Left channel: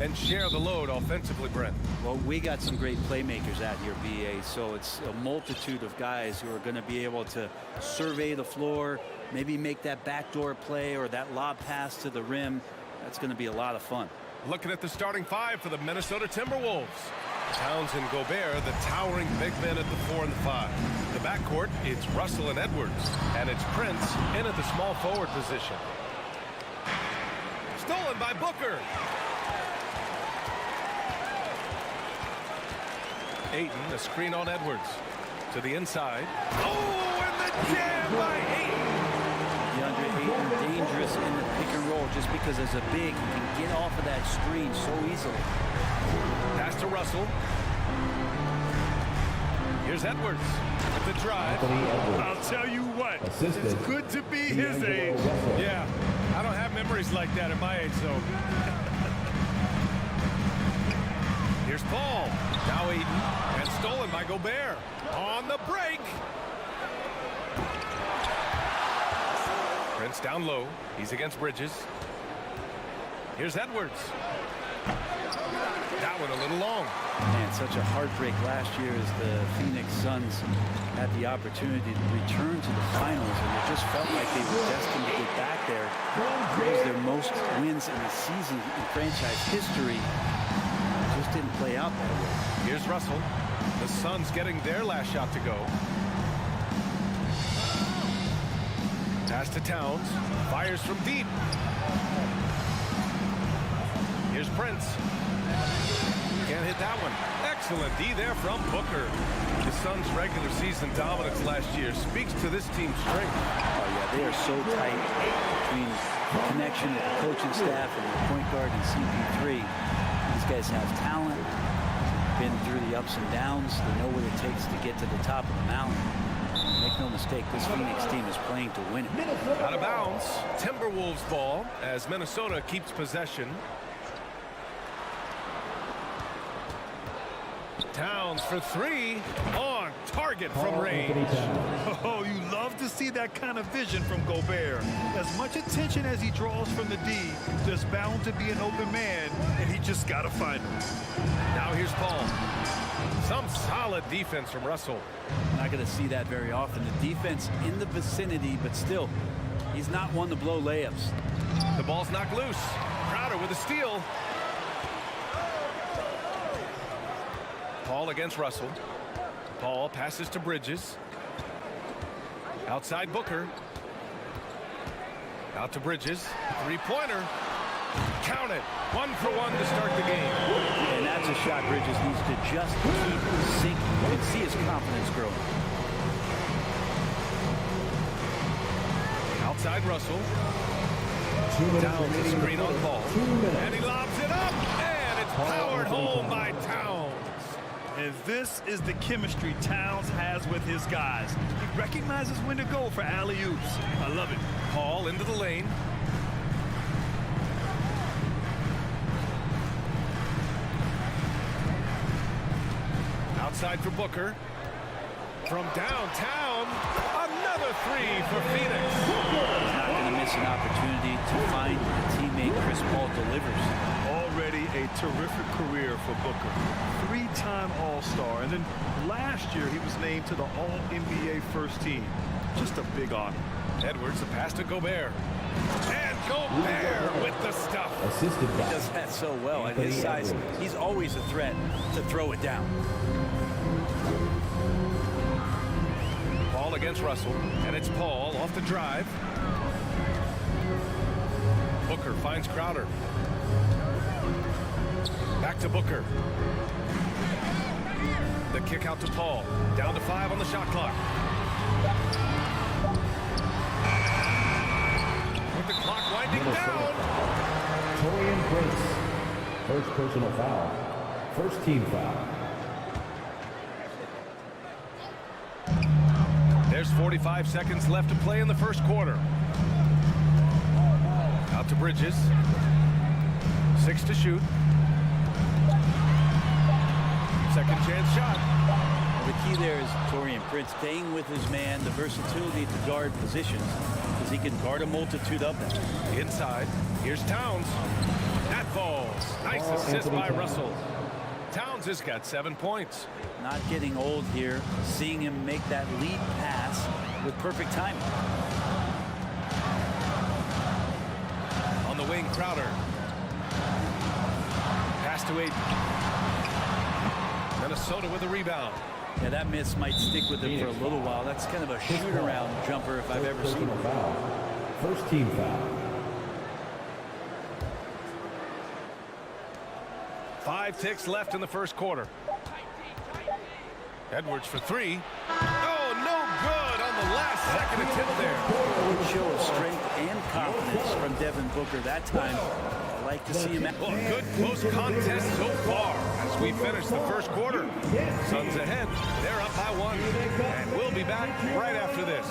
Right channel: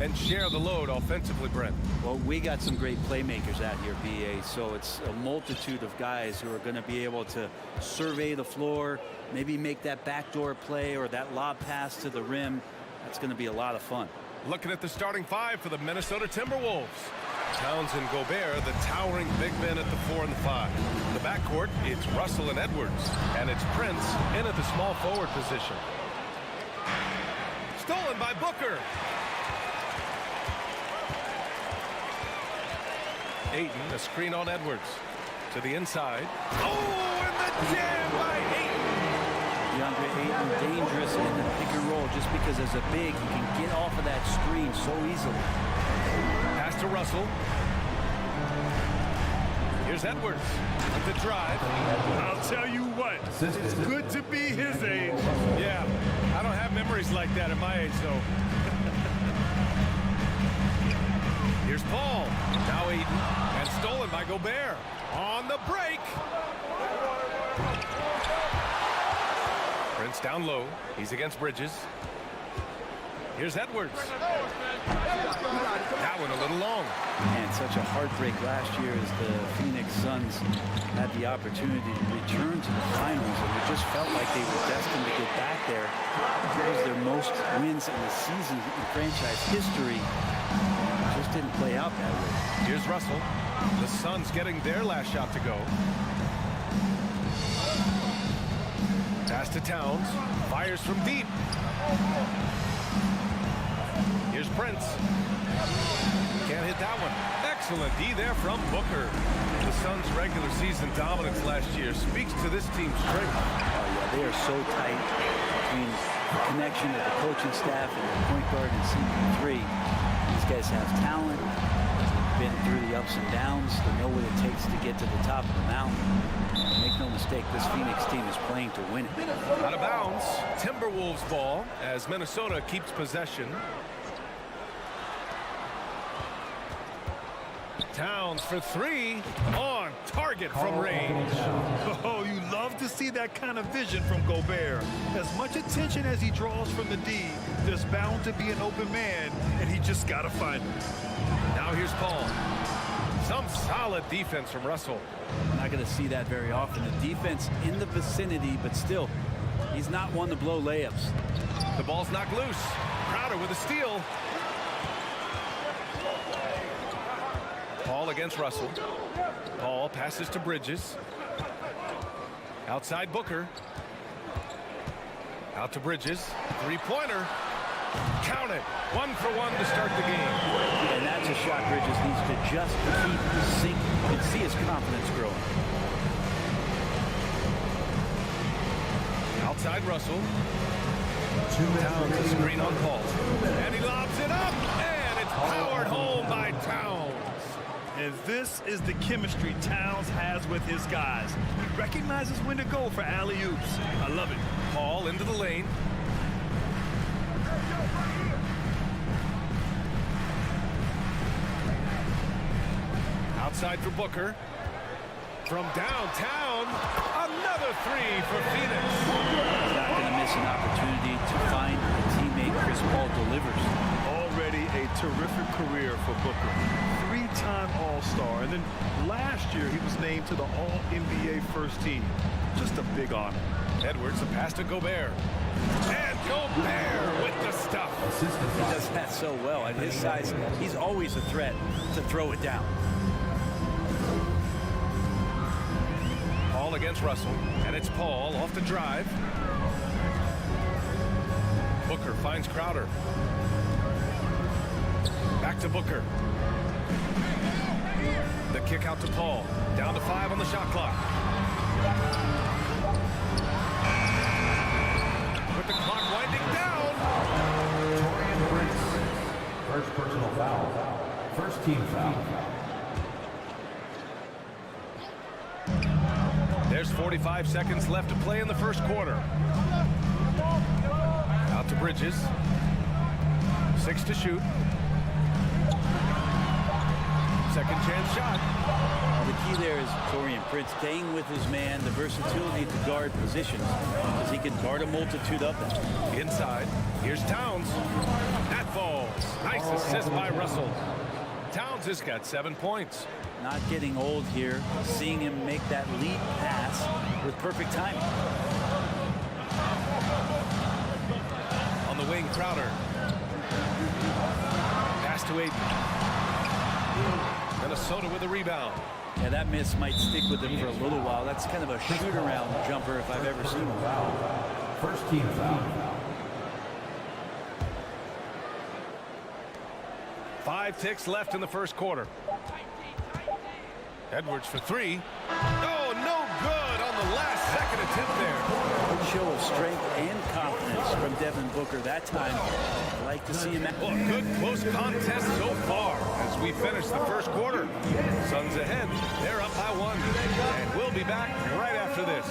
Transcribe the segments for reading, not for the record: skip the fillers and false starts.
and share the load offensively, Brent. Well, we got some great playmakers out here, BA, so it's a multitude of guys who are going to be able to survey the floor, maybe make that backdoor play or that lob pass to the rim. That's going to be a lot of fun. Looking at the starting five for the Minnesota Timberwolves. Towns and Gobert, the towering big men at the 4 and the 5. The backcourt, it's Russell and Edwards, and it's Prince in at the small forward position. Stolen by Booker. Ayton, a screen on Edwards. To the inside. Oh, and the jam by Ayton. DeAndre Ayton, dangerous in the pick and roll just because as a big, he can get off of that screen so easily. Pass to Russell. Here's Edwards with the drive. I'll tell you what, it's good to be his age. Yeah, I don't have memories like that at my age, though. Here's Paul. Now Ayton, and stolen by Gobert. On the break. Prince down low. He's against Bridges. Here's Edwards. That one a little long. And such a heartbreak last year as the Phoenix Suns had the opportunity to return to the finals, and it just felt like they were destined to get back there. It was their most wins in the season in franchise history. It just didn't play out that way. Here's Russell. The Suns getting their last shot to go. Pass to Towns. Fires from deep. Here's Prince. Can't hit that one. Excellent D there from Booker. The Suns' regular season dominance last year speaks to this team's strength. Oh, yeah, they are so tight between the connection of the coaching staff and the point guard and CP3. These guys have talent. They've been through the ups and downs. They know what it takes to get to the top of the mountain. Make no mistake, this Phoenix team is playing to win it. Out of bounds. Timberwolves ball as Minnesota keeps possession. Towns for three, on target from range. Oh, you love to see that kind of vision from Gobert. As much attention as he draws from the D, there's bound to be an open man, and he just got to find him. Now here's Paul. Some solid defense from Russell. Not going to see that very often. The defense in the vicinity, but still, he's not one to blow layups. The ball's knocked loose. Crowder with a steal. Paul against Russell. Paul passes to Bridges. Outside Booker. Out to Bridges. Three-pointer. Count it. 1 for 1 to start the game. And that's a shot Bridges needs to just keep sinking. You can see his confidence growing. Outside Russell. Towns a screen on Paul. And he lobs it up. And it's powered home by Towns. And this is the chemistry Towns has with his guys. He recognizes when to go for alley-oops. I love it. Paul into the lane. Outside for Booker. From downtown, another three for Phoenix. He's not going to miss an opportunity to find a teammate Chris Paul delivers. Already a terrific career for Booker. 3-time All-Star, and then last year he was named to the All-NBA first team. Just a big honor. Edwards, the pass to Gobert. And Gobert with the stuff. He does that so well. At his size, he's always a threat to throw it down. Paul against Russell, and it's Paul off the drive. Booker finds Crowder. Back to Booker. The kick out to Paul. Down to 5 on the shot clock. With the clock winding down. Torian Prince. First personal foul. First team foul. There's 45 seconds left to play in the first quarter. Out to Bridges. 6 to shoot. Second chance shot. Well, the key there is Torian Prince staying with his man, the versatility to guard positions, because he can guard a multitude of them. Inside, here's Towns. That falls. Nice assist by Russell. Towns has got 7 points. Not getting old here, seeing him make that lead pass with perfect timing. On the wing, Crowder. Pass to Aiden. Minnesota with a rebound. Yeah, that miss might stick with him for a little while. That's kind of a shoot-around jumper if I've ever seen one. Foul. First team foul. 5 ticks left in the first quarter. Edwards for 3. Oh, no good on the last second attempt there. Good show of strength and confidence from Devin Booker that time. I like to see him. Well, a good close contest so far as we finish the first quarter. Suns ahead. They're up by 1. And we'll be back right after this.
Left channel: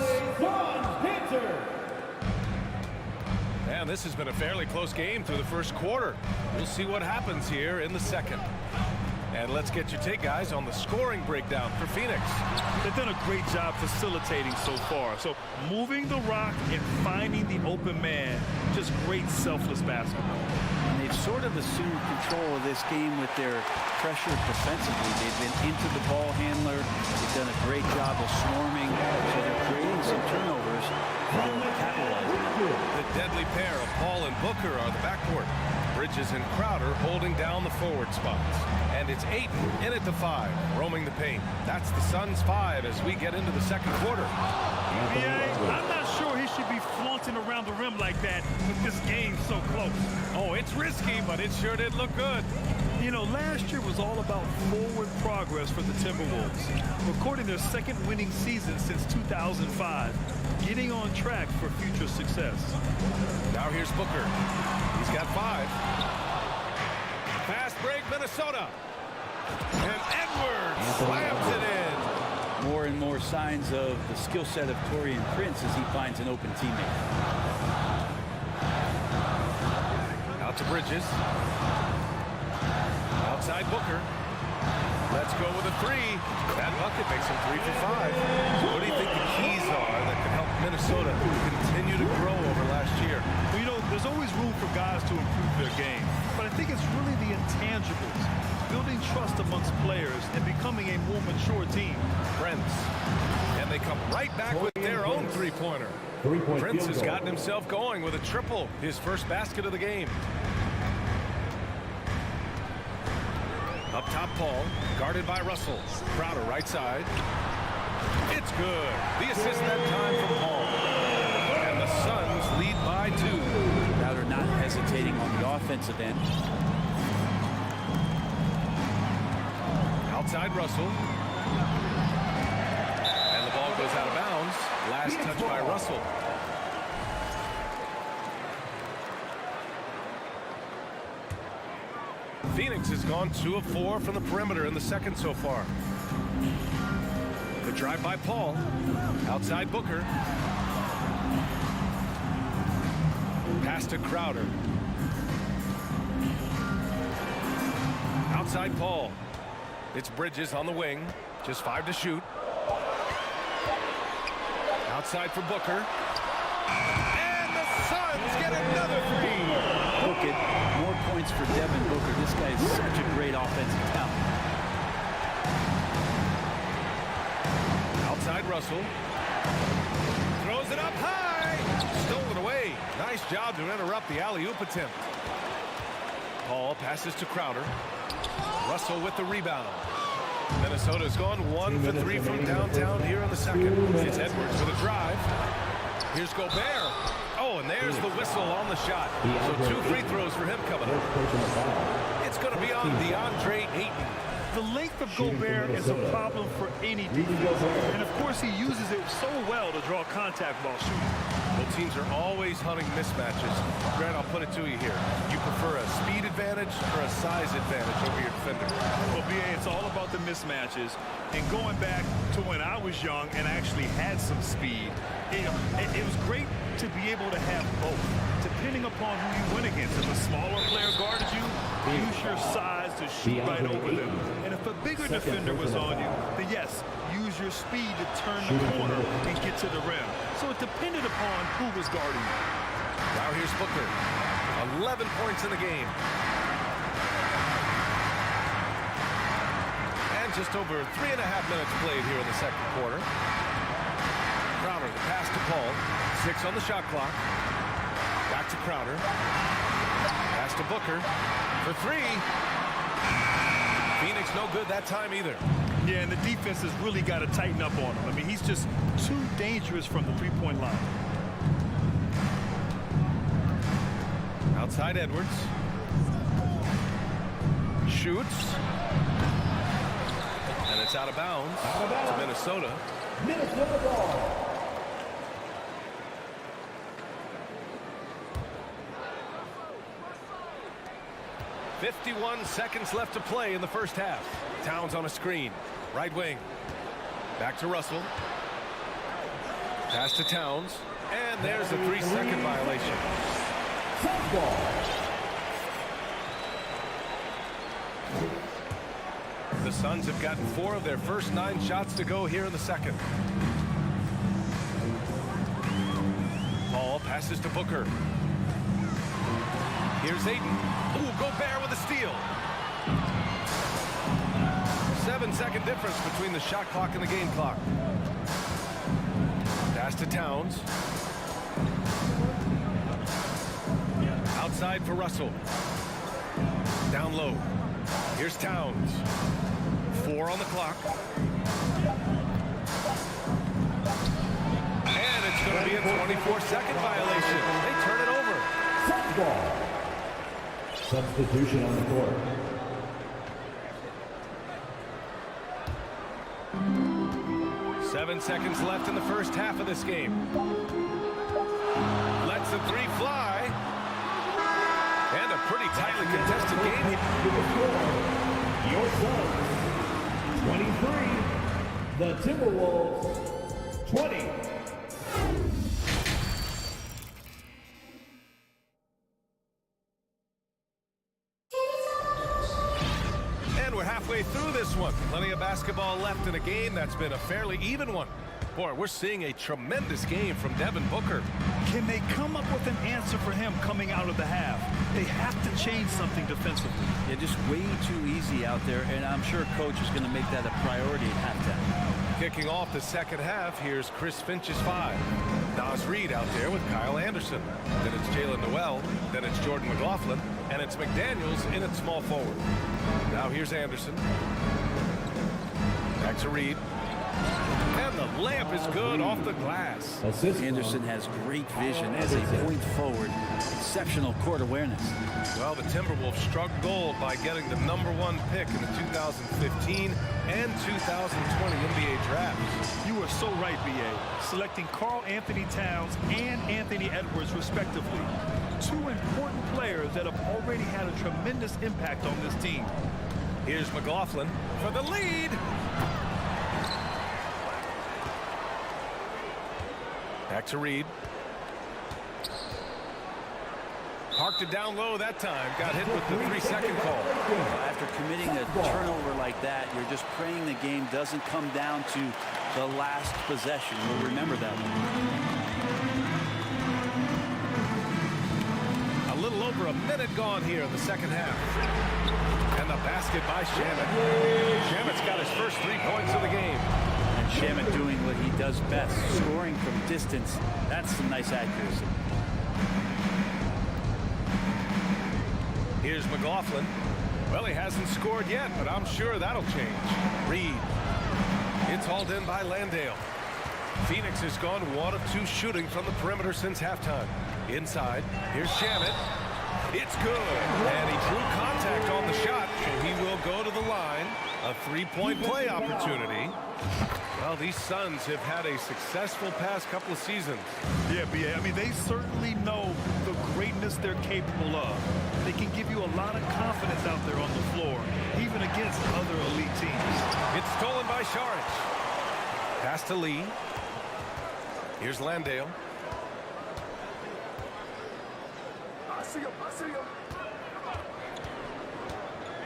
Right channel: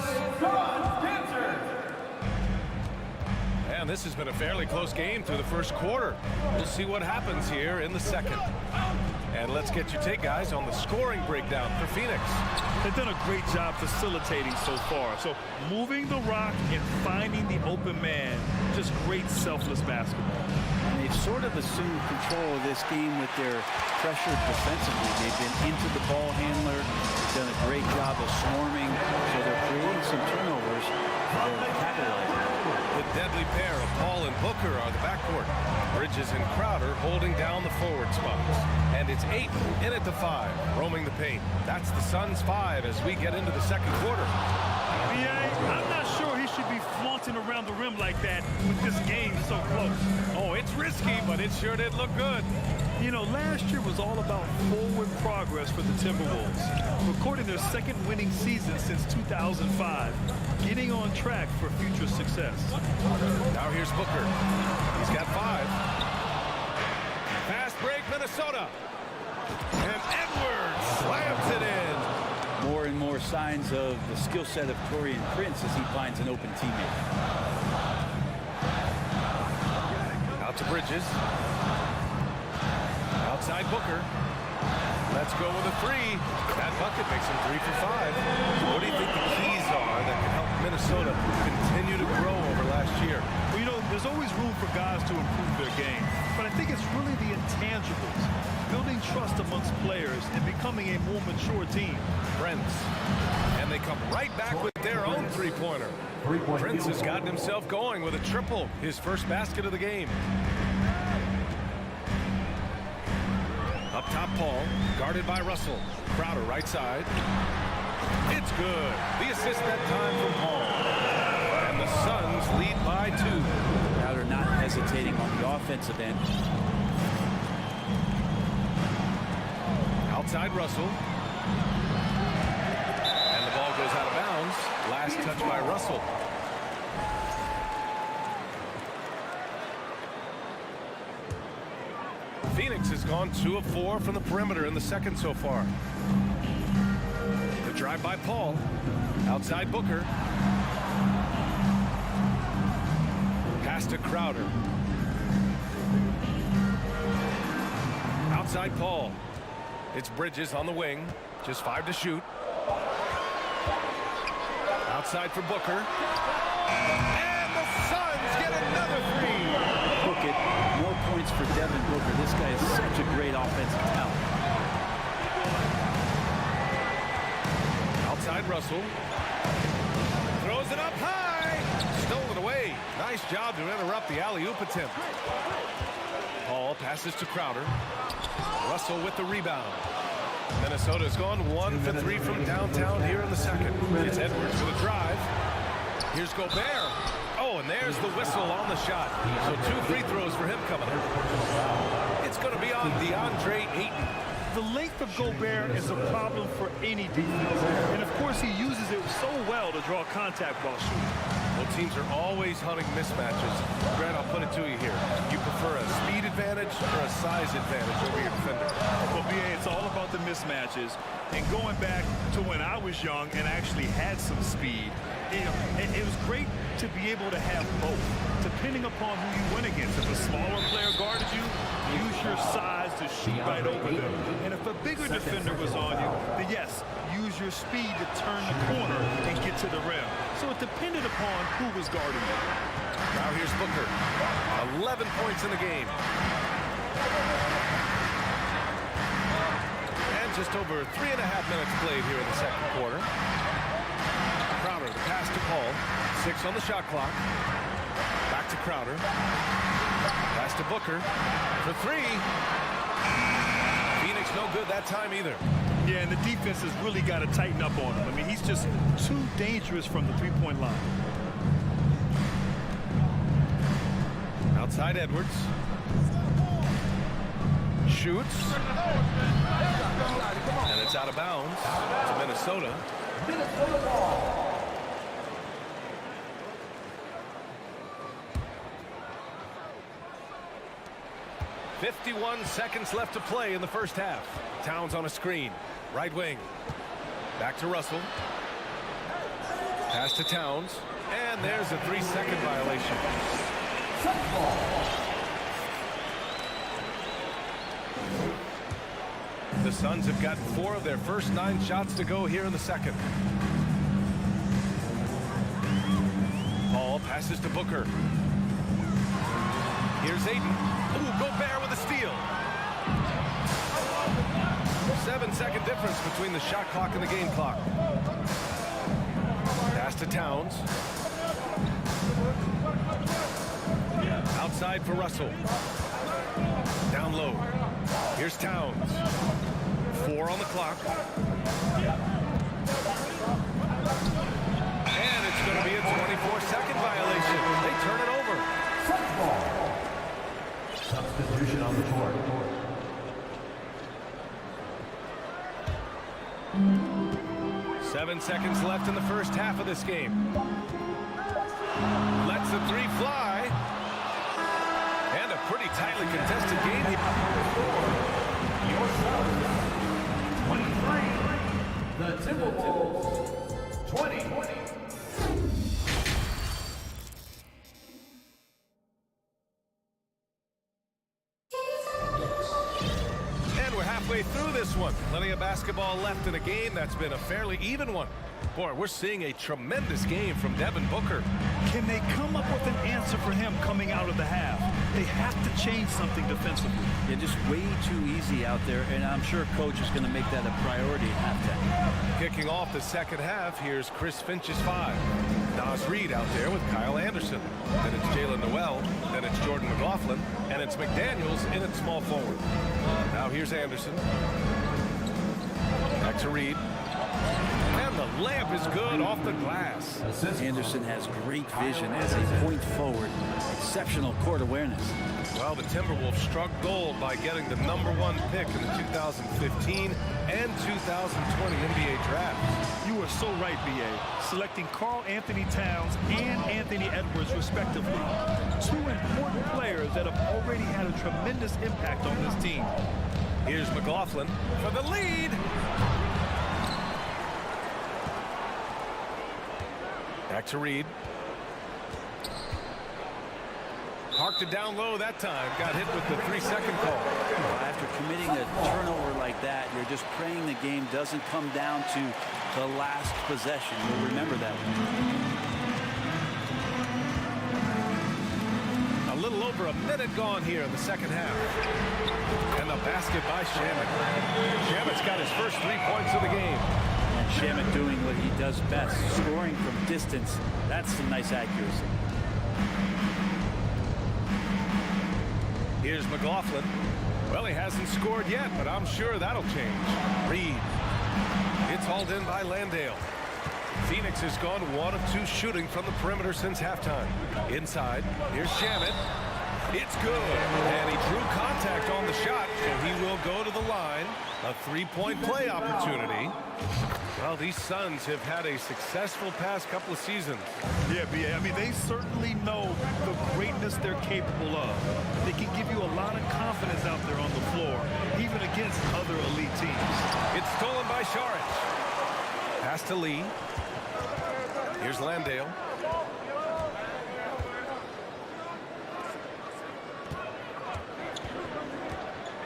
And this has been a fairly close game through the first quarter. We'll see what happens here in the second. And let's get your take, guys, on the scoring breakdown for Phoenix. They've done a great job facilitating so far. So moving the rock and finding the open man, just great selfless basketball. And they've sort of assumed control of this game with their pressure defensively. They've been into the ball handler. They've done a great job of swarming. So they're creating some turnovers. They're capitalizing on it. The deadly pair of Paul and Booker are the backcourt. Bridges and Crowder holding down the forward spots. And it's Ayton in at the 5, roaming the paint. That's the Suns' 5 as we get into the second quarter. BA, I'm not sure he should be flaunting around the rim like that with this game so close. Oh, it's risky, but it sure did look good. You know, last year was all about forward progress for the Timberwolves, recording their second winning season since 2005, getting on track for future success. Now here's Booker. He's got 5. Fast break, Minnesota. And Edwards slams it in. More and more signs of the skill set of Torian Prince as he finds an open teammate. Out to Bridges. Outside Booker. Let's go with a 3. That bucket makes him 3 for 5. So what do you think the keys are that can help Minnesota continue to grow over last year? Well, you know, there's always room for guys to improve their game. But I think it's really the intangibles, building trust amongst players and becoming a more mature team. Prince. And they come right back with their own three-pointer. Prince has gotten himself going with a triple, his first basket of the game. Up top, Paul, guarded by Russell. Crowder right side. It's good. The assist that time from Paul. And the Suns lead by 2. Crowder not hesitating on the offensive end. Outside Russell. And the ball goes out of bounds. Last touch by Russell. Phoenix has gone 2 of 4 from the perimeter in the second so far. The drive by Paul. Outside Booker. Pass to Crowder. Outside Paul. It's Bridges on the wing. Just 5 to shoot. Outside for Booker. And the Suns get another 3. Book it. More points for Devin Booker. This guy is such a great offensive talent. Outside Russell. Throws it up high. Stolen away. Nice job to interrupt the alley-oop attempt. Paul passes to Crowder. Russell with the rebound. Minnesota's gone 1 for 3 from downtown here in the second. It's Edwards with a drive. Here's Gobert. Oh, and there's the whistle on the shot. So 2 free throws for him coming up. It's going to be on DeAndre Ayton. The length of Gobert is a problem for any defense. And of course, he uses it so well to draw contact while shooting. Well, teams are always hunting mismatches. Grant, I'll put it to you here. You prefer a speed advantage or a size advantage over your defender? Well, BA, it's all about the mismatches. And going back to when I was young and actually had some speed, it was great to be able to have both, depending upon who you went against. If a smaller player guarded you, use your size to shoot right over them. And if a bigger defender was on you, then yes, use your speed to turn the corner and get to the rim. So it depended upon who was guarding you. Now here's Booker. 11 points in the game. And just over 3.5 minutes played here in the second quarter. Crowder, the pass to Paul. 6 on the shot clock. Back to Crowder. Pass to Booker for 3. Phoenix no good that time either. Yeah, and the defense has really got to tighten up on him. I mean, he's just too dangerous from the three-point line. Outside Edwards. Shoots. And it's out of bounds to Minnesota. Minnesota ball. 51 seconds left to play in the first half. Towns on a screen. Right wing. Back to Russell. Pass to Towns. And there's a 3-second violation. The Suns have gotten 4 of their first 9 shots to go here in the second. Paul passes to Booker. Here's Ayton. Ooh, Gobert with a steal. 7-second difference between the shot clock and the game clock. Pass to Towns. Outside for Russell. Down low. Here's Towns. 4 on the clock. And it's going to be a 24-second violation. They turn it over. Ball. Substitution on the court. Seven seconds left in the first half of this game. Lets the 3 fly. And a pretty tightly contested game here. Your Suns, 23. The Timberwolves, 20. And we're halfway through this one. Plenty of basketball left in a game that's been a fairly even one. Boy, we're seeing a tremendous game from Devin Booker. Can they come up with an answer for him coming out of the half? They have to change something defensively. Yeah, just way too easy out there, and I'm sure coach is going to make that a priority at halftime. Kicking off the second half, here's Chris Finch's 5. Nas Reed out there with Kyle Anderson. Then it's Jalen Noel. Then it's Jordan McLaughlin. And it's McDaniels in at small forward. Now here's Anderson. Back to Reed. And the layup is good off the glass. Anderson has great vision as a point forward. Exceptional court awareness. Well, the Timberwolves struck gold by getting the #1 pick in the 2015 and 2020 NBA drafts. You are so right, B.A. Selecting Karl Anthony Towns and Anthony Edwards, respectively. 2 important players that have already had a tremendous impact on this team. Here's McLaughlin for the lead. Back to Reed. Parked it down low that time. Got hit with the 3-second call. Well, after committing a turnover like that, you're just praying the game doesn't come down to the last possession. You'll remember that one. A little over a minute gone here in the second half. And the basket by Shamet. Shamet's got his first 3 points of the game. And Shamet doing what he does best, scoring from distance. That's some nice accuracy. Here's McLaughlin. Well, he hasn't scored yet, but I'm sure that'll change. Reed. It's hauled in by Landale. Phoenix has gone 1 of 2 shooting from the perimeter since halftime. Inside, here's Shamet. It's good, and he drew contact on the shot, so he will go to the line. A 3-point play opportunity. Well, these Suns have had a successful past couple of seasons. Yeah, B.A. I mean, they certainly know the greatness they're capable of. They can give you a lot of confidence out there on the floor, even against other elite teams. It's stolen by Saric. Pass to Lee. Here's Landale.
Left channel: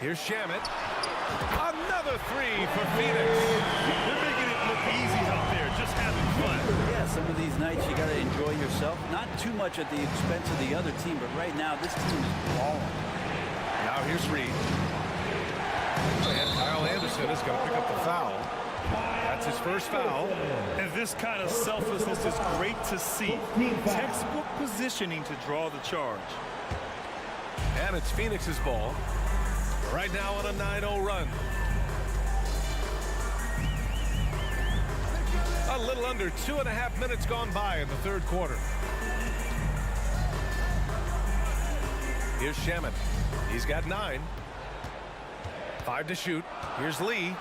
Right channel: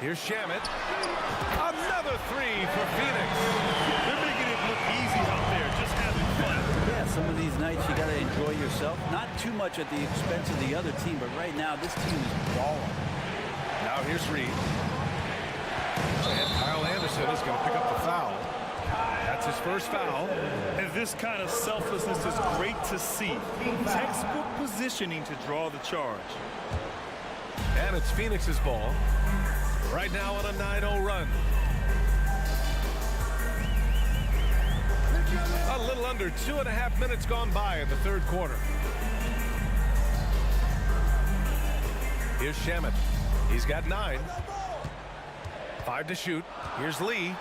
Here's Shamet. Another three for Phoenix. They're making it look easy out there, just having fun. Yeah, some of these nights you got to enjoy yourself. Not too much at the expense of the other team, but right now this team is balling. Now here's Reed. And Kyle Anderson is going to pick up the foul. That's his first foul. And this kind of selflessness is great to see. Textbook positioning to draw the charge. And it's Phoenix's ball. Right now on a 9-0 run. A little under 2.5 minutes gone by in the third quarter. Here's Shamet. He's got 9. 5 to shoot. Here's Lee.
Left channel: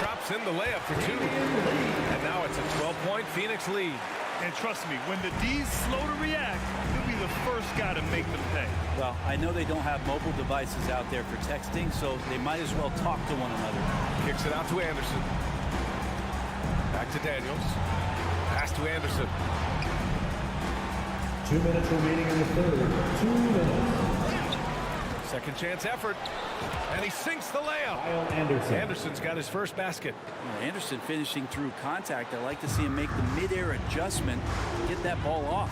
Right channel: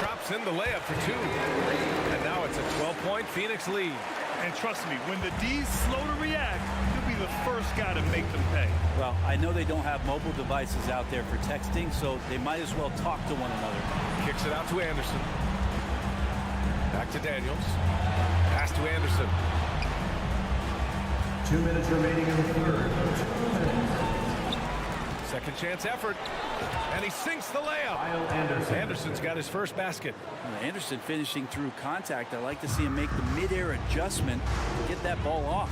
Drops in the layup for 2. And now it's a 12-point Phoenix lead. And trust me, when the D's slow to react, he'll be the first guy to make them pay. Well, I know they don't have mobile devices out there for texting, so they might as well talk to one another. Kicks it out to Anderson. Back to Daniels. Pass to Anderson. 2 minutes remaining in the third. 2 minutes. Second chance effort. And he sinks the layup. Kyle Anderson. Anderson's got his first basket. Anderson finishing through contact. I like to see him make the mid-air adjustment to get that ball off.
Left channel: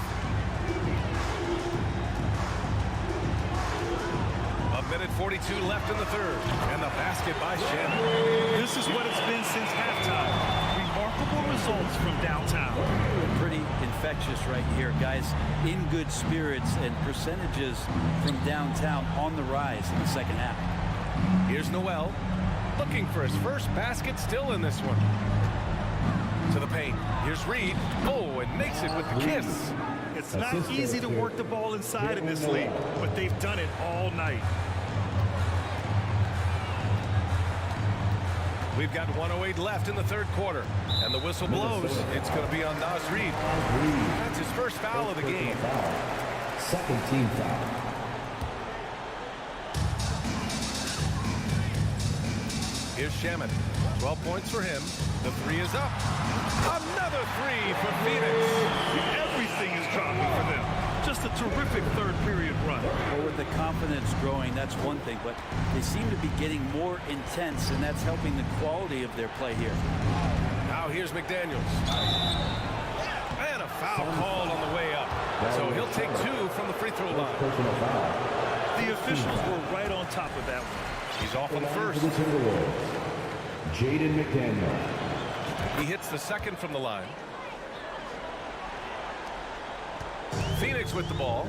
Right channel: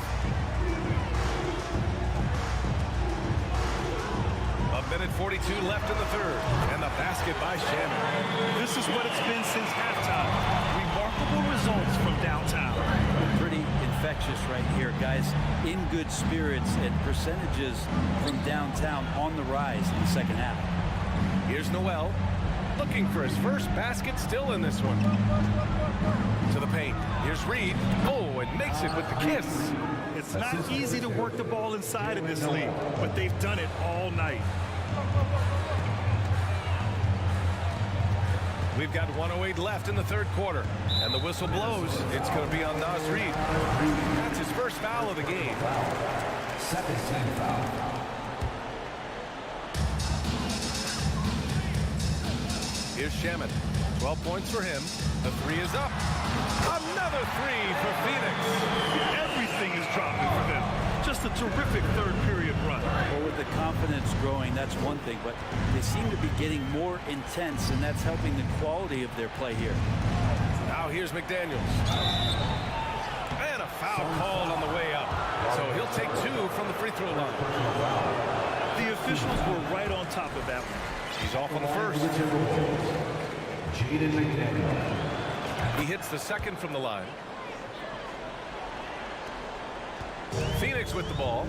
A minute 42 left in the third. And the basket by Shamet. This is what it's been since halftime. Remarkable results from downtown. Pretty infectious right here, guys. In good spirits, and percentages from downtown on the rise in the second half. Here's Noel. Looking for his first basket, still in this one. To the paint. Here's Reed. Oh, and makes it with the kiss. It's not easy to work the ball inside in this league, but they've done it all night. We've got 1:08 left in the third quarter. And the whistle blows. It's going to be on Nas Reed. That's his first foul of the game. Second team foul. Here's Shamet. 12 points for him. The three is up. Another three for Phoenix. Everything is dropping for them. Just a terrific third period run. Well, with the confidence growing, that's one thing, but they seem to be getting more intense, and that's helping the quality of their play here. Now here's McDaniels. And a foul called on the way up. So he'll take 2 from the free throw line. Personal foul. The officials were right on top of that one. He's off on the first. Jaden McDaniel. He hits the second from the line. Phoenix with the ball.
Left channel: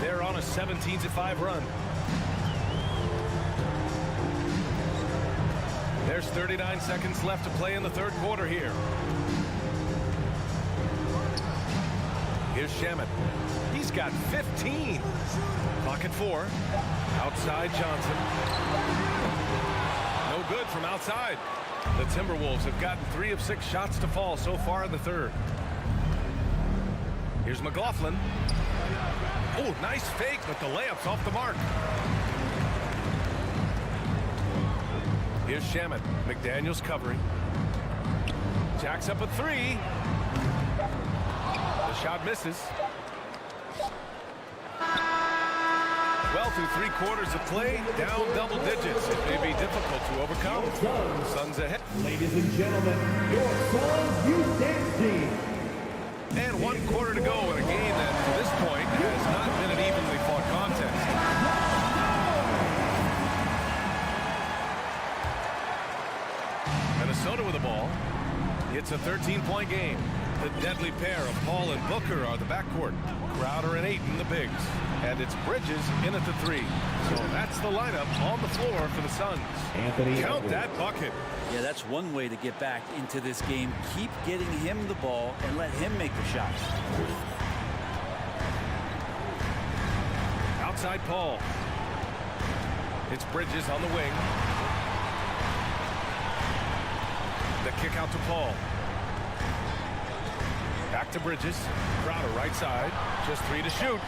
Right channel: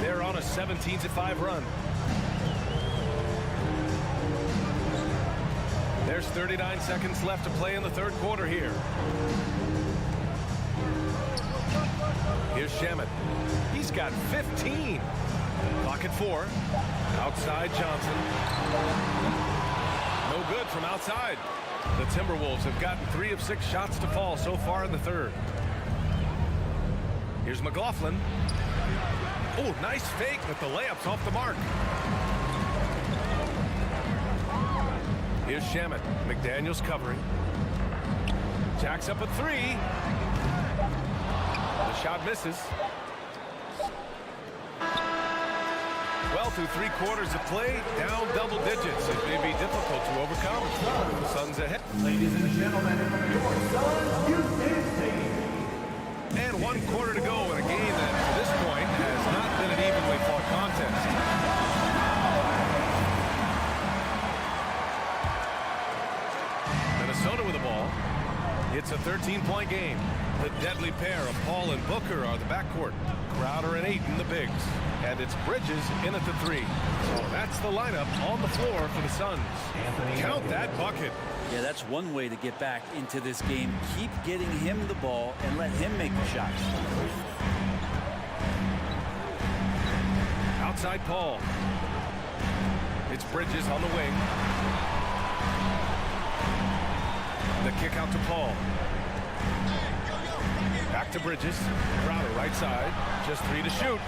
They're on a 17-5 run. There's 39 seconds left to play in the third quarter here. Here's Shamet. He's got 15. Clock at 4. Outside Johnson. No good from outside. The Timberwolves have gotten 3 of 6 shots to fall so far in the third. Here's McLaughlin. Oh, nice fake, but the layup's off the mark. Here's Shamet. McDaniels covering. Jacks up a 3. The shot misses. Well, through 3 quarters of play, down double digits. It may be difficult to overcome. Suns ahead. Ladies and gentlemen, your Suns Youth Dance Team. And 1 quarter to go in a game that, to this point, has not been an evenly fought contest. Minnesota with the ball. It's a 13-point game. The deadly pair of Paul and Booker are the backcourt. Crowder and Ayton the bigs. And it's Bridges in at the 3. So that's the lineup on the floor for the Suns. Count that bucket. Yeah, that's one way to get back into this game. Keep getting him the ball and let him make the shots. Outside Paul. It's Bridges on the wing. The kick out to Paul. Back to Bridges. Crowder right side. Just 3 to shoot.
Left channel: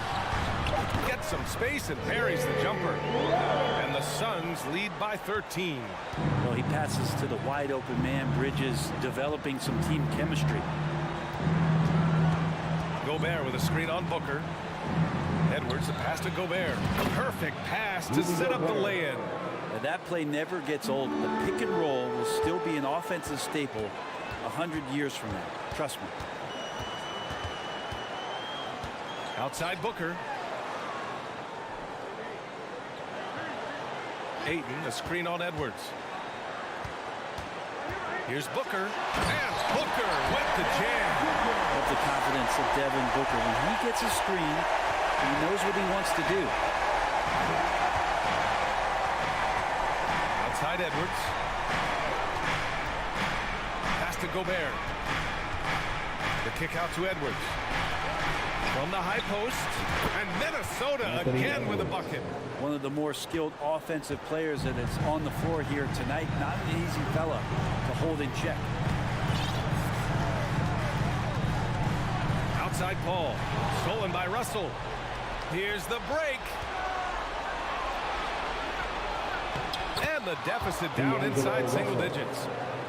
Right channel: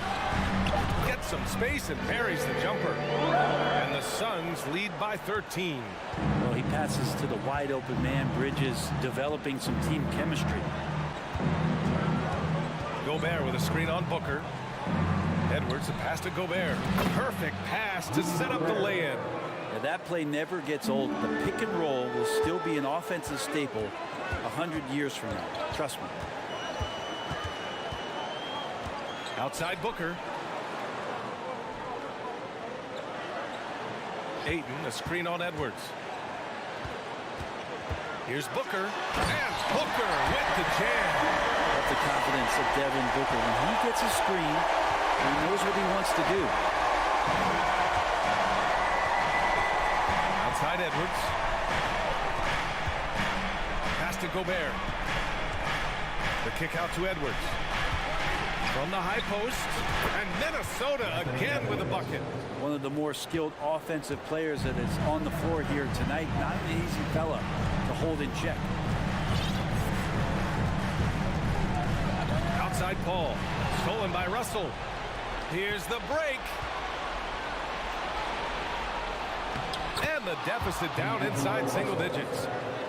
Gets some space and buries the jumper. And the Suns lead by 13. Well, he passes to the wide open man. Bridges developing some team chemistry. Gobert with a screen on Booker. Edwards, the pass to Gobert. Perfect pass to set up the lay-in. Now, that play never gets old. The pick and roll will still be an offensive staple 100 years from now. Trust me. Outside Booker. Ayton, a screen on Edwards. Here's Booker, and Booker with the jam. Love the confidence of Devin Booker. When he gets a screen, he knows what he wants to do. Outside Edwards. Pass to Gobert. The kick out to Edwards. From the high post, and Minnesota again with a bucket. One of the more skilled offensive players that is on the floor here tonight. Not an easy fella to hold in check. Outside Paul, stolen by Russell. Here's the break. And the deficit down inside single digits.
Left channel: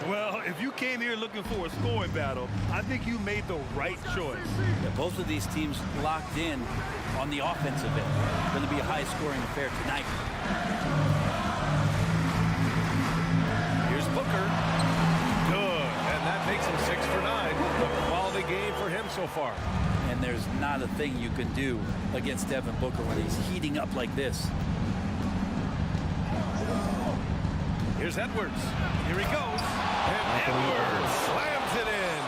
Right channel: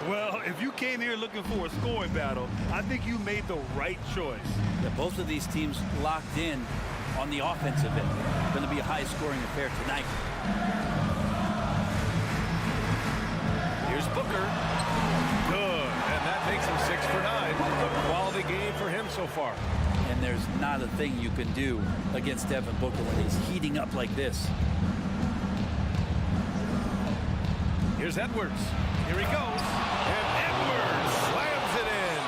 Well, if you came here looking for a scoring battle, I think you made the right choice. Yeah, both of these teams locked in on the offensive end. Going to be a high-scoring affair tonight. Here's Booker. Good. And that makes him 6 for 9. A quality game for him so far. And there's not a thing you can do against Devin Booker when he's heating up like this. Here's Edwards. Here he goes. And Edwards slams it in.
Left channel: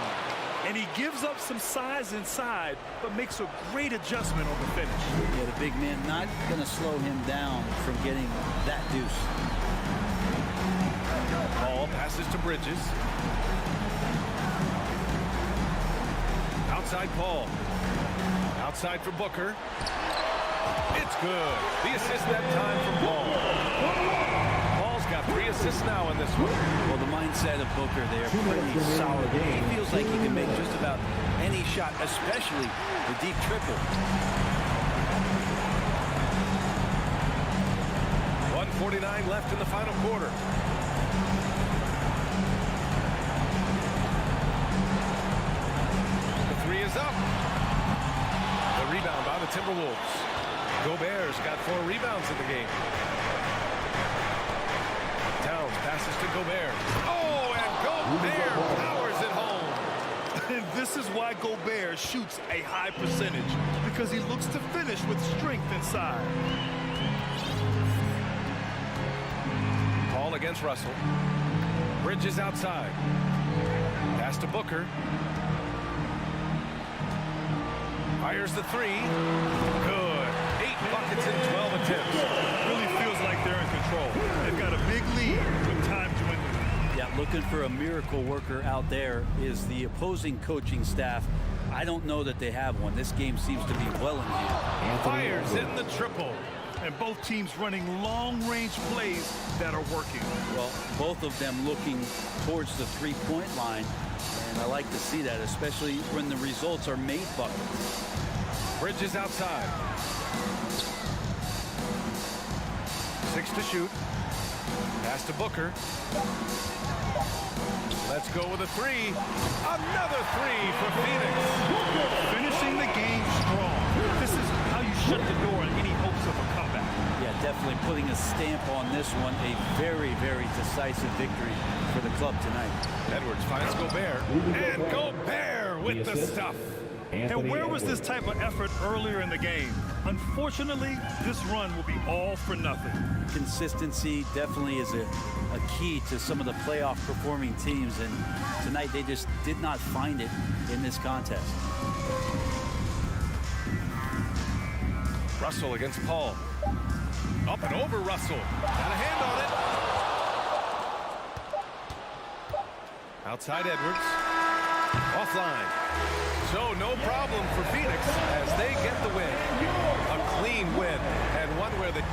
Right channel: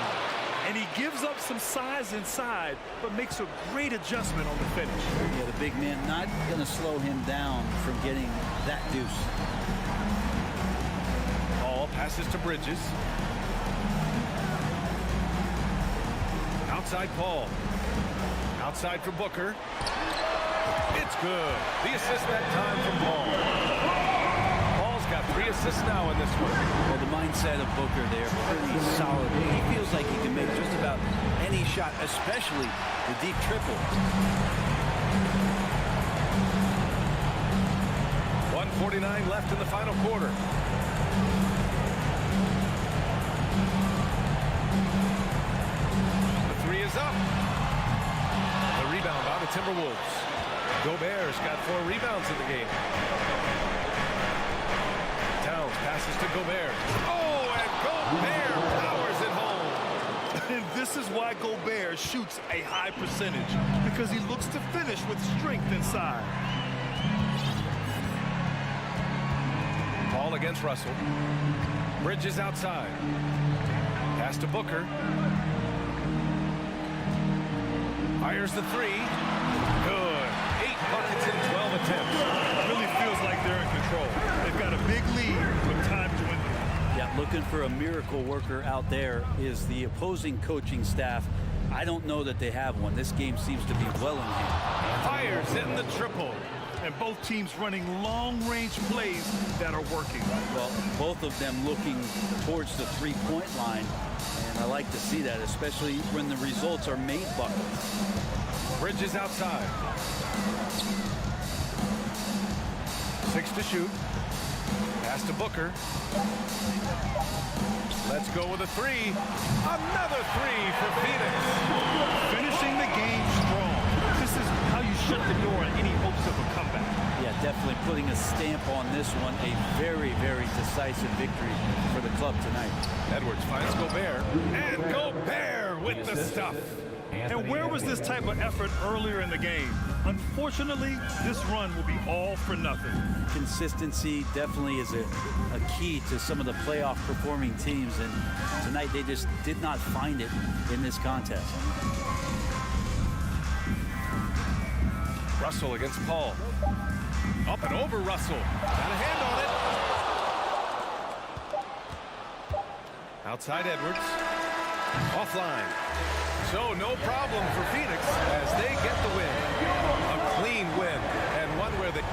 And he gives up some size inside, but makes a great adjustment on the finish. Yeah, the big man not going to slow him down from getting that deuce. Paul passes to Bridges. Outside Paul. Outside for Booker. It's good. The assist that time from Paul. Paul's got 3 assists now in this one. Well, the mindset of Booker there, pretty solid. He feels like he can make just about any shot, especially the deep triple. 1:49 left in the final quarter. The 3 is up. The rebound by the Timberwolves. Gobert's got 4 rebounds in the game. Towns passes to Gobert. Oh, and Gobert powers it home. And this is why Gobert shoots a high percentage, because he looks to finish with strength inside. Paul against Russell. Bridges outside. Pass to Booker. Fires the 3. Good. 8 buckets in 12 attempts. Really feels like they're in control. They've got a big lead with time dwindling. Yeah, looking for a miracle worker out there is the opposing coaching staff. I don't know that they have one. This game seems to be well in hand. Fires hitting the triple. And both teams running long-range plays that are working. Well, both of them looking towards the three-point line. And I like to see that, especially when the results are made buckets. Bridges outside. 6 to shoot. Pass to Booker. Let's go with a 3. Another 3 for Phoenix. Finishing the game strong. This is how you shut the door on any hopes of a comeback. Yeah, definitely putting a stamp on this one. A very, very decisive victory for the club tonight. Edwards finds Gobert. And Gobert with the stuff. And where was this type of effort earlier in the game? Unfortunately, this run will be all for nothing. Consistency definitely is a key to some of the playoff performing teams, and tonight they just did not find it in this contest. Russell against Paul. Up and over Russell. Got a hand on it. Outside Edwards. Offline. So no problem for Phoenix as they get the win. A clean win, and one where they...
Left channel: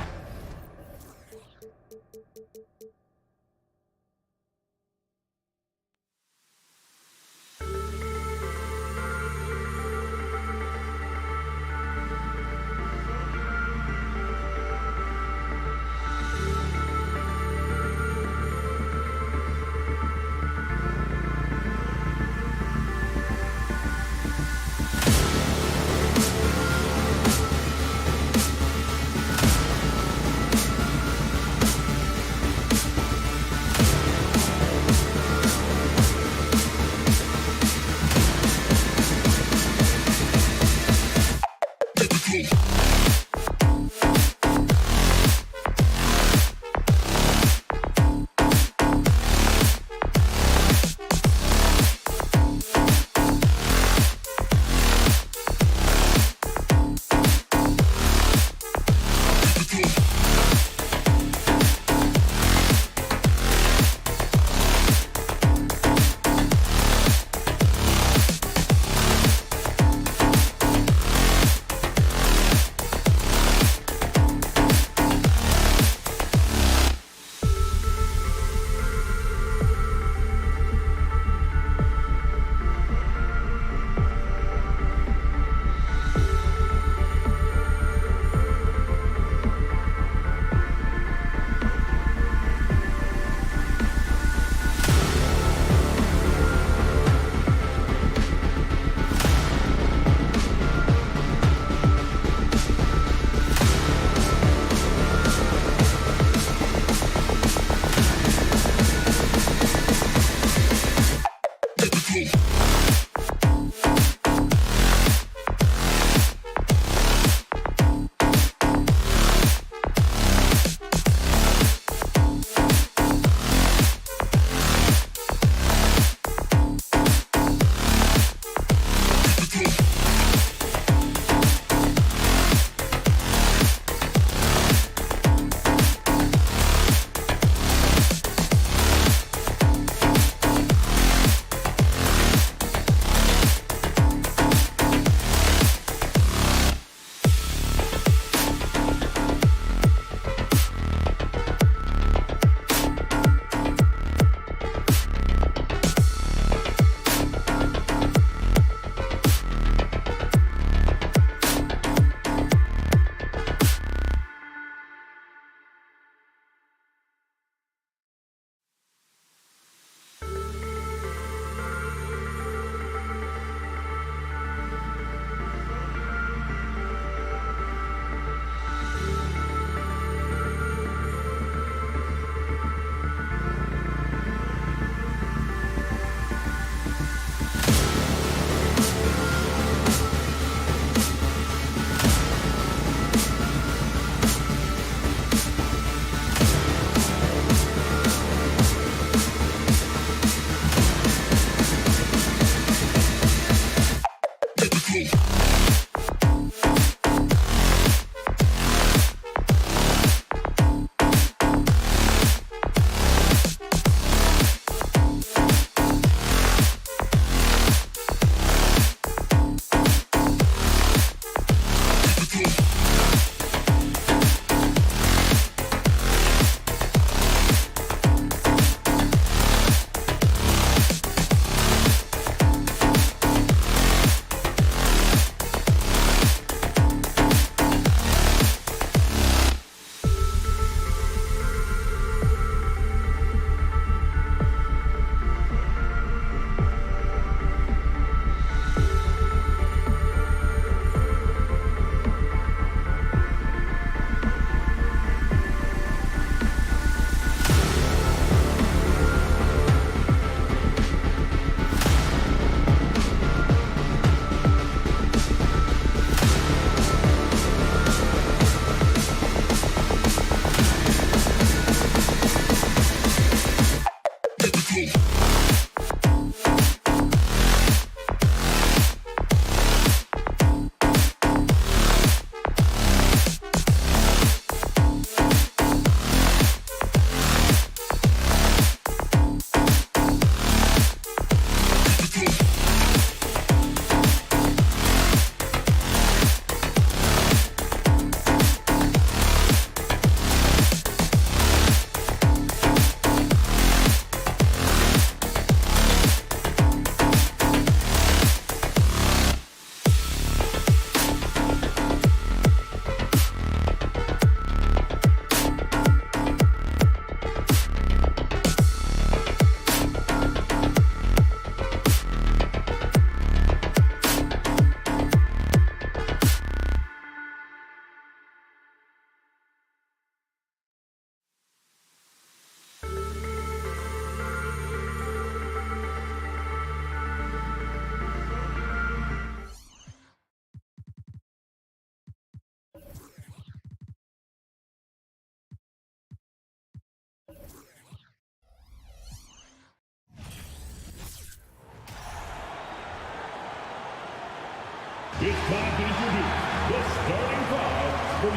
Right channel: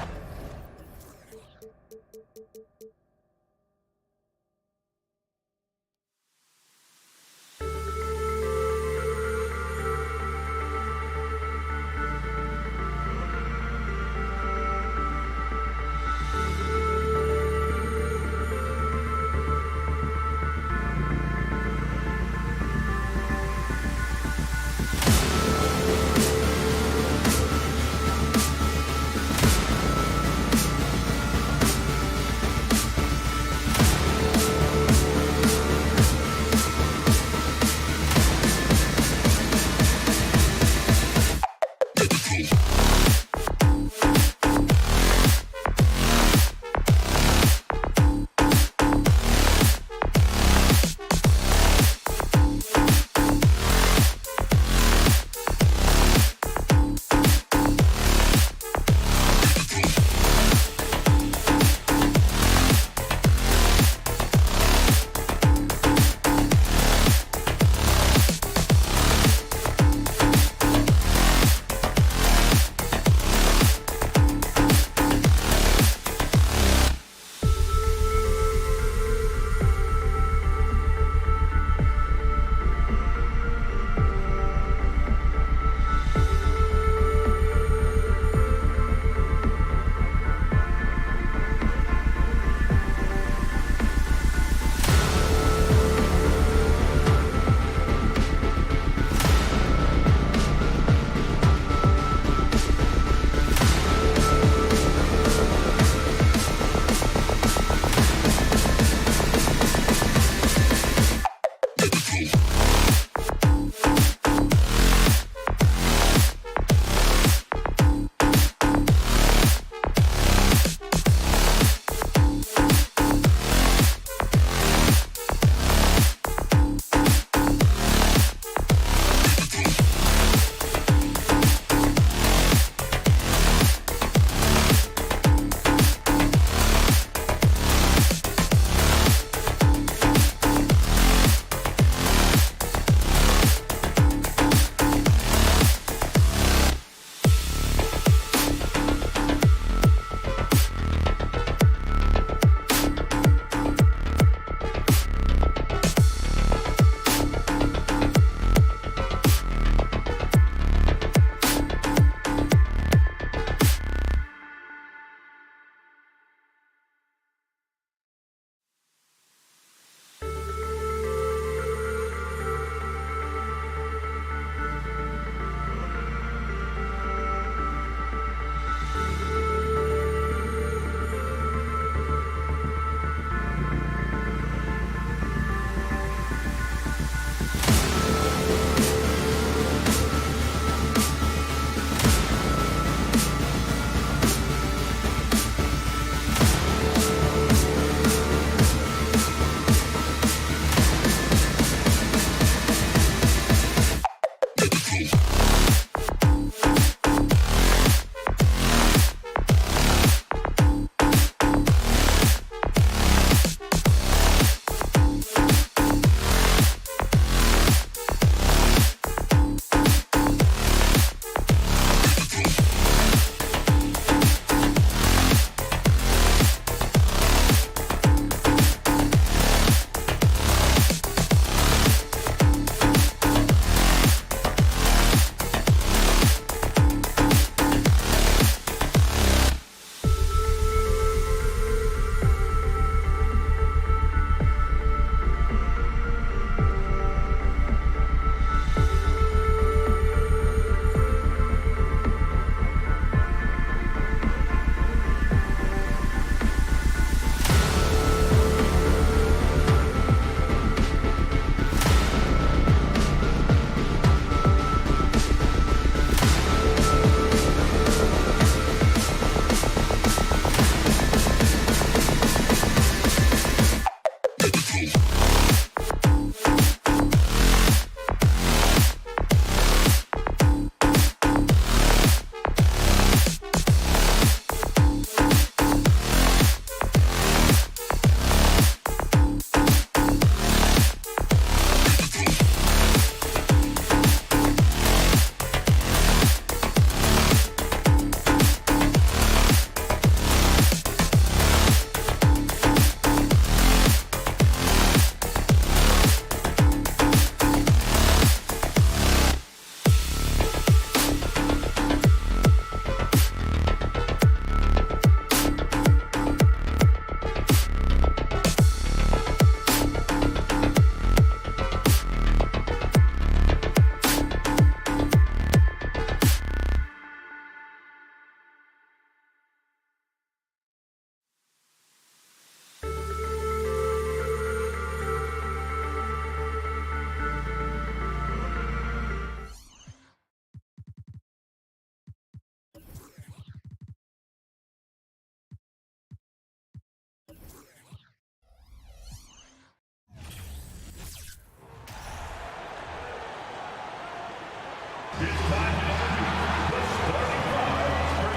time to introduce the starting five for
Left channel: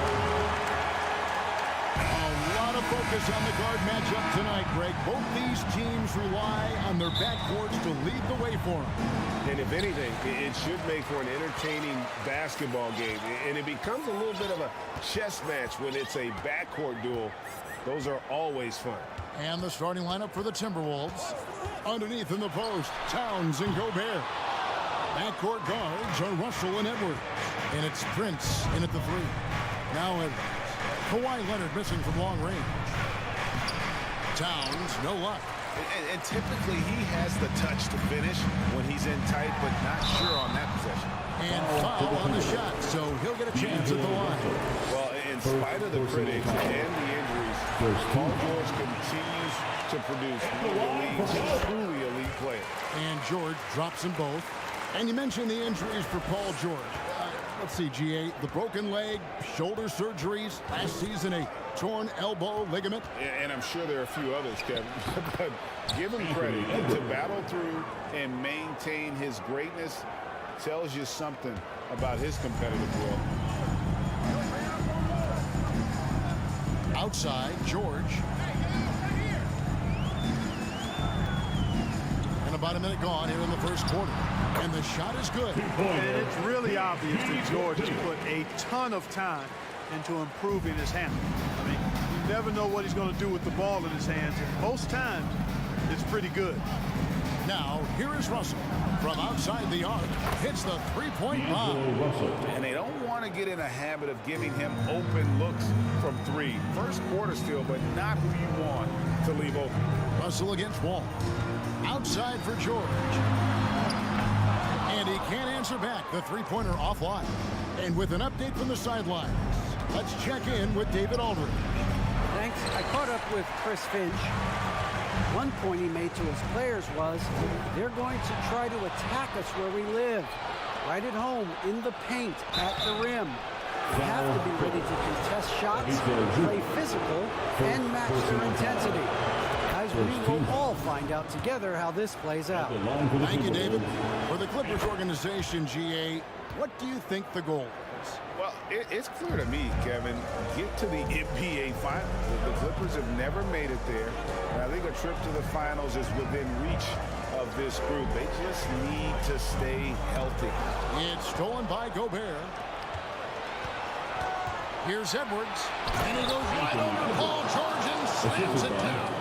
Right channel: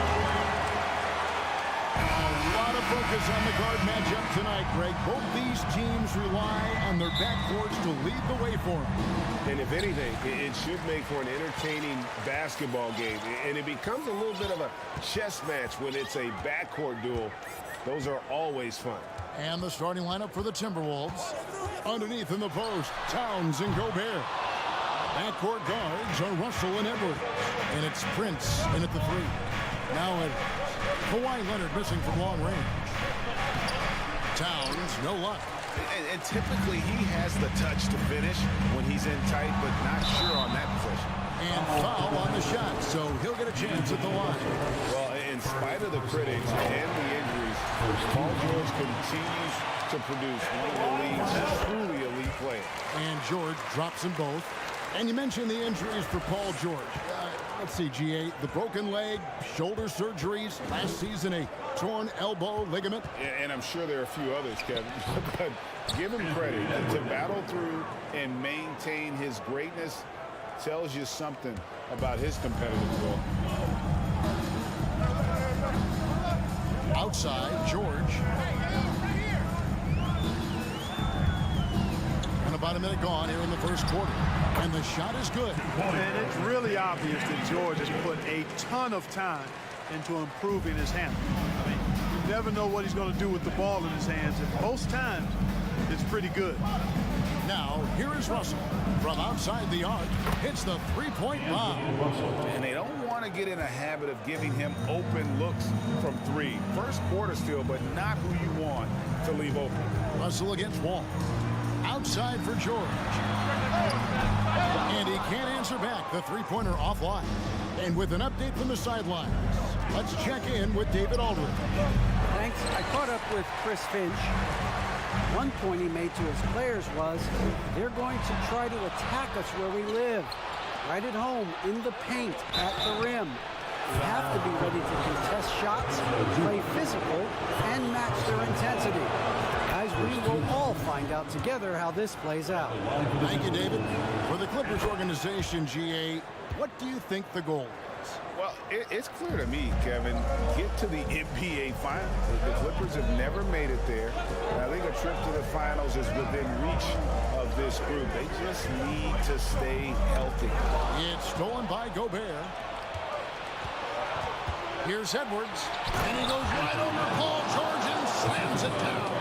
A lot of focus on the guard matchup tonight, Greg. Both these teams rely on their backcourts to lead the way for them. And if anything, it should make for an entertaining basketball game. And it becomes a little bit of a chess match when it's a backcourt duel. Those are always fun. And the starting lineup for the Timberwolves. Underneath in the post, Towns and Gobert. Backcourt guards are Russell and Edwards. And it's Prince in at the three. Now Edwards. Kawhi Leonard missing from long range. Towns, no luck. And typically he has the touch to finish when he's in tight, but not sure on that possession. And foul on the shot, so he'll get a chance at the line. Well, in spite of the critics and the injuries, Paul George continues to produce one of the league's truly elite players. And George drops them both. And you mentioned the injuries for Paul George. Let's see, GA, the broken leg, shoulder surgeries, last season a torn elbow ligament. And I'm sure there are a few others, Kevin. But give him credit. To battle through and maintain his greatness tells you something about his competitive will. Outside, George. And about a minute gone here in the first quarter. And the shot is good. And it's really obvious that George has put a ton of time into improving his handle. I mean, you never know what he's going to do with the ball in his hands, and most times it's pretty good. Now, here is Russell. From outside the arc, hits the three-point bomb. And they don't want to get in a habit of giving him open looks from three. First quarter still, but not who you want to leave open. Russell against Wall. Outside for George. And he can't answer back. The three-pointer offline. And with an update from the sidelines, let's check in with David Aldridge. Thanks. I caught up with Chris Finch. One point he made to his players was, they're going to try to attack us where we live. Right at home, in the paint, at the rim. We have to be ready to contest shots, play physical, and match their intensity. Guys, we will all find out together how this plays out. Thank you, David. For the Clippers organization, GA, what do you think the goal is? Well, it's clear to me, Kevin, get to the NBA Finals. The Clippers have never made it there. And I think a trip to the Finals is within reach of this group. They just need to stay healthy. It's stolen by Gobert. Here's Edwards. And he goes right over Paul George and slams it down.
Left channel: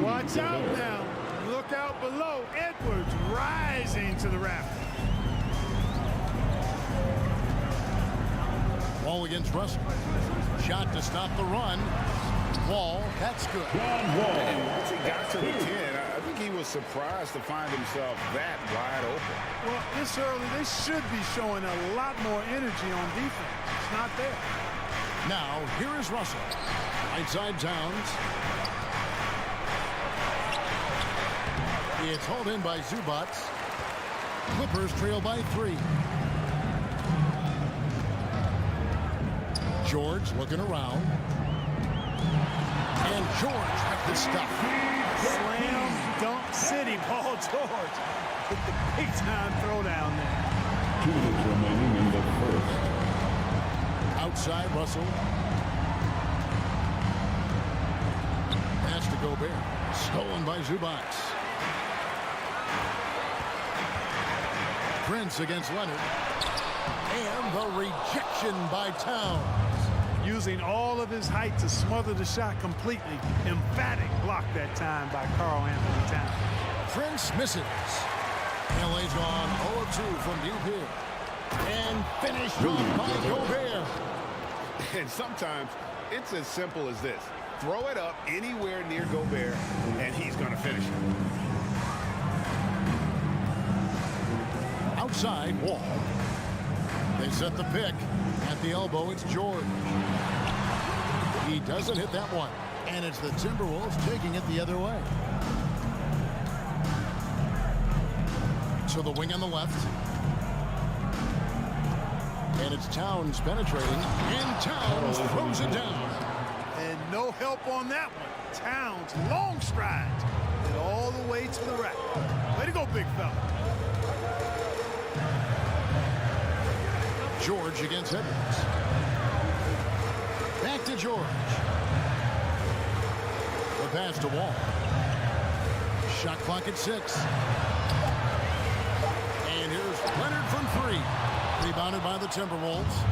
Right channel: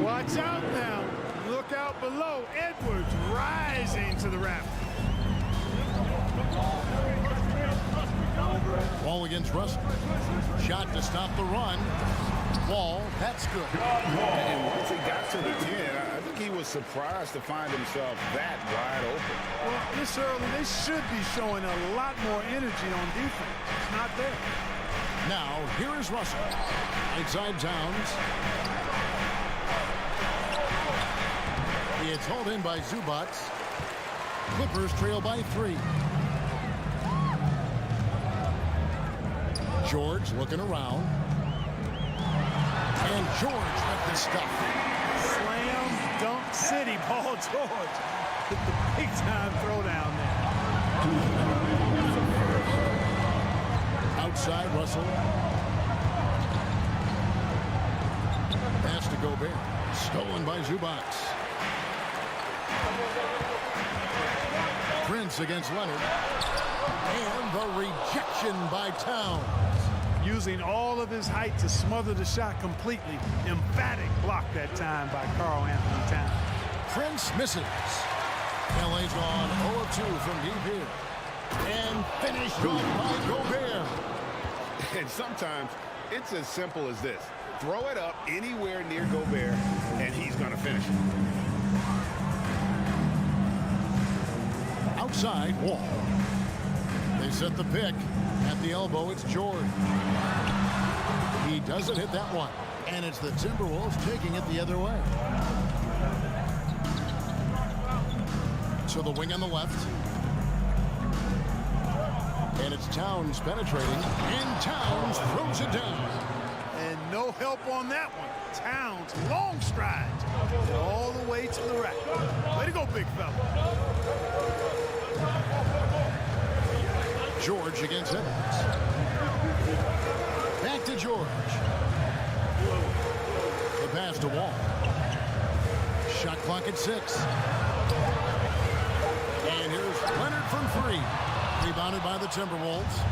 Watch out now. Look out below. Edwards rising to the raft. Wall against Russell. Shot to stop the run. Wall, that's good. And once he got to the 10, I think he was surprised to find himself that wide open. Well, this early, they should be showing a lot more energy on defense. It's not there. Now, here is Russell. Right side Towns. It's hauled in by Zubac. Clippers trail by 3. George looking around. And George with the stuff. Slam dunk city, Paul George with the big time throwdown there. Outside Russell. Pass to Gobert. Stolen by Zubac. Prince against Leonard. And the rejection by Towns. Using all of his height to smother the shot completely. Emphatic block that time by Karl Anthony Towns. Prince misses. LA's gone 0 of 2 from deep here. And finished off by Gobert. And sometimes it's as simple as this. Throw it up anywhere near Gobert, and he's going to finish it. Outside, Wall. They set the pick. At the elbow, it's George. He doesn't hit that one. And it's the Timberwolves taking it the other way. To the wing on the left. And it's Towns penetrating. And Towns throws it down. And no help on that one. Towns, long strides. And all the way to the rack. Way to go, big fella. George against Edwards. Back to George. The pass to Wall. Shot clock at 6. And here's Leonard from 3. Rebounded by the Timberwolves.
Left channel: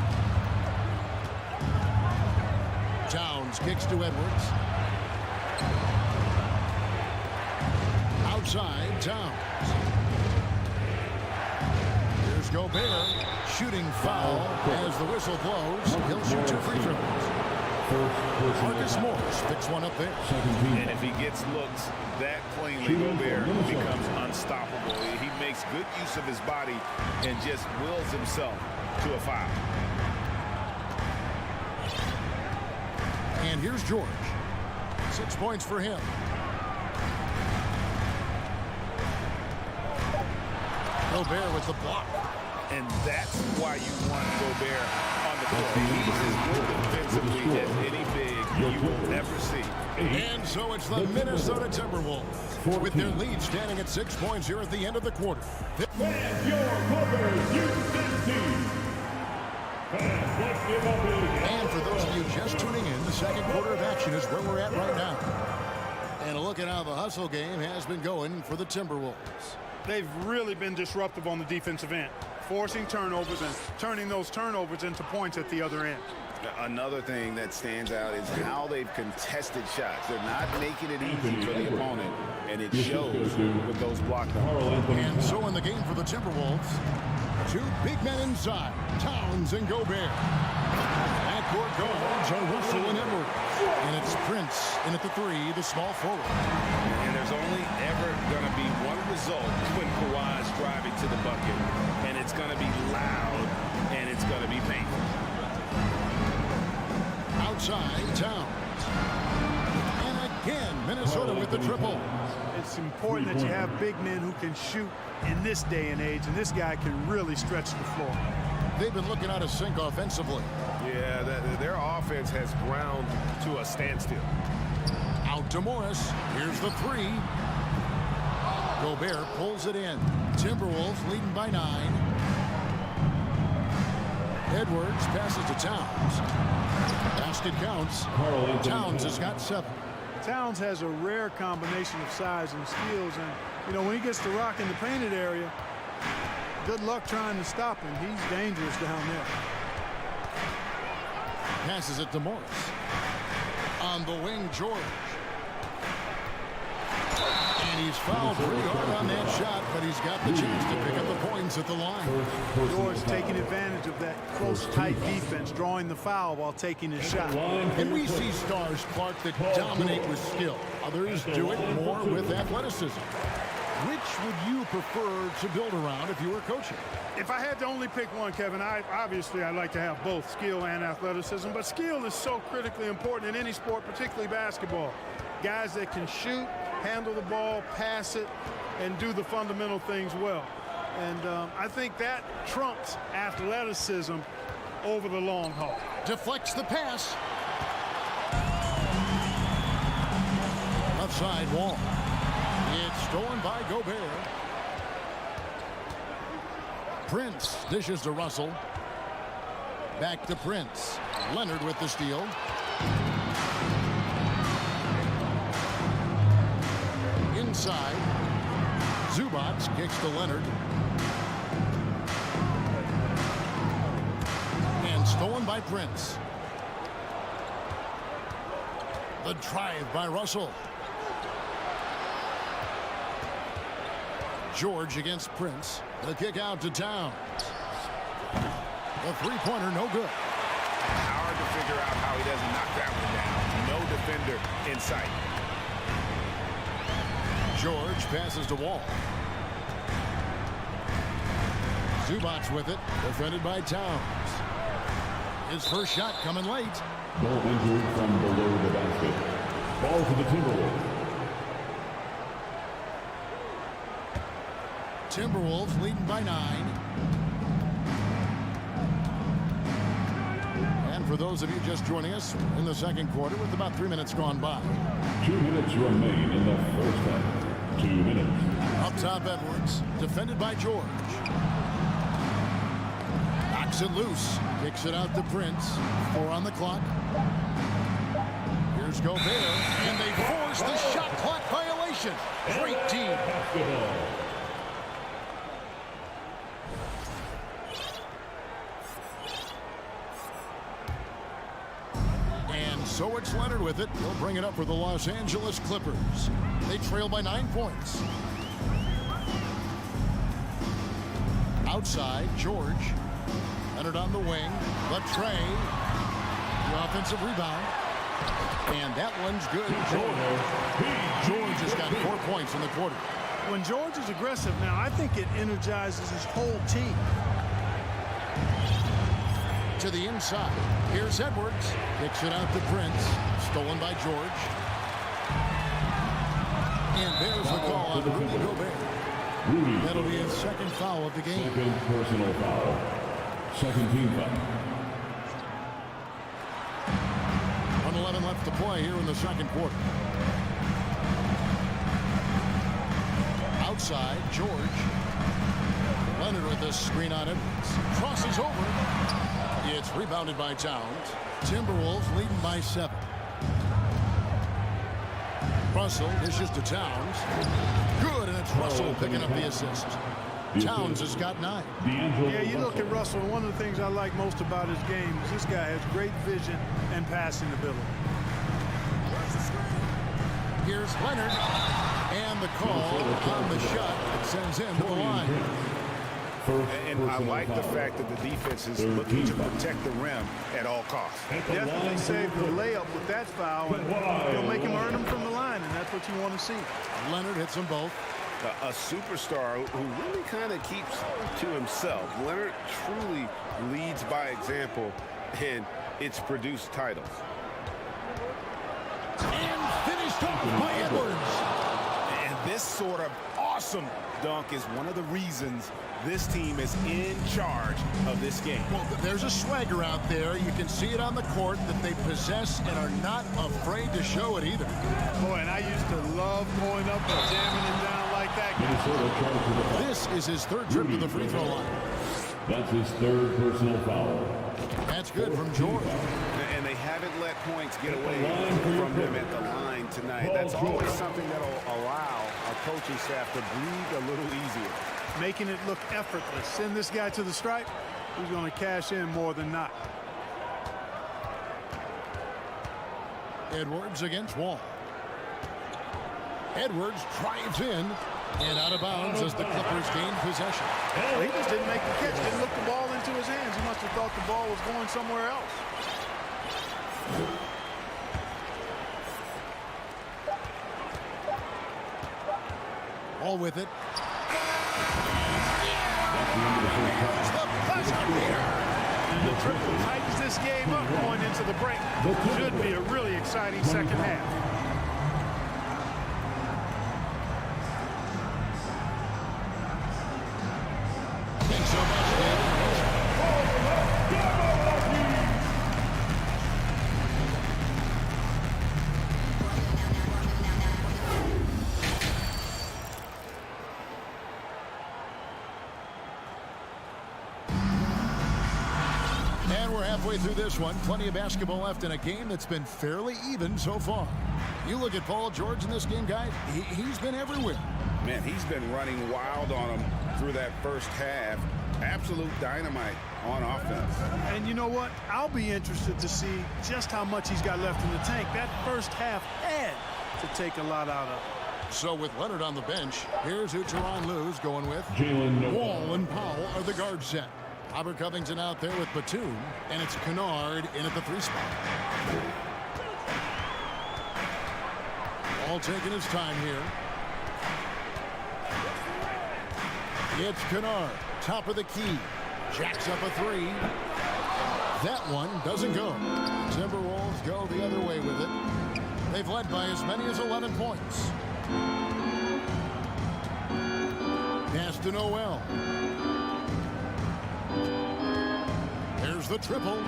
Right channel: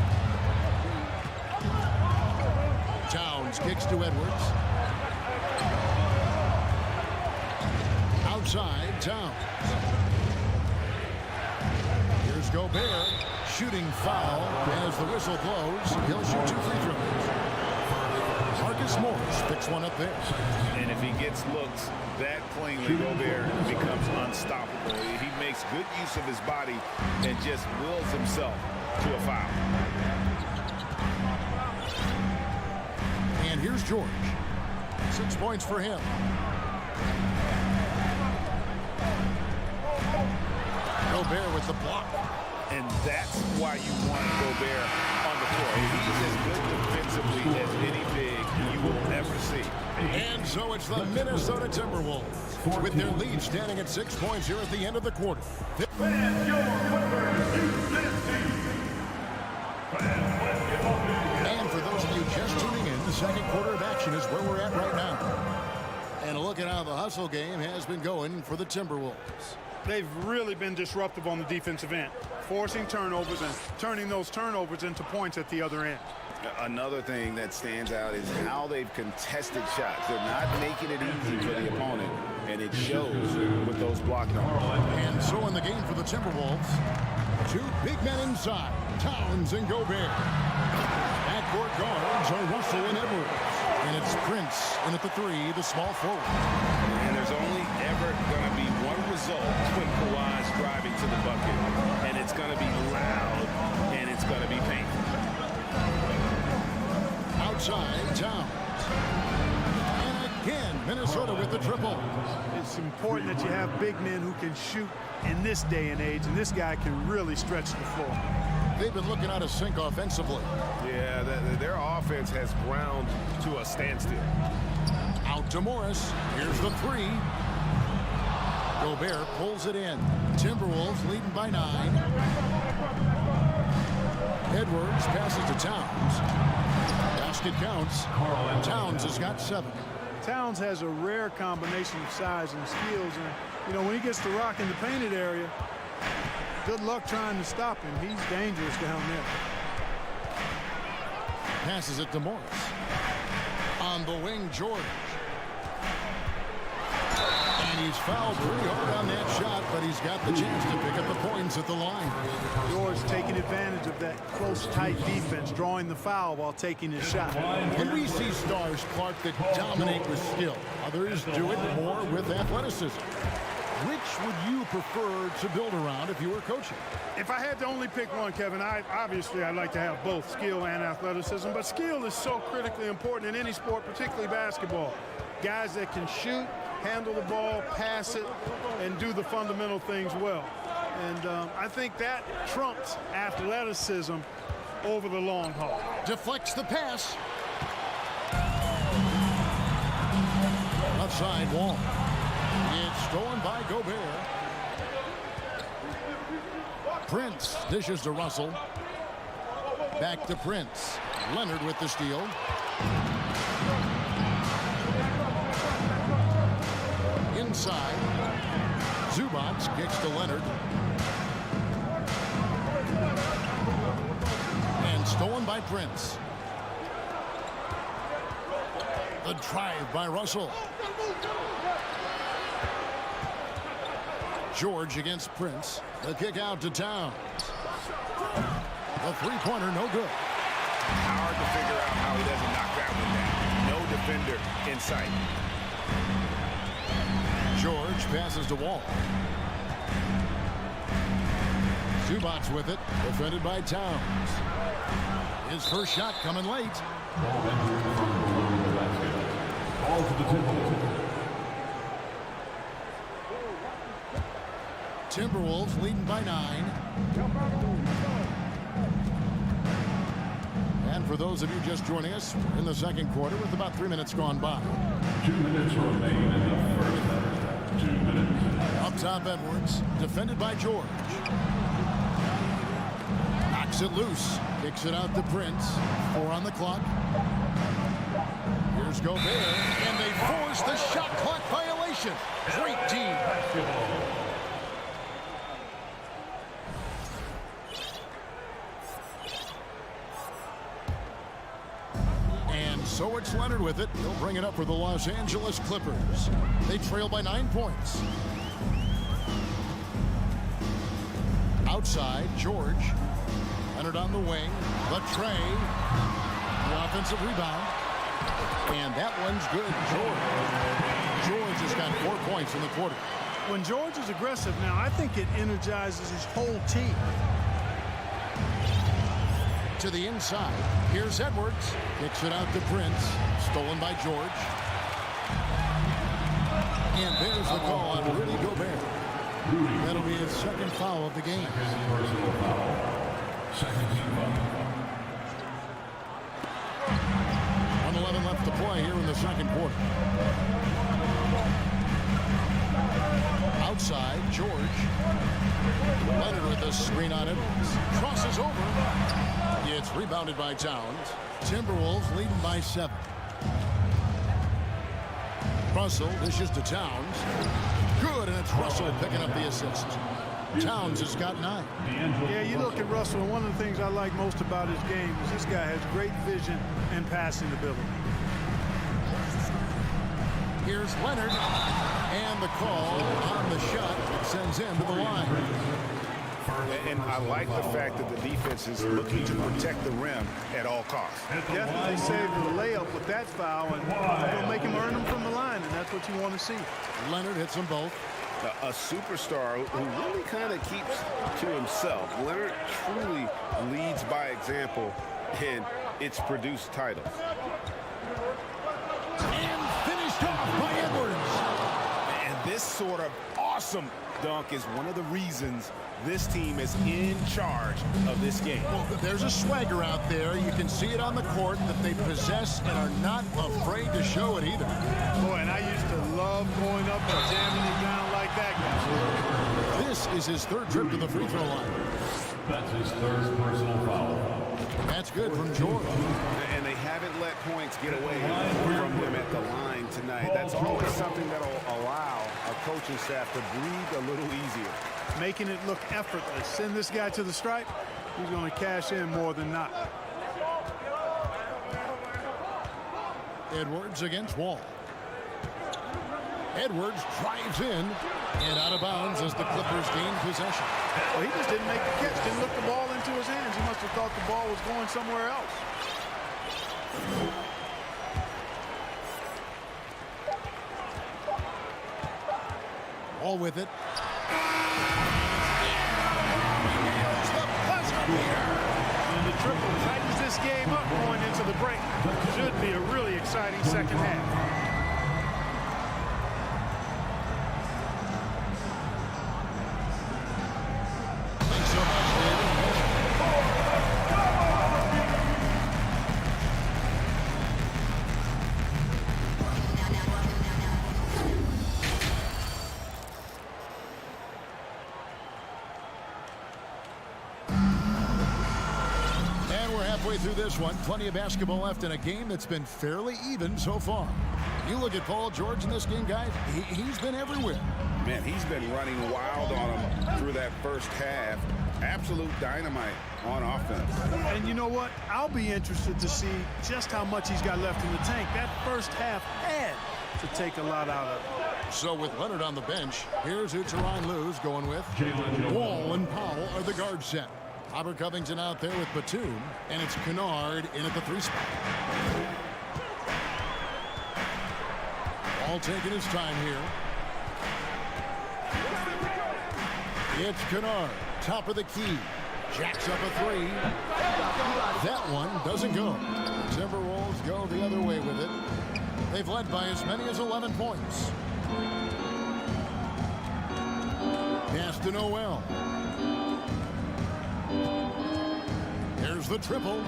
Towns kicks to Edwards. Outside, Towns. Here's Gobert. Shooting foul as the whistle blows. He'll shoot 2 free throws. Marcus Morris picks one up there. And if he gets looks that cleanly, Gobert becomes unstoppable. He makes good use of his body and just wills himself to a foul. And here's George. 6 points for him. Gobert with the block. And that's why you want Gobert on the floor. He's as good defensively as any big you will ever see. And so it's the Minnesota Timberwolves with their lead standing at 6 points here at the end of the quarter. Fans, your Clippers, you And for those of you just tuning in, the second quarter of action is where we're at right now. And a look at how the hustle game has been going for the Timberwolves. They've really been disruptive on the defensive end, forcing turnovers and turning those turnovers into points at the other end. Another thing that stands out is how they've contested shots. They're not making it easy for the opponent, and it shows with those block numbers. And so in the game for the Timberwolves, 2 big men inside, Towns and Gobert. Backcourt guards are Russell and Edwards. And it's Prince in at the 3, the small forward. And there's only ever going to be one result when Kawhi's driving to the bucket. And it's going to be loud, and it's going to be painful. Outside, Towns. And again, Minnesota with the triple. It's important that you have big men who can shoot in this day and age, and this guy can really stretch the floor. They've been looking out of sync offensively. Yeah, their offense has ground to a standstill. Out to Morris. Here's the 3. Gobert pulls it in. Timberwolves leading by 9. Edwards passes to Towns. Basket counts. Towns has got 7. Towns has a rare combination of size and skills, and you know, when he gets to rock in the painted area, good luck trying to stop him. He's dangerous down there. Passes it to Morris. On the wing, George. And he's fouled pretty hard on that shot, but he's got the chance to pick up the points at the line. George taking advantage of that close, tight defense, drawing the foul while taking his shot. And we see stars, Clark, that dominate with skill. Others do it more with athleticism. Which would you prefer to build around if you were coaching? If I had to only pick one, Kevin, I'd like to have both skill and athleticism, but skill is so critically important in any sport, particularly basketball. Guys that can shoot, handle the ball, pass it, and do the fundamental things well. And I think that trumps athleticism over the long haul. Deflects the pass. Left side Wall. It's stolen by Gobert. Prince dishes to Russell. Back to Prince. Leonard with the steal. Inside. Zubac kicks to Leonard. And stolen by Prince. The drive by Russell. George against Prince. The kick out to Towns. The three-pointer no good. Hard to figure out how he doesn't knock that one down. No defender in sight. George passes to Wall. Zubac with it. Defended by Towns. His first shot coming late. Ball entered from below the basket. Ball to the Timberwolves. Timberwolves leading by 9. And for those of you just joining us, we're in the second quarter with about 3 minutes gone by. 2 minutes remain in the first half. 2 minutes. Up top, Edwards. Defended by George. Shakes it loose. Kicks it out to Prince. 4 on the clock. Here's Gobert, and they force the shot clock violation. Great team. And so it's Leonard with it. He'll bring it up for the Los Angeles Clippers. They trail by 9 points. Outside, George. Leonard on the wing. Latrey. The offensive rebound. And that one's good. George has got 4 points in the quarter. When George is aggressive now, I think it energizes his whole team. To the inside. Here's Edwards. Kicks it out to Prince. Stolen by George. And there's the call on Rudy Gobert. That'll be his second foul of the game. Second personal foul. Second team foul. 1:11 left to play here in the second quarter. Outside, George. Leonard with a screen on Edwards. Crosses over. It's rebounded by Towns. Timberwolves leading by 7. Russell dishes to Towns. Good, and it's Russell picking up the assist. Towns has got 9. Yeah, you look at Russell, and one of the things I like most about his game is this guy has great vision and passing ability. Here's Leonard, and the call on the shot that sends him to the line. And I like the fact that the defense is looking to protect the rim at all costs. Definitely saved the layup with that foul, and he'll make him earn them from the line, and that's what you want to see. Leonard hits them both. A superstar who really kind of keeps to himself. Leonard truly leads by example, and it's produced titles. And finished off by Edwards. And this sort of awesome dunk is one of the reasons this team is in charge of this game. Well, there's a swagger out there. You can see it on the court that they possess and are not afraid to show it either. Boy, and I used to love going up and jamming it down like that guy. This is his 3rd trip to the free throw line. That's his 3rd personal foul. That's good from George. And they haven't let points get away from him at the line tonight. That's always something that'll allow a coaching staff to breathe a little easier. Making it look effortless. Send this guy to the stripe, he's going to cash in more than not. Edwards against Wall. Edwards drives in and out of bounds as the Clippers gain possession. Well, he just didn't make the catch, didn't look the ball into his hands. He must have thought the ball was going somewhere else. Wall with it. Reveals the buzzer beater. And the triple tightens this game up going into the break. Should be a really exciting second half. Thanks so much, David. We're halfway through this one. Plenty of basketball left in a game that's been fairly even so far. You look at Paul George in this game, guys, he's been everywhere. Man, he's been running wild on him through that first half. Absolute dynamite on offense. And you know what? I'll be interested to see just how much he's got left in the tank. That first half had to take a lot out of it. So with Leonard on the bench, here's who Tyronn Lue's going with. Jalen Wall and Powell are the guard set. Robert Covington out there with Batum, and it's Kennard in at the 3 spot. Wall taking his time here. It's Kennard, top of the key. Jacks up a 3. That one doesn't go. The Timberwolves go the other way with it. They've led by as many as 11 points. Pass to Noel. There's the triple.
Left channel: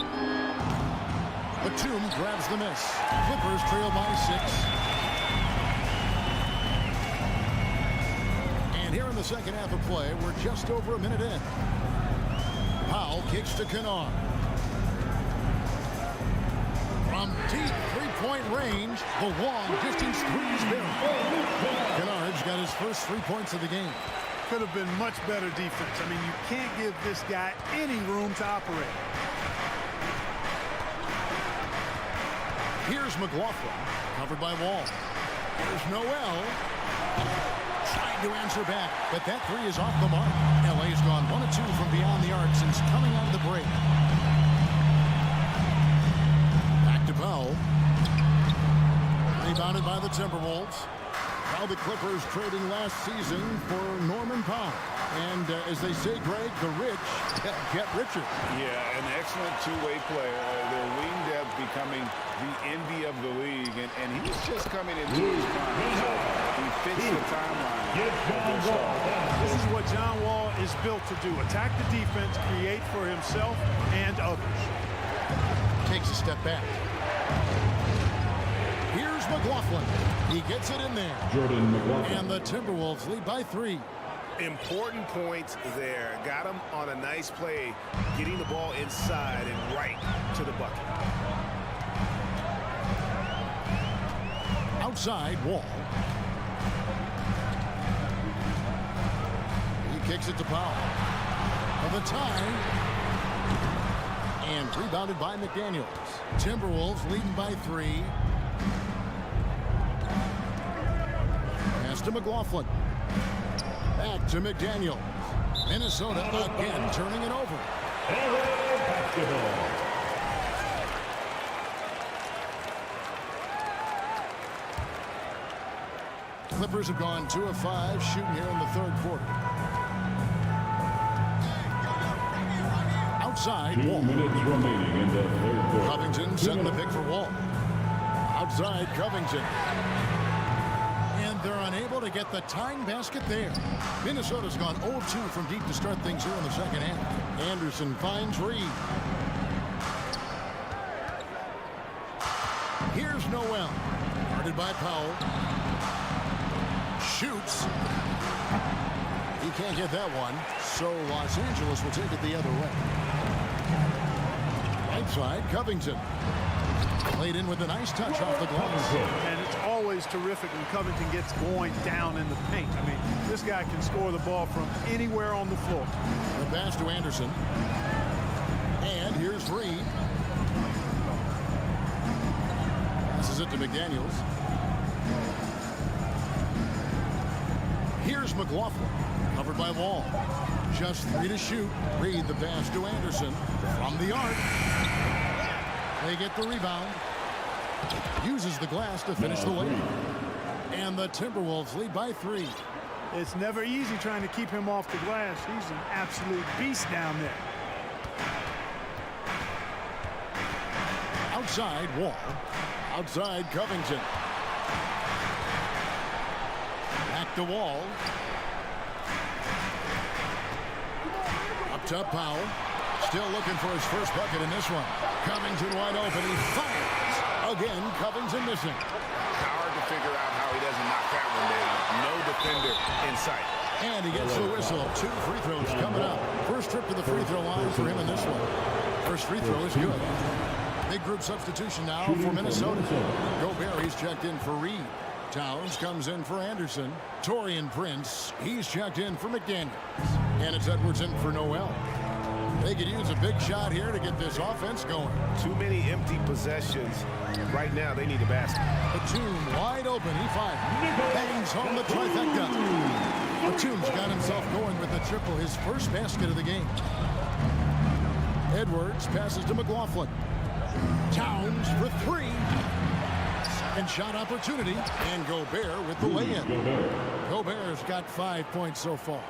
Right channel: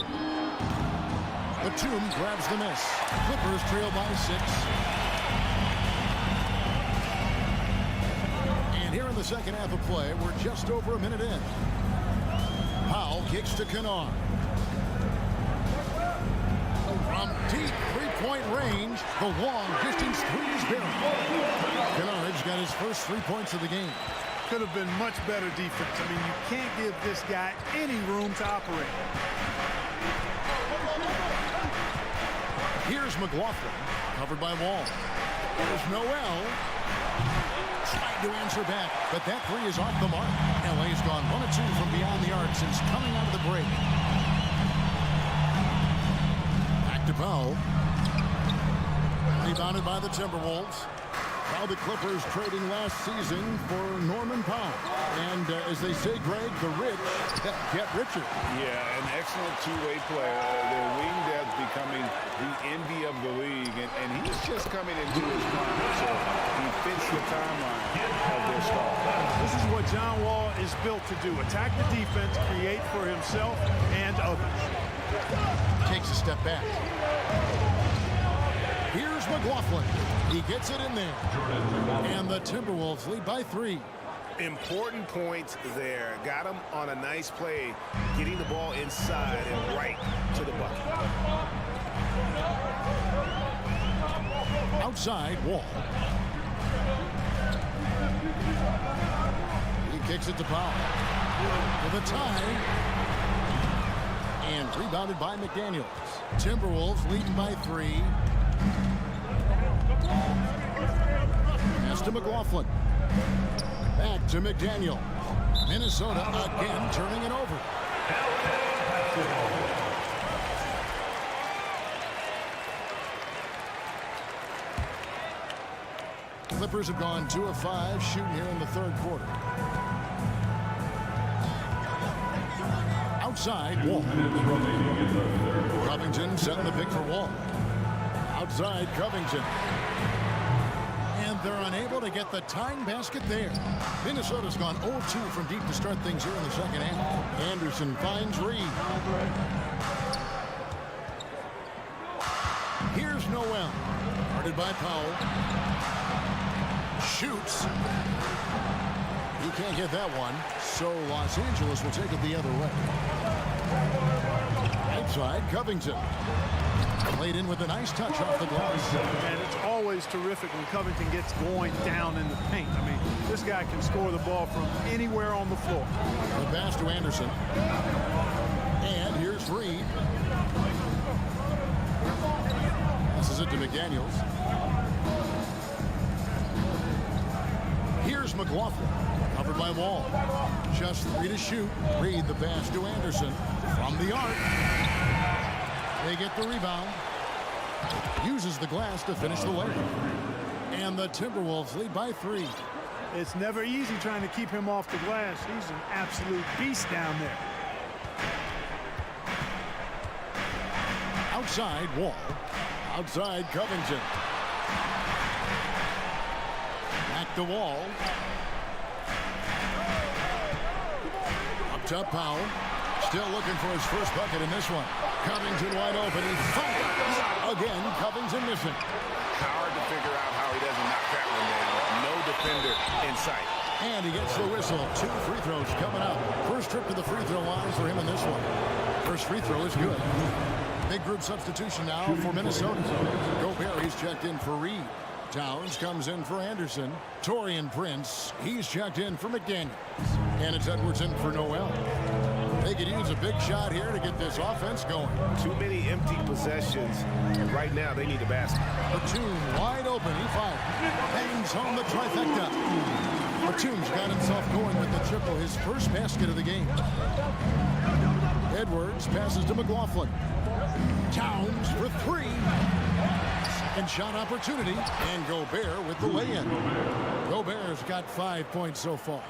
Batum grabs the miss. Clippers trail by 6. And here in the second half of play, we're just over a minute in. Powell kicks to Kennard. From deep three-point range, the long-distance three is buried. Kennard's got his first 3 points of the game. Could have been much better defense. I mean, you can't give this guy any room to operate. Here's McLaughlin, covered by Wall. There's Noel. Trying to answer back, but that three is off the mark. LA's gone 1 of 2 from beyond the arc since coming out of the break. Back to Powell. Rebounded by the Timberwolves. Now the Clippers trading last season for Norman Powell. And as they say, Greg, the rich get richer. Yeah, an excellent two-way player. Their wing depth becoming the envy of the league. And he's just coming into his prime. So he fits the timeline of their star. This is what John Wall is built to do. Attack the defense, create for himself and others. Takes a step back. Here's McLaughlin. He gets it in there. Jordan McLaughlin. And the Timberwolves lead by 3. Important points there. Got him on a nice play, getting the ball inside and right to the bucket. Outside, Wall. He kicks it to Powell. For the tie. And rebounded by McDaniels. Timberwolves leading by 3. Pass to McLaughlin. Back to McDaniel. Minnesota again turning it over. LA basketball. Clippers have gone 2 of 5 shooting here in the third quarter. Outside, 2 Wall. minutes remaining in the third quarter. Covington setting the pick for Wall. Outside, Covington. And they're unable to get the tying basket there. Minnesota's gone 0-2 from deep to start things here in the second half. Anderson finds Reed. Here's Noel. Guarded by Powell. Shoots. He can't get that one, so Los Angeles will take it the other way. Outside, Covington. Played in with a nice touch off the glass. And it's always terrific when Covington gets going down in the paint. I mean, this guy can score the ball from anywhere on the floor. The pass to Anderson. And here's Reed. Passes it to McDaniels. Here's McLaughlin. Covered by Wall. Just 3 to shoot. Reed the pass to Anderson. From the arc. They get the rebound. Uses the glass to finish the layup. And the Timberwolves lead by 3. It's never easy trying to keep him off the glass. He's an absolute beast down there. Outside, Wall. Outside, Covington. Back to Wall. Up top, Powell. Still looking for his first bucket in this one. Covington wide open. He fires. Again, Covington missing. Hard to figure out how he doesn't knock that one down. No defender in sight. And he gets the whistle. 2 free throws coming up. First trip to the free throw line for him in this one. First free throw is good. Big group substitution now for Minnesota. Gobert, he's checked in for Reed. Towns comes in for Anderson. Taurean Prince, he's checked in for McDaniels. And it's Edwards in for Noel. They could use a big shot here to get this offense going. Too many empty possessions. Right now, they need a basket. Batum wide open. He fires. Bangs home the trifecta. Batum's got himself going with the triple, his first basket of the game. Edwards passes to McLaughlin. Towns for 3. Second shot opportunity. And Gobert with the lay-in. Gobert's got 5 points so far.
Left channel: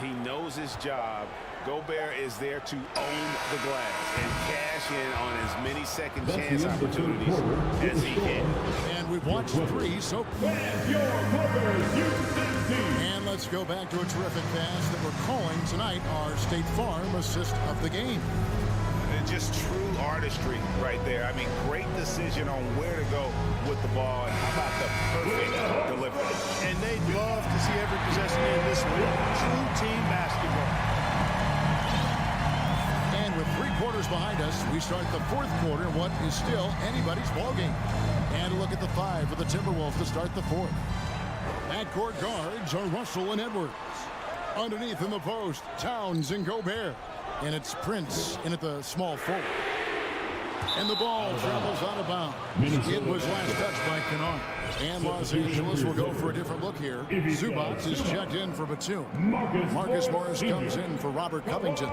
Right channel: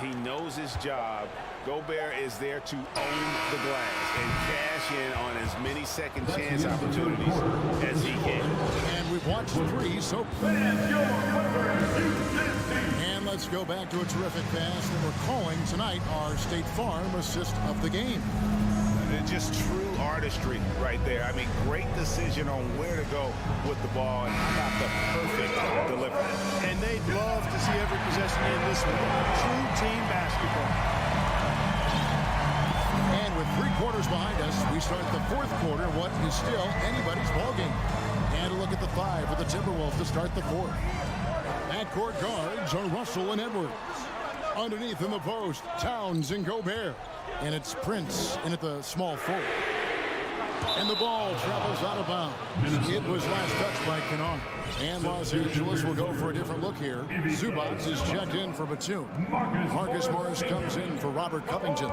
He knows his job. Gobert is there to own the glass and cash in on as many second chance opportunities as he can. And we've watched 3 so far. And let's go back to a terrific pass that we're calling tonight our State Farm assist of the game. And just true artistry right there. I mean, great decision on where to go with the ball, and how about the perfect delivery. And they'd love to see every possession in this way. True team basketball. And with 3 quarters behind us, we start the 4th quarter, what is still anybody's ballgame. And a look at the 5 for the Timberwolves to start the 4th. Backcourt guards are Russell and Edwards. Underneath in the post, Towns and Gobert. And it's Prince in at the small forward. And the ball travels out of bounds. It was last touched by Kennard. And Los Angeles will go for a different look here. Zubac is checked in for Batum. Marcus Morris comes in for Robert Covington.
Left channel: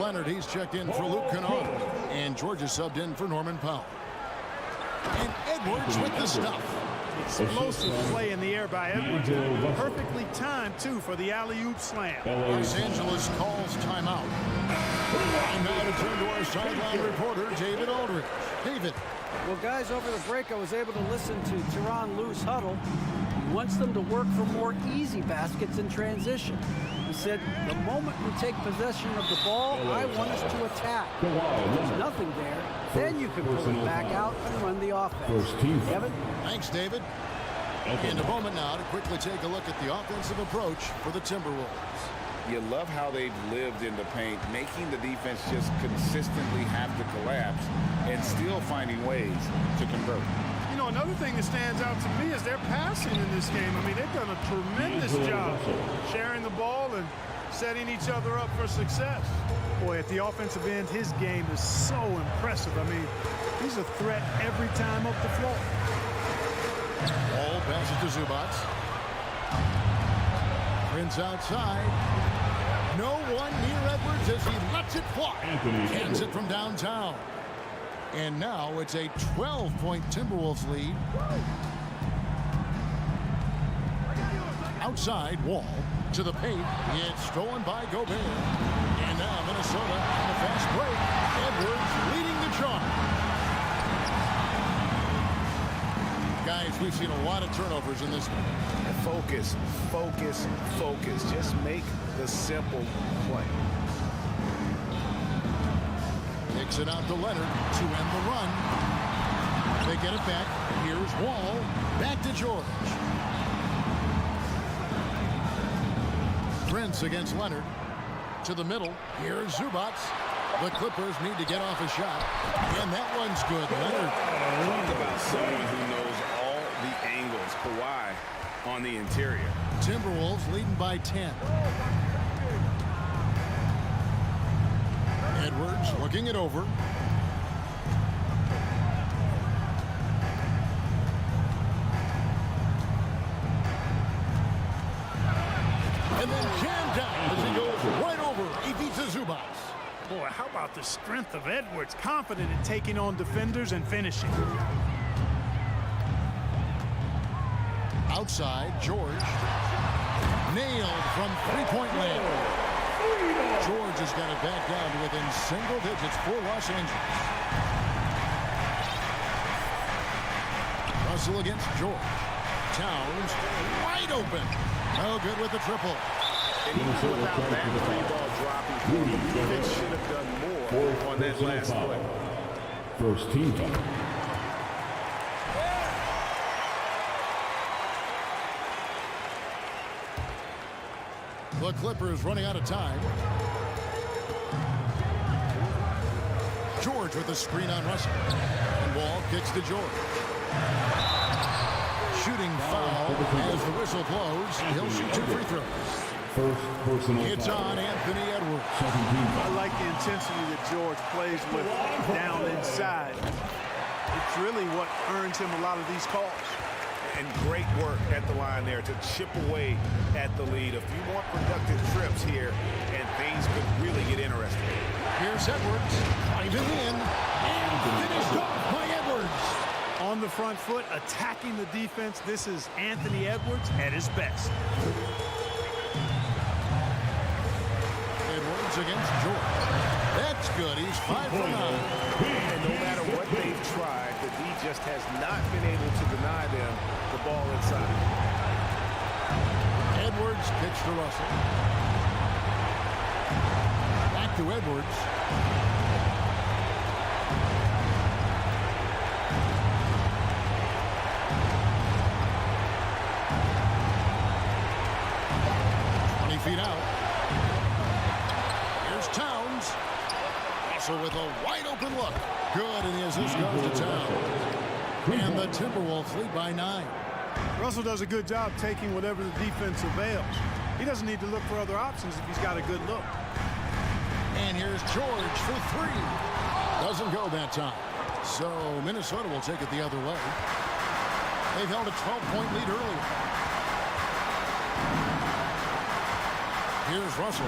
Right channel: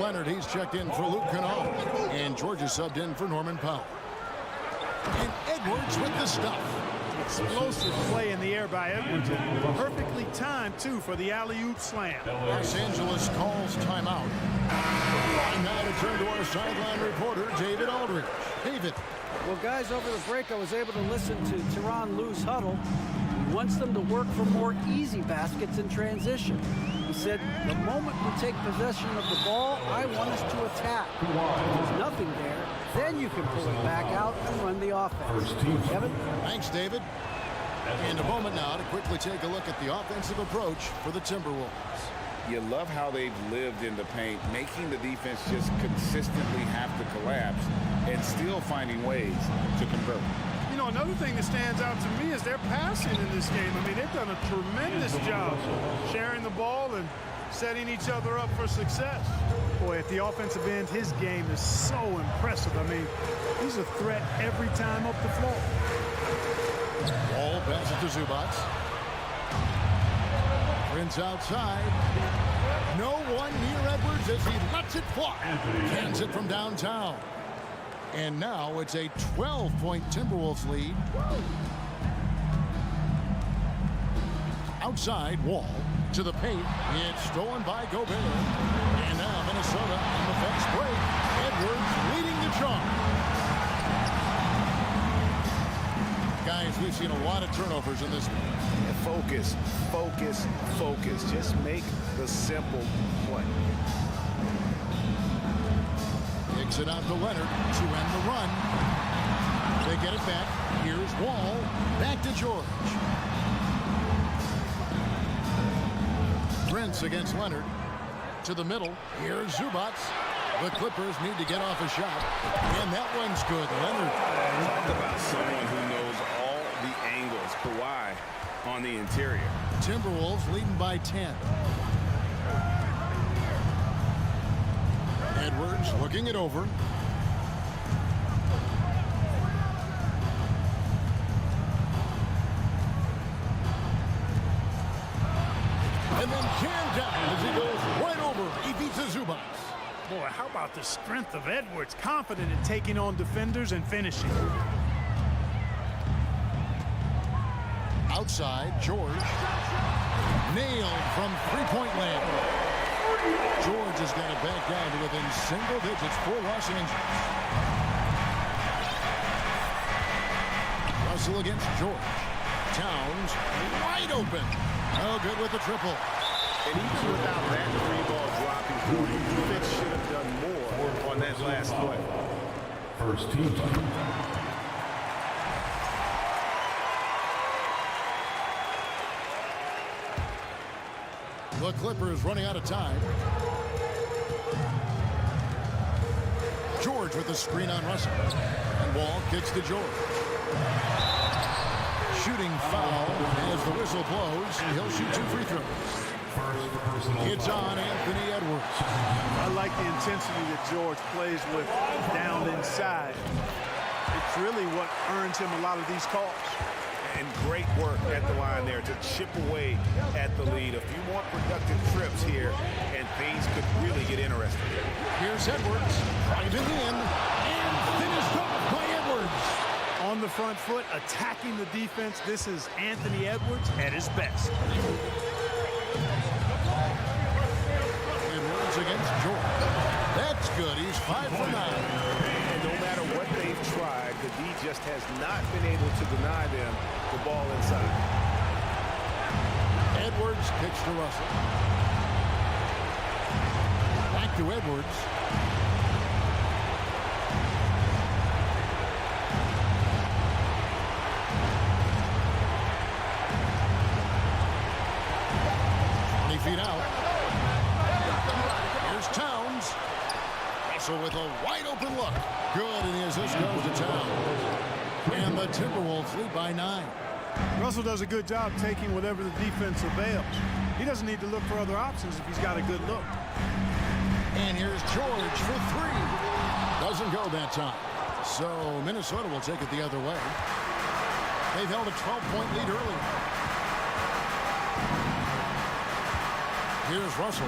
Leonard, he's checked in for Luke Kennard. And George is subbed in for Norman Powell. And Edwards with the stuff. Explosive play in the air by Edwards. Perfectly timed, too, for the alley-oop slam. Los Angeles calls timeout. And now to turn to our sideline reporter, David Aldridge. David. Well, guys, over the break, I was able to listen to Tyronn Lue's huddle. He wants them to work for more easy baskets in transition. He said, the moment we take possession of the ball, I want us to attack. If there's nothing there, then you can pull it back out and run the offense. Kevin? Thanks, David. And a moment now to quickly take a look at the offensive approach for the Timberwolves. You love how they've lived in the paint, making the defense just consistently have to collapse and still finding ways to convert. You know, another thing that stands out to me is their passing in this game. I mean, they've done a tremendous job sharing the ball and setting each other up for success. Boy, at the offensive end, his game is so impressive. I mean, he's a threat every time up the floor. Wall passes to Zubac. Prince outside. No one near Edwards as he lets it fly. Cans it from downtown. And now it's a 12-point Timberwolves lead. Outside, Wall to the paint. It's stolen by Gobert. And now Minnesota on the fast break. Edwards leading the charge. Guys, we've seen a lot of turnovers in this one. And focus, focus, focus. Just make the simple play. Kicks it out to Leonard to end the run. They get it back. Here's Wall. Back to George. Prince against Leonard. To the middle. Here's Zubac. The Clippers need to get off a shot. And that one's good. Leonard. Talk about someone who knows all the angles. Kawhi on the interior. Timberwolves leading by 10. Edwards looking it over. And then jammed down as he goes right over. He beats Zubac. Boy, how about the strength of Edwards? Confident in taking on defenders and finishing. Outside, George. Nailed from three-point land. George has got it back down to within single digits for Los Angeles. Russell against George. Towns wide open. Oh, good with the triple. And even without that three-ball dropping for him, the defense should have done more on that last play. First team foul. The Clippers running out of time. George with the screen on Russell. And Wall kicks to George. Shooting foul as the whistle blows. He'll shoot 2 free throws. First personal It's foul. on Anthony Edwards. I like the intensity that George plays with down inside. It's really what earns him a lot of these calls. And great work at the line there to chip away at the lead. A few more productive trips here, and things could really get interesting. Here's Edwards, driving in, and finished off by Edwards. On the front foot, attacking the defense. This is Anthony Edwards at his best. Edwards against George. That's good. He's 5 for 9. And no matter what they've tried, the D just has not been able to deny them the ball inside. Edwards kicks to Russell. Back to Edwards. Feet out. Here's Towns. Russell with a wide open look. Good, and the assist goes to town. And the Timberwolves lead by 9. Russell does a good job taking whatever the defense avails. He doesn't need to look for other options if he's got a good look. And here's George for 3. Doesn't go that time. So Minnesota will take it the other way. They've held a 12-point lead earlier. Here's Russell.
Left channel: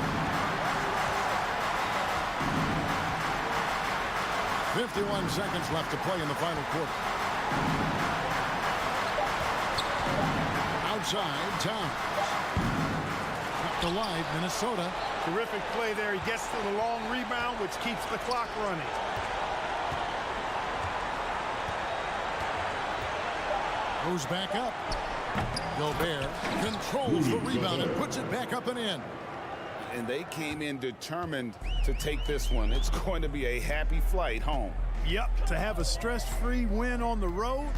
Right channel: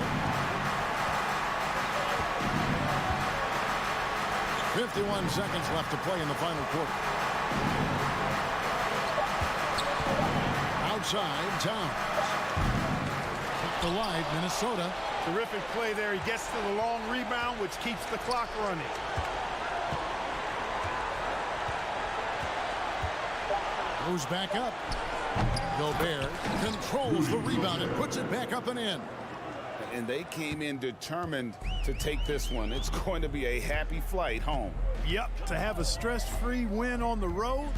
51 seconds left to play in the final quarter. Outside, Towns. Kept alive, Minnesota. Terrific play there. He gets to the long rebound, which keeps the clock running. Goes back up. Gobert controls the rebound and puts it back up and in. And they came in determined to take this one. It's going to be a happy flight home. Yep, to have a stress-free win on the road,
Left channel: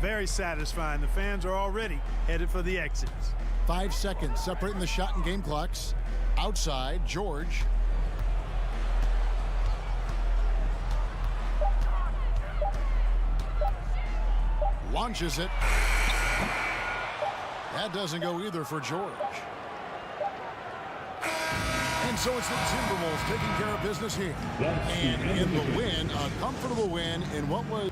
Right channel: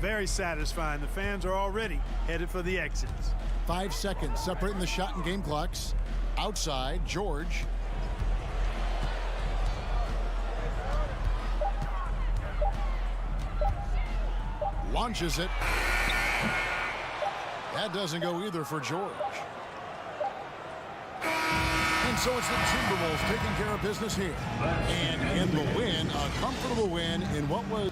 very satisfying. The fans are already headed for the exits. 5 seconds separating the shot and game clocks. Outside, George. Launches it. That doesn't go either for George. And so it's the Timberwolves taking care of business here. And in the win, a comfortable win in what was...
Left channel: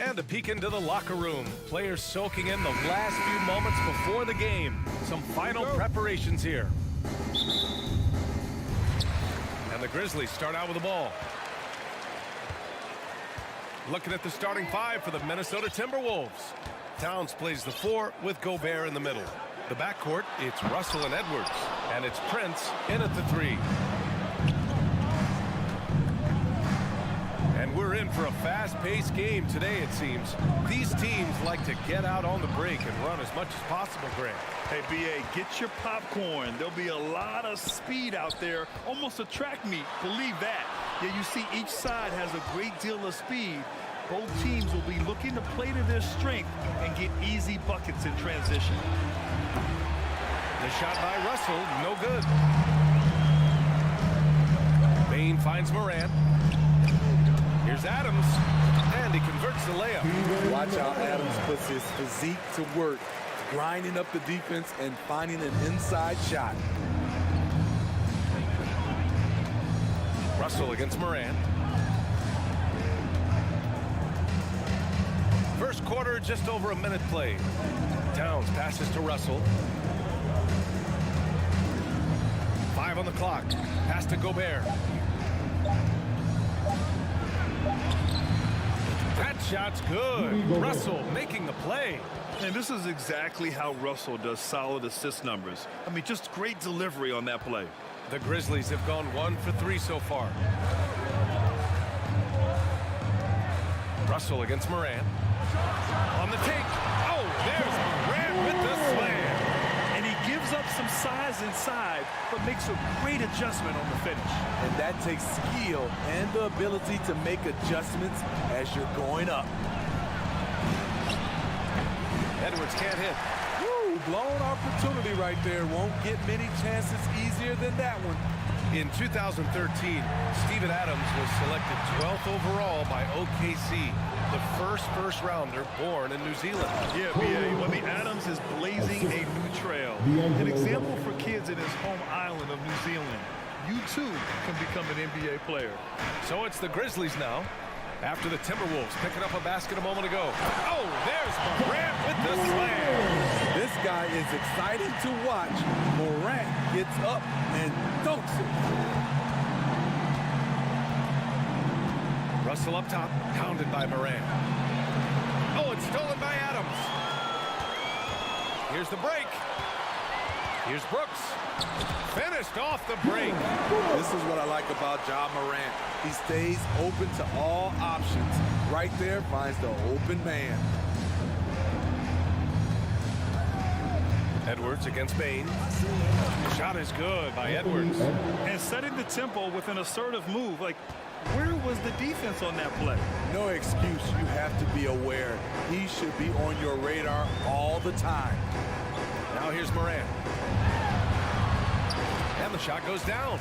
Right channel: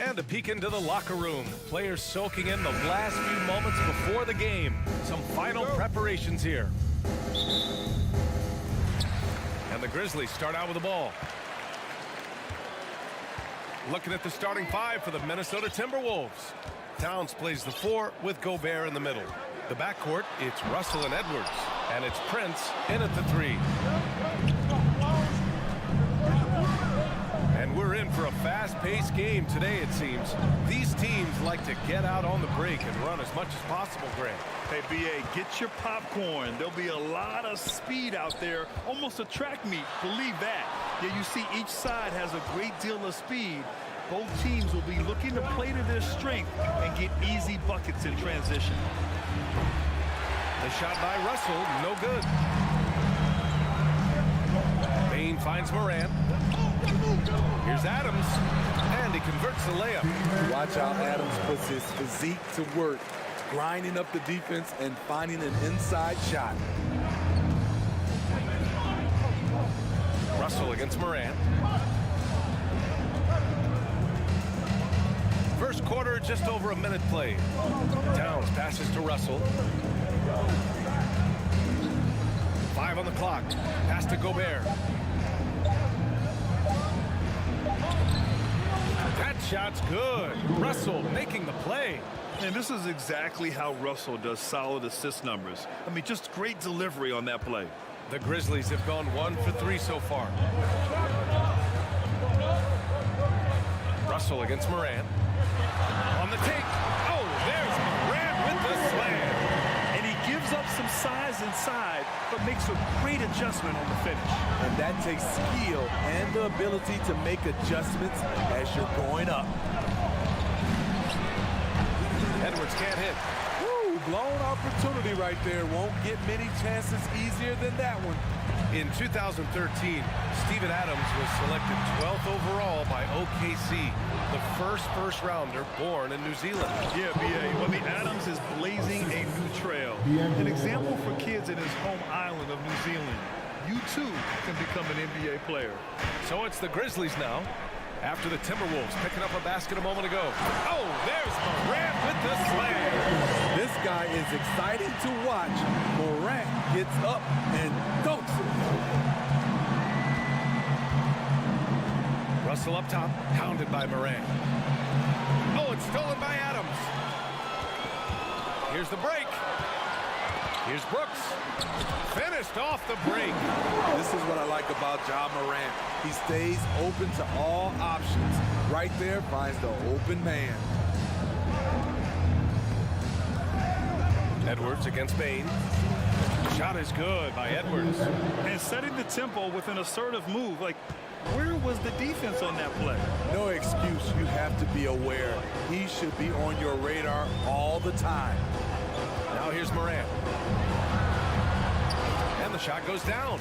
And a peek into the locker room. Players soaking in the last few moments before the game. Some final preparations here. And the Grizzlies start out with the ball. Looking at the starting five for the Minnesota Timberwolves. Towns plays the 4 with Gobert in the middle. The backcourt, it's Russell and Edwards. And it's Prince in at the 3. And we're in for a fast-paced game today, it seems. These teams like to get out on the break and run as much as possible, Grant. Hey, B.A., get your popcorn. There'll be a lot of speed out there, almost a track meet. Believe that. Yeah, you see each side has a great deal of speed. Both teams will be looking to play to their strength and get easy buckets in transition. The shot by Russell, no good. Bain finds Morant. Here's Adams, and he converts the layup. Watch how Adams puts his physique to work, grinding up the defense and finding an inside shot. Russell against Morant. First quarter, just over a minute played. Towns passes to Russell. 5 on the clock. Pass to Gobert. That shot's good. Russell making the play. And this is exactly how Russell does solid assist numbers. I mean, just great delivery on that play. The Grizzlies have gone 1 for 3 so far. Russell against Morant. On the take. Oh, there's Morant with the slam. And he gives up some size inside, but makes a great adjustment on the finish. And that takes skill and the ability to make adjustments as you're going up. Edwards can't hit. Woo, blown opportunity right there. Won't get many chances easier than that one. In 2013, Steven Adams was selected 12th overall by OKC, the first rounder born in New Zealand. Yeah, B.A. I mean, Adams is blazing a new trail. An example for kids in his home island of New Zealand. You, too, can become an NBA player. So it's the Grizzlies now, after the Timberwolves picking up a basket a moment ago. Oh, there's Morant with the slam. This guy is exciting to watch. Morant gets up and dunks it. Russell up top, pounded by Morant. Oh, it's stolen by Adams. Here's the break. Here's Brooks. Finished off the break. This is what I like about Ja Morant. He stays open to all options. Right there finds the open man. Edwards against Bain. Shot is good by Edwards. And setting the tempo with an assertive move. Like, where was the defense on that play? No excuse. You have to be aware. He should be on your radar all the time. Now here's Morant. And the shot goes down.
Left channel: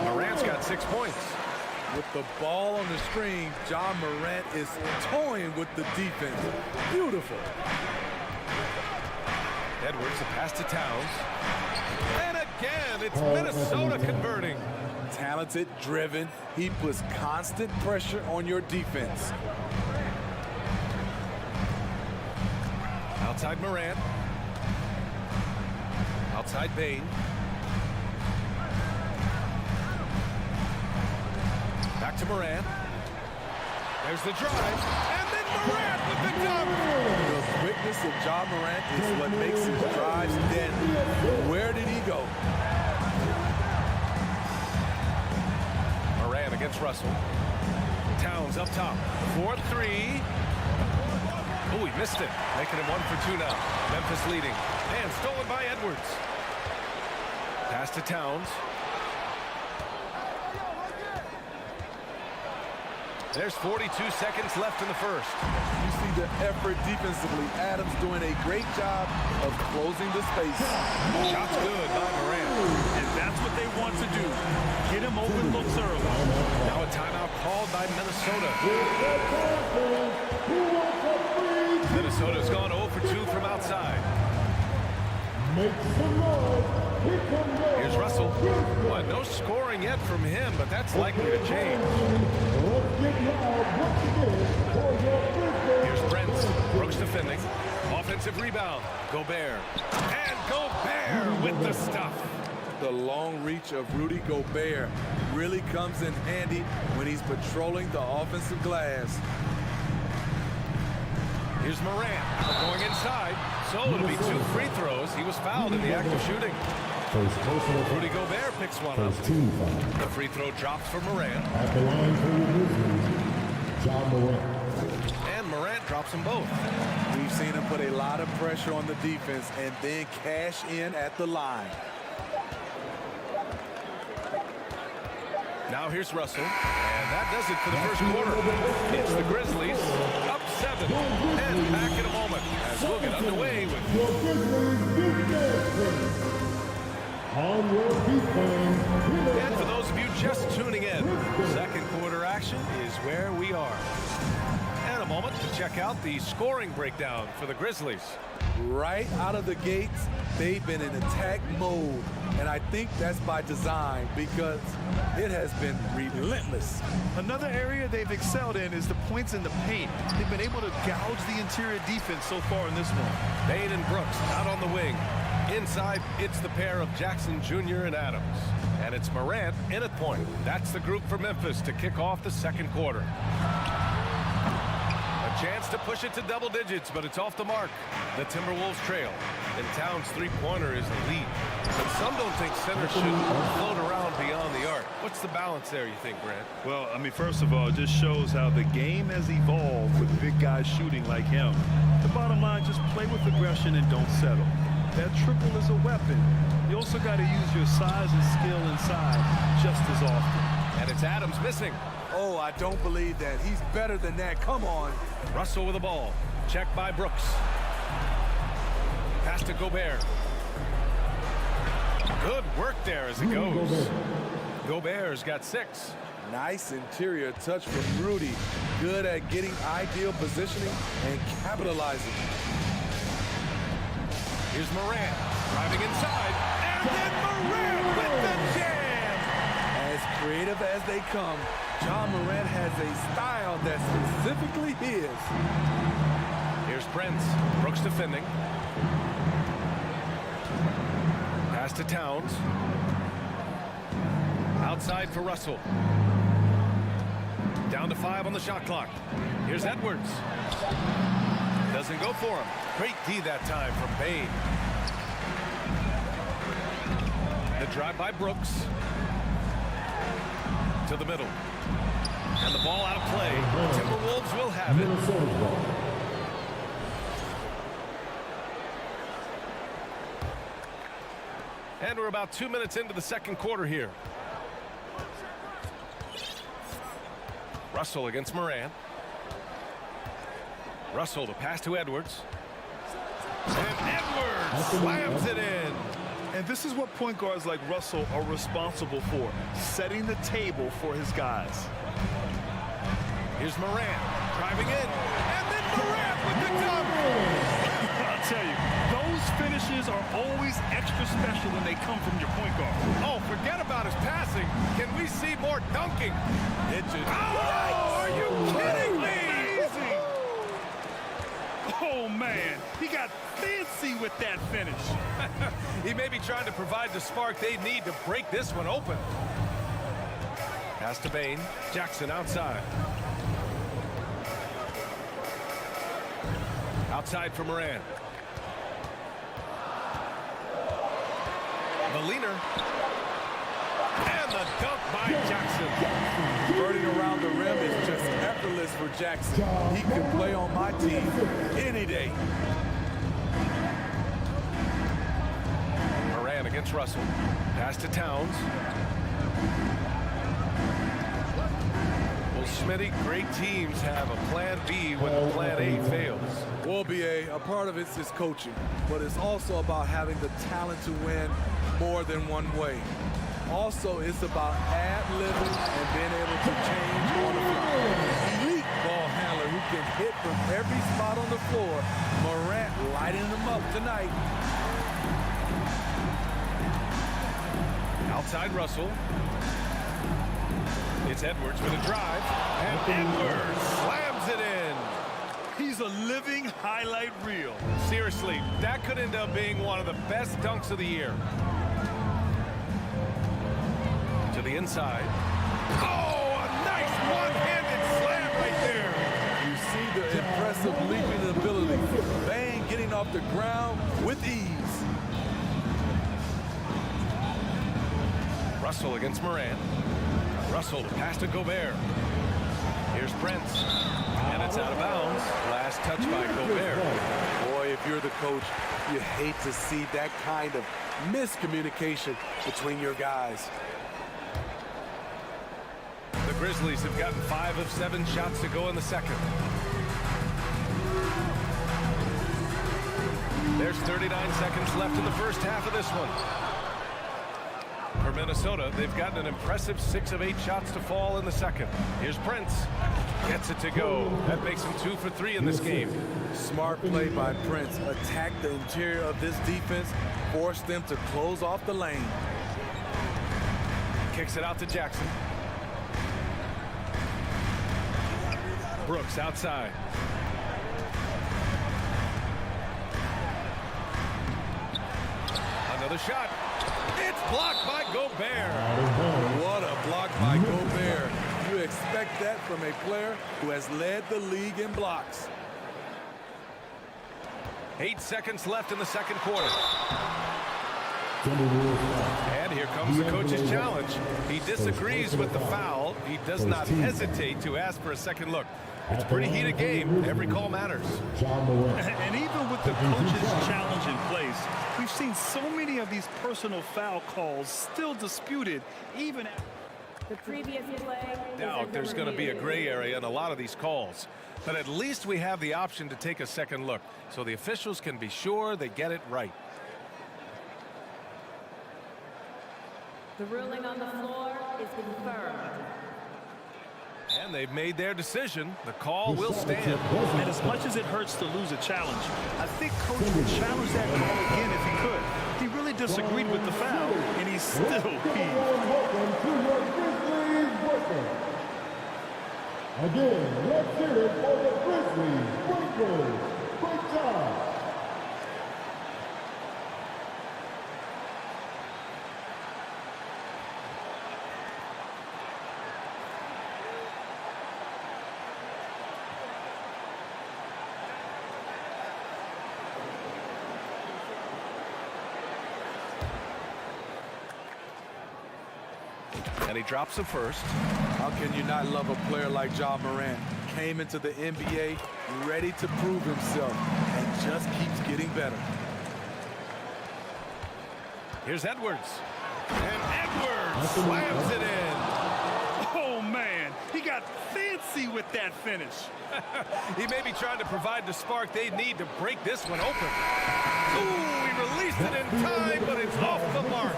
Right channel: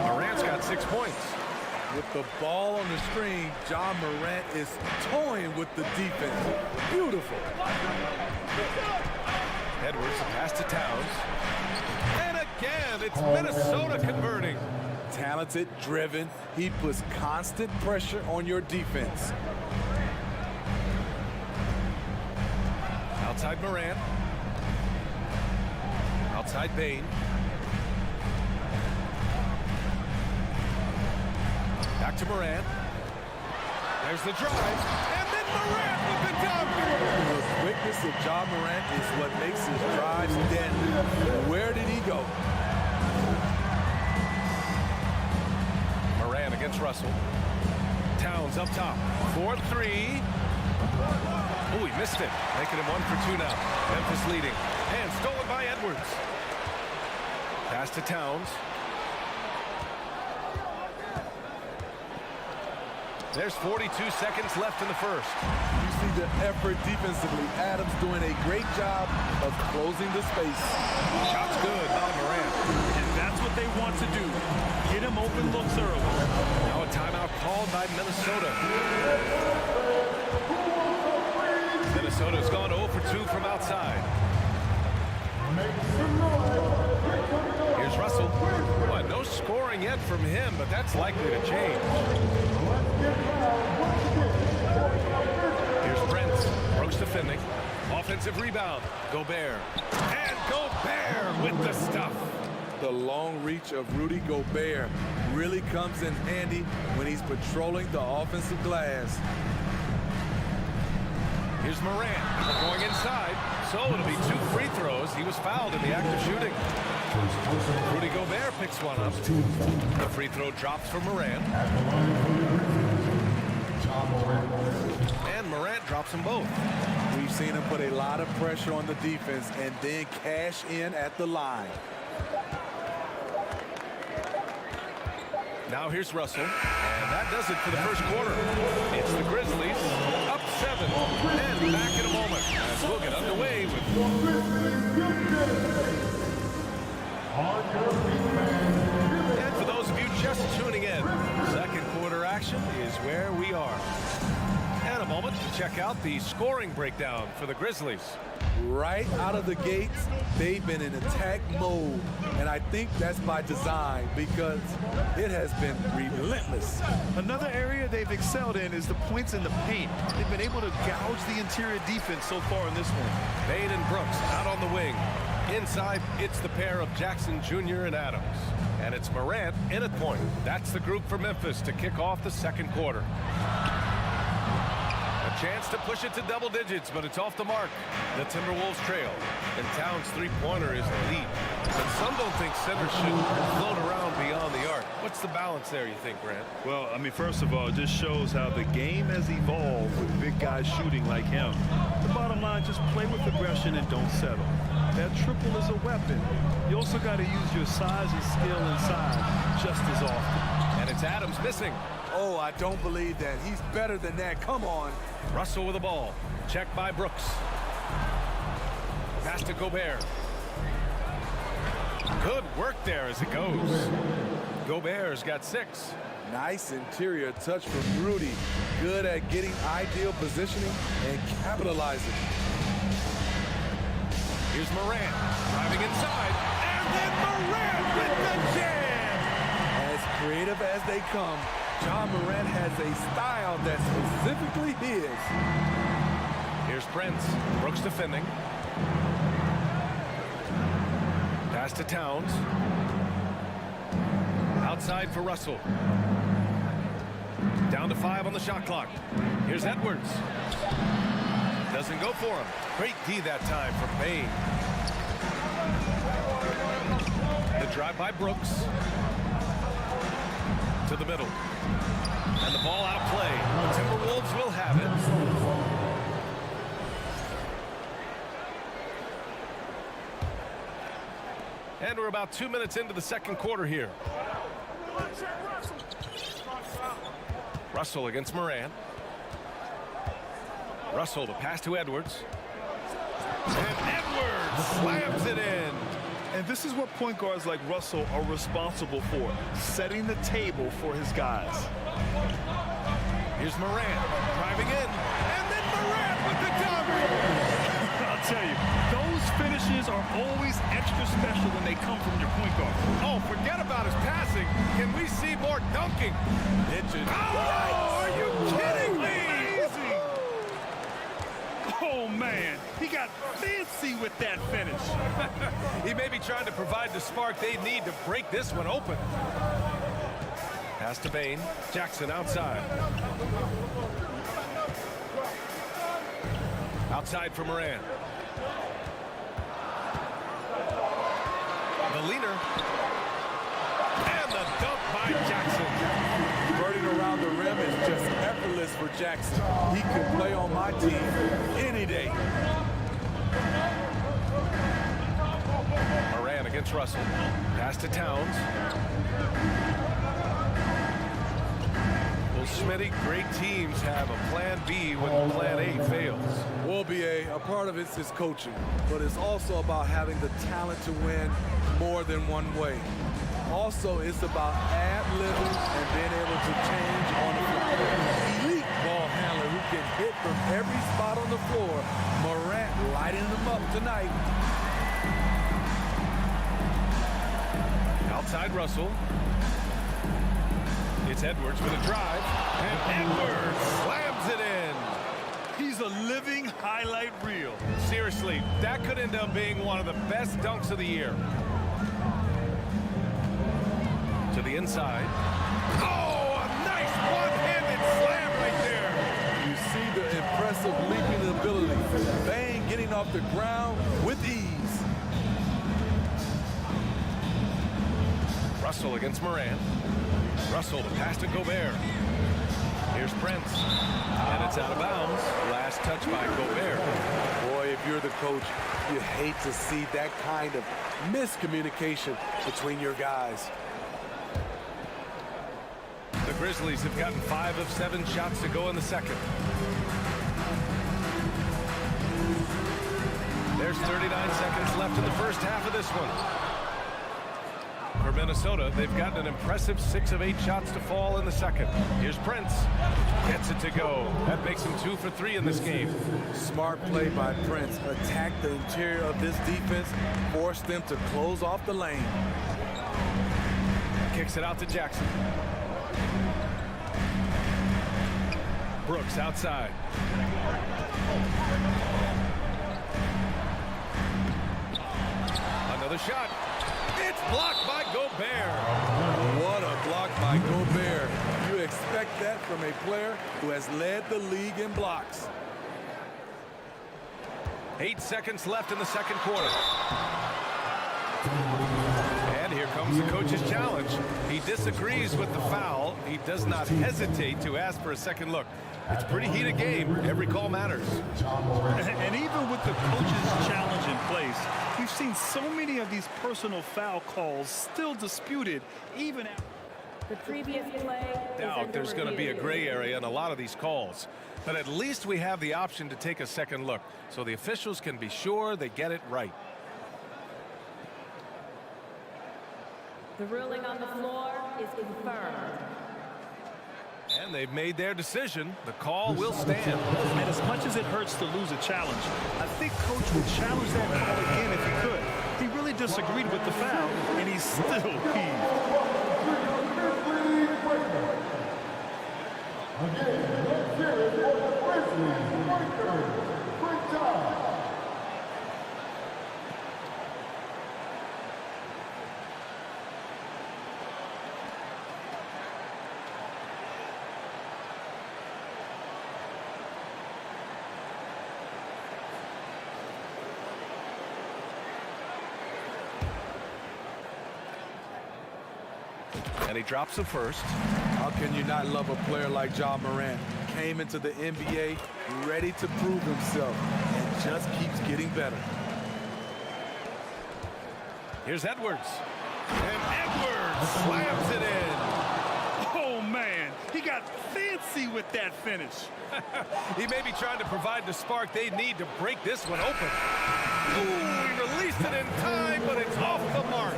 Morant's got 6 points. With the ball on the string, Ja Morant is toying with the defense. Beautiful. Edwards, the pass to Towns. And again, it's Minnesota converting. Talented, driven. He puts constant pressure on your defense. Outside Morant. Outside Bain. Back to Morant. There's the drive. And then Morant with the dunk. The quickness of Ja Morant is what makes his drives deadly. Where did he go? Morant against Russell. Towns up top. 4-3. Oh, he missed it. Making him 1 for 2 now. Memphis leading. And stolen by Edwards. Pass to Towns. There's 42 seconds left in the first. You see the effort defensively. Adams doing a great job of closing the space. Shot's good by Morant. And that's what they want to do. Get him open looks early. Now a timeout called by Minnesota. Minnesota's gone 0 for 2 from outside. Here's Russell. Well, no scoring yet from him, but that's likely to change. Brooks defending. Offensive rebound. Gobert. And Gobert with the stuff. The long reach of Rudy Gobert really comes in handy when he's patrolling the offensive glass. Here's Morant going inside. So it'll be 2 free throws. He was fouled in the act of shooting. Rudy Gobert picks one up. The free throw drops for Morant. At the line for the Grizzlies, John Morant. And Morant drops them both. We've seen him put a lot of pressure on the defense and then cash in at the line. Now here's Russell, and that does it for the first quarter. It's the Grizzlies up 7, and back in a moment as we'll get underway with On your feet, fans. And for those of you just tuning in, second quarter action is where we are. And a moment to check out the scoring breakdown for the Grizzlies. Right out of the gates, they've been in attack mode. And I think that's by design because it has been relentless. Another area they've excelled in is the points in the paint. They've been able to gouge the interior defense so far in this one. Bain and Brooks out on the wing. Inside, it's the pair of Jackson Jr. and Adams. And it's Morant in at point. That's the group for Memphis to kick off the second quarter. A chance to push it to double digits, but it's off the mark. The Timberwolves trail, and Towns' three-pointer is the lead. But some don't think centers should float around beyond the arc. What's the balance there, you think, Grant? Well, I mean, first of all, it just shows how the game has evolved with big guys shooting like him. The bottom line, just play with aggression and don't settle. That triple is a weapon. You also got to use your size and skill inside just as often. And it's Adams missing. Oh, I don't believe that. He's better than that. Come on. Russell with the ball. Checked by Brooks. Pass to Gobert. Good work there as it goes. Gobert's got 6. Nice interior touch from Rudy. Good at getting ideal positioning and capitalizing. Here's Morant driving inside. And then Morant with the jam. As creative as they come, John Morant has a style that's specifically his. Here's Prince. Brooks defending. Pass to Towns. Outside for Russell. Down to 5 on the shot clock. Here's Edwards. Doesn't go for him. Great D that time from Bain. The drive by Brooks. To the middle. And the ball out of play. The Timberwolves will have it. And we're about 2 minutes into the second quarter here. Russell against Morant. Russell to pass to Edwards. And Edwards slams it in. And this is what point guards like Russell are responsible for, setting the table for his guys. Here's Morant driving in, and then Morant with the dunk. I'll tell you, those finishes are always extra special when they come from your point guard. Oh, forget about his passing. Can we see more dunking? Oh, are you kidding me? Amazing. Oh, man, he got fancy with that finish. He may be trying to provide the spark they need to break this one open. Pass to Bain. Jackson outside. Outside for Morant. The leaner. And the dunk by Jackson. Converting around the rim is just effortless for Jackson. He could play on my team any day. Morant against Russell. Pass to Towns. Well, Smitty, great teams have a plan B when plan A fails. Well, BA, a part of it is coaching, but it's also about having the talent to win more than one way. Also, it's about ad-libbing and being able to change on the fly. Elite ball handler who can hit from every spot on the floor. Morant lighting them up tonight. Outside Russell. It's Edwards with a drive. And Edwards slams it in. he's a living highlight reel. Seriously, that could end up being one of the best dunks of the year. To the inside. Oh, a nice one-handed slam right there. You see the impressive leaping ability. Bang getting off the ground with ease. Russell against Morant. Russell to pass to Gobert. Here's Prince. And it's out of bounds. Last touch by Gobert. Boy, if you're the coach, you hate to see that kind of miscommunication between your guys. The Grizzlies have gotten 5 of 7 shots to go in the second. There's 39 seconds left in the first half of this one. For Minnesota, they've gotten an impressive 6 of 8 shots to fall in the second. Here's Prince. Gets it to go. That makes him 2 for 3 in this game. Smart play by Prince. Attack the interior of this defense. Force them to close off the lane. Kicks it out to Jackson. Brooks outside. Another shot. It's blocked by Gobert. What a block by Gobert. You expect that from a player who has led the league in blocks. 8 seconds left in the second quarter. And here comes the coach's challenge. He disagrees with the foul. He does not hesitate to ask for a second look. It's a pretty heated game. Every call matters. And even with the coach's challenge in place, we've seen so many of these personal foul calls still disputed even after the previous play. Doubt there's going to be a gray area in a lot of these calls. But at least we have the option to take a second look so the officials can be sure they get it right. The ruling on the floor is confirmed. And they've made their decision. The call will stand. And as much as it hurts to lose a challenge, I think Coach would challenge that call again if he could. He really disagreed with the foul, and he's still peeved. Again, let's hear it for the Grizzlies Breakers. Great job. And he drops the first. How can you not love a player like Ja Morant? Came into the NBA ready to prove himself and just keeps getting better. Here's Edwards. And Edwards slams it in. Oh, man, he got fancy with that finish. He may be trying to provide the spark they need to break this one open. Ooh, he released it in time, but it's off the mark.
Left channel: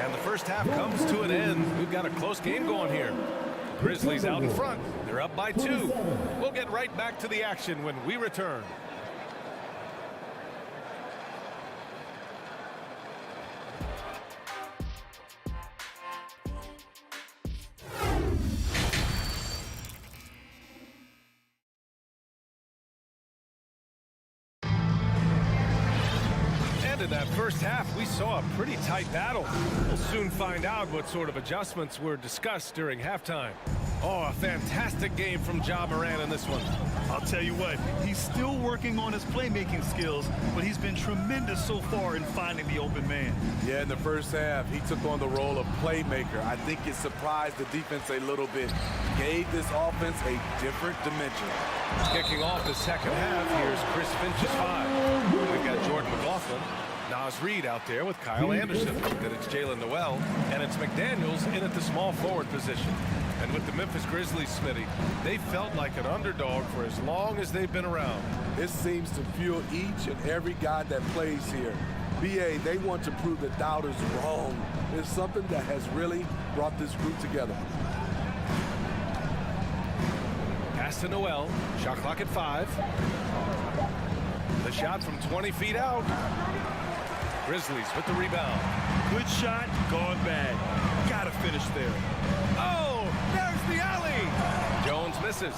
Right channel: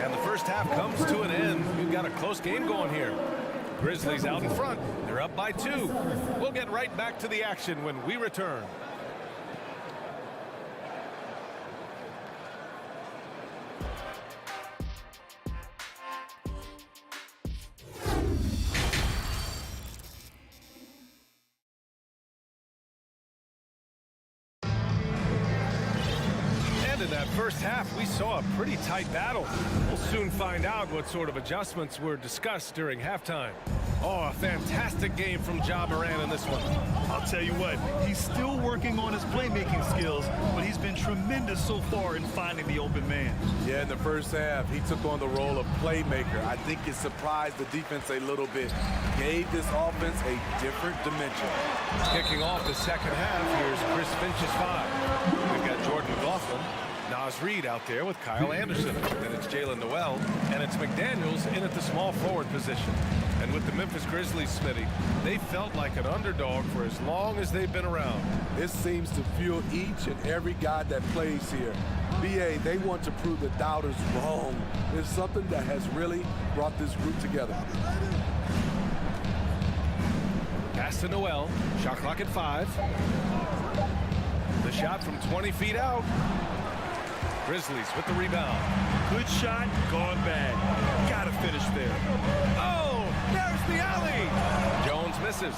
And the first half comes to an end. We've got a close game going here. Grizzlies out in front. They're up by 2. We'll get right back to the action when we return. In that first half, we saw a pretty tight battle. We'll soon find out what sort of adjustments were discussed during halftime. Oh, a fantastic game from Ja Morant in this one. I'll tell you what, he's still working on his playmaking skills, but he's been tremendous so far in finding the open man. Yeah, in the first half, he took on the role of playmaker. I think it surprised the defense a little bit. Gave this offense a different dimension. Kicking off the second half, here's Chris Finch's 5. We've got Jordan McLaughlin. Nas Reed out there with Kyle Anderson. Then it's Jalen Noel, and it's McDaniels in at the small forward position. And with the Memphis Grizzlies, Smitty, they felt like an underdog for as long as they've been around. It seems to fuel each and every guy that plays here. BA, they want to prove the doubters wrong. It's something that has really brought this group together. Pass to Noel. Shot clock at 5. The shot from 20 feet out. Grizzlies with the rebound. Good shot, gone bad. Gotta finish there. Oh, there's the alley. Jones misses.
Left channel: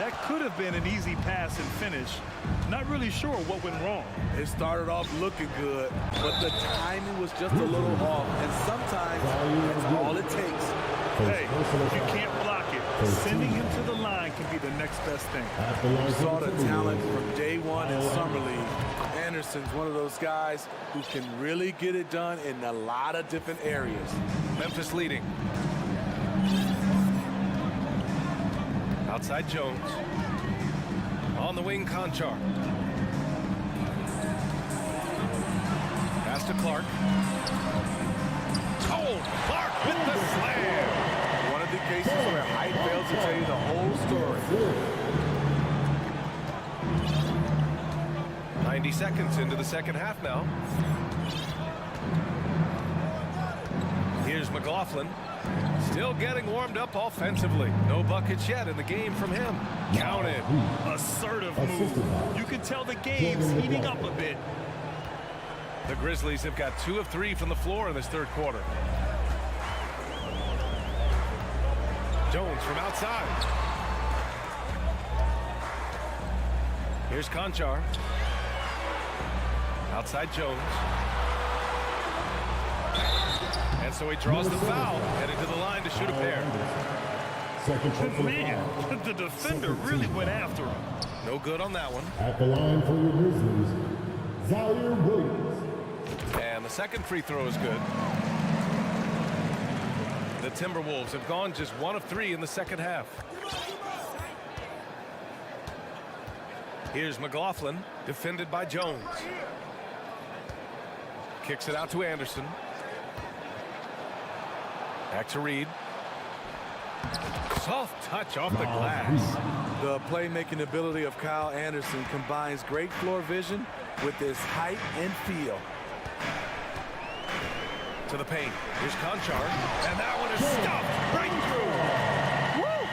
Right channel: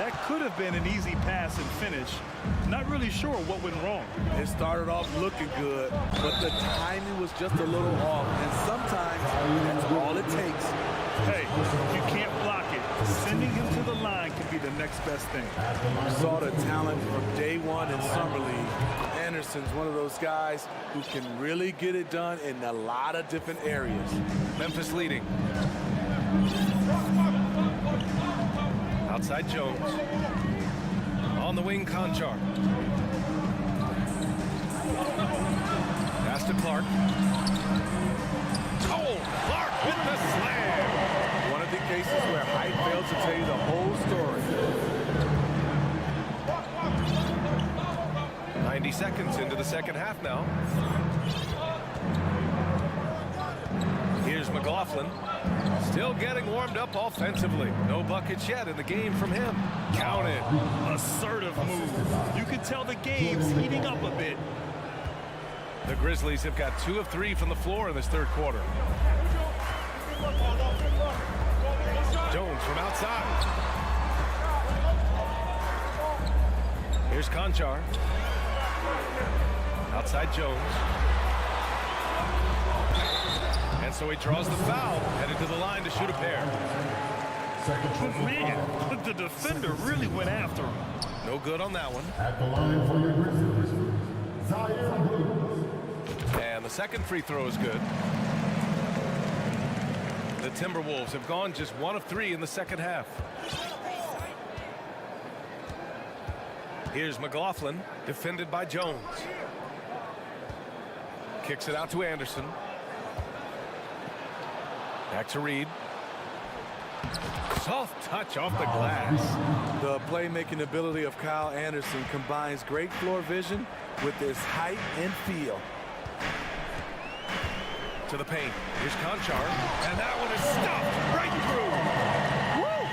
That could have been an easy pass and finish. Not really sure what went wrong. It started off looking good, but the timing was just a little off, and sometimes that's all it takes. Hey, if you can't block it, sending him to the line can be the next best thing. You saw the talent from day one in Summer League. Anderson's one of those guys who can really get it done in a lot of different areas. Memphis leading. Outside Jones. On the wing, Conchar. Pass to Clark. Oh, Clark with the slam. One of the cases where height fails to tell you the whole story. 90 seconds into the second half now. Here's McLaughlin. Still getting warmed up offensively. No buckets yet in the game from him. Count it. Assertive move. You can tell the game's heating up a bit. The Grizzlies have got 2 of 3 from the floor in this third quarter. Jones from outside. Here's Conchar. Outside Jones. And so he draws the foul, headed to the line to shoot a pair. Man, the defender really went after him. No good on that one. At the line for your Grizzlies, Zaire Williams. And the second free throw is good. The Timberwolves have gone just 1 of 3 in the second half. Here's McLaughlin, defended by Jones. Kicks it out to Anderson. Back to Reed. Soft touch off the glass. The playmaking ability of Kyle Anderson combines great floor vision with his height and feel. To the paint. Here's Conchar. And that one is stuffed right through. Woo!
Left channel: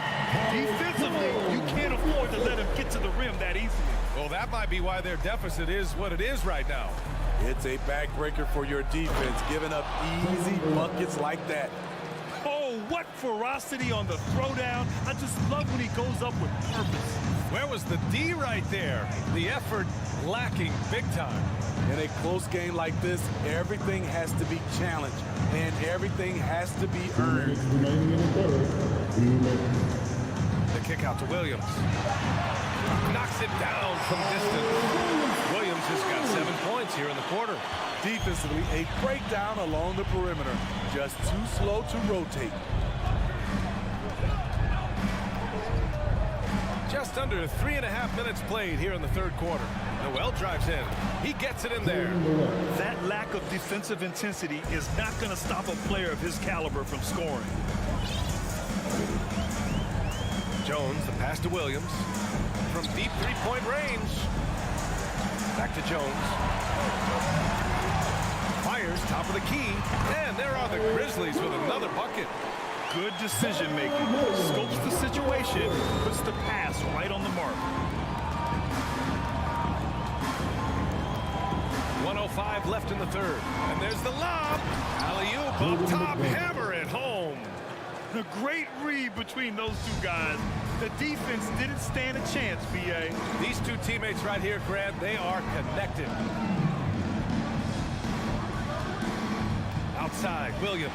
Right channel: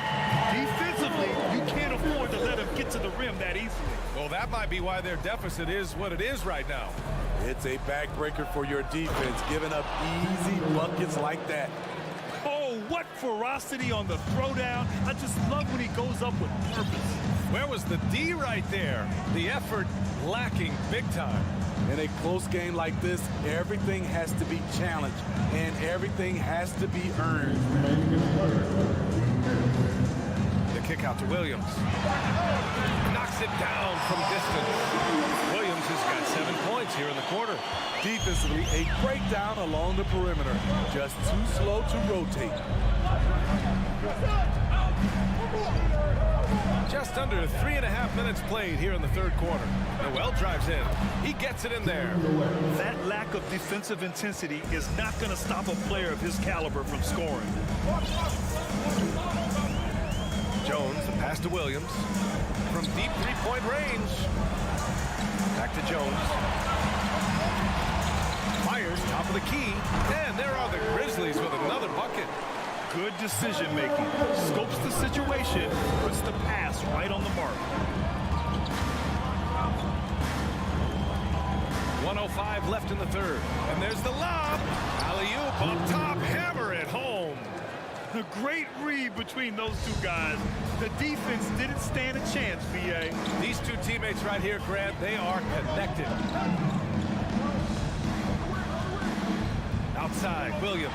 Defensively, you can't afford to let him get to the rim that easily. Well, that might be why their deficit is what it is right now. It's a backbreaker for your defense, giving up easy buckets like that. Oh, what ferocity on the throwdown. I just love when he goes up with purpose. Where was the D right there? The effort lacking big time. In a close game like this, everything has to be challenged, and everything has to be earned. The kick out to Williams. Knocks it down from distance. Williams has got 7 points here in the quarter. Defensively, a breakdown along the perimeter. Just too slow to rotate. Just under 3.5 minutes played here in the third quarter. Noel drives in. He gets it in there. That lack of defensive intensity is not going to stop a player of his caliber from scoring. Jones, the pass to Williams. From deep three-point range. Back to Jones. Fires top of the key. And there are the Grizzlies with another bucket. Good decision making. Scopes the situation, puts the pass right on the mark. 1:05 left in the third. And there's the lob. Alley-oop up top. Hammer it home. A great read between those two guys. The defense didn't stand a chance, B.A. These two teammates right here, Grant, they are connected. Outside, Williams.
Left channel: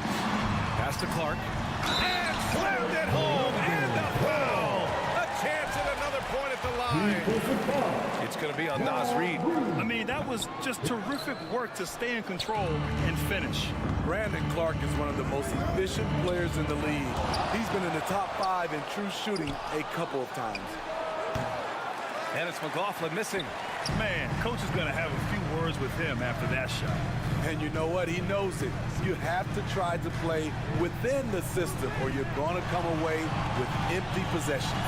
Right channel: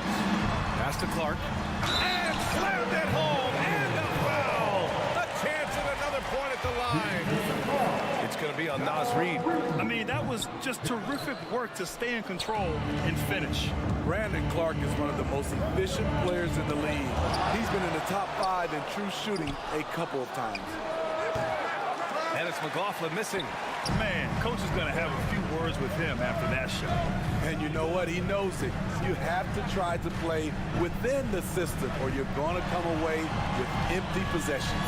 Pass to Clark. And slammed it home. And a foul. A chance at another point at the line. It's going to be on Naz Reid. I mean, that was just terrific work to stay in control and finish. Brandon Clark is one of the most efficient players in the league. He's been in the top 5 in true shooting a couple of times. And it's McLaughlin missing. Man, coach is going to have a few words with him after that shot. And you know what? He knows it. You have to try to play within the system or you're going to come away with empty possessions.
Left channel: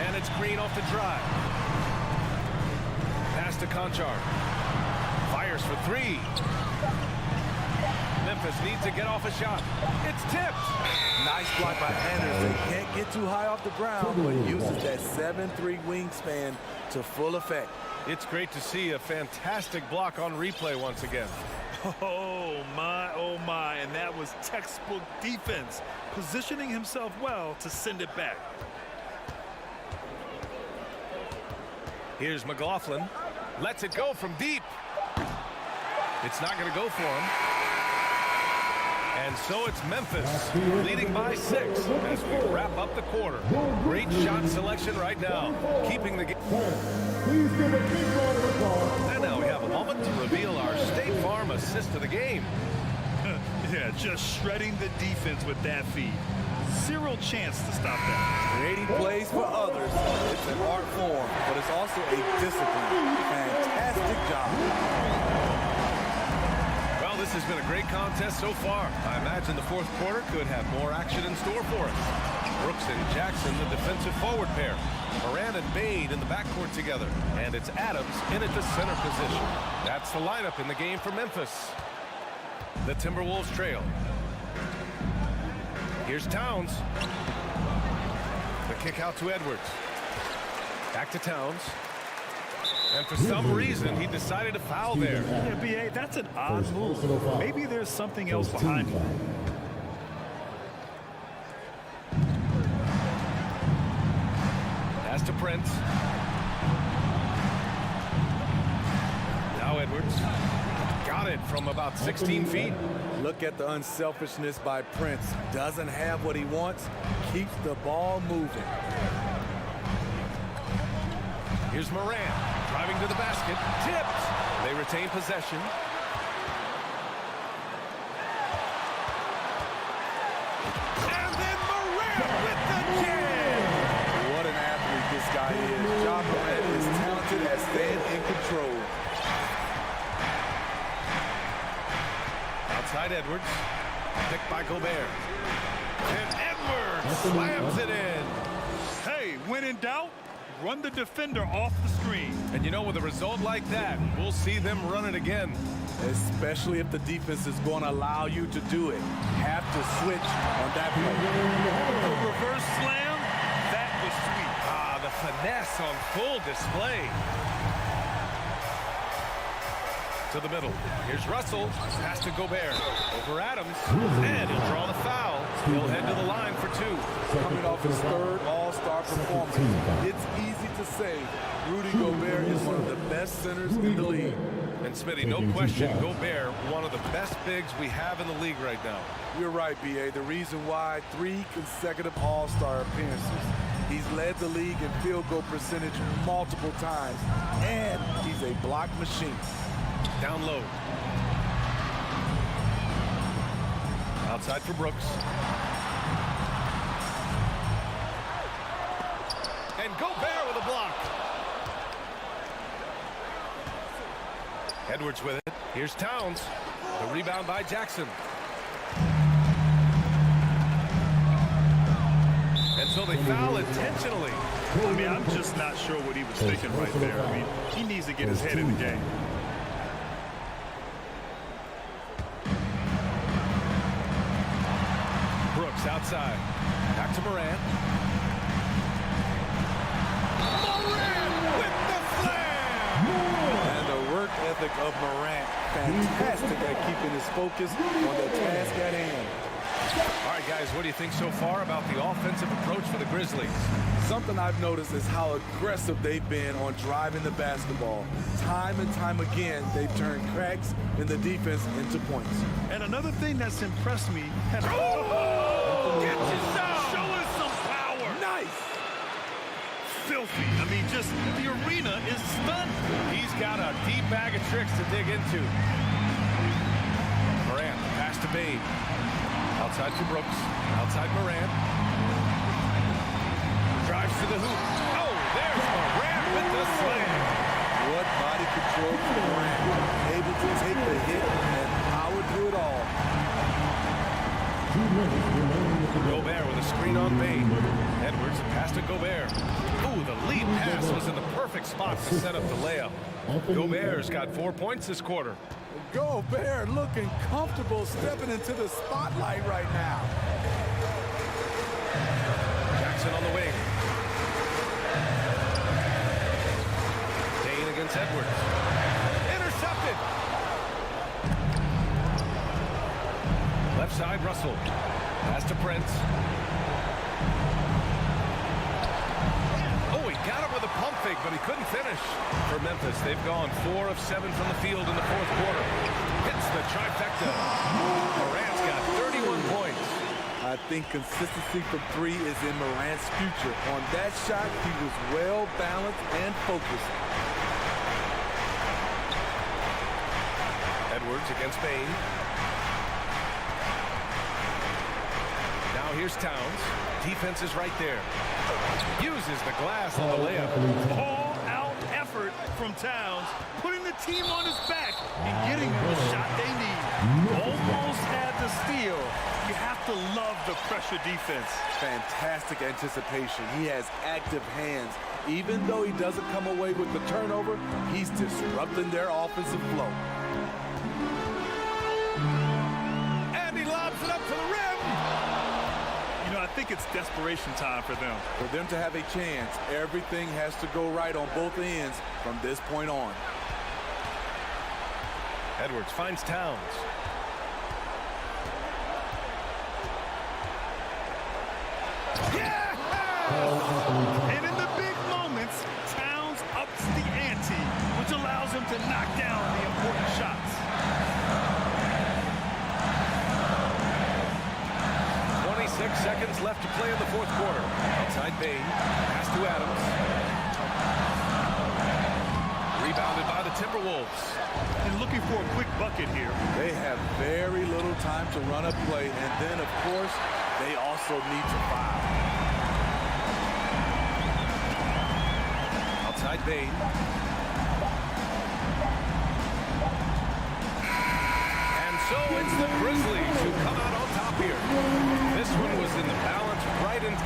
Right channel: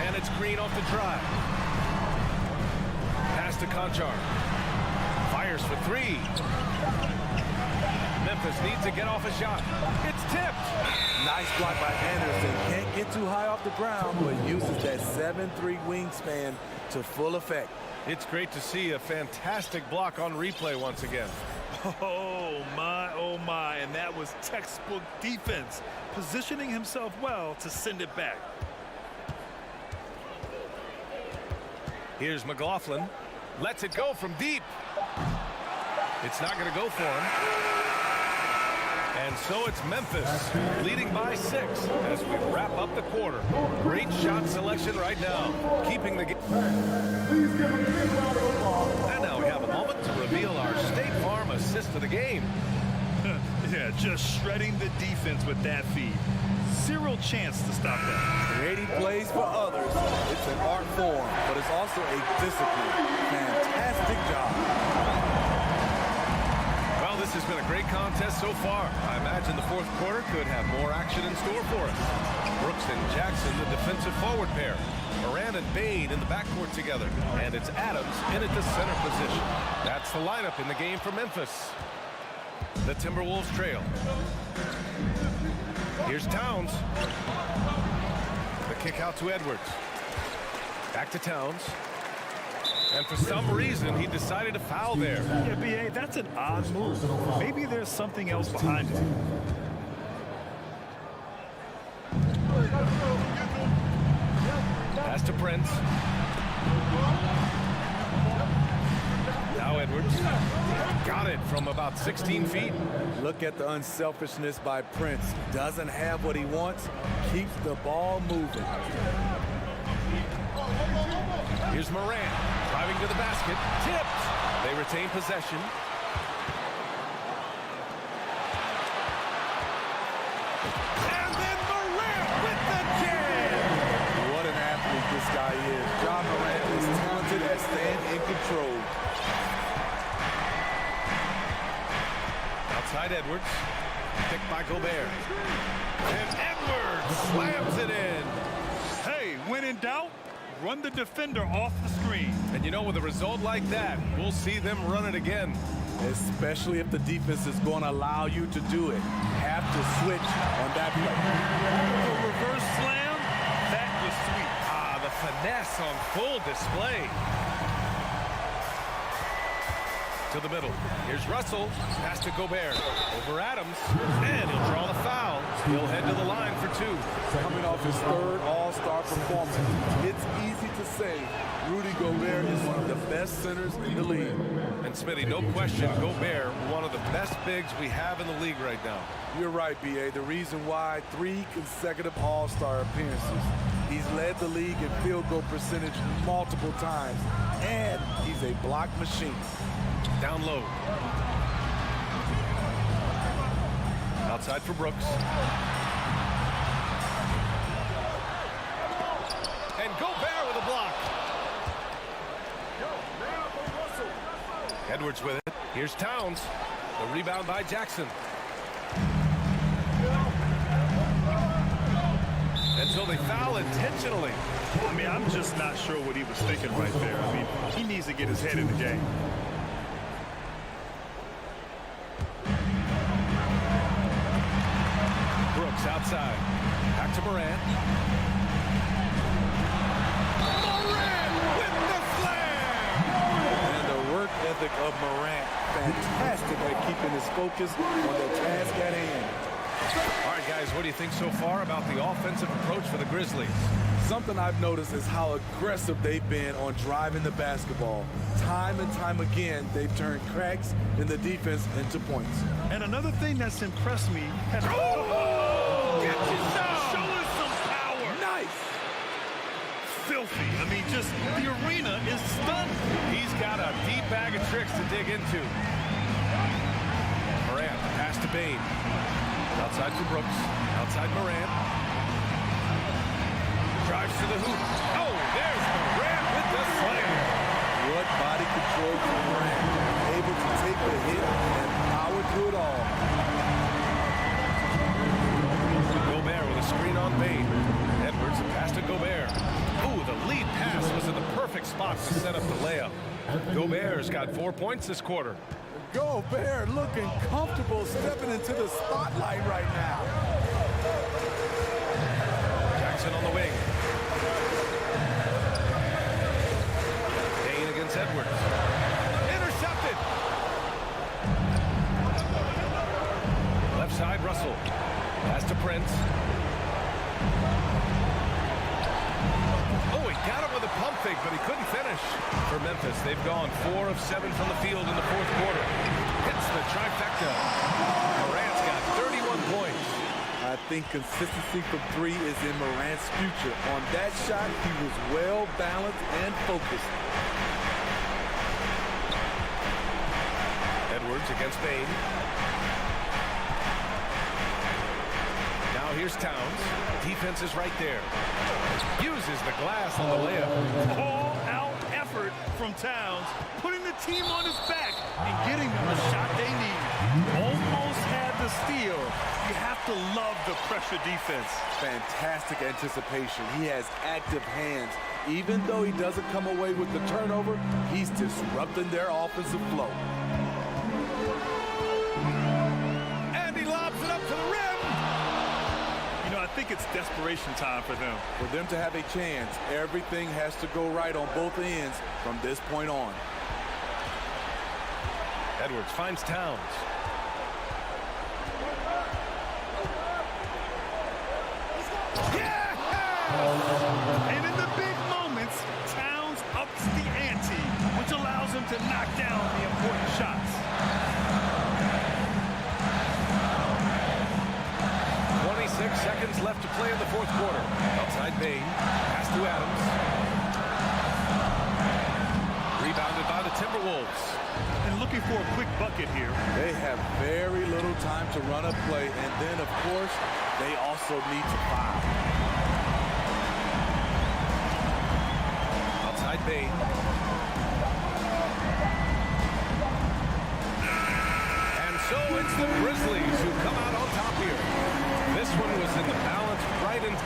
And it's Green off the drive. Pass to Conchar. Fires for 3. Memphis needs to get off a shot. It's tipped. Nice block by Anderson. Can't get too high off the ground, but uses that 7'3" wingspan to full effect. It's great to see a fantastic block on replay once again. Oh my, and that was textbook defense, positioning himself well to send it back. Here's McLaughlin. Lets it go from deep. It's not going to go for him. And so it's Memphis leading by 6 as we wrap up the quarter. Great shot selection right now, keeping the game. Please give a big round of applause. And now we have a moment to reveal our State Farm assist of the game. Yeah, just shredding the defense with that feed. Zero chance to stop that. Creating plays for others. It's an art form, but it's also a discipline. Fantastic job. Well, this has been a great contest so far. I imagine the fourth quarter could have more action in store for us. Brooks and Jackson, the defensive forward pair. Moran and Bain in the backcourt together. And it's Adams in at the center position. That's the lineup in the game for Memphis. The Timberwolves trail. Here's Towns. The kick out to Edwards. Back to Towns. And for some reason, he decided to foul there. Yeah, B.A., that's an odd move. Maybe there's something else behind it. Pass to Prince. Now Edwards. Got it from about 16 feet. Look at the unselfishness by Prince. Doesn't have what he wants, keeps the ball moving. Here's Moran driving to the basket. Tipped. They retain possession. And then Moran with the jam. What an athlete this guy is. Ja Morant is talented at staying in control. Outside Edwards. Picked by Gobert. And Edwards slams it in. Hey, when in doubt, run the defender off the screen. And you know, with a result like that, we'll see them run it again. Especially if the defense is going to allow you to do it. Have to switch on that play. The reverse slam, that was sweet. Ah, the finesse on full display. To the middle. Here's Russell. Pass to Gobert. Over Adams. And he'll draw the foul. He'll head to the line for 2. Coming off his third All-Star performance, it's easy to say Rudy Gobert is one of the best centers in the league. And Smitty, no question, Gobert, one of the best bigs we have in the league right now. You're right, B.A. The reason why 3 consecutive All-Star appearances. He's led the league in field goal percentage multiple times, and he's a block machine. Down low. Outside for Brooks. And Gobert with a block. Edwards with it. Here's Towns. The rebound by Jackson. And so they foul intentionally. I mean, I'm just not sure what he was thinking right there. I mean, he needs to get his head in the game. Brooks outside. Back to Morant. Morant with the slam! And the work ethic of Morant, fantastic at keeping his focus on the task at hand. All right, guys, what do you think so far about the offensive approach for the Grizzlies? Something I've noticed is how aggressive they've been on driving the basketball. Time and time again, they've turned cracks in the defense into points. And another thing that's impressed me has Get you some! showing some power. Nice! Filthy. I mean, just the arena is stunned. He's got a deep bag of tricks to dig into. Morant, pass to Bain. Outside for Brooks. Outside Morant. Drives to the hoop. Oh, there's Morant with the slam. What body control for Morant. Able to take the hit and power through it all. Gobert with a screen on Bain. Edwards, a pass to Gobert. Ooh, the lead pass was in the perfect spot to set up the layup. Gobert's got 4 points this quarter. Gobert looking comfortable stepping into the spotlight right now. Jackson on the wing. Bain against Edwards. Intercepted. Left side, Russell. Pass to Prince. Oh, he got him with a pump fake, but he couldn't finish. For Memphis, they've gone 4 of 7 from the field in the fourth quarter. Hits the trifecta. Morant's got 31 points. I think consistency from 3 is in Morant's future. On that shot, he was well balanced and focused. Edwards against Bain. Now here's Towns. Defense is right there. Uses the glass on the layup. All-out effort from Towns, putting the team on his back and getting them the shot they need. Almost had the steal. You have to love the pressure defense. Fantastic anticipation. He has active hands. Even though he doesn't come away with the turnover, he's disrupting their offensive flow. And he lobs it up to the rim. You know, I think it's desperation time for them. For them to have a chance, everything has to go right on both ends from this point on. Edwards finds Towns. Yeah! And in the big moments, Towns ups the ante, which allows him to knock down the important shots. 26 seconds left to play in the fourth quarter. Outside Bain. Pass to Adams. Rebounded by the Timberwolves. And looking for a quick bucket here. They have very little time to run a play, and then, of course, they also need to foul. Outside Bain. And so it's the Grizzlies who come out on top here. This one was in the balance right in.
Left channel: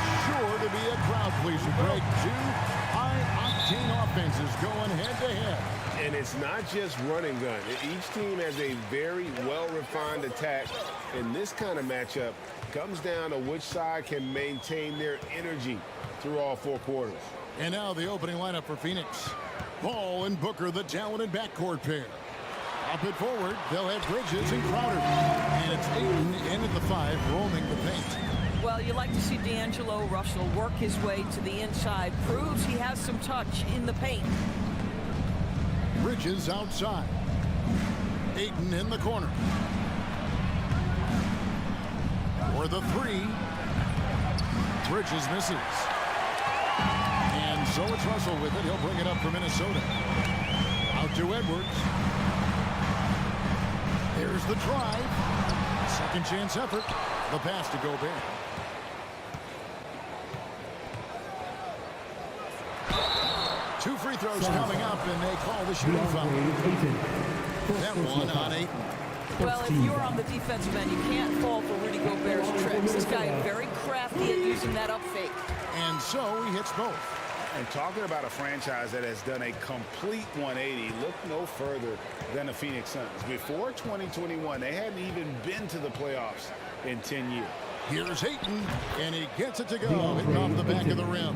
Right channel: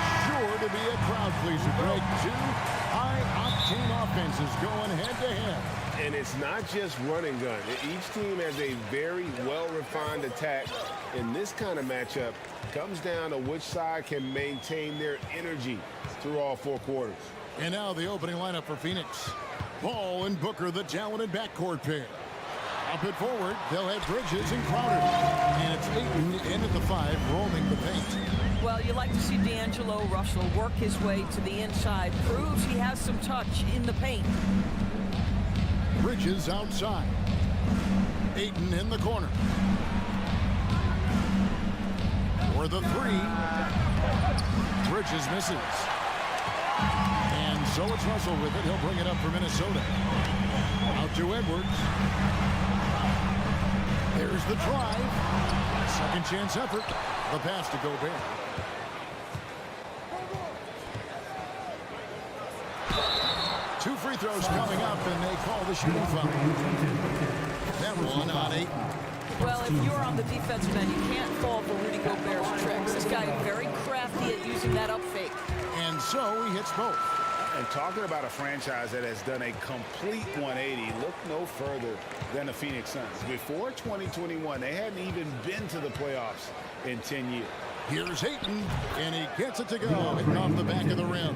it's sure to be a crowd pleaser, Greg. Two high-octane offenses going head-to-head. And it's not just run and gun. Each team has a very well-refined attack. In this kind of matchup, comes down to which side can maintain their energy through all 4 quarters. And now the opening lineup for Phoenix. Paul and Booker, the talented backcourt pair. Up it forward, they'll have Bridges and Crowder. And it's Ayton in at the 5, roaming the paint. Well, you like to see D'Angelo Russell work his way to the inside. Proves he has some touch in the paint. Bridges outside. Ayton in the corner. For the 3. Bridges misses. And so it's Russell with it. He'll bring it up for Minnesota. Out to Edwards. There's the drive. Second chance effort. The pass to Gobert. Two free throws coming up, and they call the shooting foul. That one on Ayton. Well, if you're on the defensive end, you can't fall for Rudy Gobert's tricks. This guy is very crafty at using that up fake. And so he hits both. And talking about a franchise that has done a complete 180, look no further than the Phoenix Suns. Before 2021, they hadn't even been to the playoffs in 10 years. Here's Ayton, and he gets it to go, hitting off the back of the rim.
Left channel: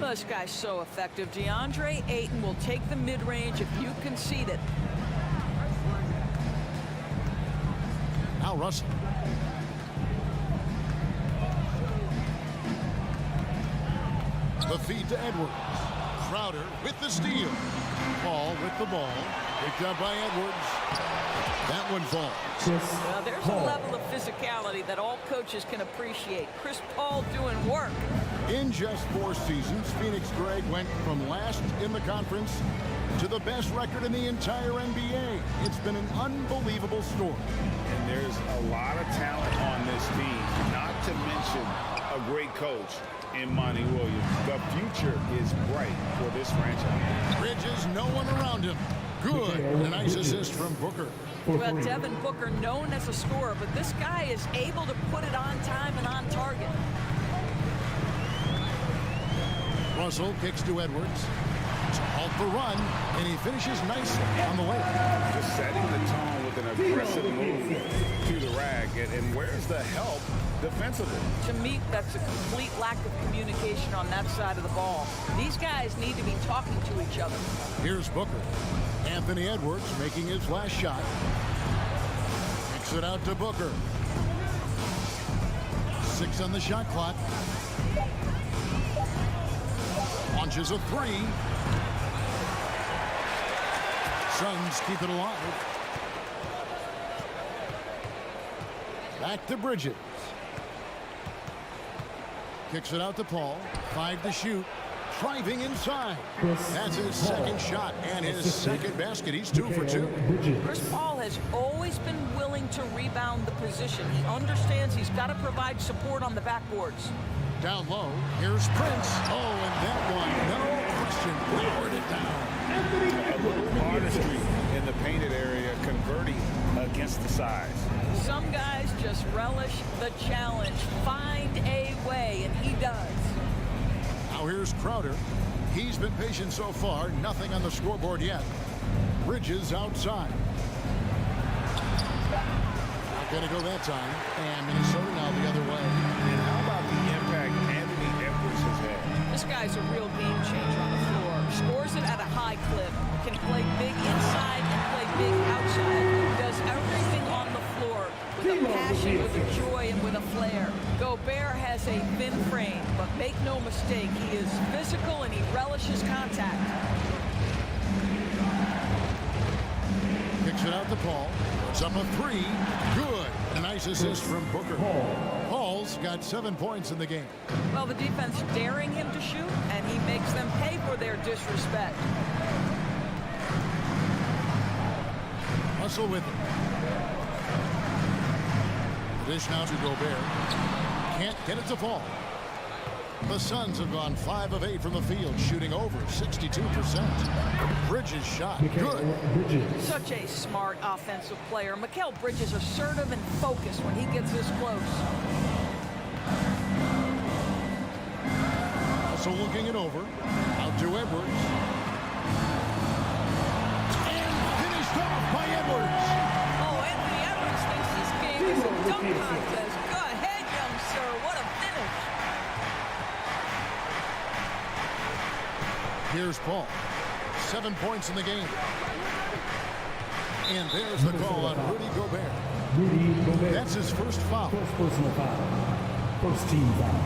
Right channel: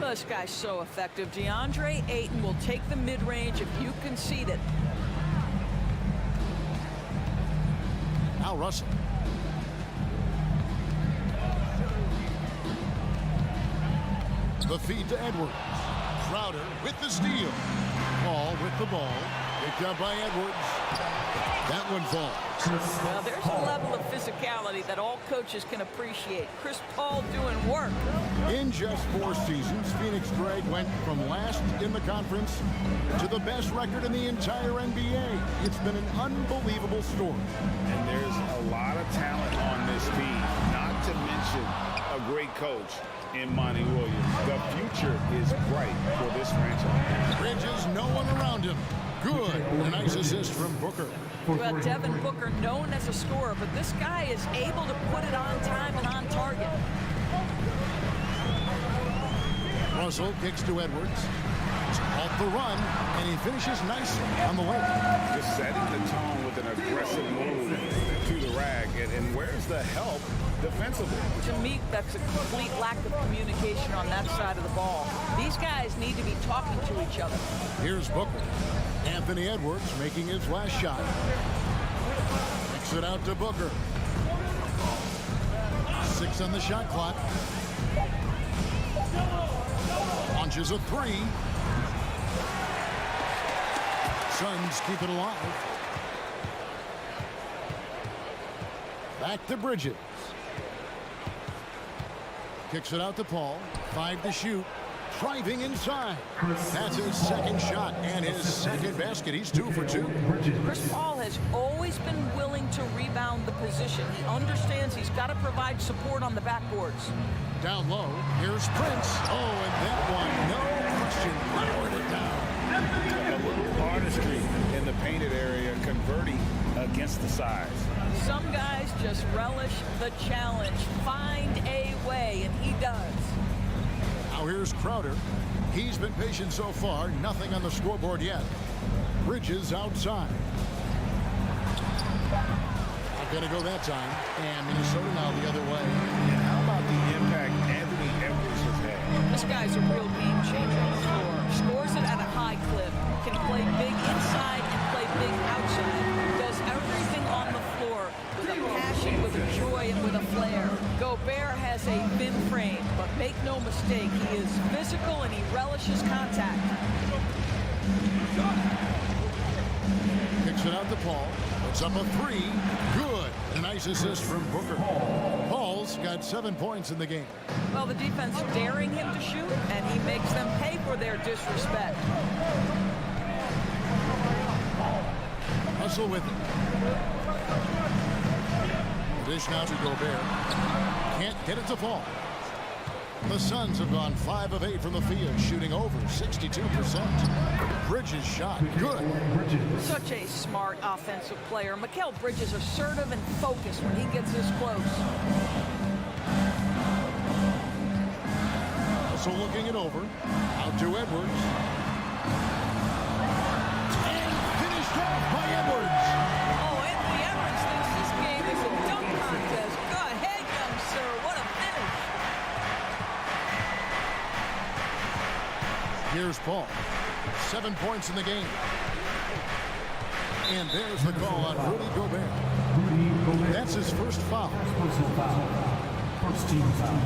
Well, this guy's so effective. DeAndre Ayton will take the mid-range if you concede it. Now Russell. The feed to Edwards. Crowder with the steal. Paul with the ball. Picked up by Edwards. That one falls. Well, there's a level of physicality that all coaches can appreciate. Chris Paul doing work. In just 4 seasons, Phoenix, Greg, went from last in the conference to the best record in the entire NBA. It's been an unbelievable story. And there's a lot of talent on this team, not to mention a great coach in Monty Williams. The future is bright for this franchise. Bridges, no one around him. Good. And a nice assist from Booker. Well, Devin Booker, known as a scorer, but this guy is able to put it on time and on target. Russell kicks to Edwards to halt the run, and he finishes nicely on the way. Just setting the tone with an aggressive move to the rag. And where's the help defensively? To me, that's a complete lack of communication on that side of the ball. These guys need to be talking to each other. Here's Booker. Anthony Edwards making his last shot. Kicks it out to Booker. 6 on the shot clock. Launches a 3. Suns keep it alive. Back to Bridges. Kicks it out to Paul. 5 to shoot. Driving inside. That's his second shot and his second basket. He's 2 for 2. Chris Paul has always been willing to rebound the position. He understands he's got to provide support on the backboards. Down low, here's Prince. Oh, and that one, no question, powered it down. A little artistry in the painted area, converting against the size. Some guys just relish the challenge. Find a way, and he does. Now here's Crowder. He's been patient so far. Nothing on the scoreboard yet. Bridges outside. Not going to go that time. And Minnesota now the other way. And how about the impact Anthony Edwards has had? This guy's a real game changer on the floor. Scores it at a high clip. Can play big inside and play big outside. Does everything on the floor with a passion, with a joy, and with a flair. Gobert has a thin frame, but make no mistake, he is physical and he relishes contact. Kicks it out to Paul. Puts up a 3. Good. And a nice assist from Booker. Paul's got 7 points in the game. Well, the defense daring him to shoot, and he makes them pay for their disrespect. Russell with it. The dish now to Gobert. Can't get it to fall. The Suns have gone 5 of 8 from the field, shooting over 62%. Bridges shot. Good. Such a smart offensive player. Mikal Bridges assertive and focused when he gets this close. Russell looking it over. Out to Edwards. And finished off by Edwards. Oh, Anthony Edwards thinks this game is a dunk contest. Go ahead, young sir. What a finish. Here's Paul. 7 points in the game. And there's the call on Rudy Gobert. Rudy Gobert. That's his first foul. First personal foul. First team foul.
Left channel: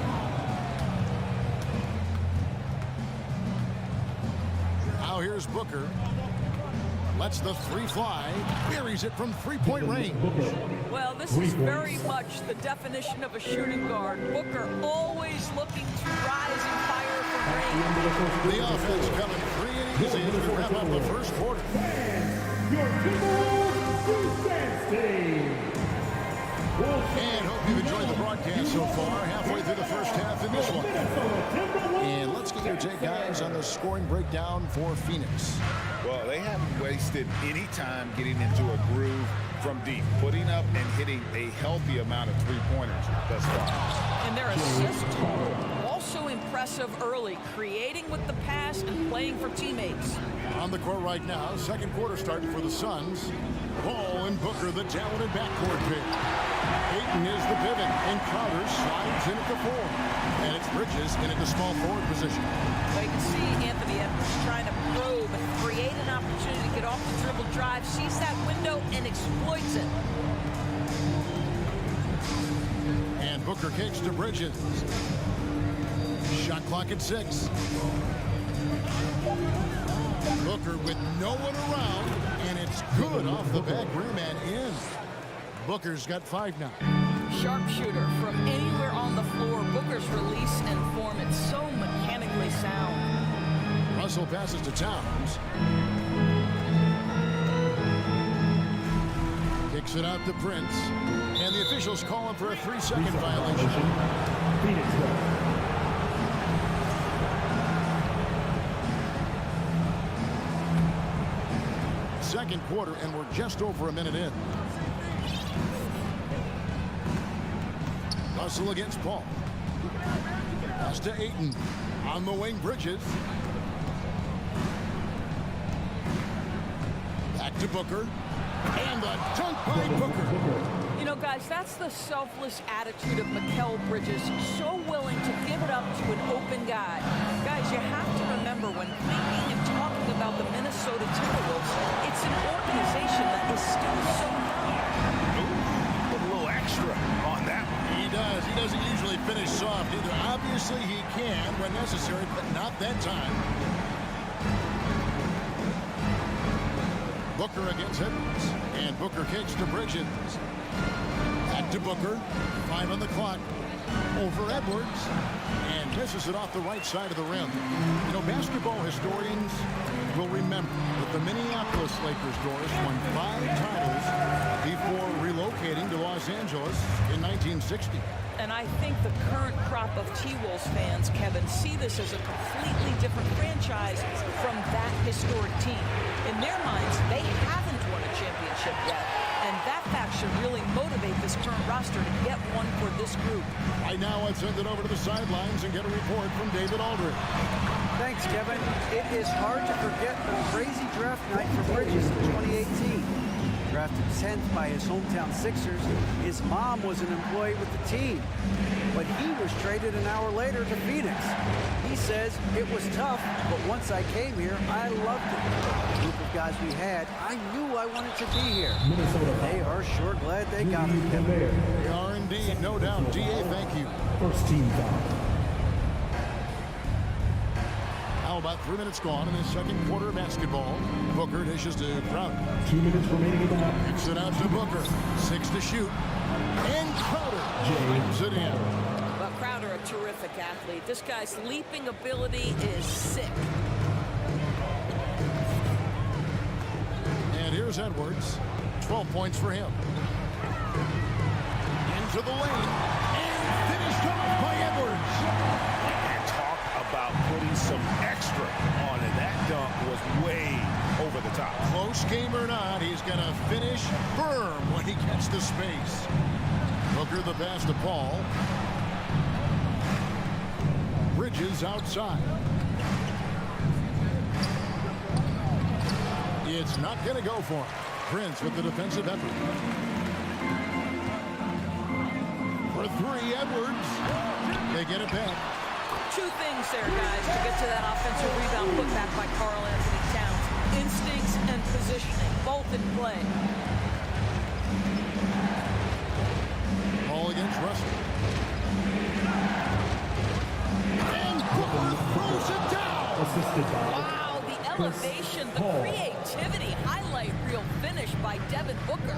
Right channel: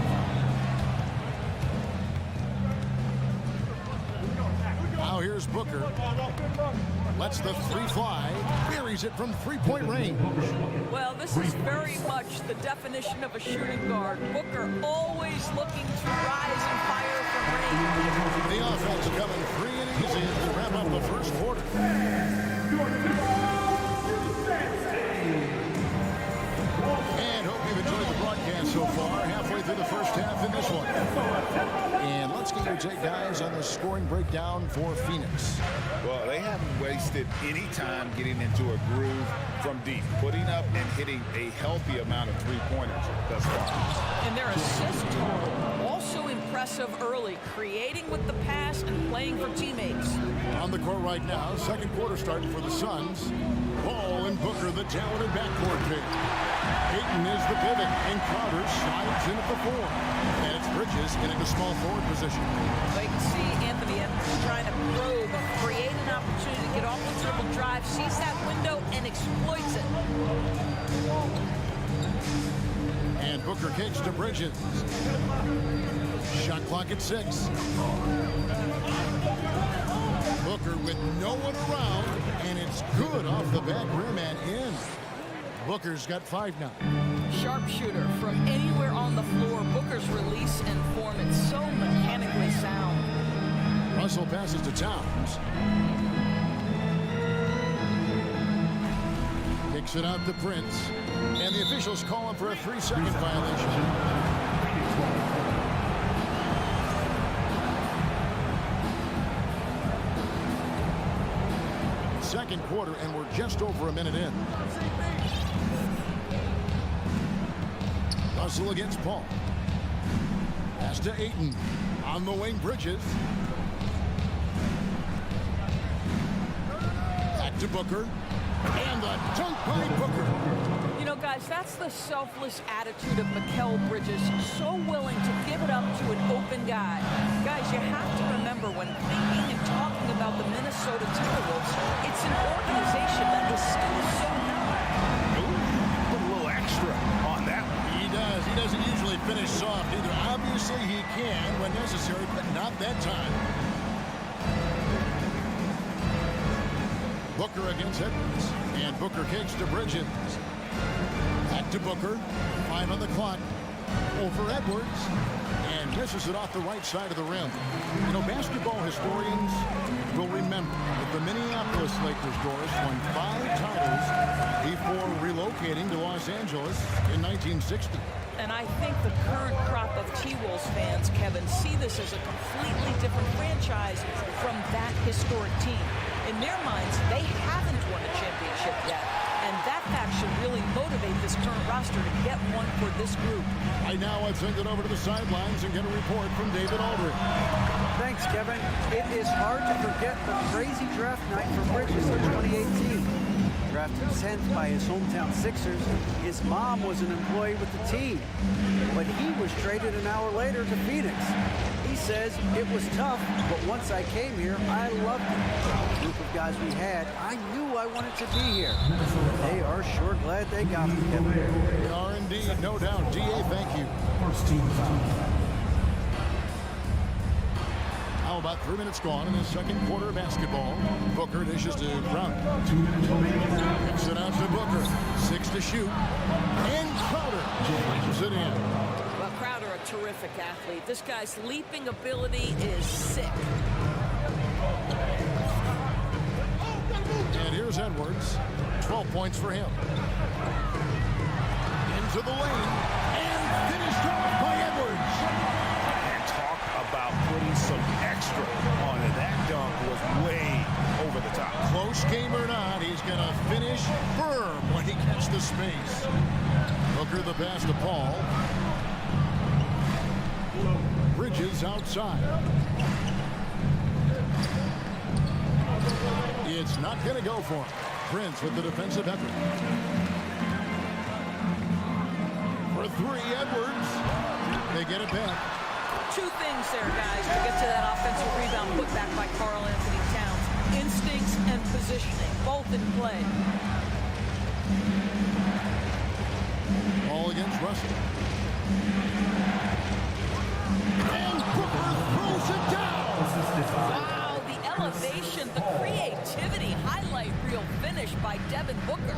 Now here's Booker. Lets the three fly. Buries it from three-point range. Well, this is very much the definition of a shooting guard. Booker always looking to rise and fire from range. The offense coming free and easy as we wrap up the first quarter. And hope you've enjoyed the broadcast so far. Halfway through the first half in this one. And let's get your take, guys, on the scoring breakdown for Phoenix. Well, they haven't wasted any time getting into a groove from deep, putting up and hitting a healthy amount of three-pointers thus far. And their assist total also impressive early, creating with the pass and playing for teammates. On the court right now, second quarter starting for the Suns. Ball and Booker, the talented backcourt pair. Ayton is the pivot, and Crowder slides in at the 4. And it's Bridges in at the small forward position. So you can see Anthony Edwards trying to probe and create an opportunity to get off the dribble drive, sees that window and exploits it. And Booker kicks to Bridges. Shot clock at 6. Booker with no one around, and it's good off the back rim and in. Booker's got 5 now. Sharpshooter from anywhere on the floor. Booker's release and form, it's so mechanically sound. Russell passes to Towns. Kicks it out to Prince. And the officials call him for a 3-second violation. Phoenix ball. Second quarter, and we're just over a minute in. Russell against Paul. Pass to Ayton. On the wing, Bridges. Back to Booker. And the dunk by Booker. You know, guys, that's the selfless attitude of Mikal Bridges. So willing to give it up to an open guy. Guys, you have to remember when thinking and talking about the Minnesota Timberwolves, it's an organization that is still so young. Ooh, put a little extra on that one. He does. He doesn't usually finish soft either. Obviously, he can when necessary, but not that time. Booker against Edwards. And Booker kicks to Bridges. Back to Booker. 5 on the clock. Over Edwards. And misses it off the right side of the rim. You know, basketball historians will remember that the Minneapolis Lakers, Doris, won 5 titles before relocating to Los Angeles in 1960. And I think the current crop of T-Wolves fans, Kevin, see this as a completely different franchise from that historic team. In their minds, they haven't won a championship yet. And that fact should really motivate this current roster to get one for this group. Right now, I'd send it over to the sidelines and get a report from David Aldridge. Thanks, Kevin. It is hard to forget the crazy draft night for Bridges in 2018. Drafted 10th by his hometown Sixers, his mom was an employee with the team. But he was traded an hour later to Phoenix. He says, it was tough, but once I came here, I loved it. The group of guys we had, I knew I wanted to be here. They are sure glad they got him, Kevin. They are indeed, no doubt. DA, thank you. First team foul. Now about 3 minutes gone in the second quarter of basketball. Booker dishes to Crowder. 2 minutes remaining in the half. Kicks it out to Booker. 6 to shoot. And Crowder slams it in. Well, Crowder, a terrific athlete. This guy's leaping ability is sick. And here's Edwards. 12 points for him. Into the lane. And finished off by Edwards. Talk about putting some extra on it. That dunk was way over the top. Close game or not, he's going to finish firm when he gets the space. Booker the pass to Paul. Bridges outside. It's not going to go for him. Prince with the defensive effort. For three, Edwards. They get it back. Two things there, guys, to get to that offensive rebound put back by Karl Anthony Towns. Instincts and positioning, both in play. Ball against Russell. And Booker throws it down. Wow, the elevation, the creativity, highlight reel finish by Devin Booker.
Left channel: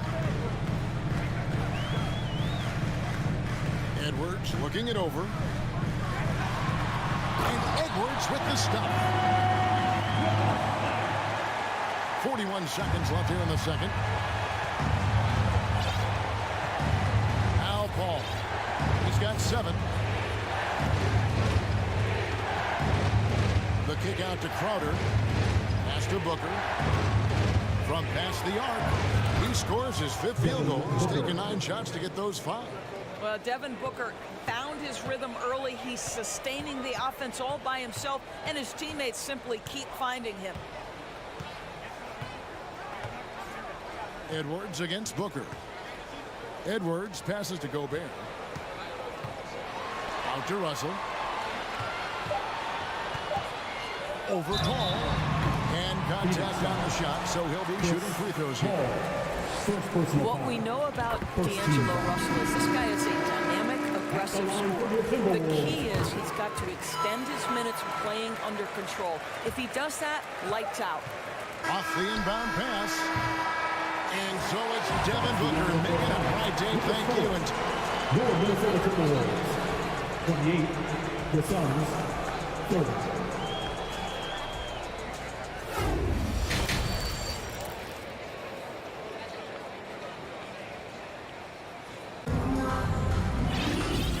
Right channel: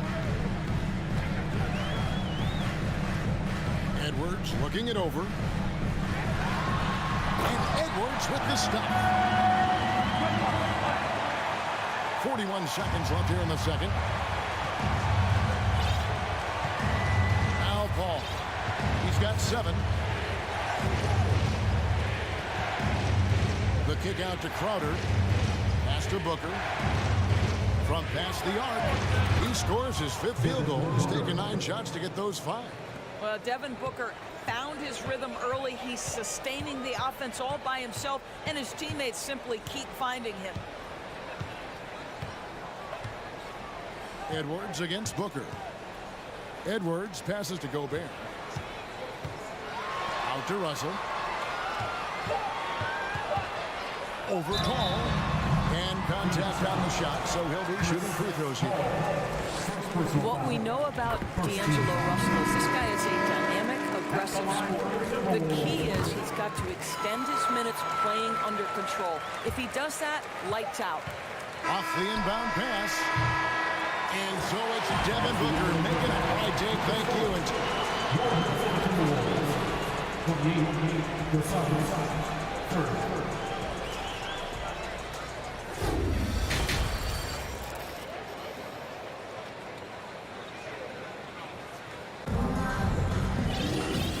Edwards looking it over. And Edwards with the stop. 41 seconds left here in the second. Al Paul. He's got 7. The kick out to Crowder. Pass to Booker. From past the arc. He scores his 5th field goal. He's taken 9 shots to get those 5. Well, Devin Booker found his rhythm early. He's sustaining the offense all by himself, and his teammates simply keep finding him. Edwards against Booker. Edwards passes to Gobert. Out to Russell. Over Paul. And contact on the shot, so he'll be shooting free throws here. What we know about D'Angelo Russell is this guy is a dynamic, aggressive scorer. The key is he's got to extend his minutes playing under control. If he does that, lights out. Off the inbound pass. And so it's Devin Booker making it right, Dave. Thank you. And your Minnesota Timberwolves, 28, the Suns, 30.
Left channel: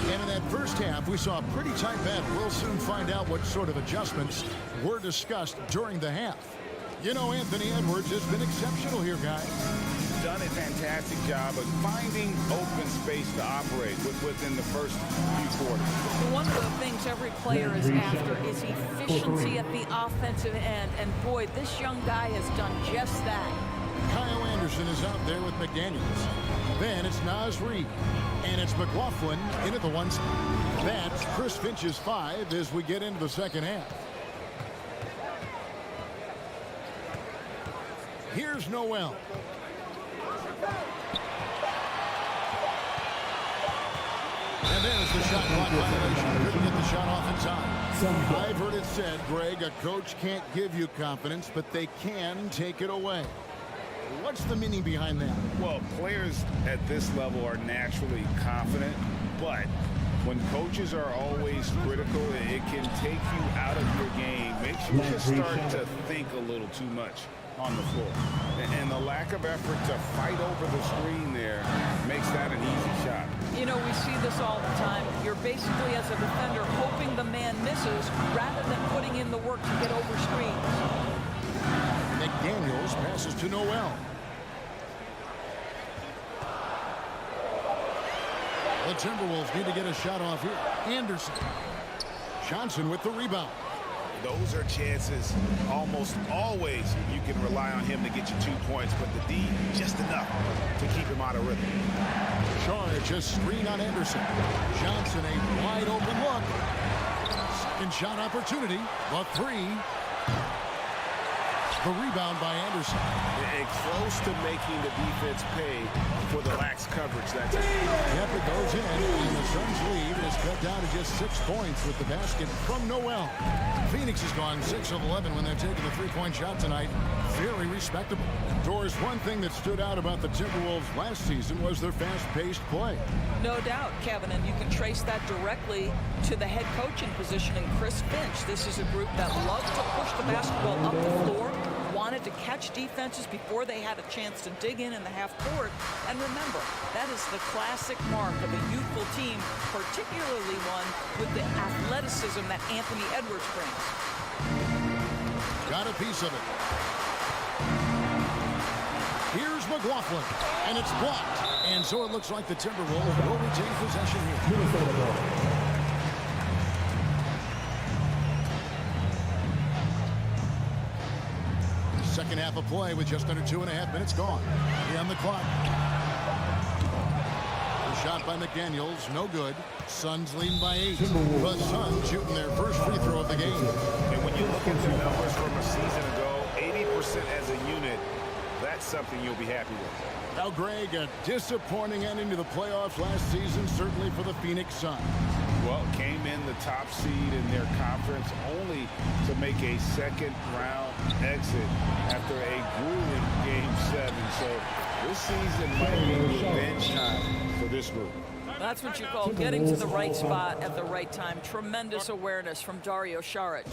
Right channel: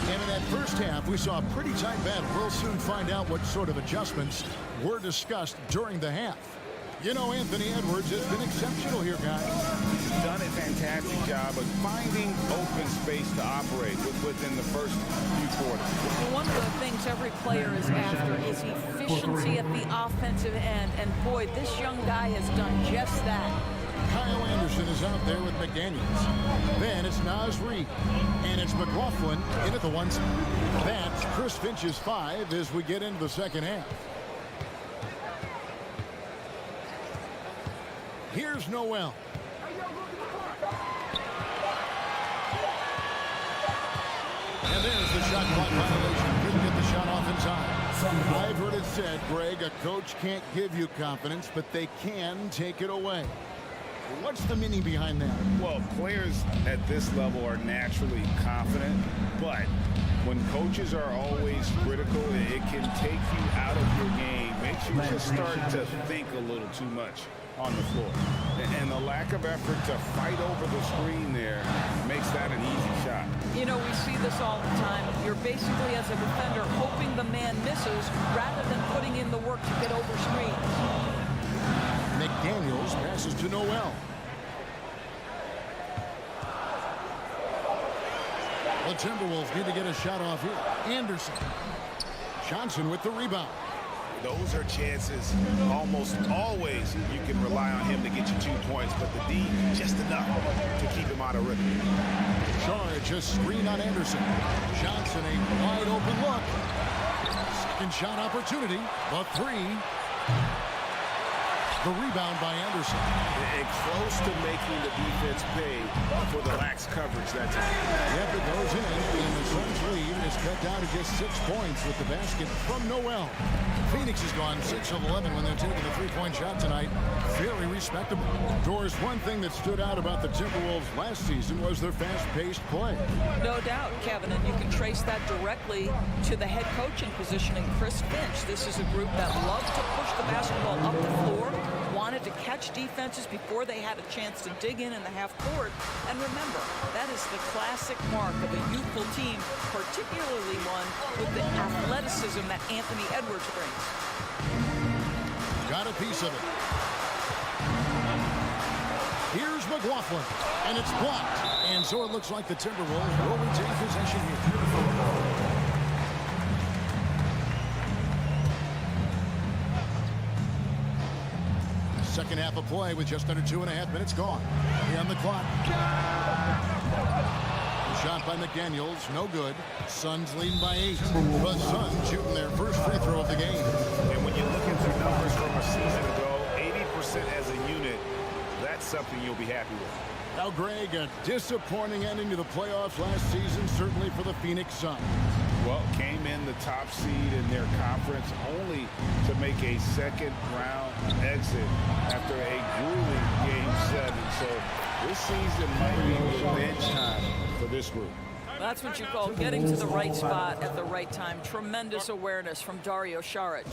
And in that first half, we saw a pretty tight battle. We'll soon find out what sort of adjustments were discussed during the half. You know, Anthony Edwards has been exceptional here, guys. He's done a fantastic job of finding open space to operate within the first few quarters. One of the things every player is after is efficiency at the offensive end. And boy, this young guy has done just that. Kyle Anderson is out there with McDaniels. Then it's Naz Reid. And it's McLaughlin in at the 1 side. That's Chris Finch's 5 as we get into the second half. Here's Noel. And there's the shot clock violation. Couldn't get the shot off in time. I've heard it said, Greg, a coach can't give you confidence, but they can take it away. What's the meaning behind that? Well, players at this level are naturally confident, but when coaches are always critical, it can take you out of your game. Makes you just start to think a little too much on the floor. And the lack of effort to fight over the screen there makes that an easy shot. You know, we see this all the time. You're basically, as a defender, hoping the man misses rather than putting in the work to get over screens. McDaniels passes to Noel. The Timberwolves need to get a shot off here. Anderson. Johnson with the rebound. Those are chances almost always you can rely on him to get you 2 points, but the D just enough to keep him out of rhythm. Charge a screen on Anderson. Johnson a wide open look. Second shot opportunity, but 3. The rebound by Anderson. And close to making the defense pay for the lax coverage that time. Yep, it goes in, and the Suns' lead is cut down to just 6 points with the basket from Noel. Phoenix has gone 6 of 11 when they're taking the 3-point shot tonight. Very respectable. Doris, one thing that stood out about the Timberwolves last season was their fast-paced play. No doubt, Kevin, and you can trace that directly to the head coaching position in Chris Finch. This is a group that loves to push the basketball up the floor, wanted to catch defenses before they had a chance to dig in the half court. And remember, that is the classic mark of a youthful team, particularly one with the athleticism that Anthony Edwards brings. Got a piece of it. Here's McLaughlin, and it's blocked. And so it looks like the Timberwolves will retain possession here. Second half of play with just under 2.5 minutes gone. Here on the clock. The shot by McDaniels, no good. Suns leading by 8. The Suns shooting their first free throw of the game. And when you look at their numbers from a season ago, 80% as a unit, that's something you'll be happy with. Now, Greg, a disappointing ending to the playoffs last season, certainly for the Phoenix Suns. Well, came in the top seed in their conference only to make a second-round exit after a grueling Game 7. So this season might be revenge time for this group. That's what you call getting to the right spot at the right time. Tremendous awareness from Dario Saric.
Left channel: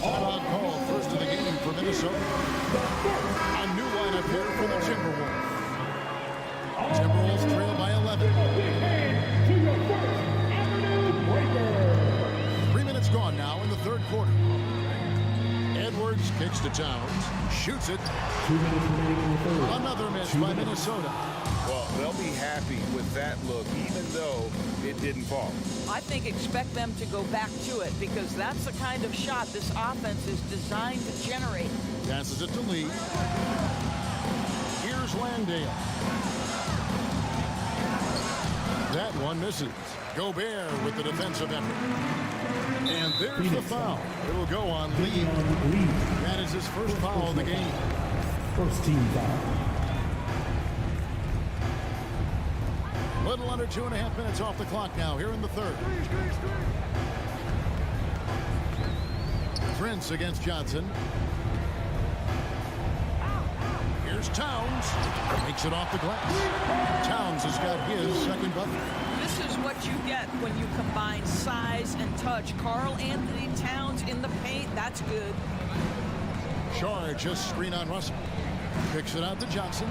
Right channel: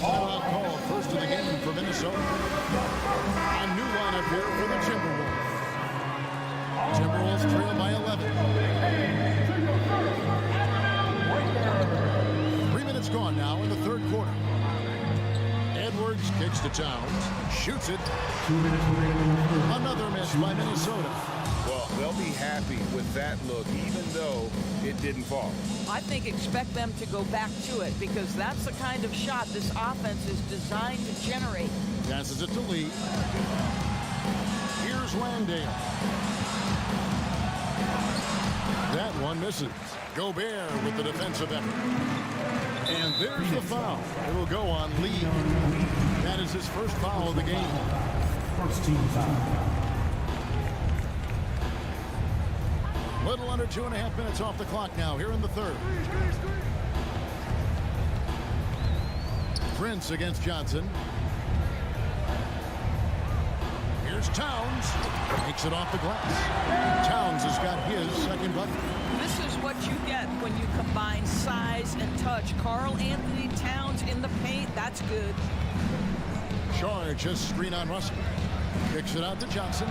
Timeout call, first of the game for Minnesota. A new lineup here for the Timberwolves. Timberwolves trail by 11. 3 minutes gone now in the third quarter. Edwards kicks to Towns, shoots it. Another miss by Minnesota. Well, they'll be happy with that look, even though it didn't fall. I think expect them to go back to it because that's the kind of shot this offense is designed to generate. Passes it to Lee. Here's Landale. That one misses. Gobert with the defensive effort. And there's the foul. It will go on Lee. That is his first foul of the game. First team foul. Little under 2.5 minutes off the clock now here in the third. Prince against Johnson. Here's Towns. Makes it off the glass. Towns has got his second bucket. This is what you get when you combine size and touch. Karl Anthony Towns in the paint, that's good. Charge just screen on Russell. Kicks it out to Johnson.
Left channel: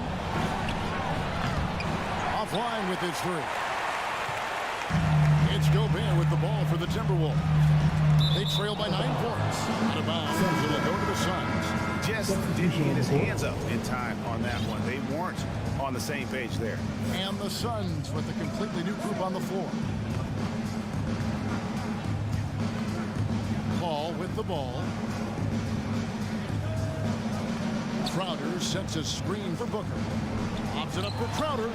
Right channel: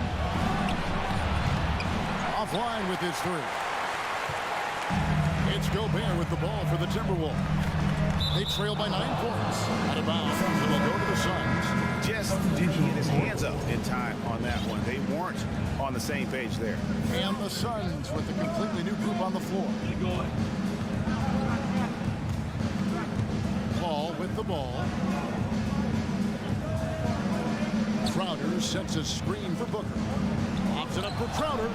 Offline with his three. It's Gobert with the ball for the Timberwolves. They trail by 9 points. Out of bounds, it'll go to the Suns. Just didn't get his hands up in time on that one. They weren't on the same page there. And the Suns with a completely new group on the floor. Paul with the ball. Crowder sets a screen for Booker. Lobs it up for Crowder.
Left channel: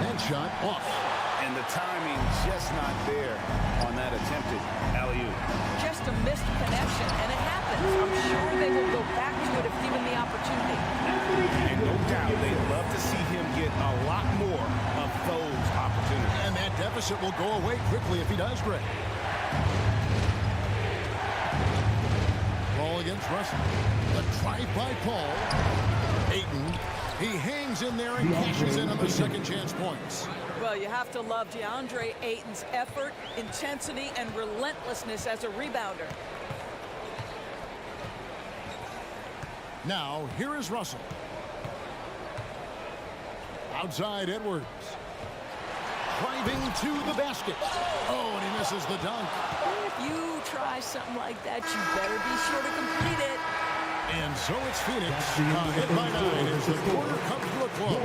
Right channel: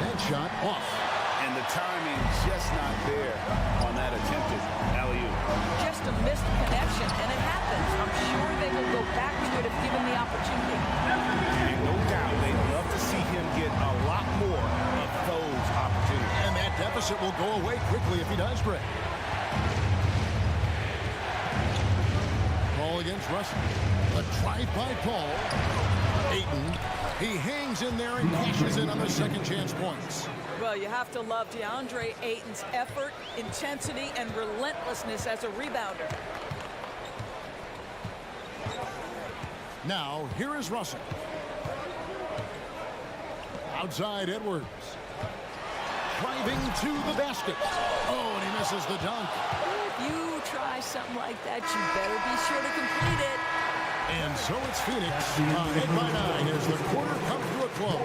That shot off. And the timing just not there on that attempted alley-oop. Just a missed connection, and it happens. I'm sure they will go back to it if given the opportunity. And no doubt they'd love to see him get a lot more of those opportunities. And that deficit will go away quickly if he does, Greg. Paul against Russell. A drive by Paul. Ayton. He hangs in there and cashes in on the second chance points. Well, you have to love DeAndre Ayton's effort, intensity, and relentlessness as a rebounder. Now, here is Russell. Outside Edwards. Driving to the basket. Oh, and he misses the dunk. If you try something like that, you better be sure to complete it. And so it's Phoenix ahead by 9 as the quarter comes to a close.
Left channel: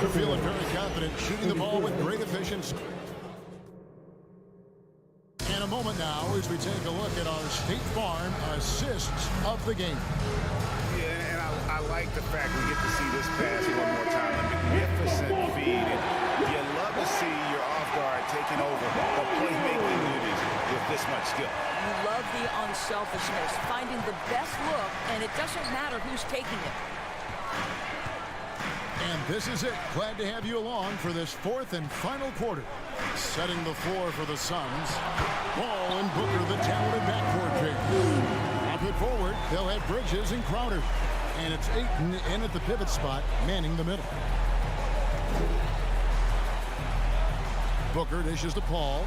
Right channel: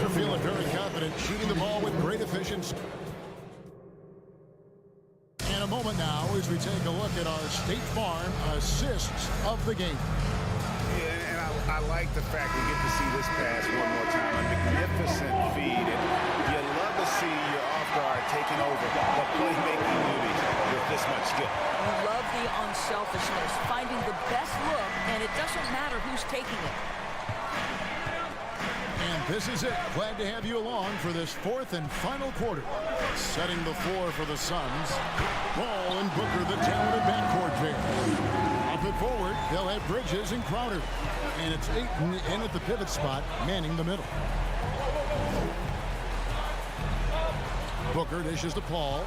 They're feeling very confident, shooting the ball with great efficiency. And a moment now as we take a look at our State Farm assists of the game. Yeah, and I like the fact we get to see this pass one more time. A magnificent feed, and you love to see your off guard taking over the playmaking duties with this much skill. You love the unselfishness, finding the best look, and it doesn't matter who's taking it. And this is it. Glad to have you along for this fourth and final quarter. Setting the floor for the Suns. Ball and Booker, the talented backcourt pair. Up it forward, they'll have Bridges and Crowder. And it's Ayton in at the pivot spot, manning the middle. Booker dishes to Paul.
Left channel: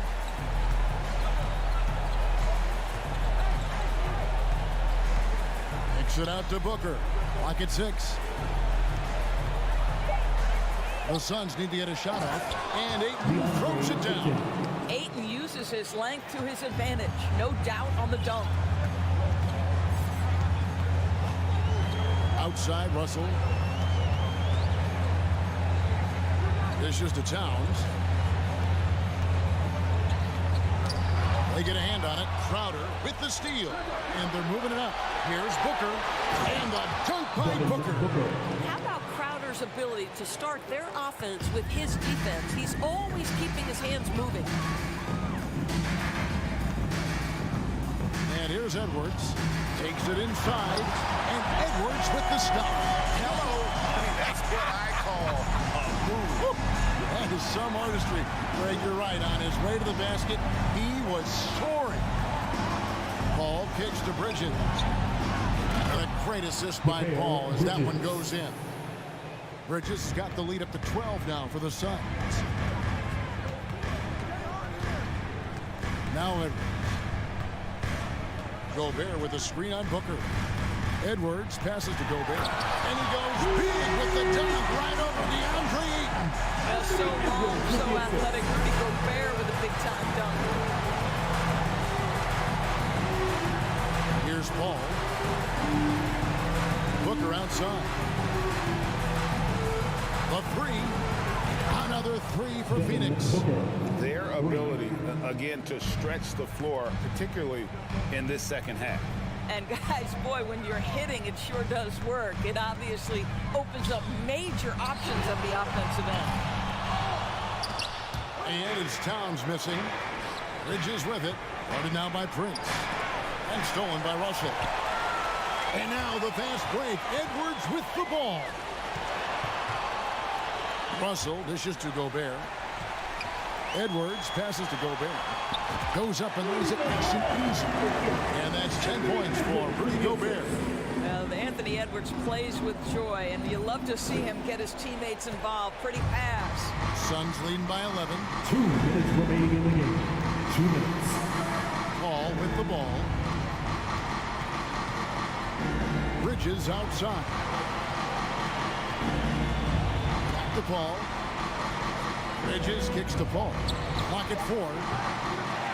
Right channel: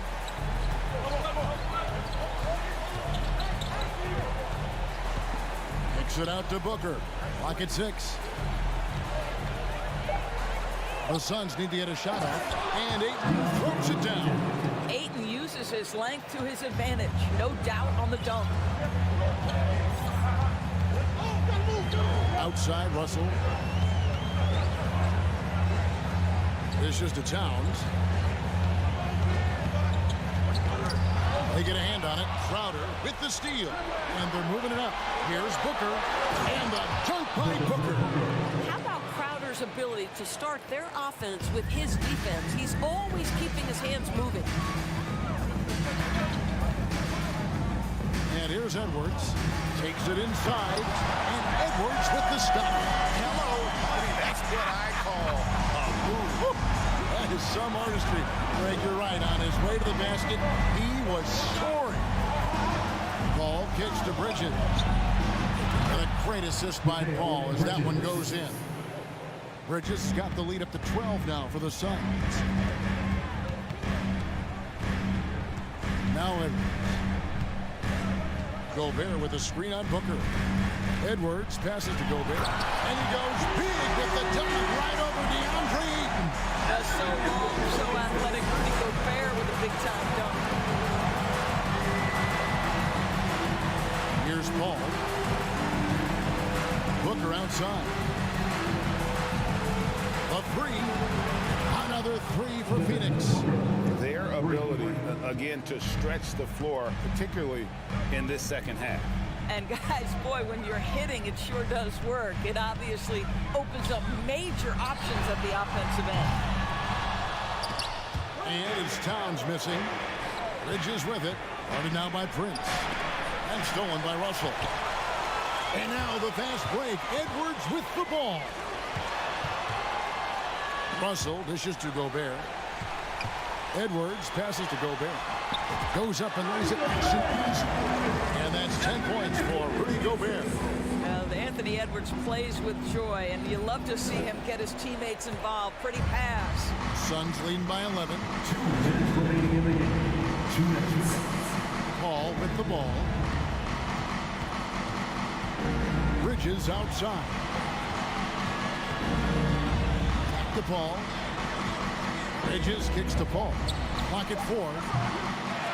Kicks it out to Booker. Clock at 6. The Suns need to get a shot off, and Ayton throws it down. Ayton uses his length to his advantage. No doubt on the dunk. Outside, Russell. Dishes to Towns. They get a hand on it. Crowder with the steal, and they're moving it up. Here's Booker, and the dunk by Booker. How about Crowder's ability to start their offense with his defense? He's always keeping his hands moving. And here's Edwards. Takes it inside, and Edwards with the stop. Hello. I mean, that's what I call a move. That is some artistry. Greg, you're right. On his way to the basket, he was soaring. Paul kicks to Bridges. And a great assist by Paul as that one goes in. Bridges has got the lead up to 12 now for the Suns. Now Edwards. Gobert with a screen on Booker. Edwards passes to Gobert. And he goes big with the dunk right over DeAndre Ayton. That's so long, so athletic. Rudy Gobert with a big-time dunk. Here's Paul. Booker outside. The three. Another three for Phoenix. Their ability, again, to stretch the floor, particularly in this second half. And guys, boy, when you're hitting, it sure does work. It obviously opens up major options at the offensive end. And it's Towns missing. Bridges with it. Guarded now by Prince. And stolen by Russell. And now the fast break. Edwards with the ball. Russell dishes to Gobert. Edwards passes to Gobert. Goes up and lays it nice and easy. And that's 10 points for Rudy Gobert. Well, Anthony Edwards plays with joy, and you love to see him get his teammates involved. Pretty pass. Suns leading by 11. 2 minutes remaining in the game. 2 minutes. Paul with the ball. Bridges outside. Back to Paul. Bridges kicks to Paul. Clock at 4.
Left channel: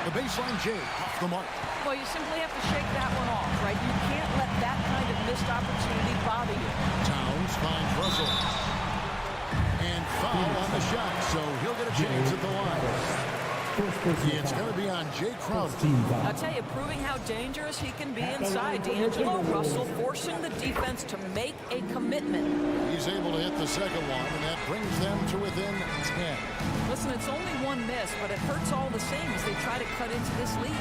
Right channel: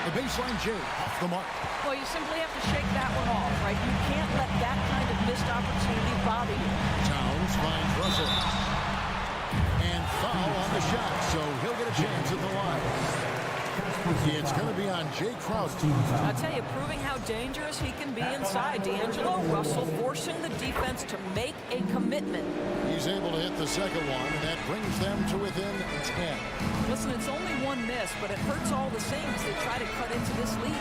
The baseline J off the mark. Well, you simply have to shake that one off, right? You can't let that kind of missed opportunity bother you. Towns finds Russell. And foul on the shot, so he'll get a chance at the line. It's going to be on Jay Crowder. I'll tell you, proving how dangerous he can be inside. D'Angelo Russell forcing the defense to make a commitment. He's able to hit the second one, and that brings them to within 10. Listen, it's only one miss, but it hurts all the same as they try to cut into this lead.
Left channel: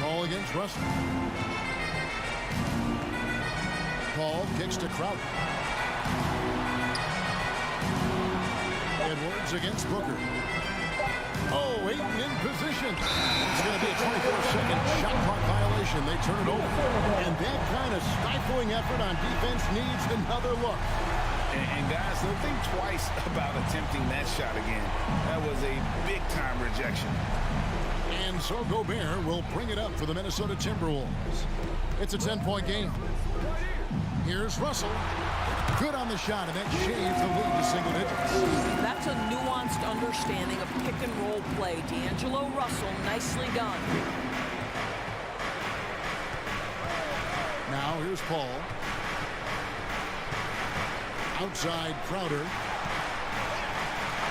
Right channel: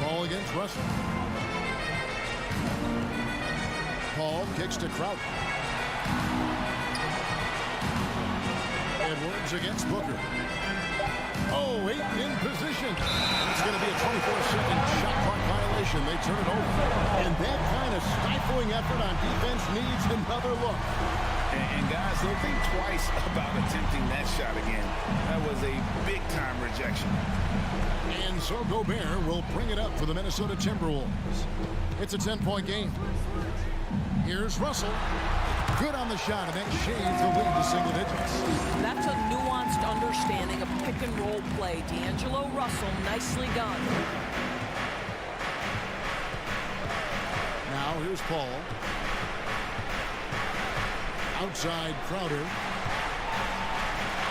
Ball against Russell. Paul kicks to Crowder. Edwards against Booker. Oh, Ayton in position. It's going to be a 24-second shot clock violation. They turn it over. And that kind of stifling effort on defense needs another look. And guys, they'll think twice about attempting that shot again. That was a big-time rejection. And so Gobert will bring it up for the Minnesota Timberwolves. It's a 10-point game. Here's Russell. Good on the shot, and that shaves the lead to single digits. That's a nuanced understanding of pick-and-roll play. D'Angelo Russell, nicely done. Now here's Paul. Outside Crowder.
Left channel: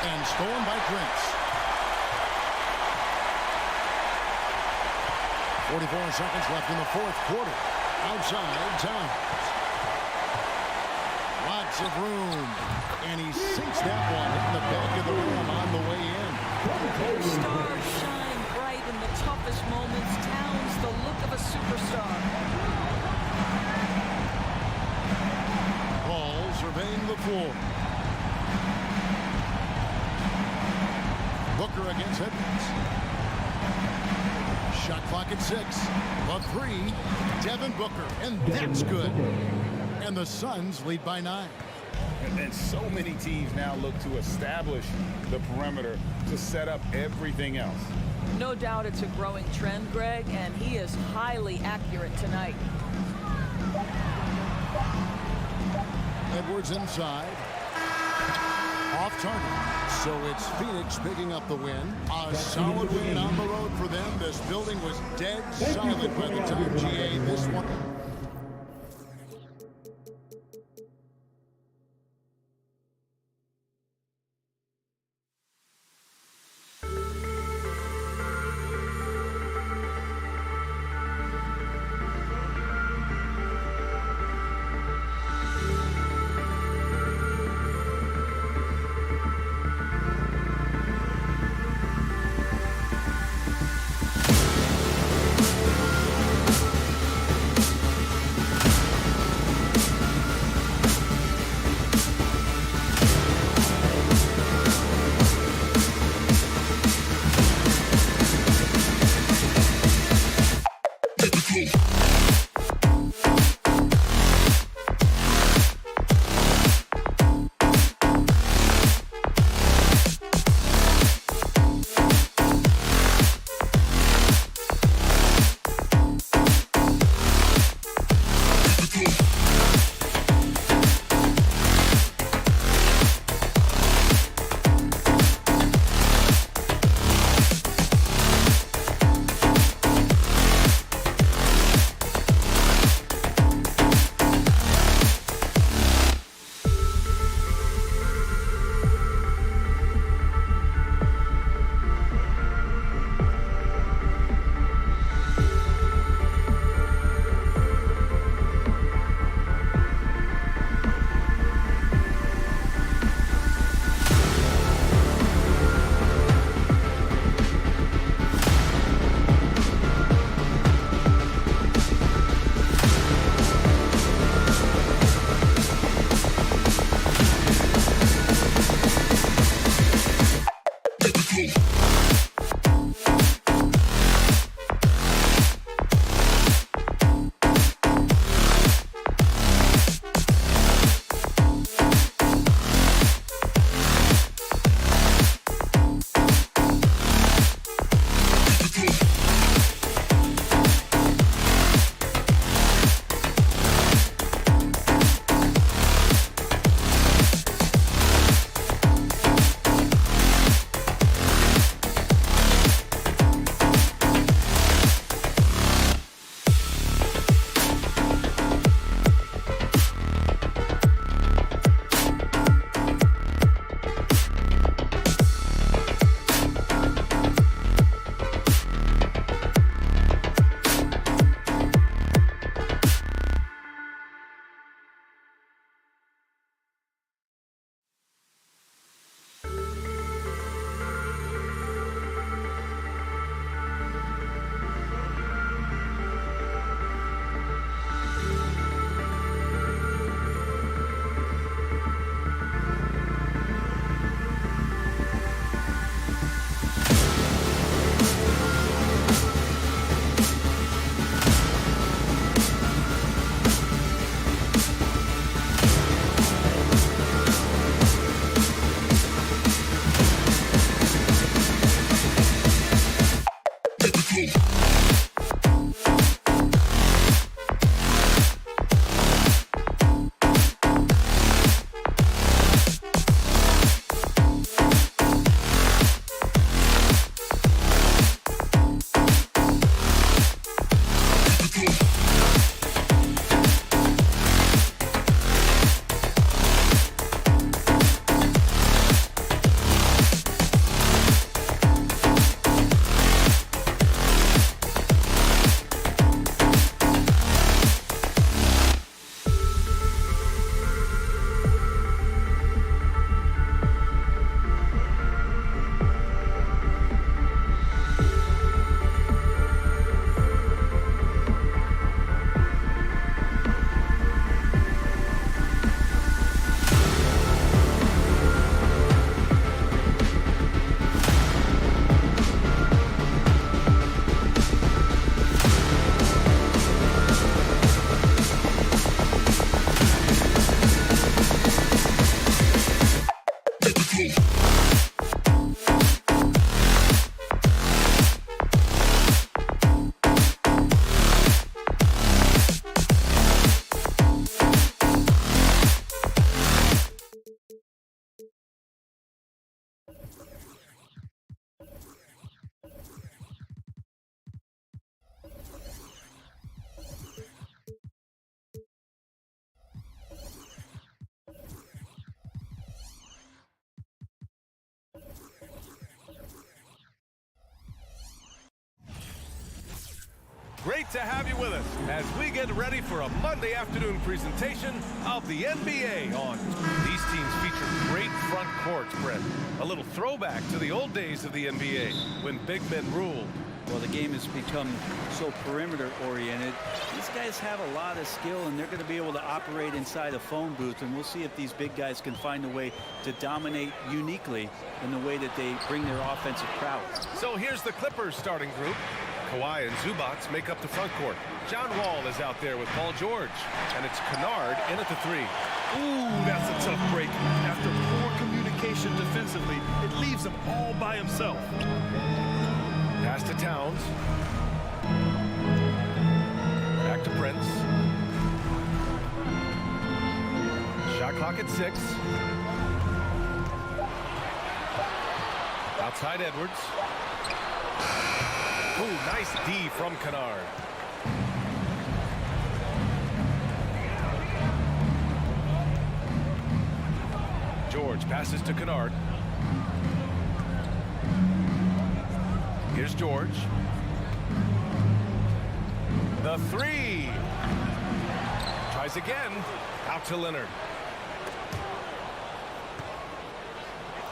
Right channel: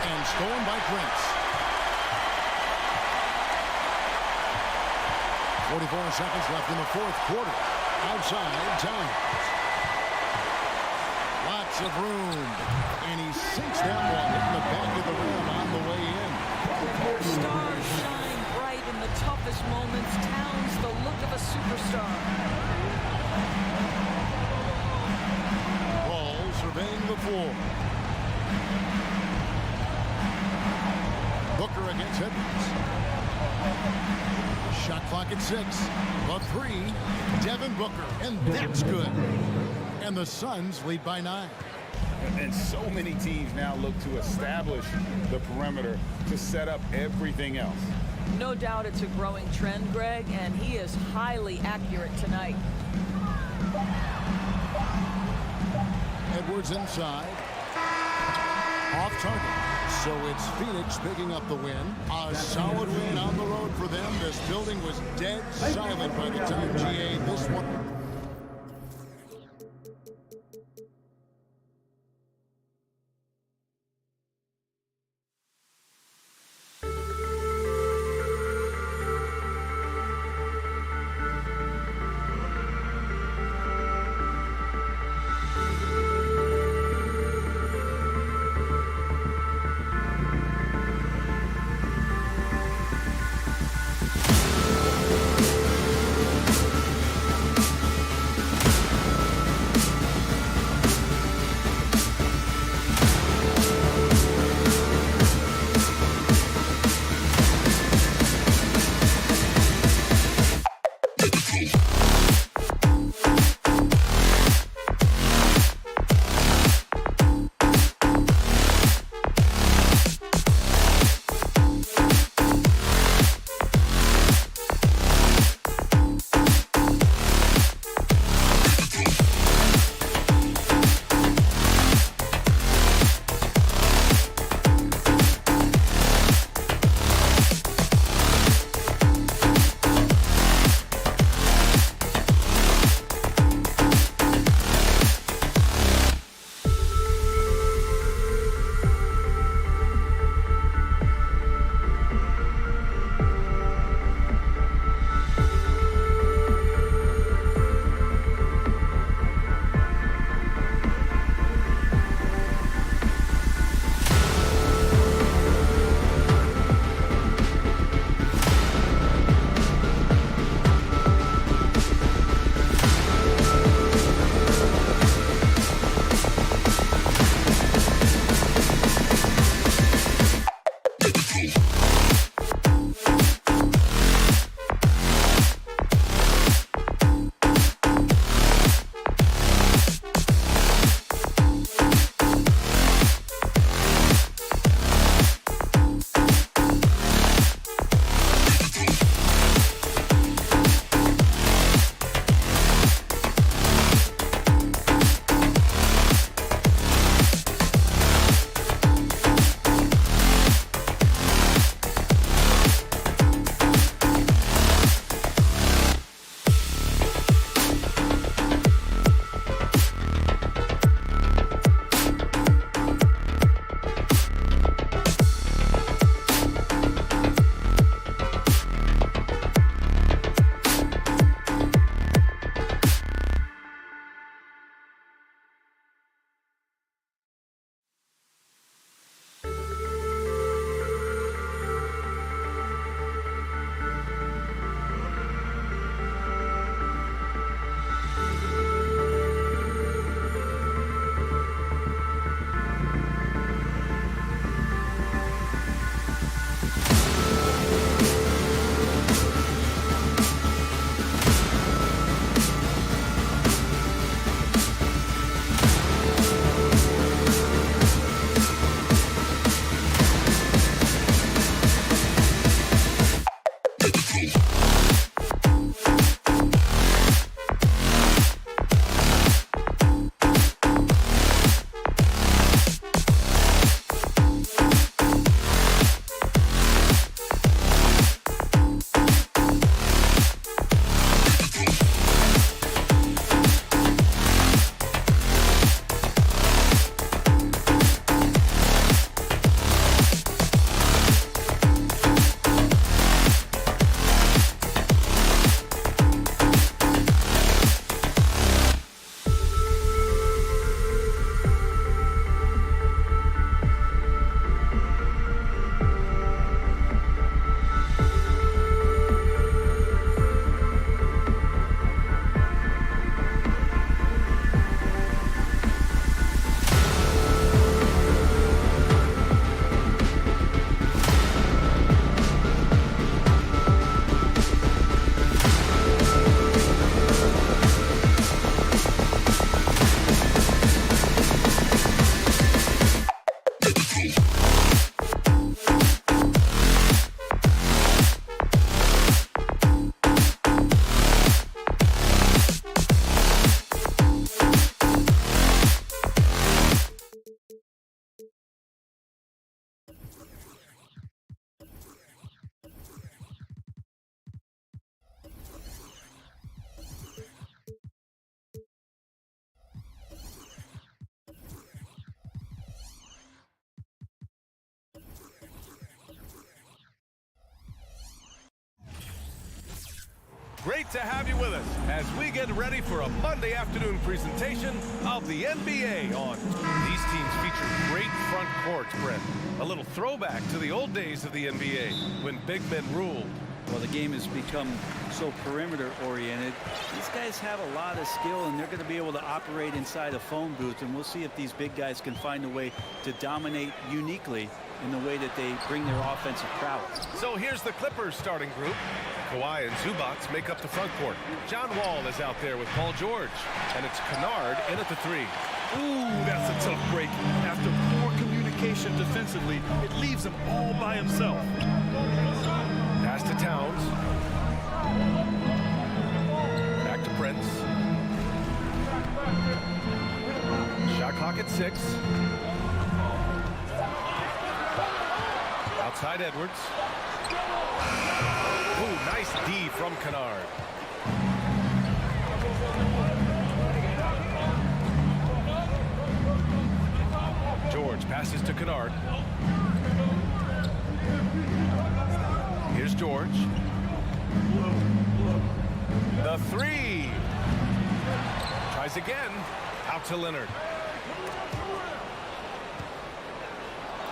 And stolen by Prince. 44 seconds left in the fourth quarter. Outside Towns. Lots of room. And he sinks that one, hitting the back of the rim on the way in. Stars shine bright in the toughest moments. Towns, the look of a superstar. Paul surveying the floor. Booker against Edwards. Shot clock at 6. The 3, Devin Booker, and that's good. And the Suns lead by 9. And so many teams now look to establish the perimeter to set up everything else. No doubt it's a growing trend, Greg, and he is highly accurate tonight. Edwards inside. Off target. So it's Phoenix picking up the win. A solid win on the road for them. This building was dead silent by the time GA this one. Great to have you with us as we get ready for a Monday afternoon presentation of the NBA on. These teams feature great front courts, Brent. A little throwback to the old days of the NBA when big men ruled. Well, the game has become so perimeter-oriented. These guys have a lot of skill, and they're going to be able to operate inside a phone booth, and we'll see if these big guys can find a way to dominate uniquely in the way that they bring their offensive prowess. So here's the Clippers starting group. Kawhi and Zubac make up the front court. John Wall is out there with Paul George, and it's Kennard in at the 3. Ooh, that's a tough break. After poor communication defensively, it leaves him all by himself. Pass to Towns. Back to Prince. Shot clock at 6. Outside Edwards. Ooh, nice D from Kennard. George passes to Kennard. Here's George. The 3. Tries again. Out to Leonard.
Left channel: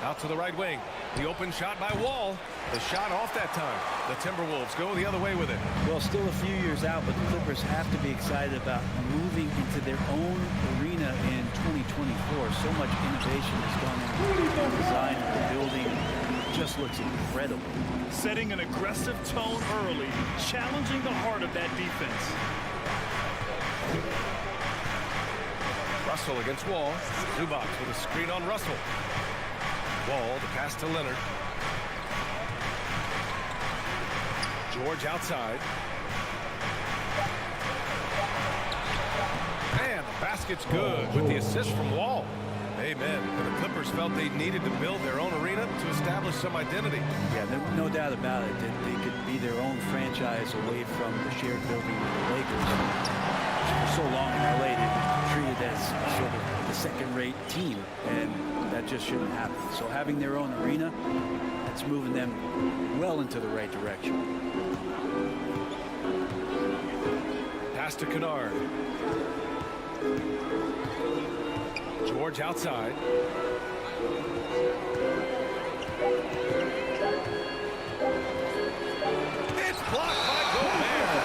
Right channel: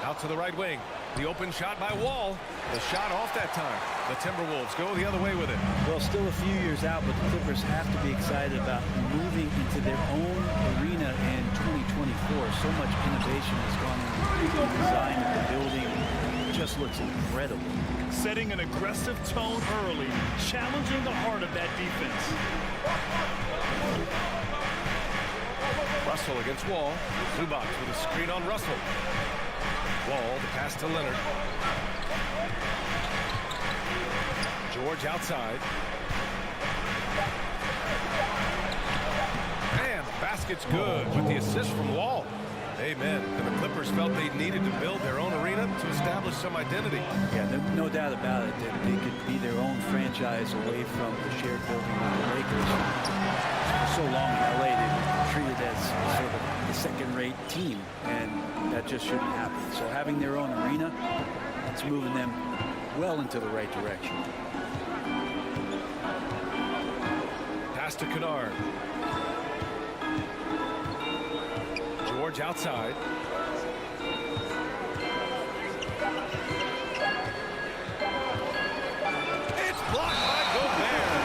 Out to the right wing. The open shot by Wall. The shot off that time. The Timberwolves go the other way with it. Well, still a few years out, but the Clippers have to be excited about moving into their own arena in 2024. So much innovation has gone into the design of the building. It just looks incredible. Setting an aggressive tone early, challenging the heart of that defense. Russell against Wall. Zubac with a screen on Russell. Wall, the pass to Leonard. George outside. And the basket's good with the assist from Wall. Amen. And the Clippers felt they needed to build their own arena to establish some identity. Yeah, no doubt about it that they could be their own franchise away from the shared building with the Lakers. For so long in LA, they've been treated as sort of the second-rate team, and that just shouldn't happen. So having their own arena, it's moving them well into the right direction. Pass to Kennard. George outside. It's blocked by Gobert.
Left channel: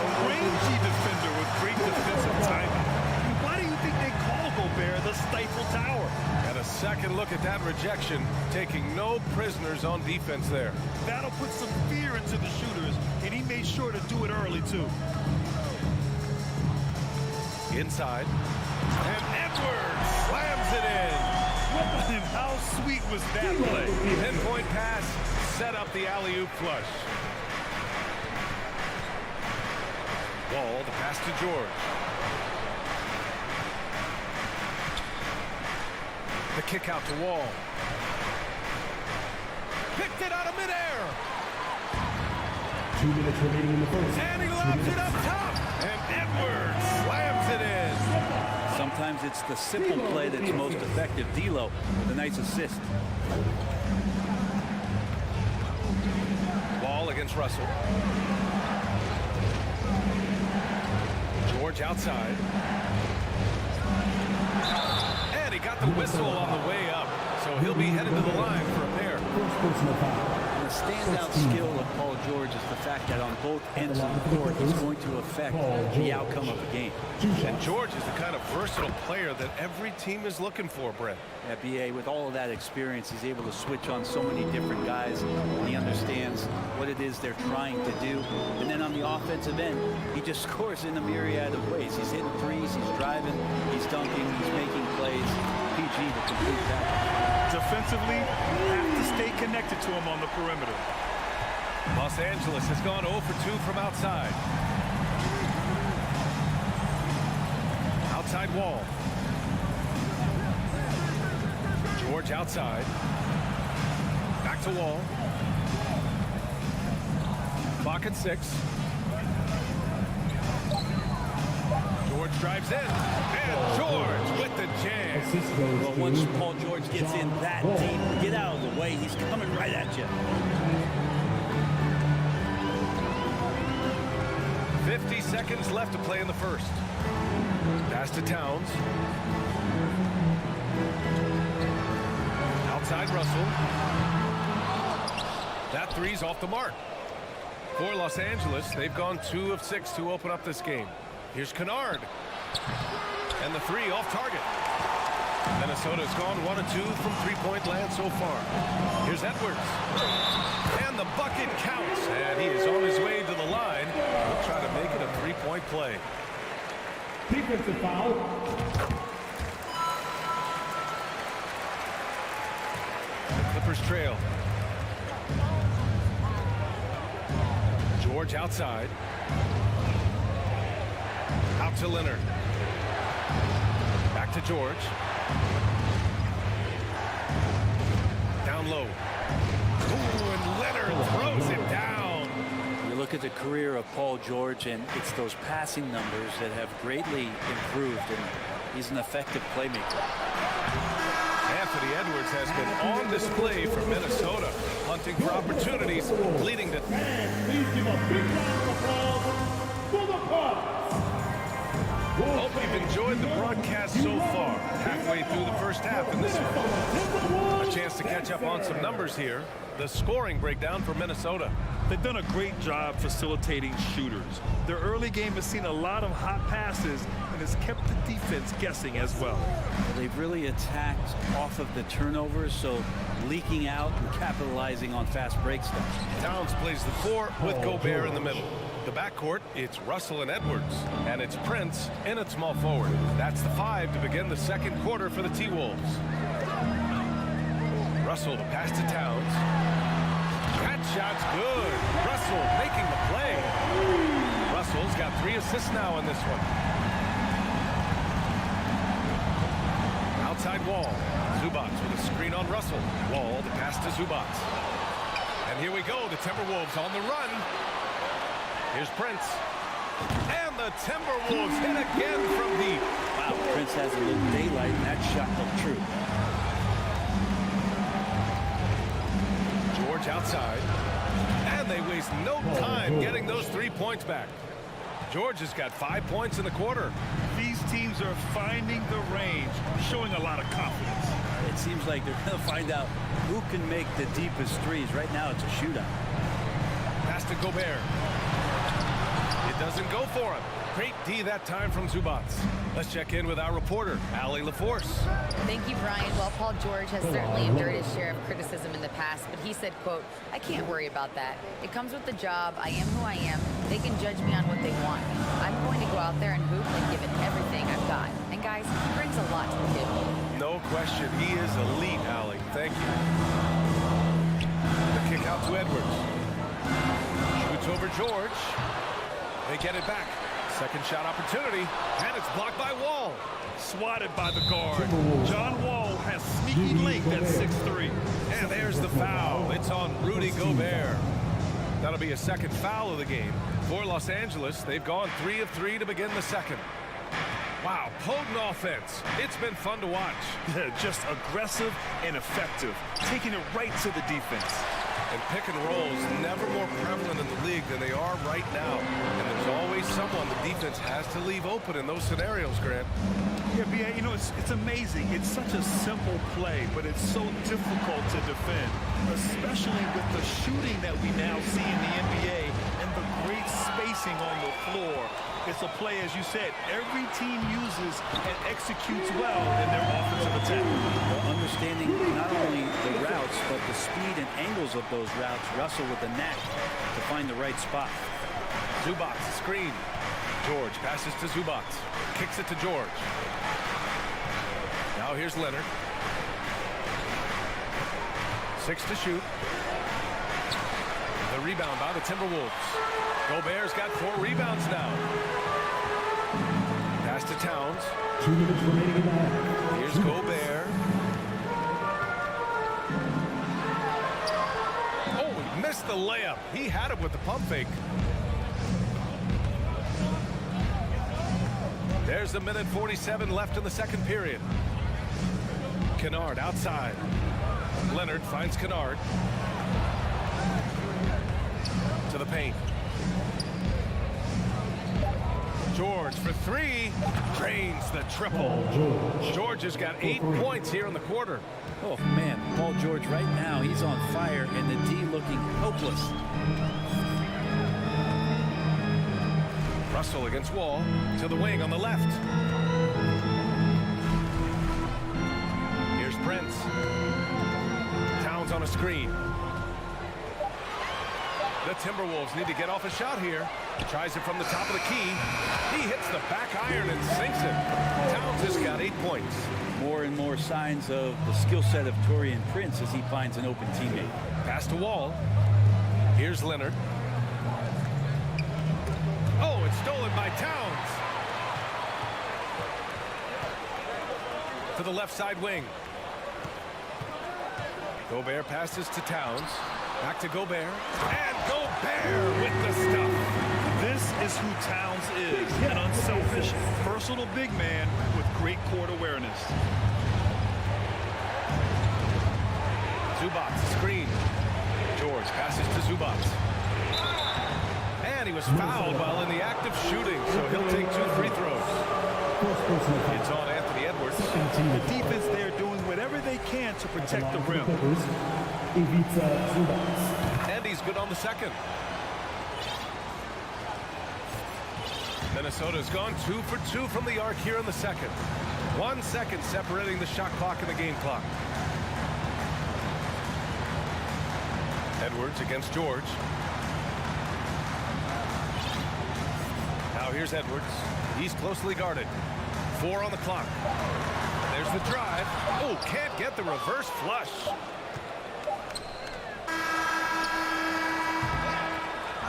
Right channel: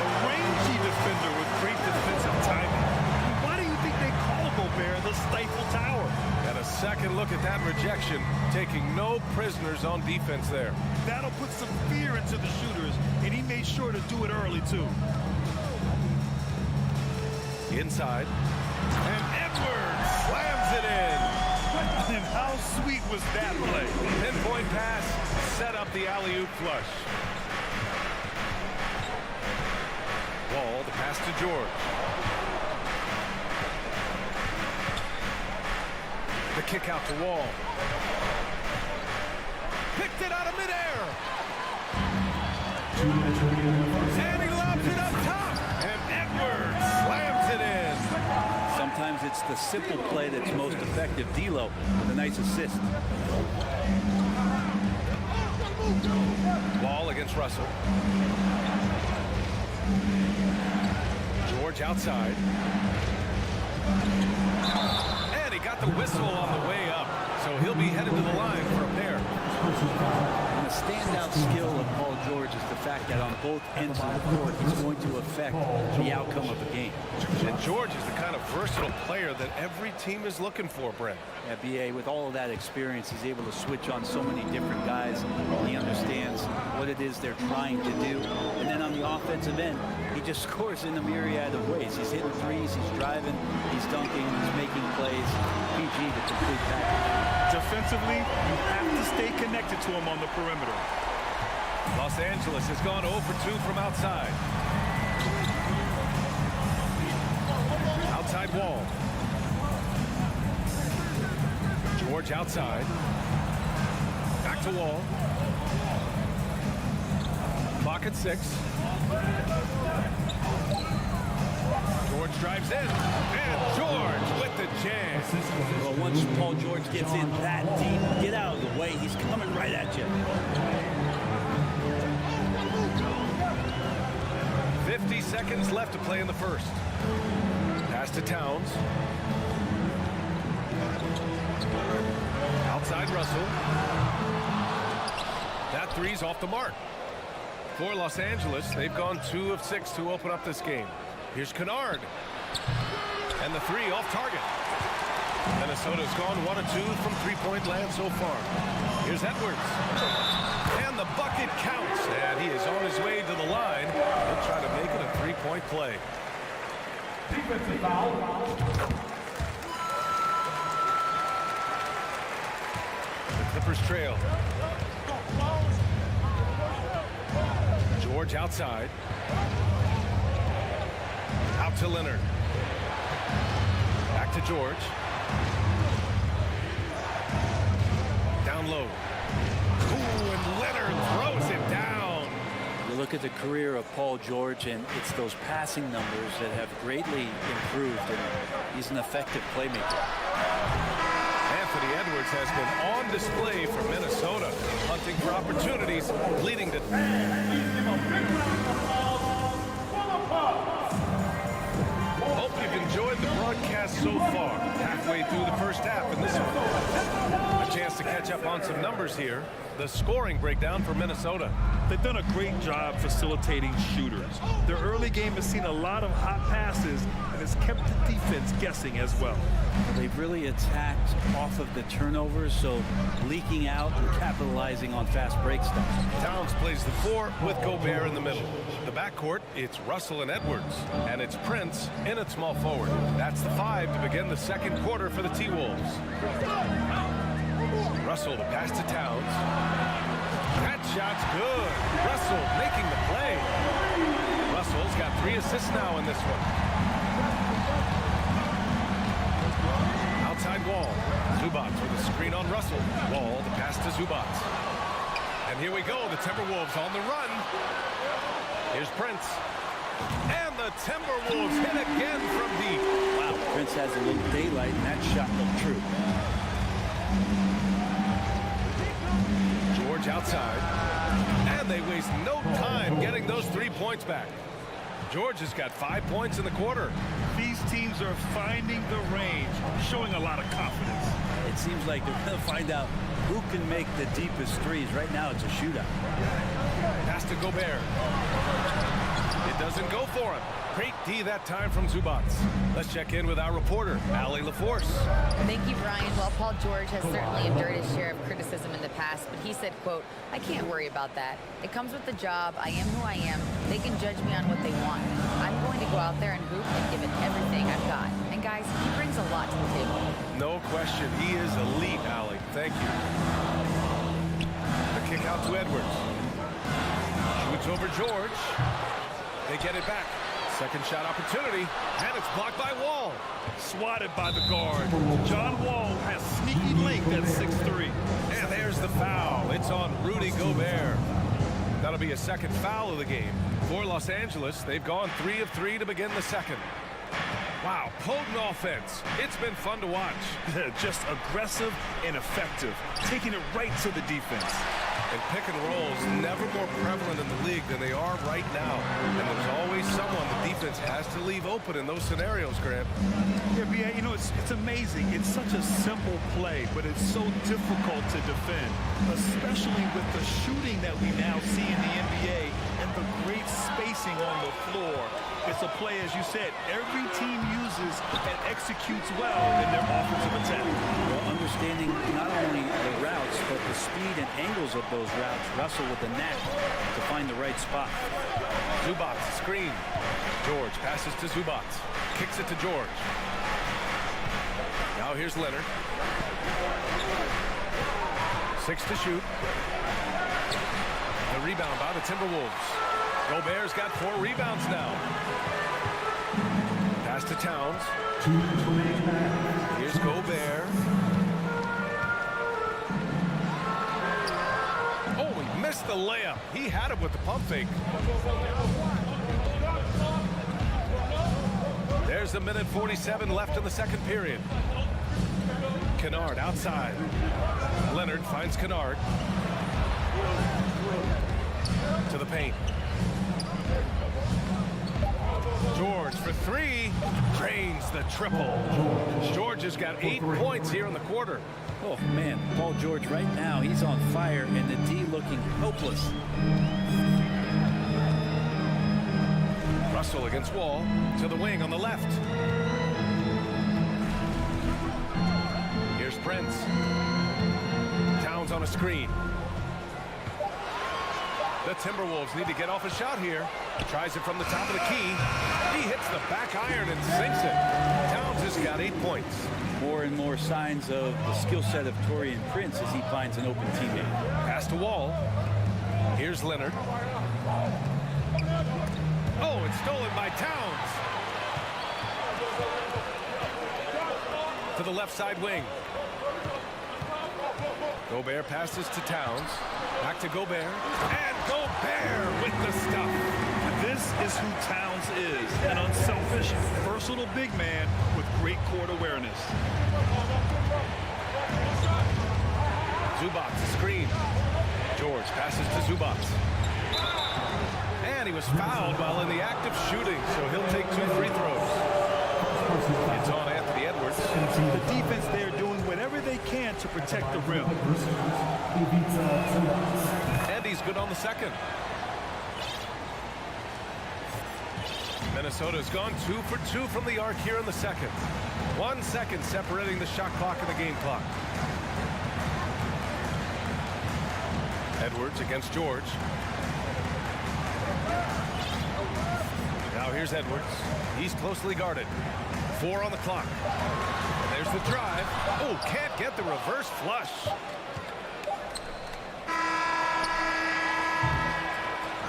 A rangy defender with great defensive timing. Why do you think they call Gobert the Stifle Tower? And a second look at that rejection, taking no prisoners on defense there. That'll put some fear into the shooters, and he made sure to do it early, too. Inside. And Edwards slams it in. And how sweet was that play? Pinpoint pass, set up the alley-oop flush. Wall, the pass to George. The kick out to Wall. Picked it out of midair. 2 minutes remaining in the first. And he lobs it up top. And Edwards slams it in. Sometimes it's the simple play that's most effective. D'Lo with a nice assist. Wall against Russell. George outside. And he got the whistle on the way up. So he'll be headed to the line for a pair. And the standout skill of Paul George is the fact that on both ends of the court, he's going to affect the outcome of a game. And George is the kind of versatile player that every team is looking for, Brent. Yeah, B.A., with all of that experience, he's able to switch on so many different guys, and he understands what it is they're trying to do. And then on the offensive end, he just scores in a myriad of ways. He's hitting threes, he's driving, he's dunking, he's making plays. PG, the complete package. Defensively, you have to stay connected to him on the perimeter. Los Angeles has gone 0 for 2 from outside. Outside Wall. George outside. Back to Wall. Clock at 6. George drives in. And George with the jam. Well, once Paul George gets in that deep, get out of the way. He's coming right at you. 50 seconds left to play in the first. Pass to Towns. Outside Russell. That three's off the mark. For Los Angeles, they've gone 2 of 6 to open up this game. Here's Kennard. And the three off target. Minnesota's gone 1 of 2 from three-point land so far. Here's Edwards. And the bucket counts. And he is on his way to the line. He'll try to make it a three-point play. Defensive foul. The Clippers trail. George outside. Out to Leonard. Back to George. Down low. Ooh, and Leonard throws it down. You look at the career of Paul George, and it's those passing numbers that have greatly improved, and he's an effective playmaker. Anthony Edwards has been on display for Minnesota, hunting for opportunities, leading to... Please give a big round of applause for the Bucks. Hope you've enjoyed the broadcast so far. Halfway through the first half in this one. A chance to catch up on some numbers here. The scoring breakdown for Minnesota. They've done a great job facilitating shooters. Their early game has seen a lot of hot passes and has kept the defense guessing as well. They've really attacked off of the turnovers, so leaking out and capitalizing on fast break stuff. Towns plays the 4 with Gobert in the middle. The backcourt, it's Russell and Edwards, and it's Prince in at small forward. That's the 5 to begin the second quarter for the T-Wolves. Russell to pass to Towns. That shot's good. Russell making the play. Russell's got 3 assists now in this one. Outside Wall. Zubats with a screen on Russell. Wall the pass to Zubats. And here we go. The Timberwolves on the run. Here's Prince. And the Timberwolves hit again from deep. Wow, Prince has a little daylight, and that shot looked true. George outside. And they waste no time getting those 3 points back. George has got 5 points in the quarter. These teams are finding the range, showing a lot of confidence. It seems like they're going to find out who can make the deepest threes. Right now, it's a shootout. Pass to Gobert. It doesn't go for him. Great D that time from Zubats. Let's check in with our reporter, Allie LaForce. Thank you, Brian. Well, Paul George has certainly endured his share of criticism in the past, but he said, quote, "I can't worry about that. It comes with the job. I am who I am. They can judge me on what they want. I'm going to go out there and hoop and give it everything I've got." And guys, he brings a lot to the table. No question. He is elite, Allie. Thank you. The kick out to Edwards. Shoots over George. They get it back. Second shot opportunity, and it's blocked by Wall. Swatted by the guard. John Wall has sneaky length at 6'3". And there's the foul. It's on Rudy Gobert. That'll be a second foul of the game. For Los Angeles, they've gone 3 of 3 to begin the second. Wow, potent offense. It's been fun to watch. Just aggressive and effective, taking it right to the defense. And pick and rolls never more prevalent in the league than they are right now. And there's always someone the defense has to leave open in those scenarios, Grant. Yeah, B.A., you know, it's amazing. It's such a simple play, but it's so difficult to defend, especially with the shooting that we now see in the NBA and the great spacing on the floor. It's a play, as you said, every team uses and executes well in their offensive attack. Well, understanding not only the routes, but the speed and angles of those routes, Russell with the knack to find the right spot. Zubac, screen. George passes to Zubac. Kicks it to George. Now here's Leonard. 6 to shoot. The rebound by the Timberwolves. Gobert's got 4 rebounds now. Pass to Towns. 2 minutes remaining in the half. Here's Gobert. Oh, he missed the layup. He had it with the pump fake. There's a minute 47 left in the second period. Kennard outside. Leonard finds Kennard. To the paint. George for 3. Drains the triple. George has got 8 points here in the quarter. Oh, man, Paul George right now, he's on fire, and the D looking hopeless. Russell against Wall. To the wing on the left. Here's Prince. Towns on a screen. The Timberwolves need to get off a shot here. Tries it from the top of the key. He hits the back iron and sinks it. Towns has got 8 points. More and more signs of the skill set of Taurean Prince as he finds an open teammate. Pass to Wall. Here's Leonard. Oh, it's stolen by Towns. To the left side wing. Gobert passes to Towns. Back to Gobert. And Gobert with the stuff. This is who Towns is, an unselfish, versatile big man with great court awareness. Zubac, screen. George passes to Zubac. And he was fouled while in the act of shooting, so he'll take 2 free throws. It's on Anthony Edwards. The defense there doing whatever they can to protect the rim. And he's good on the second. Minnesota's gone 2 for 2 from the arc here in the second. 1 second separating the shot clock and the game clock. Edwards against George. Now here's Edwards. He's closely guarded. 4 on the clock. And there's the drive. Oh, can't get the reverse flush.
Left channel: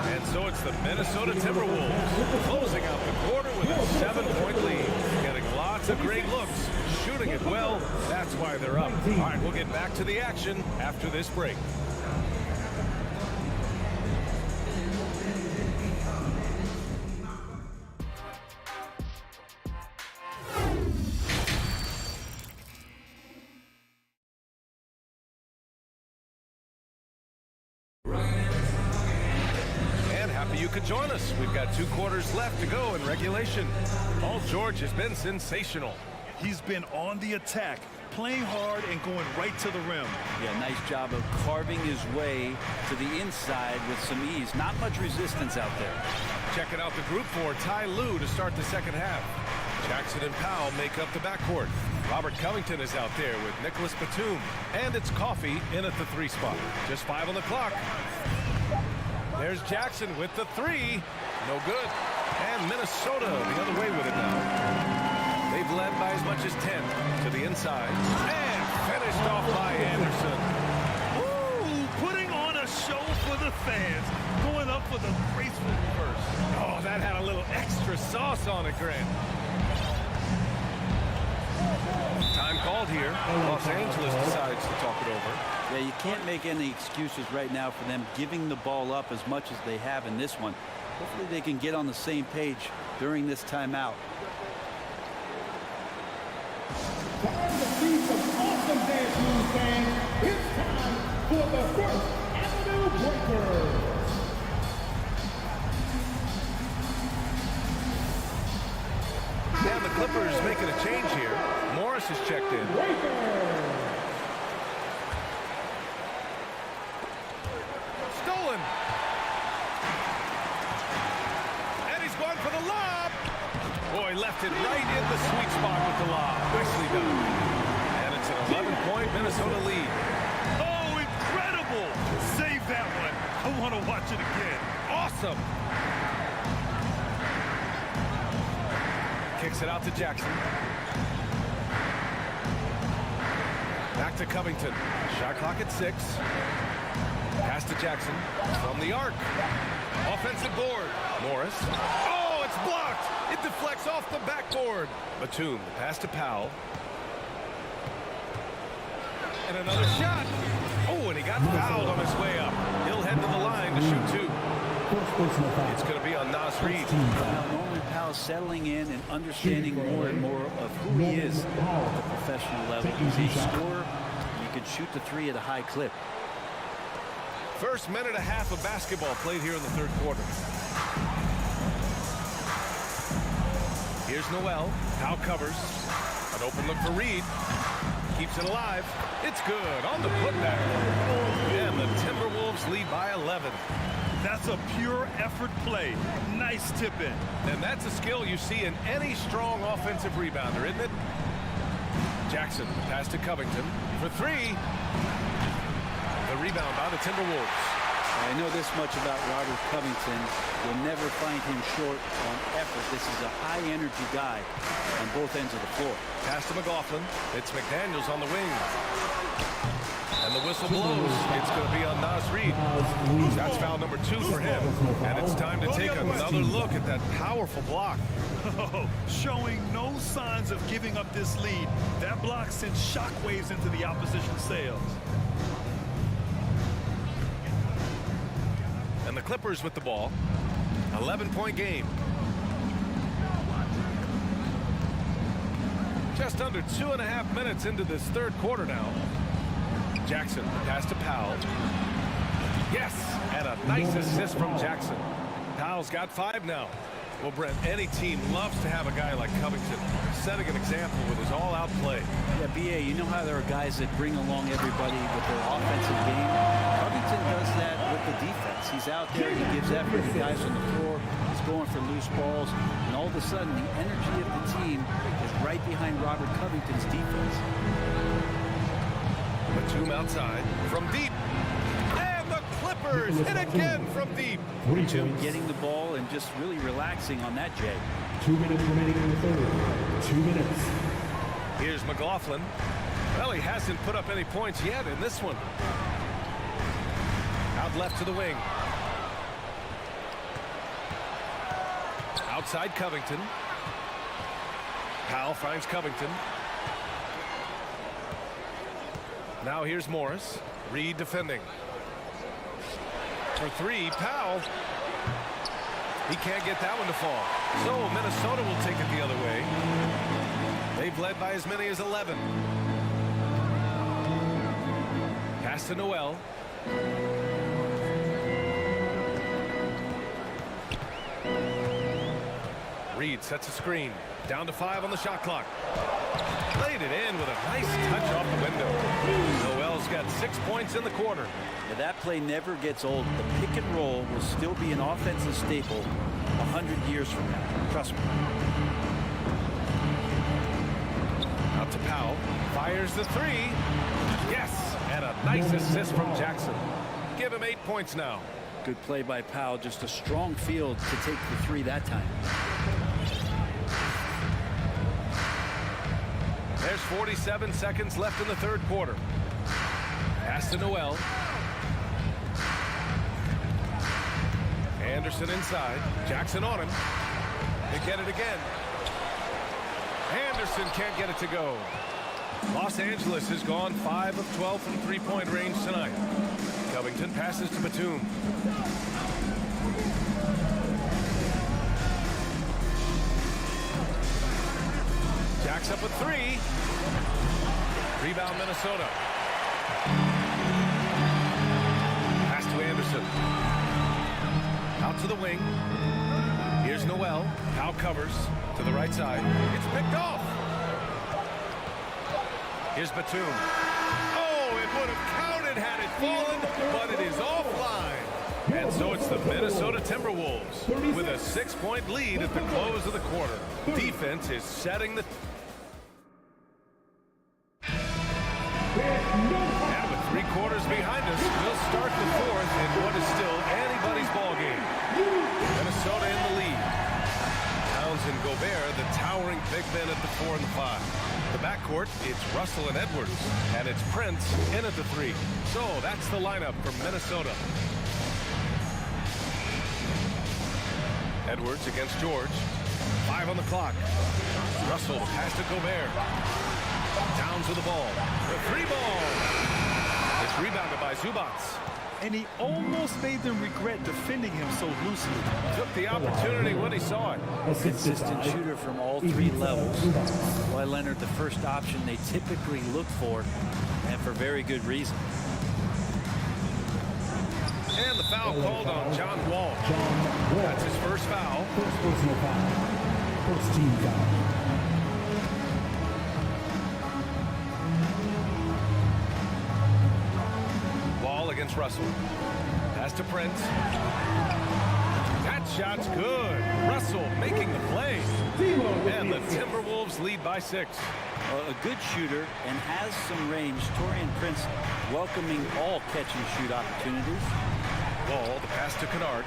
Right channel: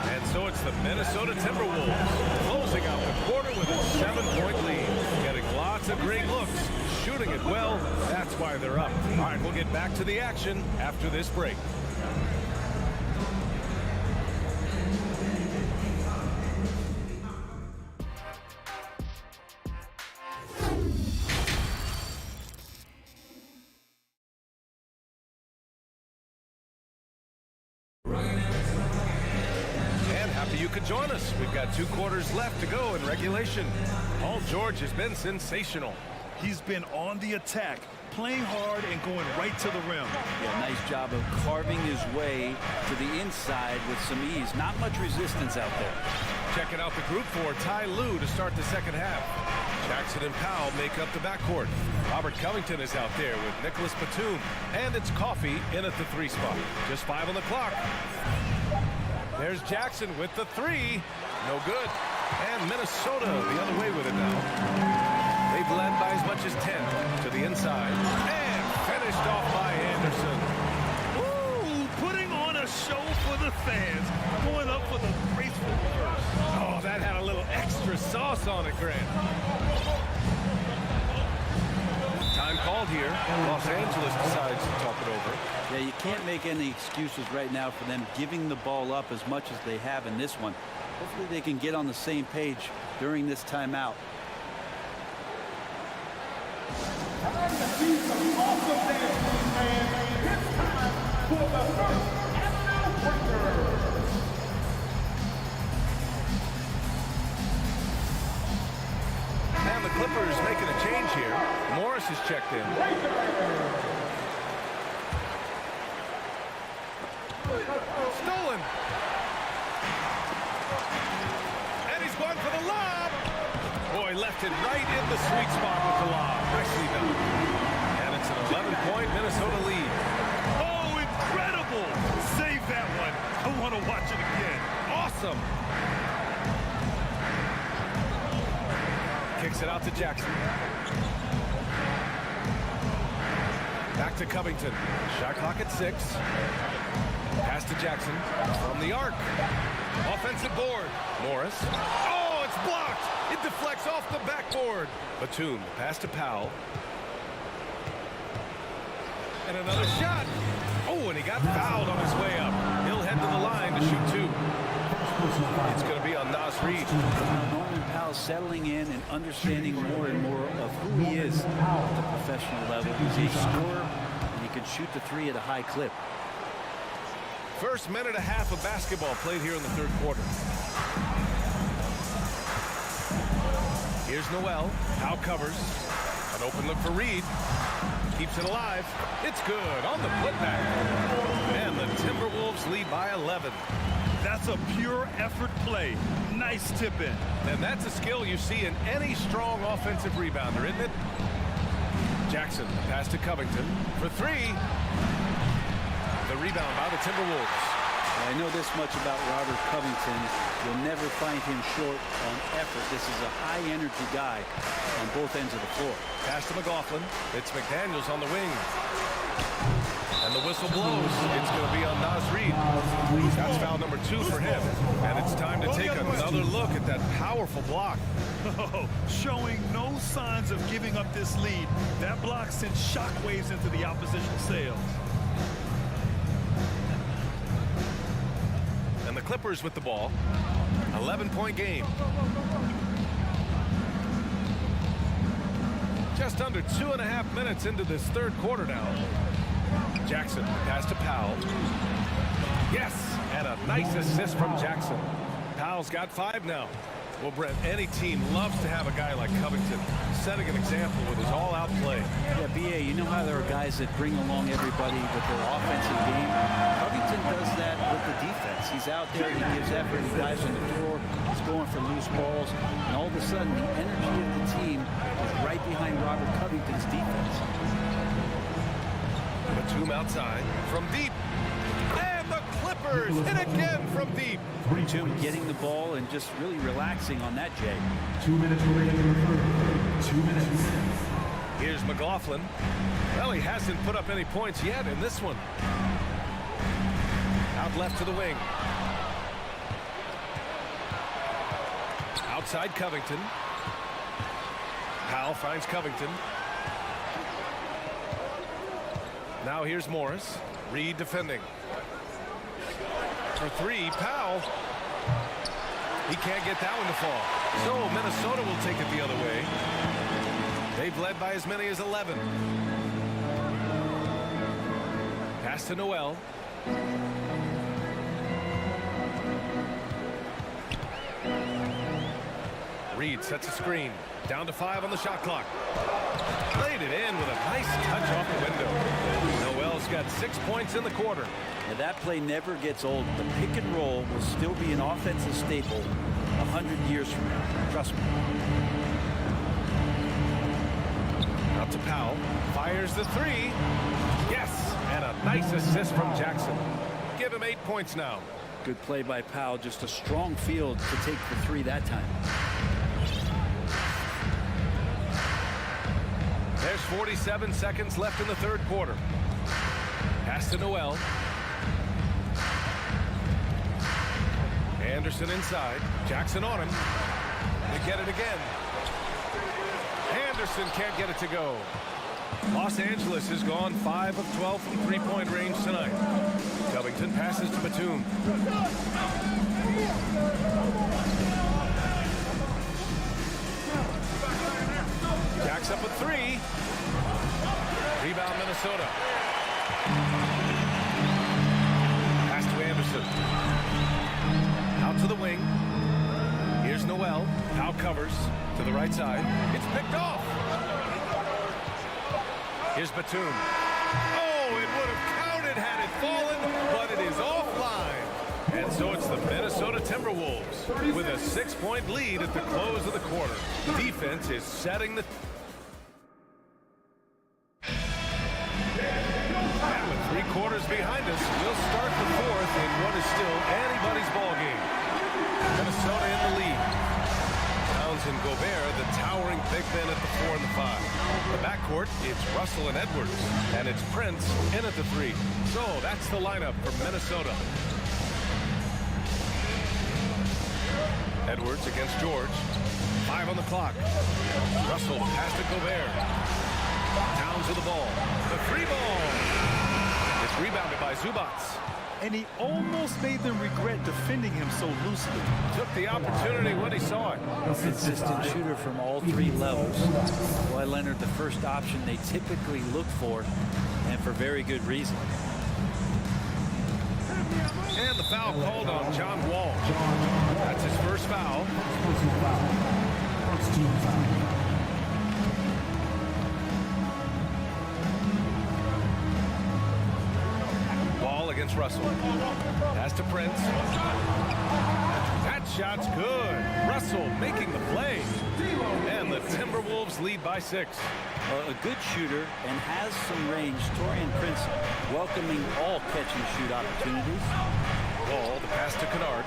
And so it's the Minnesota Timberwolves closing out the quarter with a 7-point lead. Getting lots of great looks, shooting it well. That's why they're up. All right, we'll get back to the action after this break. You could join us. We've got 2 quarters left to go in regulation. Paul George has been sensational. He's been on the attack, playing hard and going right to the rim. Yeah, nice job of carving his way to the inside with some ease. Not much resistance out there. Checking out the group for Ty Lue to start the second half. Jackson and Powell make up the backcourt. Robert Covington is out there with Nicholas Batum. And it's Coffey in at the 3 spot. Just 5 on the clock. There's Jackson with the 3. No good. And Minnesota the other way with it now. They've led by as much as 10 to the inside. And finished off by Anderson. Ooh, putting on a show for the fans. Going up with a graceful reverse. Oh, that had a little extra extra sauce on it, Grant. Time called here. Los Angeles decides to talk it over. Yeah, you can't make any excuses right now for them giving the ball up as much as they have in this one. Hopefully they can get on the same page during this timeout. Time to see some awesome dance moves, fans. It's time for the First Avenue Breakers. And the Clippers making a change here. Morris is checked in. Stolen. And he's going for the lob. Boy, left it right in the sweet spot with the lob. Nicely done. And it's an 11-point Minnesota lead. Oh, incredible. Save that one. I want to watch it again. Awesome. Kicks it out to Jackson. Back to Covington. Shot clock at 6. Pass to Jackson from the arc. Offensive board. Morris. Oh, it's blocked. It deflects off the backboard. Batum, the pass to Powell. And another shot. Oh, and he got fouled on his way up. He'll head to the line to shoot 2. It's going to be on Nas Reed. Now Norman Powell settling in and understanding more and more of who he is at the professional level. He's a scorer, and he can shoot the 3 at a high clip. First minute and a half of basketball played here in the third quarter. Here's Noel. Powell covers. An open look for Reed. Keeps it alive. It's good on the putback. And the Timberwolves lead by 11. That's a pure effort play. Nice tip in. And that's a skill you see in any strong offensive rebounder, isn't it? Jackson, the pass to Covington for 3. The rebound by the Timberwolves. I know this much about Robert Covington. You'll never find him short on effort. This is a high-energy guy on both ends of the floor. Pass to McLaughlin. It's McDaniels on the wing. And the whistle blows. It's going to be on Nas Reed. That's foul number 2 for him. And it's time to take another look at that powerful block. Oh, showing no signs of giving up this lead. That block sent shockwaves into the opposition sails. And the Clippers with the ball. 11-point game. Just under 2.5 minutes into this third quarter now. Jackson, the pass to Powell. Yes, and a nice assist from Jackson. Powell's got 5 now. Well, Brent, any team loves to have a guy like Covington setting an example with his all-out play. Yeah, B.A., you know how there are guys that bring along everybody with their offensive game? Covington does that with the defense. He's out there, he gives effort, he dives on the floor, he's going for loose balls, and all of a sudden the energy of the team is right behind Robert Covington's defense. Batum outside from deep. And the Clippers hit again from deep. Batum getting the ball and just really relaxing on that, Jay. 2 minutes remaining in the third. 2 minutes. Here's McLaughlin. Well, he hasn't put up any points yet in this one. Out left to the wing. Outside Covington. Powell finds Covington. Now here's Morris. Reed defending. For 3, Powell. He can't get that one to fall. So Minnesota will take it the other way. They've led by as many as 11. Pass to Noel. Reed sets a screen. Down to 5 on the shot clock. Played it in with a nice touch off the window. Noel's got 6 points in the quarter. Now that play never gets old. The pick and roll will still be an offensive staple 100 years from now. Trust me. Out to Powell. Fires the 3. Yes! And a nice assist from Jackson. Give him 8 points now. Good play by Powell. Just a strong field to take the 3 that time. There's 47 seconds left in the third quarter. Pass to Noel. Anderson inside. Jackson on him. They get it again. Anderson can't get it to go. Los Angeles has gone 5 of 12 from three-point range tonight. Covington passes to Batum. Jacks up a three. Rebound Minnesota. Pass to Anderson. Out to the wing. Here's Noel. Now covers to the right side. It's picked off. Here's Batum. Oh, it would have counted had it fallen, but it is offline. And so it's the Minnesota Timberwolves with a 6-point lead at the close of the quarter. Defense is setting the... And with 3 quarters behind us, we'll start the fourth in what is still anybody's ball game. Minnesota in the lead. Towns and Gobert, the towering big men at the 4 and the 5. The backcourt, it's Russell and Edwards, and it's Prince in at the 3. So that's the lineup for Minnesota. Edwards against George. 5 on the clock. Russell pass to Gobert. Towns with the ball. The 3 ball. It's rebounded by Zubats. And he almost made them regret defending him so loosely. Took the opportunity when he saw it. A consistent shooter from all 3 levels. Kawhi Leonard, the first option they typically look for, and for very good reason. And the foul called on John Wall. That's his first foul. Personal foul. First team foul. Against Russell. Pass to Prince. That shot's good. Russell making the play. And the Timberwolves lead by 6. A good shooter and has some range. Taurean Prince welcoming all catch and shoot opportunities. Wall, the pass to Kennard.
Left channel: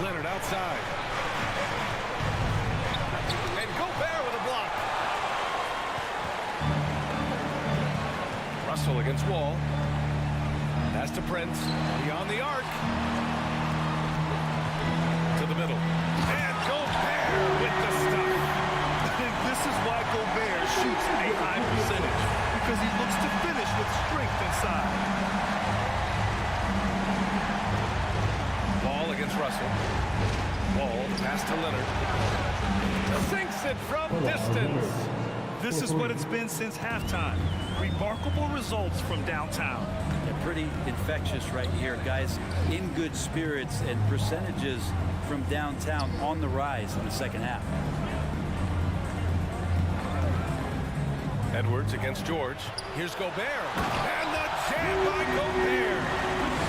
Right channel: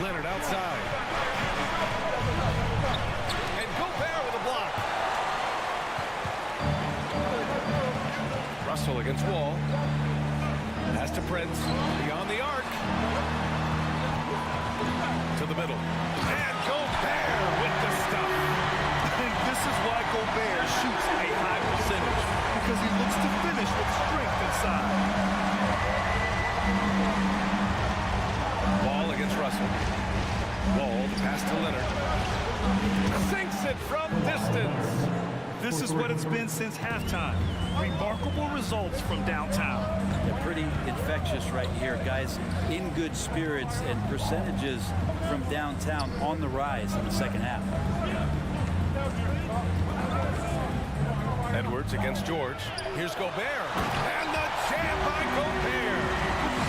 Leonard outside. And Gobert with a block. Russell against Wall. Pass to Prince. Beyond the arc. To the middle. And Gobert with the stuff. And this is why Gobert shoots a high percentage. Because he looks to finish with strength inside. Wall against Russell. Wall, the pass to Leonard. Sinks it from distance. This is what it's been since halftime. Remarkable results from downtown. Yeah, pretty infectious right here. Guys in good spirits and percentages from downtown on the rise in the second half. Edwards against George. Here's Gobert. And the jam by Gobert.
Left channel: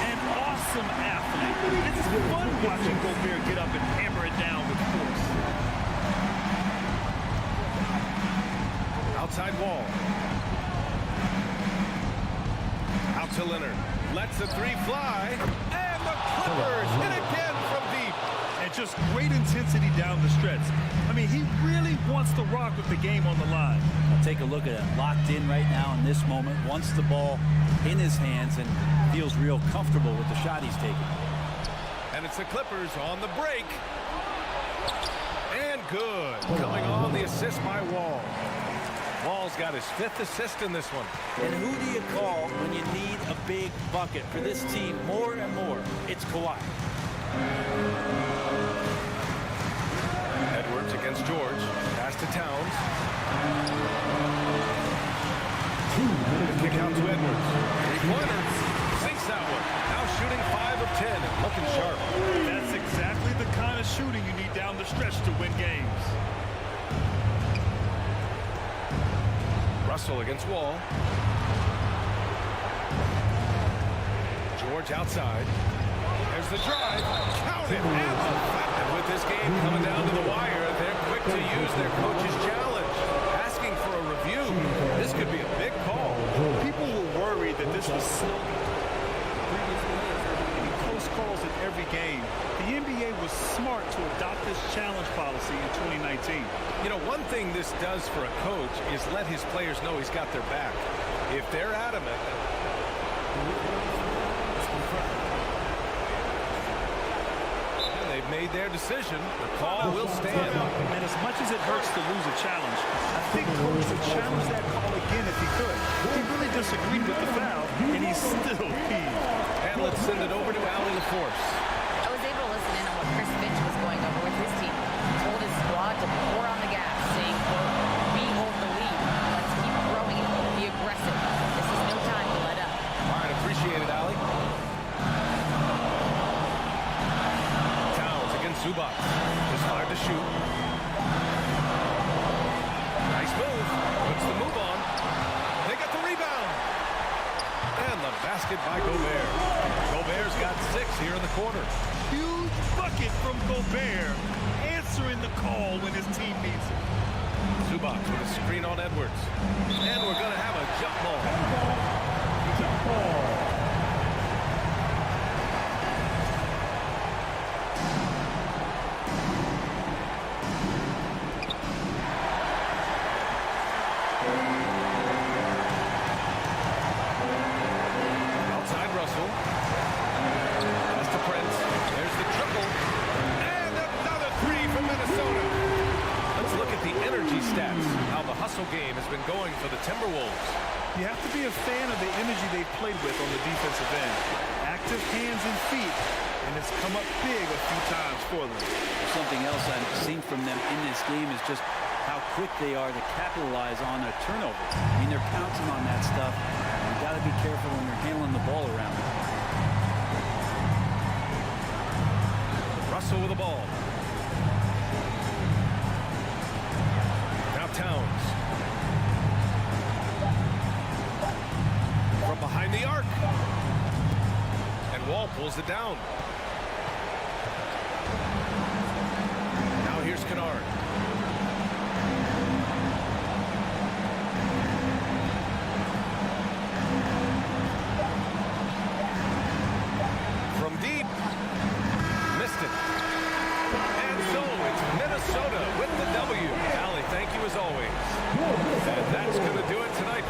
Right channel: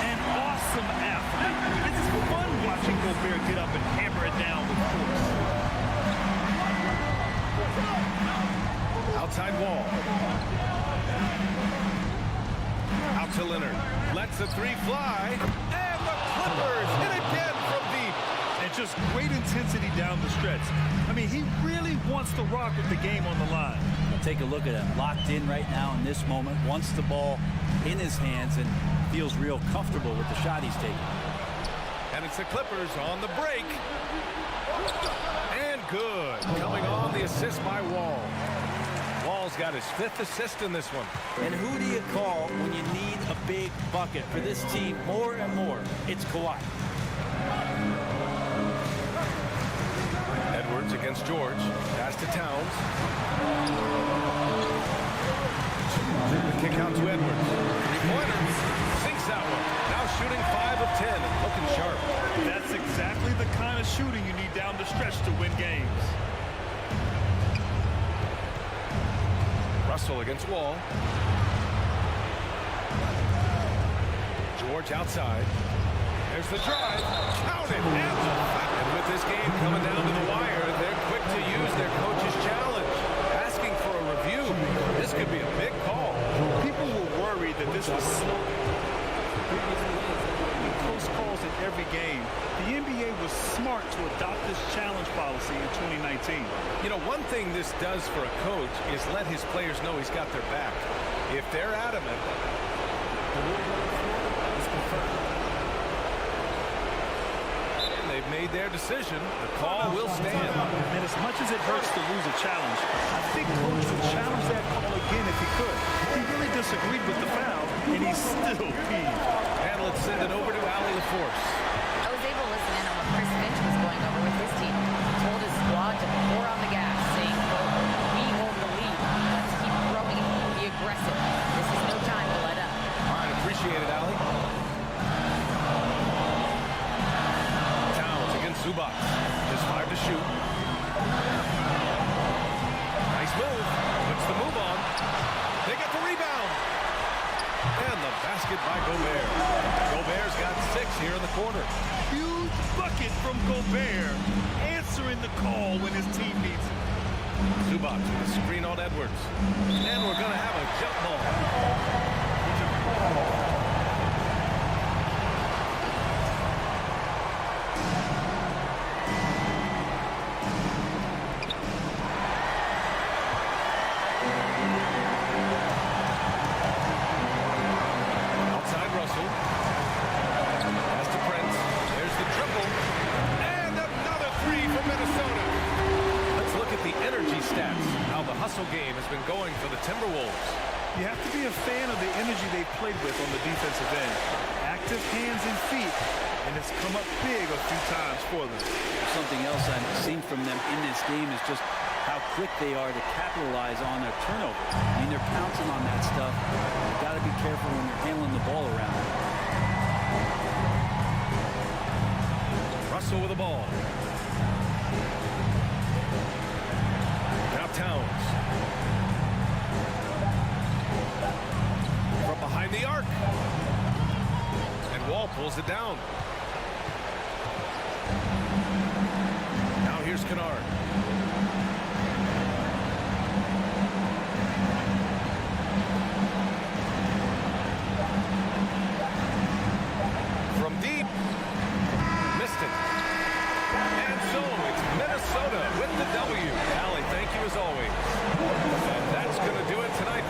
An awesome athlete. It's fun watching Gobert get up and hammer it down with force. Outside Wall. Out to Leonard. Lets the 3 fly. And the Clippers hit again from deep. And just great intensity down the stretch. I mean, he really wants to rock with the game on the line. Now take a look at it. Locked in right now in this moment. Wants the ball in his hands and feels real comfortable with the shot he's taking. And it's the Clippers on the break. And good. Coming on the assist by Wall. Wall's got his 5th assist in this one. And who do you call when you need a big bucket for this team more and more? It's Kawhi. Edwards against George. Pass to Towns. The kick out to Edwards. 3-pointer. Sinks that one. Now shooting 5 of 10 and looking sharp. That's exactly the kind of shooting you need down the stretch to win games. Russell against Wall. George outside. There's the drive. Count it. And with this game coming down to the wire, they're quick to use their coach's challenge. Asking for a review. This could be a big call. People were worried that this was slow. Previous plays, close calls in every game. The NBA was smart to adopt this challenge policy in 2019. You know, one thing this does for a coach is let his players know he's got their back. If they're adamant, it's confirmed. And they've made their decision. The call will stand. And as much as it hurts to lose a challenge, I think Coach would challenge that call again if he could. He really disagreed with the foul, and he's still peeved. And let's send it over to Allie LaForce. I was able to listen in on what Chris Finch was going over with his team. He told his squad to pour on the gas, saying, quote, "We hold the lead. Let's keep throwing it. Be aggressive. This is no time to let up." All right, appreciate it, Allie. Towns against Zubac. Just 5 to shoot. Nice move. Puts the move on. They get the rebound. And the basket by Gobert. Gobert's got 6 here in the quarter. Huge bucket from Gobert, answering the call when his team needs it. Zubac with a screen on Edwards. And we're going to have a jump ball. Outside Russell. Pass to Prince. There's the triple. And another 3 from Minnesota. Let's look at the energy stats, how the hustle game has been going for the Timberwolves. You have to be a fan of the energy they've played with on the defensive end. Active hands and feet, and it's come up big a few times for them. Something else I've seen from them in this game is just how quick they are to capitalize on a turnover. I mean, they're pouncing on that stuff. You got to be careful when you're handling the ball around them. Russell with the ball. Now Towns. From behind the arc. And Wall pulls it down. Now here's Kennard. From deep. Missed it. And so it's Minnesota with the W. Allie, thank you as always. And that's going to do it tonight.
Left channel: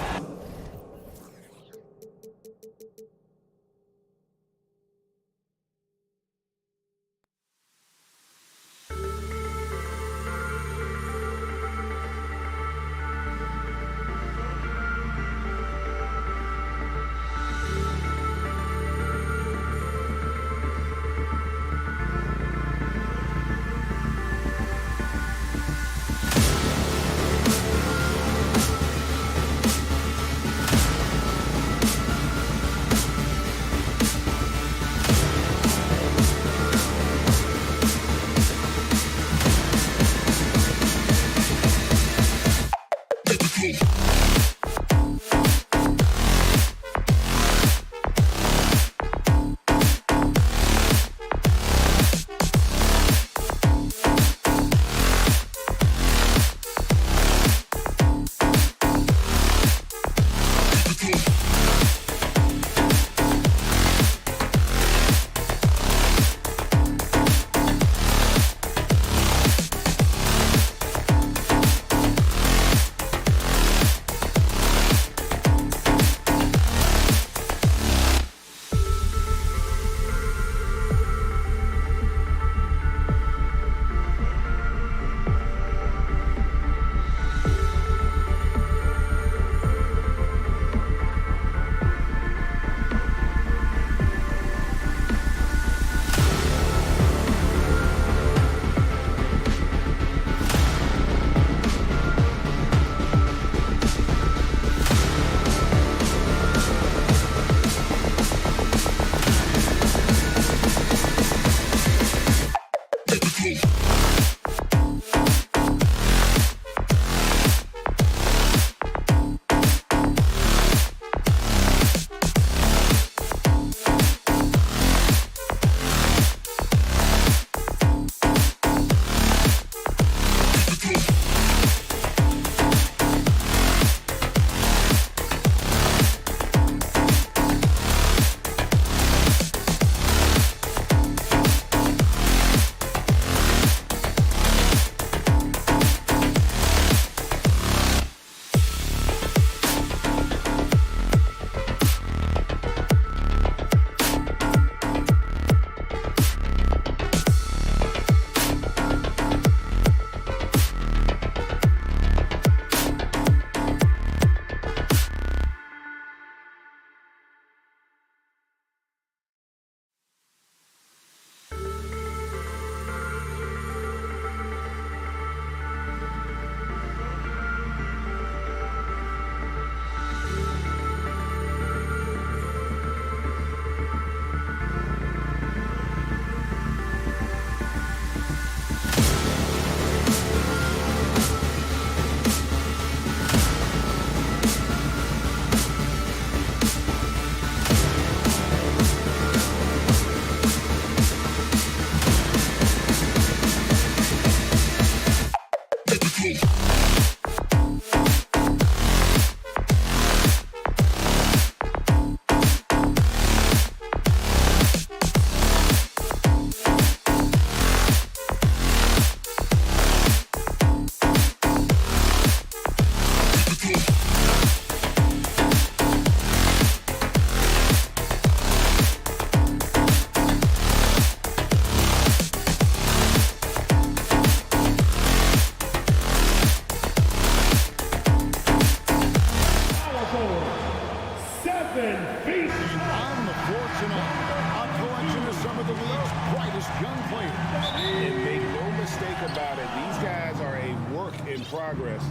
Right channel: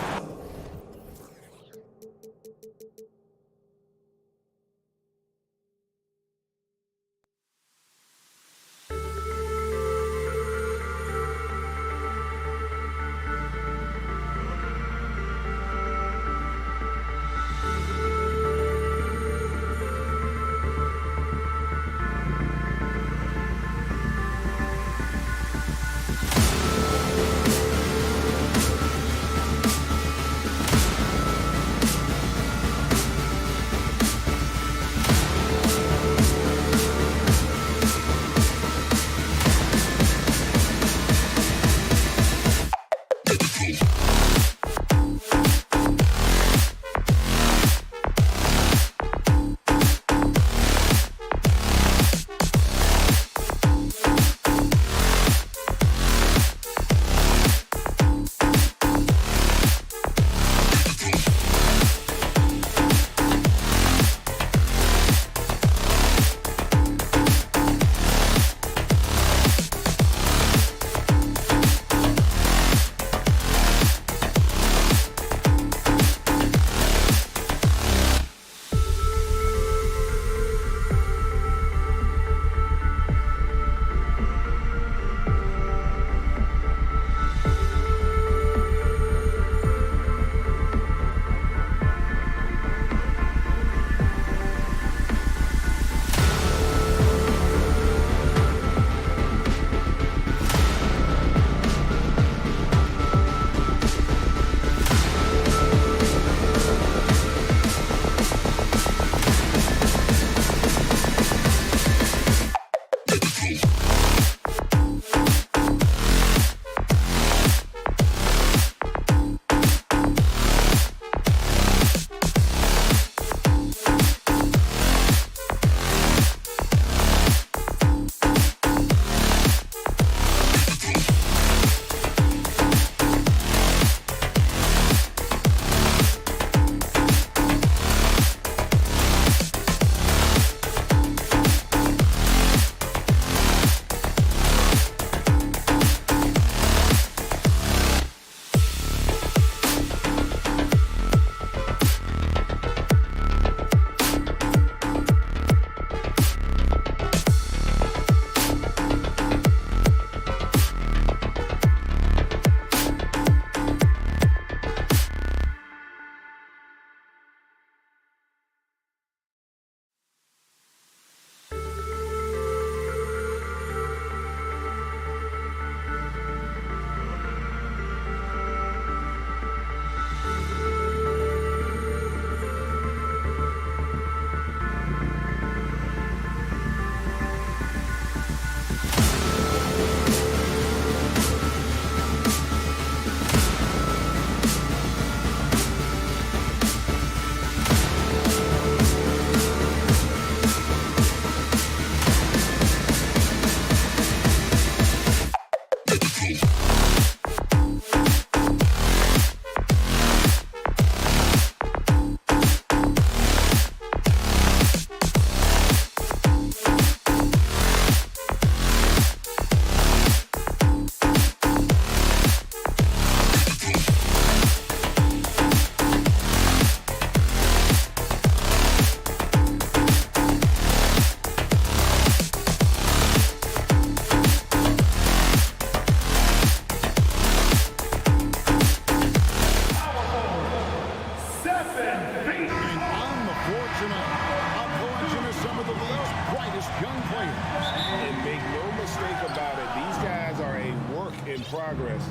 about it, these guys are a work in progress,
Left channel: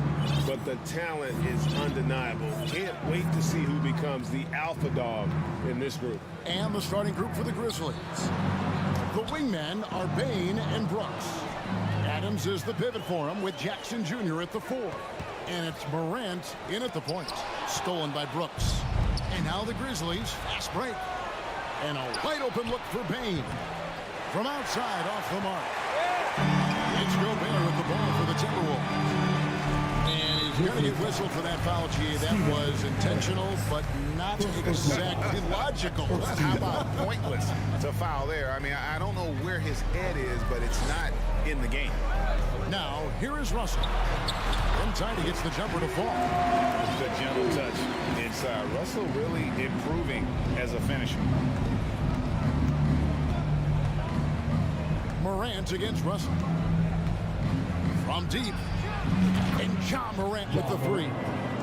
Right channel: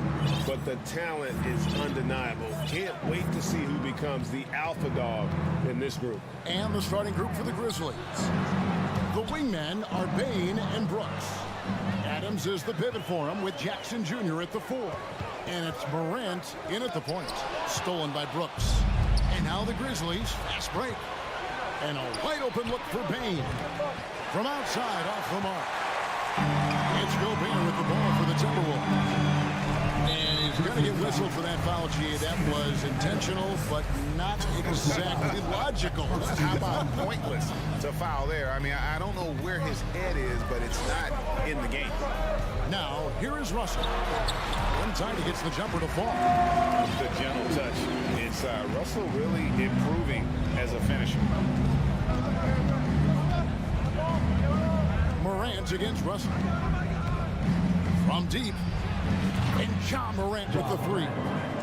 but the talent is undeniable. Can't wait to see who becomes the alpha dog in this group. And the starting group for the Grizzlies. The wingmen are Bain and Brooks. Adams is the pivot for him with Jackson Jr. at the 4. And it's Morant in at the point. Stolen by Brooks. And now the Grizzlies, fast break. And a wide open look for Bain. From outside, off the mark. It's Gobert with the ball for the Timberwolves. And he's going to get whistled for that foul, G. That was intentional, but not exactly logical. How about pointless to foul there? I mean, I don't know where his head is, but it's not in the game. Now, here is Russell. Inside, he gets the jumper to fall. The gentle touch inside. Russell really improving as a finisher. Morant against Russell. From deep. And John Morant with the 3.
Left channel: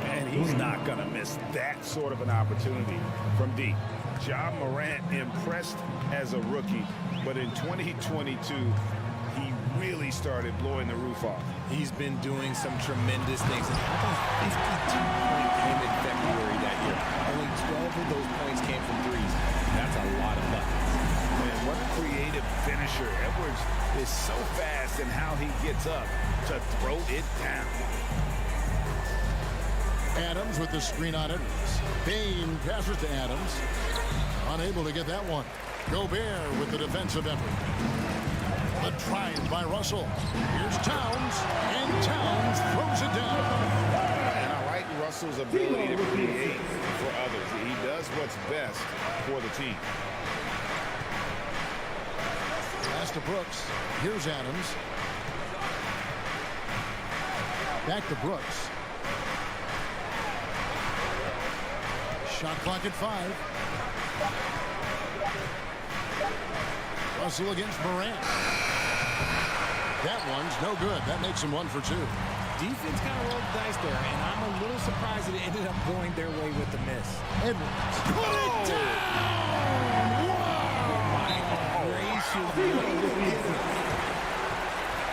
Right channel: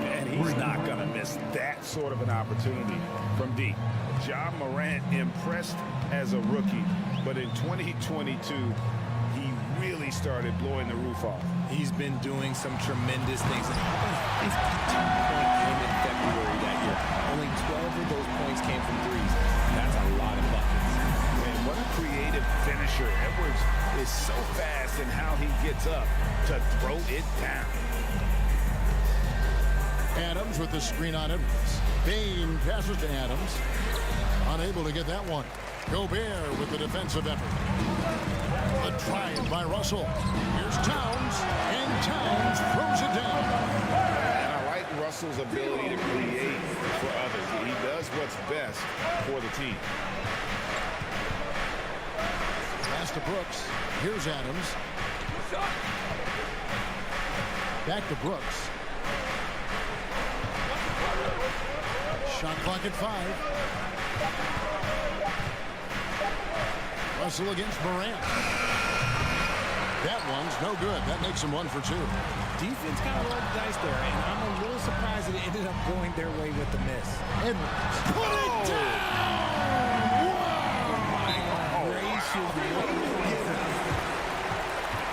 And he's not going to miss that sort of an opportunity from deep. John Morant impressed as a rookie, but in 2022, he really started blowing the roof off. He's been doing some tremendous things. And how about a 52-point game in February that year? Only 12 of those points came from threes. That's a lot of buckets. And what a creative finisher. Edwards is so fast in how he gets up to throw it down. Adams with the screen on Edwards. Bain passes to Adams. Unable to get that one. Gobert with the defensive effort. The drive by Russell. Here's Towns, and Towns throws it down. And I like Russell's ability to create for others. He does what's best for the team. Pass to Brooks. Here's Adams. Back to Brooks. Shot clock at 5. Russell against Morant. That one's no good. That makes him 1 for 2. Defense kind of rolled the dice there, and I'm a little surprised that it ended up going their way with the miss. Edwards. Put it down! Wow! My gracious.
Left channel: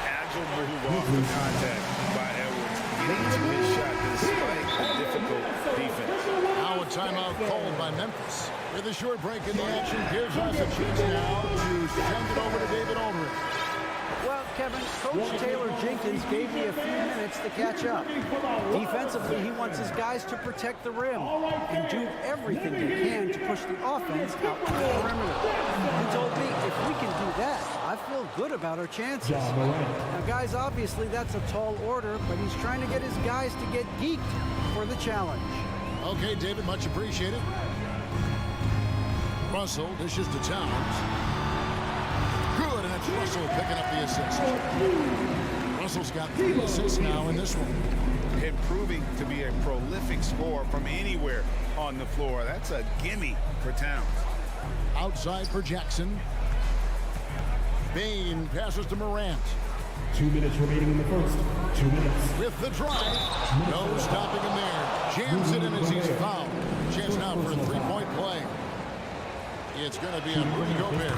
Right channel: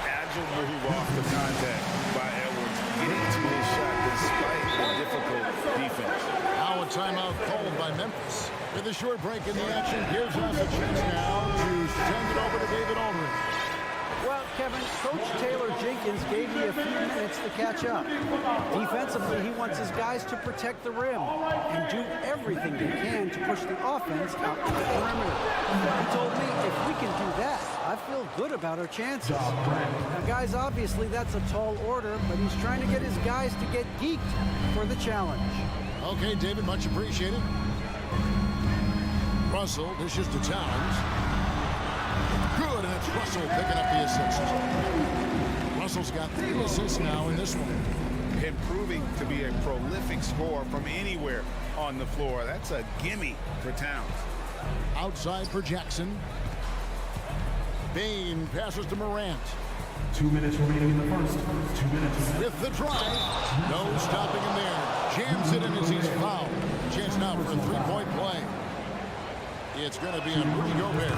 Agile move off the contact by Edwards, getting to his shot despite the difficult defense. Now a timeout called by Memphis. With a short break in the action, gives us a chance now to send it over to David Aldridge. Well, Kevin, Coach Taylor Jenkins gave me a few minutes to catch up. Defensively, he wants his guys to protect the rim and do everything they can to push the offense out to the perimeter. He told me if we can do that, I feel good about our chances. Now, guys, obviously that's a tall order, but he's trying to get his guys to get geeked for the challenge. Okay, David, much appreciated. Russell dishes to Towns. Good, and it's Russell picking up the assist. Russell's got 3 assists now in this one. Improving to be a prolific scorer from anywhere on the floor. That's a gimme for Towns. Outside for Jackson. Bain passes to Morant. 2 minutes remaining in the first. 2 minutes. With the drive. No stopping him there. Jams it in as he's fouled. Chance now for a 3-point play. It's going to be on Rudy Gobert.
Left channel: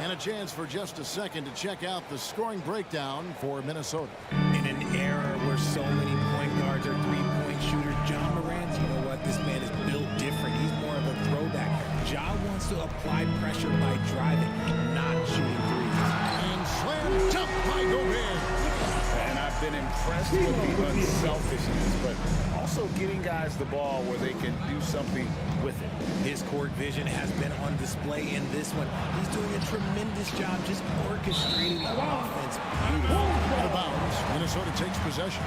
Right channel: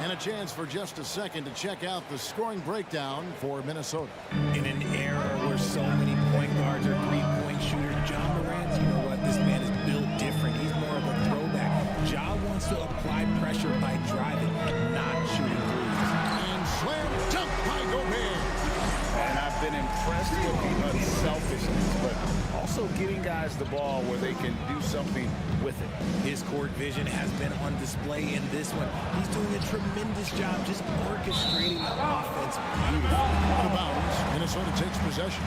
And a chance for just a second to check out the scoring breakdown for Minnesota. In an era where so many point guards are 3-point shooters, John Morant, you know what? This man is built different. He's more of a throwback. Ja wants to apply pressure by driving, not shooting threes. And slam dunk by Gobert. And I've been impressed with the unselfishness, but also getting guys the ball where they can do something with it. His court vision has been on display in this one. He's doing a tremendous job just orchestrating the offense. Out of bounds, Minnesota takes possession.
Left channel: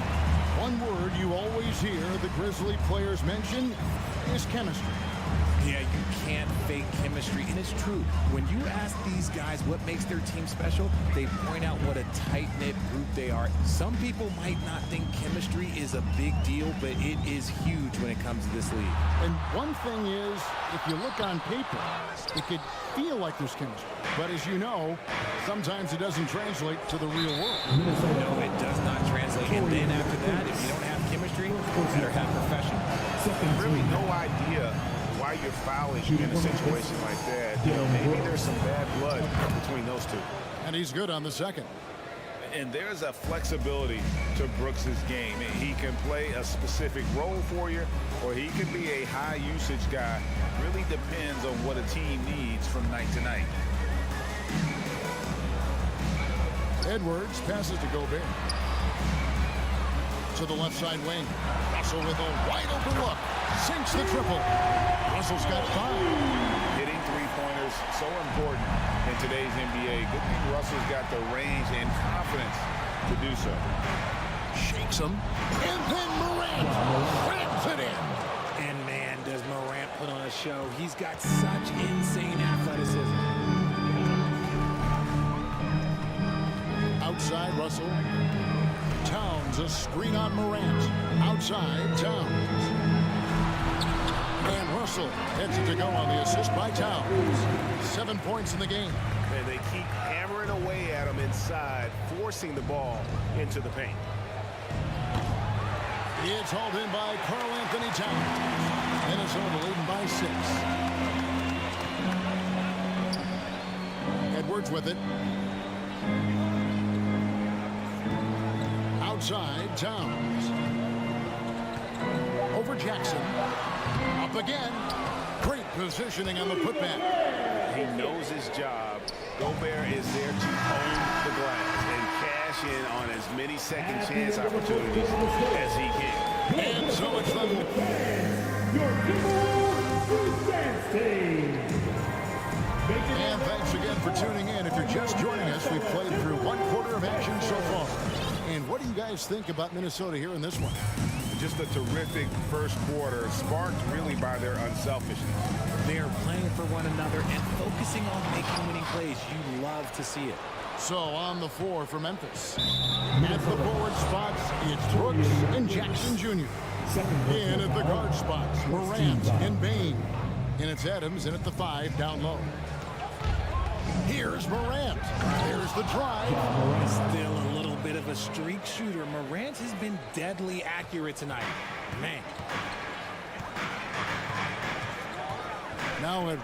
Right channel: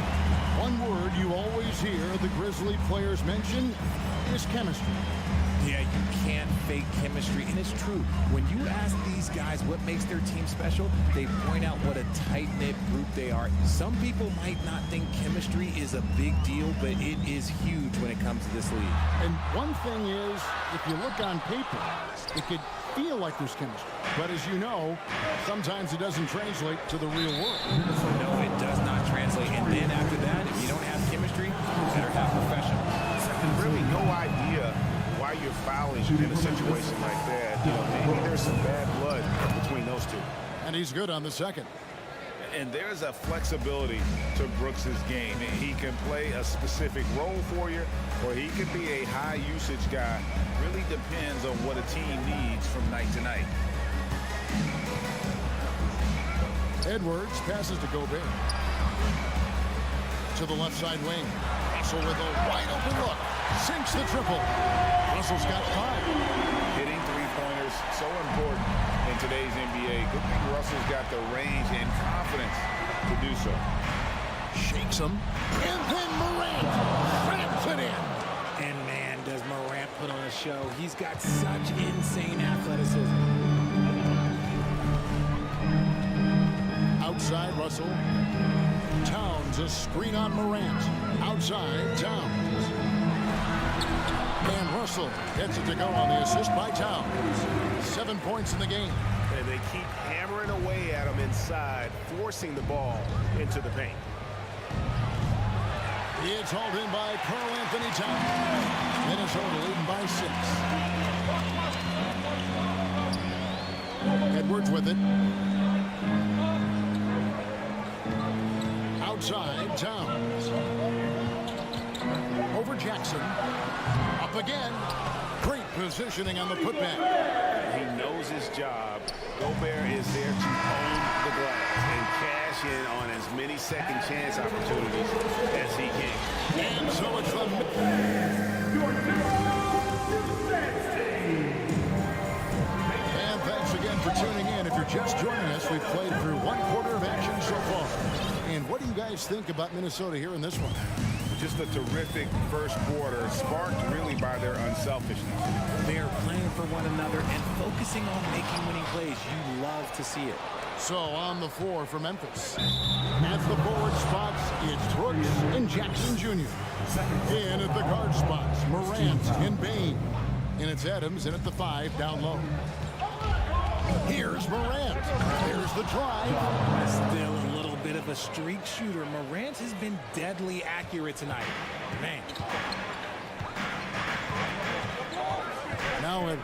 One word you always hear the Grizzly players mention is chemistry. Yeah, you can't fake chemistry, and it's true. When you ask these guys what makes their team special, they point out what a tight-knit group they are. Some people might not think chemistry is a big deal, but it is huge when it comes to this league. And one thing is, if you look on paper, it could feel like there's chemistry. But as you know, sometimes it doesn't translate to the real world. No, it does not translate. And then after that, if you don't have chemistry, you better have professional. Really no idea why you're fouling in a situation like that. You know, maybe there's some bad blood between those two. And he's good on the second. And there's a flexibility to Brooks's game. He can play a specific role for you, or he can be a high usage guy. Really depends on what a team needs from night to night. Edwards passes to Gobert. To the left side wing. Russell with a wide open look. Sinks the triple. Russell's got 5. Hitting three-pointers, so important in today's NBA. Good thing Russell's got the range and confidence to do so. Shakes him. And then Morant slams it in. And man, does Morant put on a show. He's got such insane athleticism. Outside Russell. Towns, a screen on Morant. Outside Towns. And Russell gets it to go on the assist by Towns. 7 points in the game. And they keep hammering away at him inside, forcing the ball into the paint. It's hauled in by Karl Anthony Towns. Minnesota leading by 6. Edwards with it. Outside Towns. Over Jackson. Up again. Great positioning on the putback. He knows his job. Gobert is there to own the glass and cash in on as many second chance opportunities as he can. And so it's the... And thanks again for tuning in. If you're just joining us, we've played through 1 quarter of action so far. And what do you guys think about Minnesota here in this one? Just a terrific first quarter, sparked really by their unselfishness. They are playing for one another and focusing on making winning plays. You love to see it. So on the floor for Memphis. At the forward spots, it's Brooks and Jackson Jr. In at the guard spots, Morant and Bain. And it's Adams in at the 5 down low. Here's Morant. There's the drive. Still a little bit of a streak shooter. Morant has been deadly accurate tonight. Man. Now Edwards.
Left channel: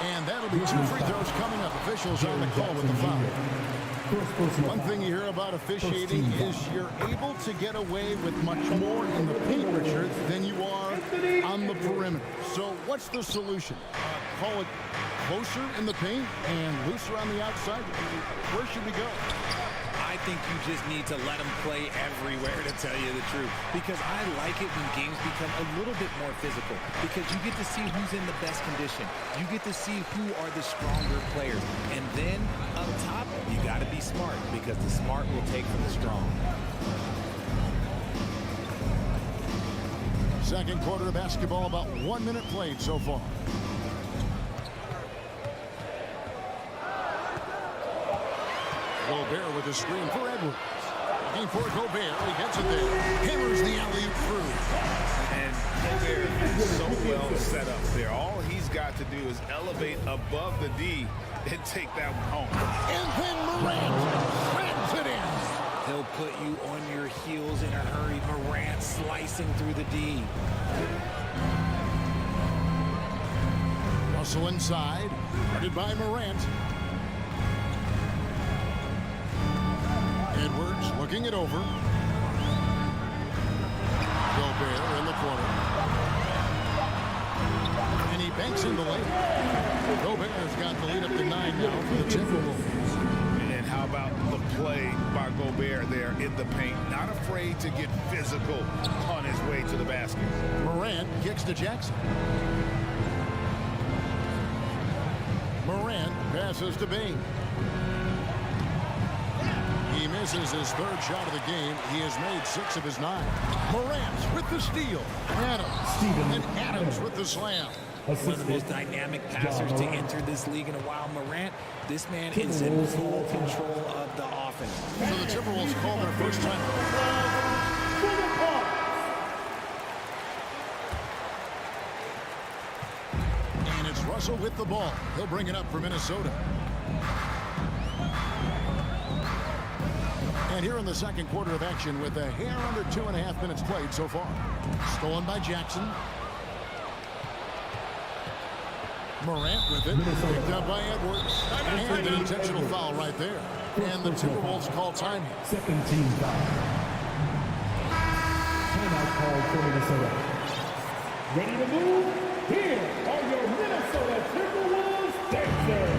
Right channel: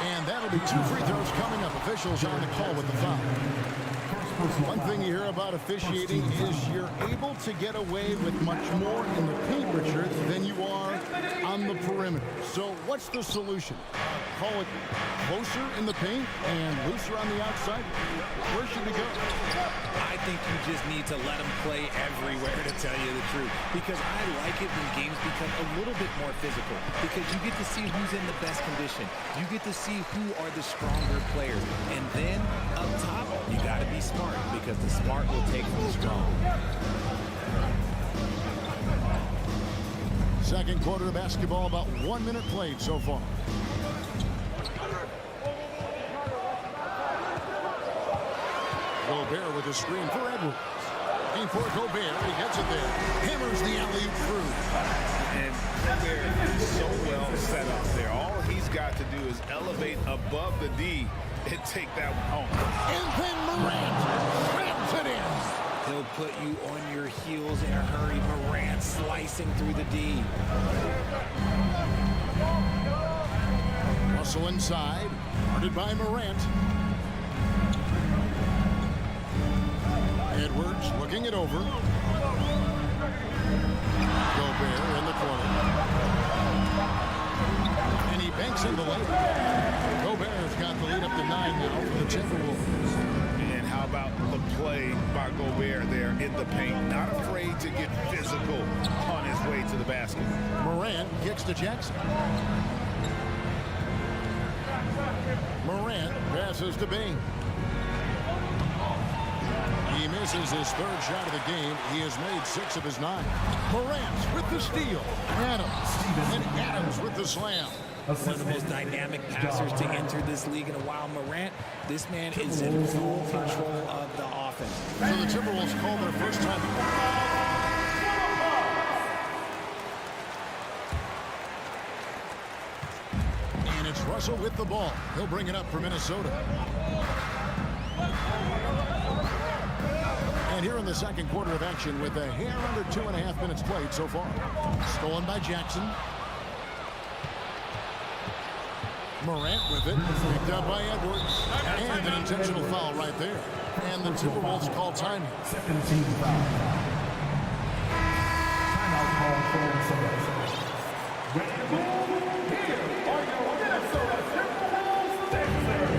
And that'll be 2 free throws coming up. Officials on the call with the foul. One thing you hear about officiating is you're able to get away with much more in the paint, Richard, than you are on the perimeter. So what's the solution? Call it closer in the paint and looser on the outside? Where should we go? I think you just need to let them play everywhere, to tell you the truth. Because I like it when games become a little bit more physical. Because you get to see who's in the best condition. You get to see who are the stronger players. And then, up top, you got to be smart. Because the smart will take from the strong. Second quarter of basketball, about 1 minute played so far. Gobert with a screen for Edwards. Looking for Gobert. He gets it there. Hammers the alley-oop through. And Gobert is so well set up there. All he's got to do is elevate above the D and take that one home. And then Morant slams it in. He'll put you on your heels in a hurry. Morant slicing through the D. Russell inside. Guarded by Morant. Edwards looking it over. Gobert in the corner. And he banks in the layup. Gobert's got the lead up to 9 now for the Timberwolves. And how about the play by Gobert there in the paint? Not afraid to get physical on his way to the basket. Morant kicks to Jackson. Morant passes to Bain. He misses his 3rd shot of the game. He has made 6 of his 9. Morant with the steal. Adams with the slam. One of the most dynamic passers to enter this league in a while. Morant, this man is in full control of the offense. So the Timberwolves call their first timeout. And it's Russell with the ball. He'll bring it up for Minnesota. And here in the second quarter of action with a hair under 2.5 minutes played so far. Stolen by Jackson. Morant with it, picked up by Edwards, and an intentional foul right there. And the Timberwolves call timing. Second team foul. Timeout called for Minnesota. Ready to move? Here are your Minnesota Timberwolves Sixers.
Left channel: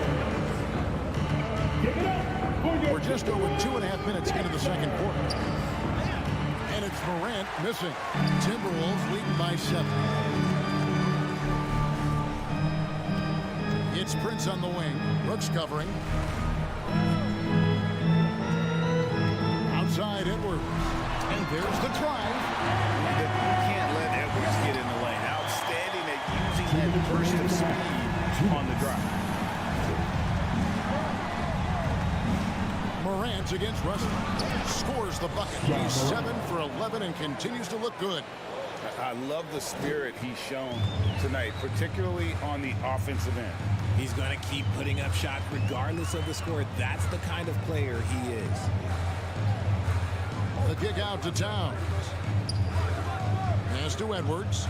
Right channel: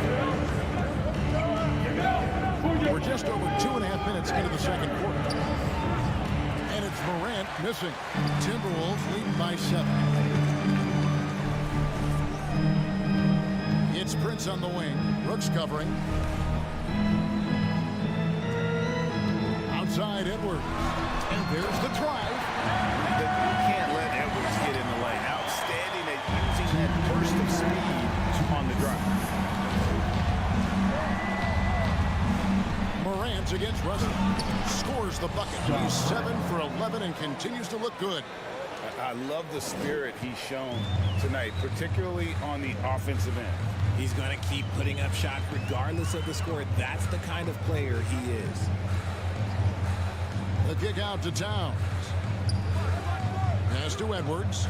Give it up for your... We're just over 2.5 minutes into the second quarter. And it's Morant missing. Timberwolves leading by 7. It's Prince on the wing. Brooks covering. Outside Edwards. And there's the drive. You can't let Edwards get in the lane. Outstanding at using that burst of speed on the drive. Morant against Russell. Scores the bucket. He's 7 for 11 and continues to look good. I love the spirit he's shown tonight, particularly on the offensive end. He's going to keep putting up shots regardless of the score. That's the kind of player he is. The kick out to Towns. Pass to Edwards.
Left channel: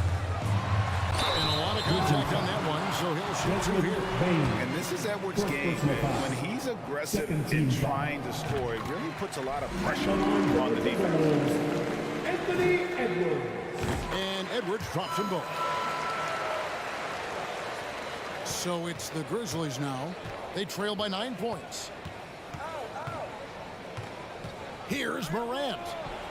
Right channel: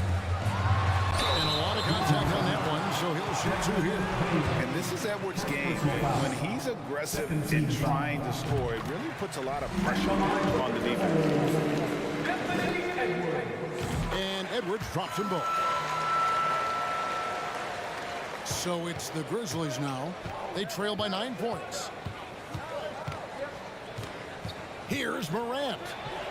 And a lot of contact on that one, so he'll shoot 2 here. And this is Edwards' game, man. When he's aggressive in trying to score, it really puts a lot of pressure on the defense. Anthony Edwards. And Edwards drops them both. So it's the Grizzlies now. They trail by 9 points. Here's Morant.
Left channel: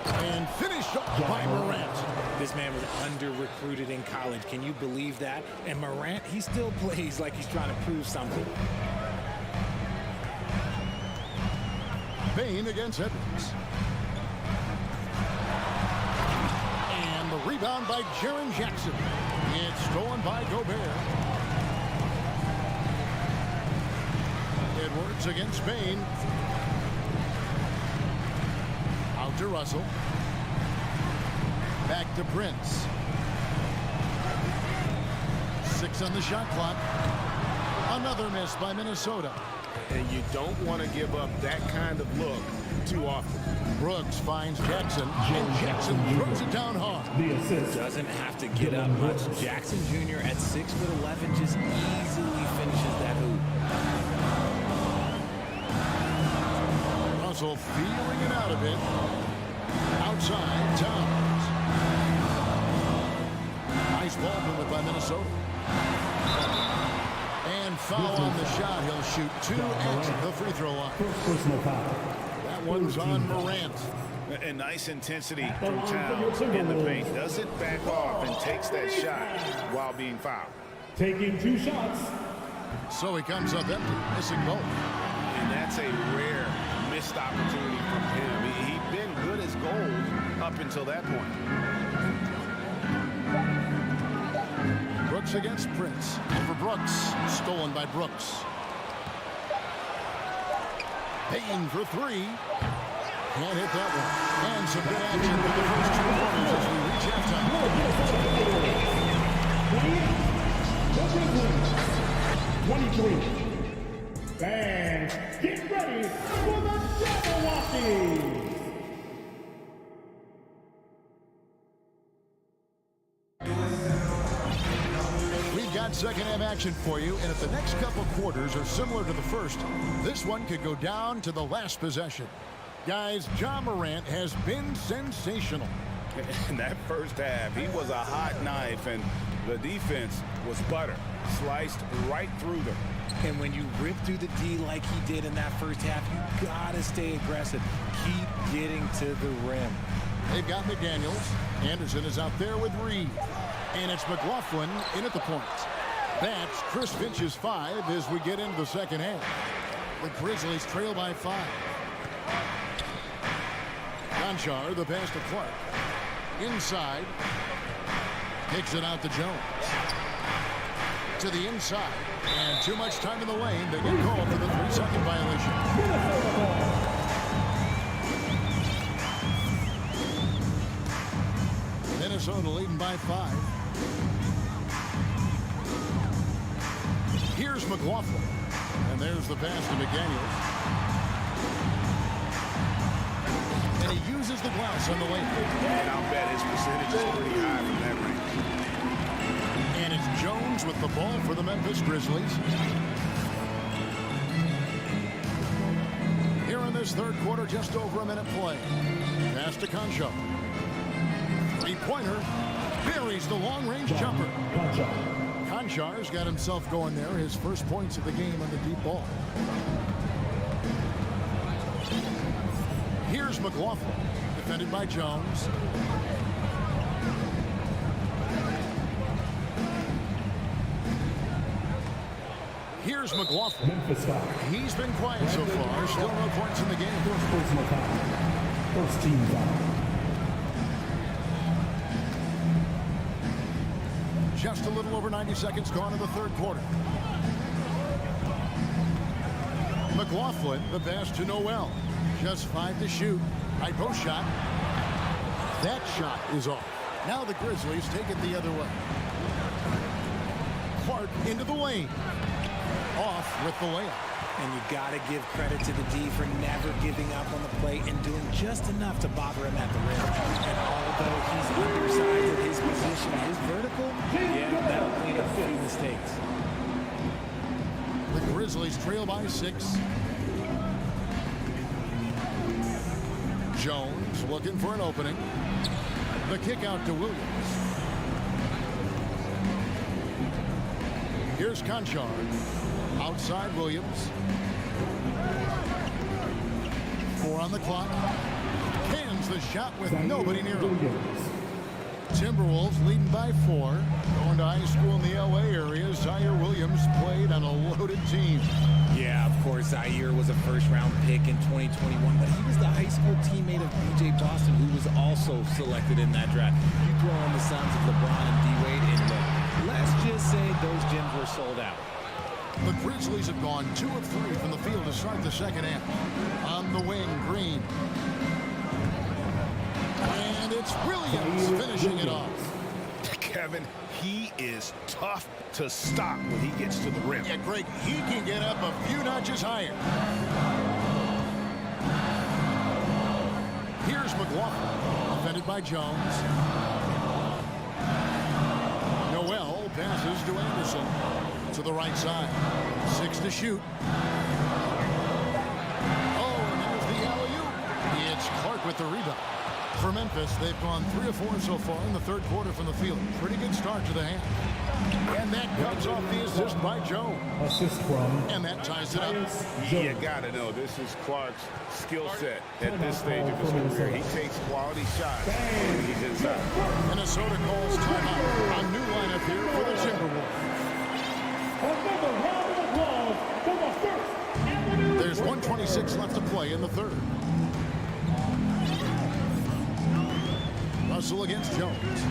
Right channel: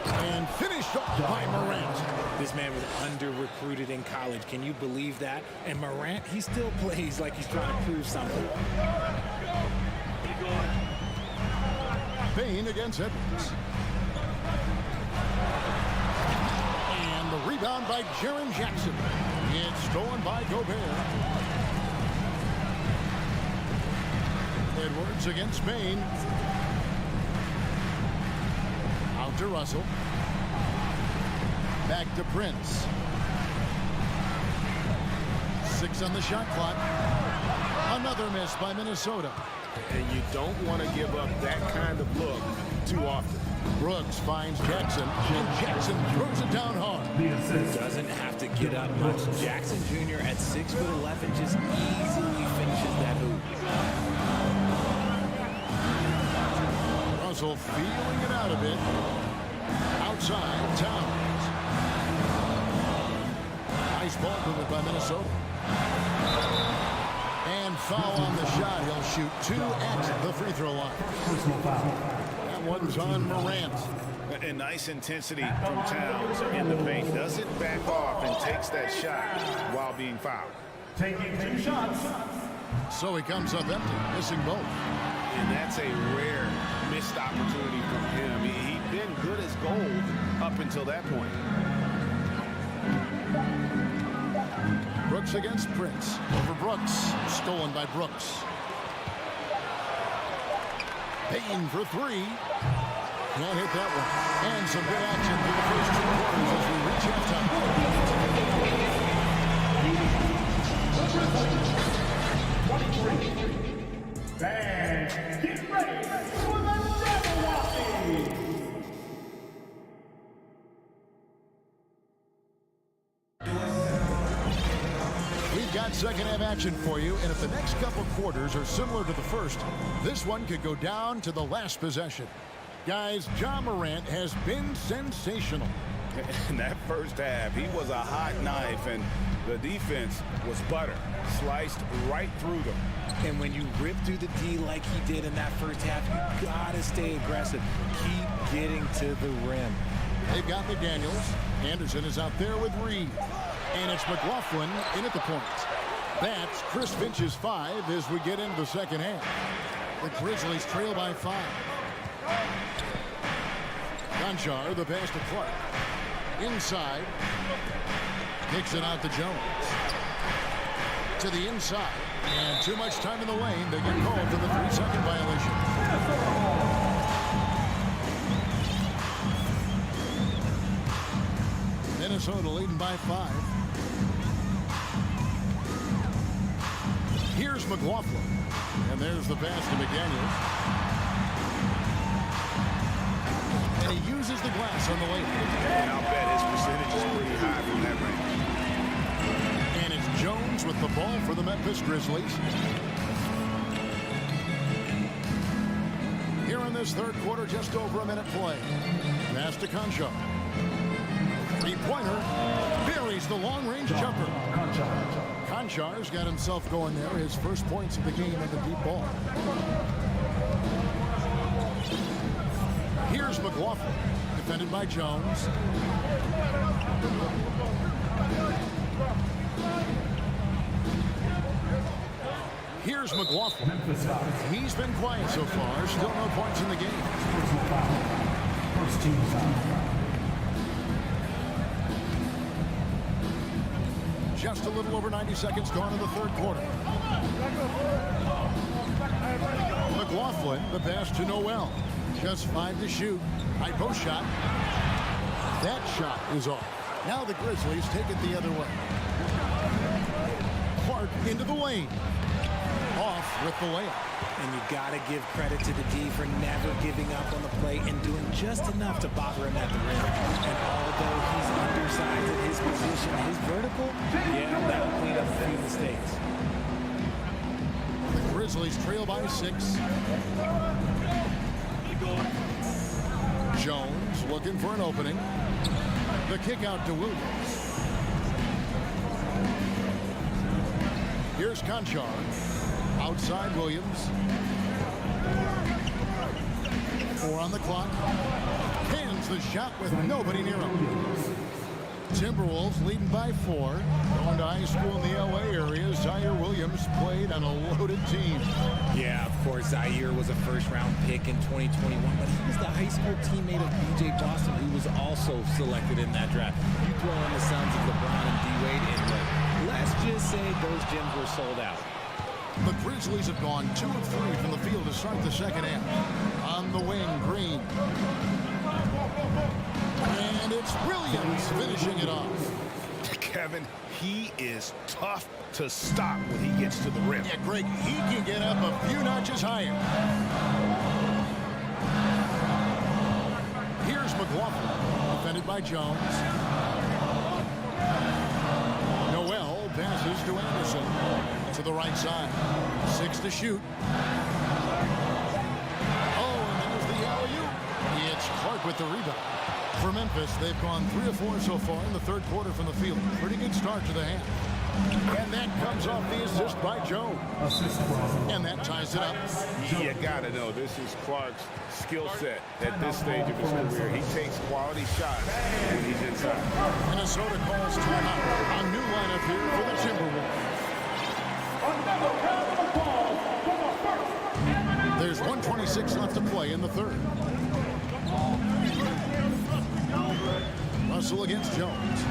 And finished off by Morant. This man was under-recruited in college. Can you believe that? And Morant, he still plays like he's trying to prove something. Payne against Edwards. And the rebound by Jaren Jackson. It's stolen by Gobert. Edwards against Payne. Out to Russell. Back to Prince. 6 on the shot clock. Another miss by Minnesota. And you don't want to give up that kind of look too often. Brooks finds Jackson, and Jackson throws it down hard. Doesn't have to get up much. Jackson Jr. at 6'11" just easily finishes that hoop. Russell feeling it out a bit. Outside, Towns. Nice ball movement by Minnesota. And foul on the shot. He'll shoot 2 at the free throw line. That one's on Morant. And nice intensity from Towns in the paint. Doesn't back off and takes that shot while being fouled. Taking 2 shots. So he comes up empty, missing both. And that's a rare missed opportunity from him. He'd been good as gold up until that point. Brooks against Prince. Over Brooks. Stolen by Brooks. Payne for 3. Can't hit that one. And some good action through the first 2 quarters as we reach halftime. The Grizzlies, 23. And get ready for the Jabberwockies. We've got second half action for you, and if the next couple quarters are similar to the first, this one could go down to the last possession. Guys, Ja Morant has been sensational. In that first half, he was a hot knife, and the defense was butter. Sliced right through them. And when you rip through the D like he did in that first half, you gotta stay aggressive. Keep getting to the rim. They've got McDaniels. Anderson is out there with Reed. And it's McLaughlin in at the point. That's Chris Finch's 5 as we get into the second half. The Grizzlies trail by 5. Gonchar, the pass to Clark. Inside. Kicks it out to Jones. To the inside. And too much time in the lane. They get called for the 3-second violation. Minnesota leading by 5. Here's McLaughlin. And there's the pass to McDaniels. And he uses the glass on the lane. And I'll bet his percentage is pretty high from that range. And it's Jones with the ball for the Memphis Grizzlies. Here in this third quarter, just over a minute play. Pass to Concho. Three-pointer. Buries the long-range jumper. Conchar's got himself going there. His first points of the game on the deep ball. Here's McLaughlin. Defended by Jones. Here's McLaughlin. Memphis foul. He's been quiet so far. Still no points in the game. First personal foul. First team foul. Just a little over 90 seconds gone in the third quarter. McLaughlin, the pass to Noel. Just 5 to shoot. High post shot. That shot is off. Now the Grizzlies take it the other way. Clark into the lane. Off with the layup. And you got to give credit to the D for never giving up on the play and doing just enough to bother him at the rim. And although he's undersized at his position, his vertical, yeah, that'll clean up a few mistakes. The Grizzlies trail by 6. Jones looking for an opening. The kick out to Williams. Here's Conchar. Outside Williams. 4 on the clock. Cans the shot with nobody near him. Timberwolves leading by 4. Going to high school in the LA area, Zaire Williams played on a loaded team. Yeah, of course, Zaire was a first-round pick in 2021, but he was the high school teammate of B.J. Boston, who was also selected in that draft. You throw in the sons of LeBron and D-Wade, and look, let's just say those gyms were sold out. The Grizzlies have gone 2 of 3 from the field to start the second half. On the wing, Green. And it's Williams finishing it off. Kevin, he is tough to stop when he gets to the rim. Yeah, Greg, he can get up a few notches higher. Here's McLaughlin, defended by Jones. Noel passes to Anderson. To the right side. 6 to shoot. Oh, and there's the alley-oop. It's Clark with the rebound. For Memphis, they've gone 3 of 4 so far in the third quarter from the field. Pretty good start to the half. And that comes off the assist by Jones. Assist from. And that ties it up. You gotta know this is Clark's skill set at this stage of his career. He takes quality shots when he's inside. Minnesota calls timeout. A new lineup here for the Timberwolves. Another round of applause for the First Avenue. There's 1:26 left to play in the third. Russell against Jones.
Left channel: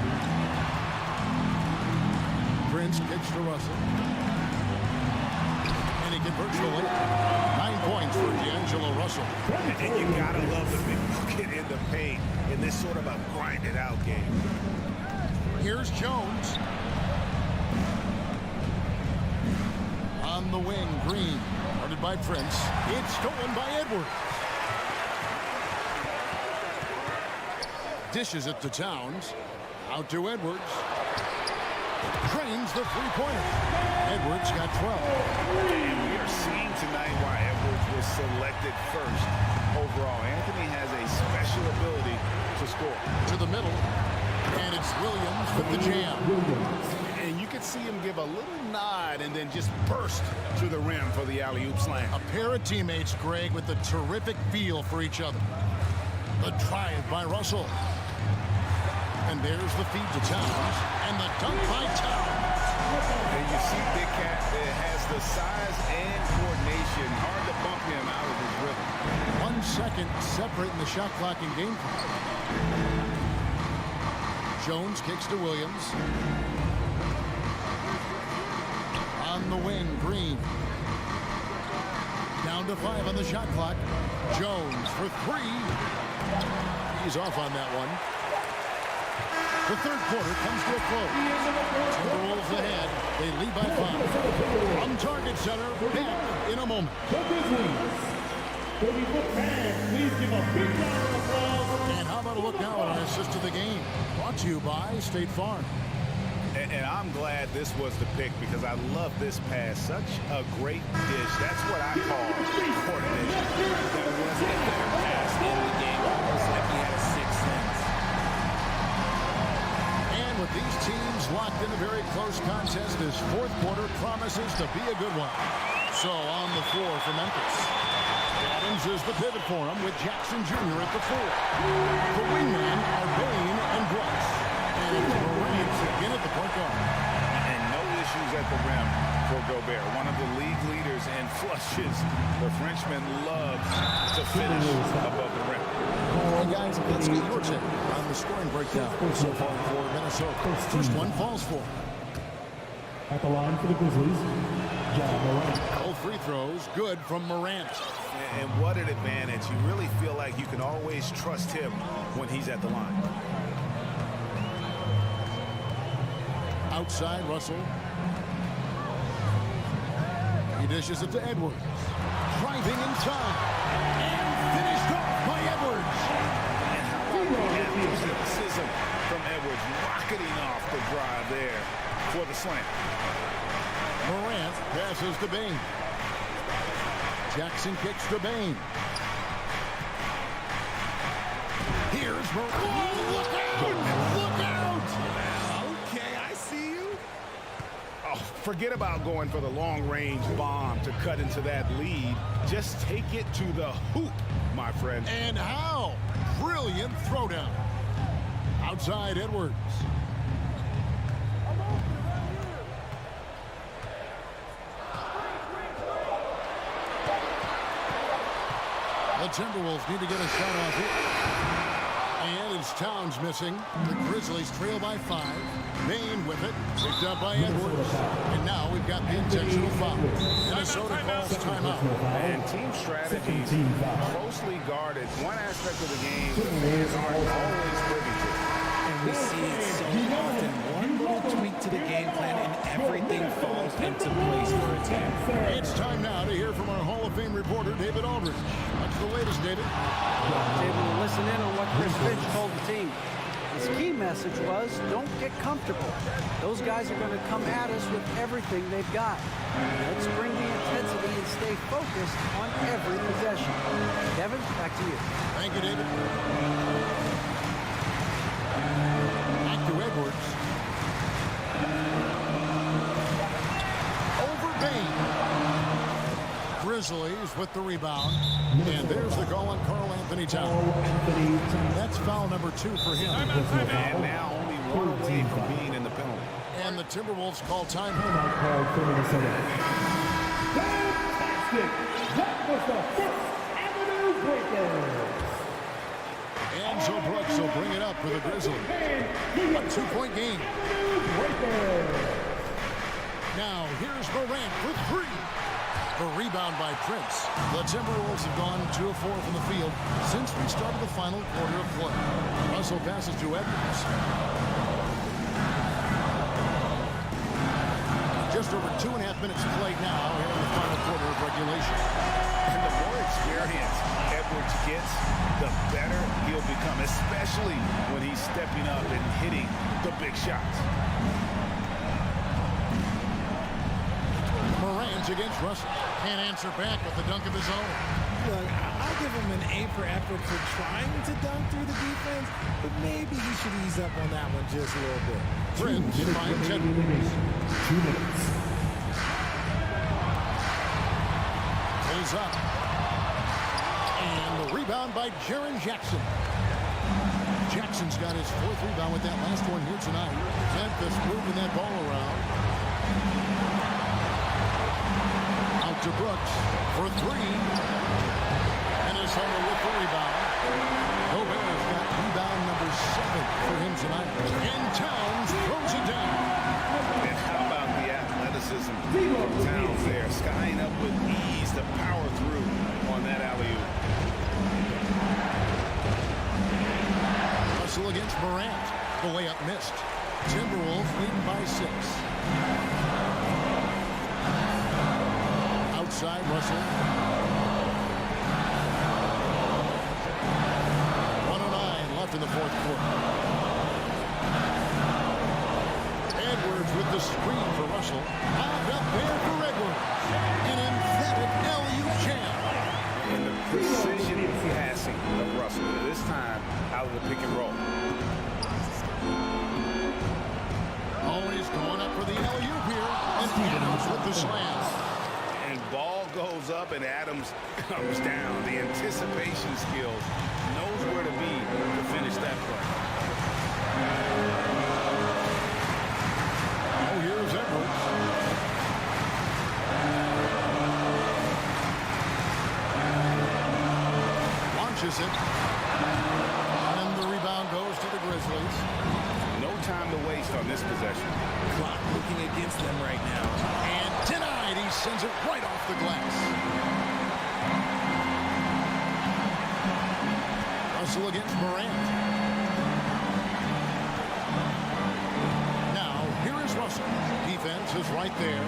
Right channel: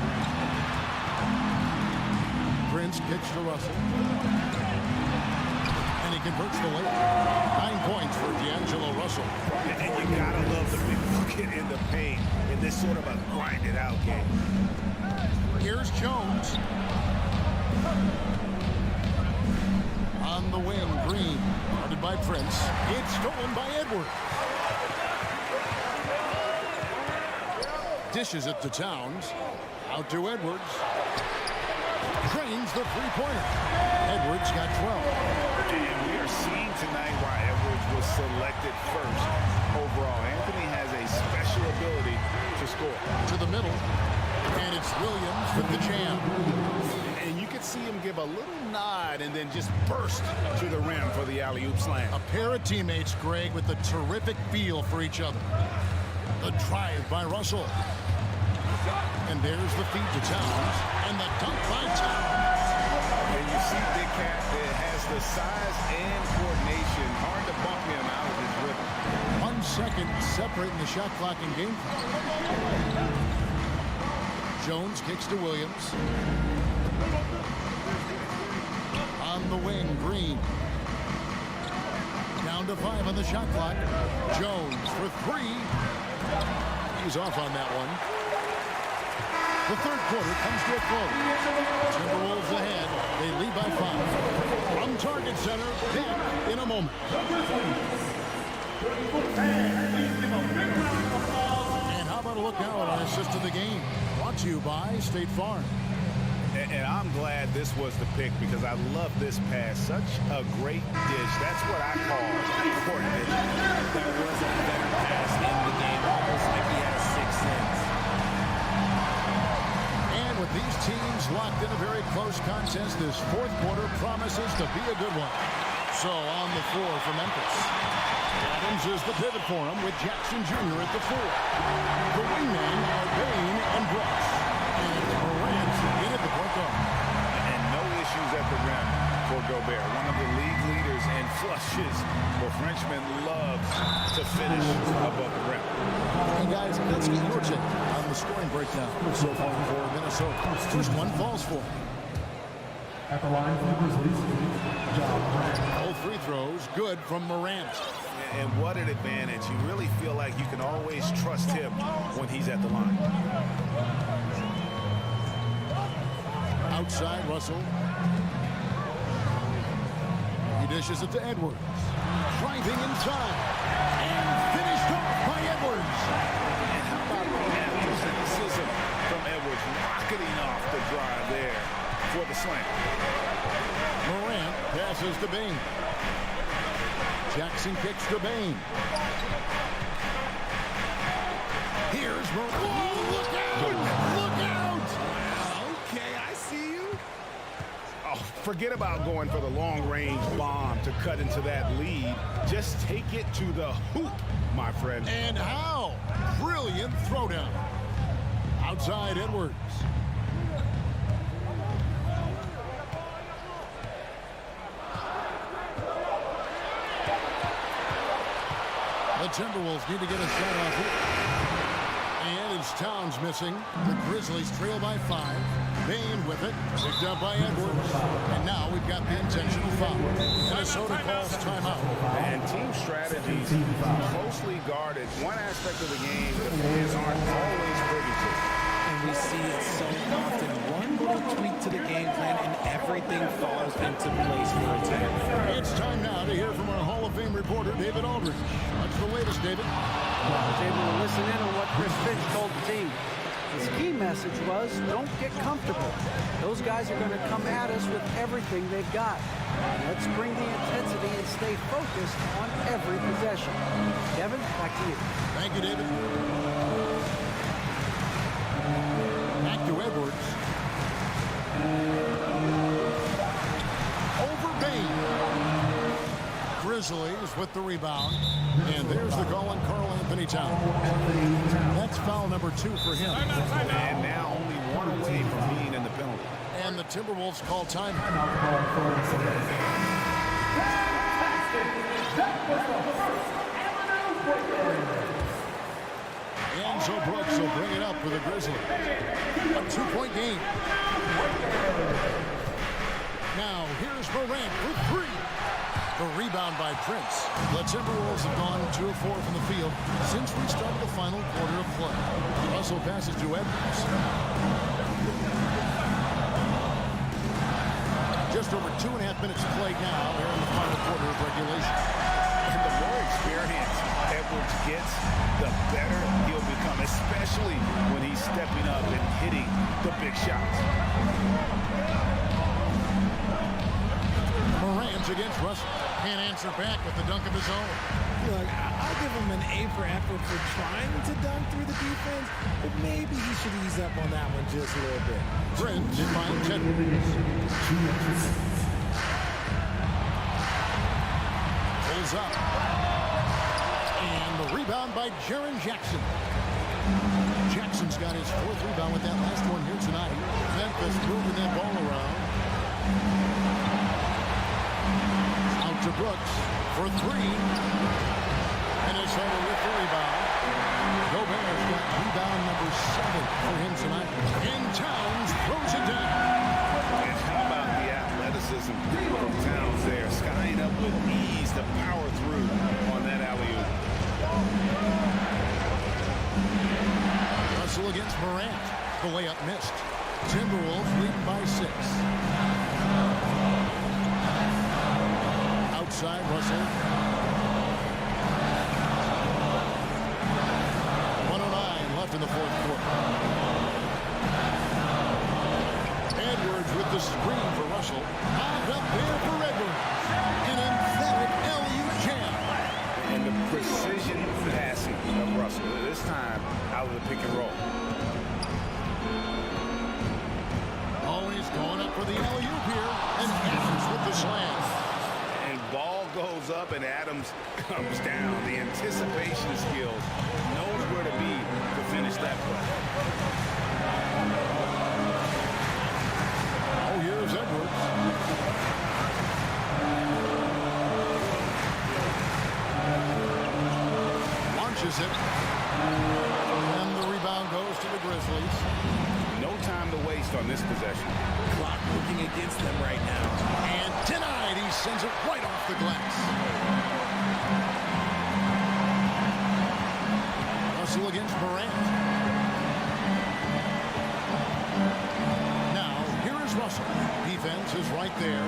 Prince kicks to Russell. And he converts the layup. 9 points for D'Angelo Russell. And you gotta love the big bucket in the paint in this sort of a grinded-out game. Here's Jones. On the wing, Green. Guarded by Prince. It's stolen by Edwards. Dishes it to Towns. Out to Edwards. Drains the three-pointer. Edwards got 12. And we are seeing tonight why Edwards was selected first overall. Anthony has a special ability to score. To the middle. And it's Williams with the jam. And you could see him give a little nod and then just burst to the rim for the alley-oop slam. A pair of teammates, Greg, with a terrific feel for each other. The drive by Russell. And there's the feed to Towns. And the dunk by Towns. And you see Big Cat that has the size and coordination. Hard to bump him out of his rhythm. 1 second separating the shot clock and game clock. Jones kicks to Williams. On the wing, Green. Down to 5 on the shot clock. Jones for 3. He's off on that one. The third quarter comes to a close. Timberwolves ahead. They lead by 5. From Target Center, back in a moment. The Grizzlies. 30-foot fans, please give a big round of applause. And how about a look now at our assist of the game? Brought to you by State Farm. And I'm glad this was the pick because I love this pass. Such a great dish. That's what I call court vision. That wasn't a better pass in the game, almost like he had a sixth sense. And with these teams locked in a very close contest, this fourth quarter promises to be a good one. So on the floor for Memphis, Adams is the pivot for him with Jackson Jr. at the 4. The wingmen are Bain and Brooks. And it's Morant in at the point guard. And no issues at the rim for Gobert. One of the league leaders in flushes. The Frenchman loves to finish above the rim. Hey guys, let's get your take on the scoring breakdown so far for Minnesota. First one falls for. At the line for the Grizzlies, John Morant. All free throws good from Morant. And what an advantage. You really feel like you can always trust him when he's at the line. Outside, Russell. He dishes it to Edwards. Driving inside. And finished off by Edwards. And how about the athleticism from Edwards rocketing off the drive there for the slam. Morant passes to Bain. Jackson kicks to Bain. Here's Morant. Oh, look out! Look out! Okay, I see you. Oh, forget about going for the long-range bomb to cut into that lead. Just take it to the hoop, my friend. And how? Brilliant throwdown. Outside, Edwards. The Timberwolves need to get a shot off here. And it's Towns missing. The Grizzlies trail by 5. Bain with it. Picked up by Edwards. And now we've got the intentional foul. Minnesota calls timeout. And team strategies closely guarded. One aspect of the game the fans aren't always privy to. And we see it so often. One little tweak to the game plan and everything falls into place for a team. It's time now to hear from our Hall of Fame reporter, David Aldridge. What's the latest, David? I was able to listen in on what Chris Finch told the team. His key message was, don't get comfortable. Those guys are going to come at us with everything they've got. Let's bring the intensity and stay focused on every possession. Kevin, back to you. Thank you, David. Back to Edwards. Over Bain. Grizzlies with the rebound. And there's the call on Karl Anthony Towns. That's foul number 2 for him. And now only one away from being in the penalty. And the Timberwolves call timeout. Fantastic! That was the First Avenue breakdown. Enzo Brooks will bring it up for the Grizzlies. A 2-point game. Now here's Morant for 3. The rebound by Prince. The Timberwolves have gone 2 of 4 from the field since we started the final quarter of play. Russell passes to Edwards. Just over 2.5 minutes played now here in the final quarter of regulation. And the more experience Edwards gets, the better he'll become, especially when he's stepping up and hitting the big shots. Morant against Russell. Can't answer back with the dunk of his own. Look, I'll give him an A for effort for trying to dunk through the defense, but maybe he should ease up on that one just a little bit. Prince finds Edwards. 2 minutes. Pulls up. And the rebound by Jaren Jackson. Jackson's got his 4th rebound with that last one here tonight. Memphis moving that ball around. Out to Brooks for 3. Minnesota with the rebound. Gobert's got rebound number 7 for him tonight. And Towns throws it down. And how about the athleticism from Towns there, skying up with ease to power through on that alley-oop. Russell against Morant. The layup missed. Timberwolves leading by 6. Outside, Russell. 1:09 left in the 4th quarter. Edwards with the screen for Russell. Lobbed up there for Edwards. An emphatic LU jam. And the precision passing of Russell, this time out of the pick and roll. Always going up for the alley-oop here. And Adams with the slam. And ball goes up and Adams comes down. The anticipation skills, knows where to be to finish that play. Oh, here's Edwards. Launches it. And the rebound goes to the Grizzlies. No time to waste on this possession. Clock looking against them right now. And denied. He sends it right off the glass. Russell against Morant. Now, here is Russell. Defense is right there.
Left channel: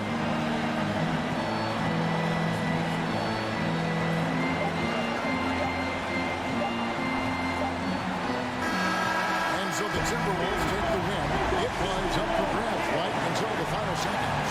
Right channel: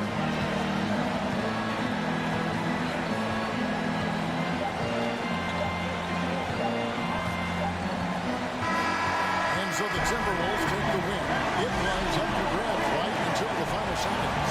So the Timberwolves take the win. It was up for grabs right until the final seconds.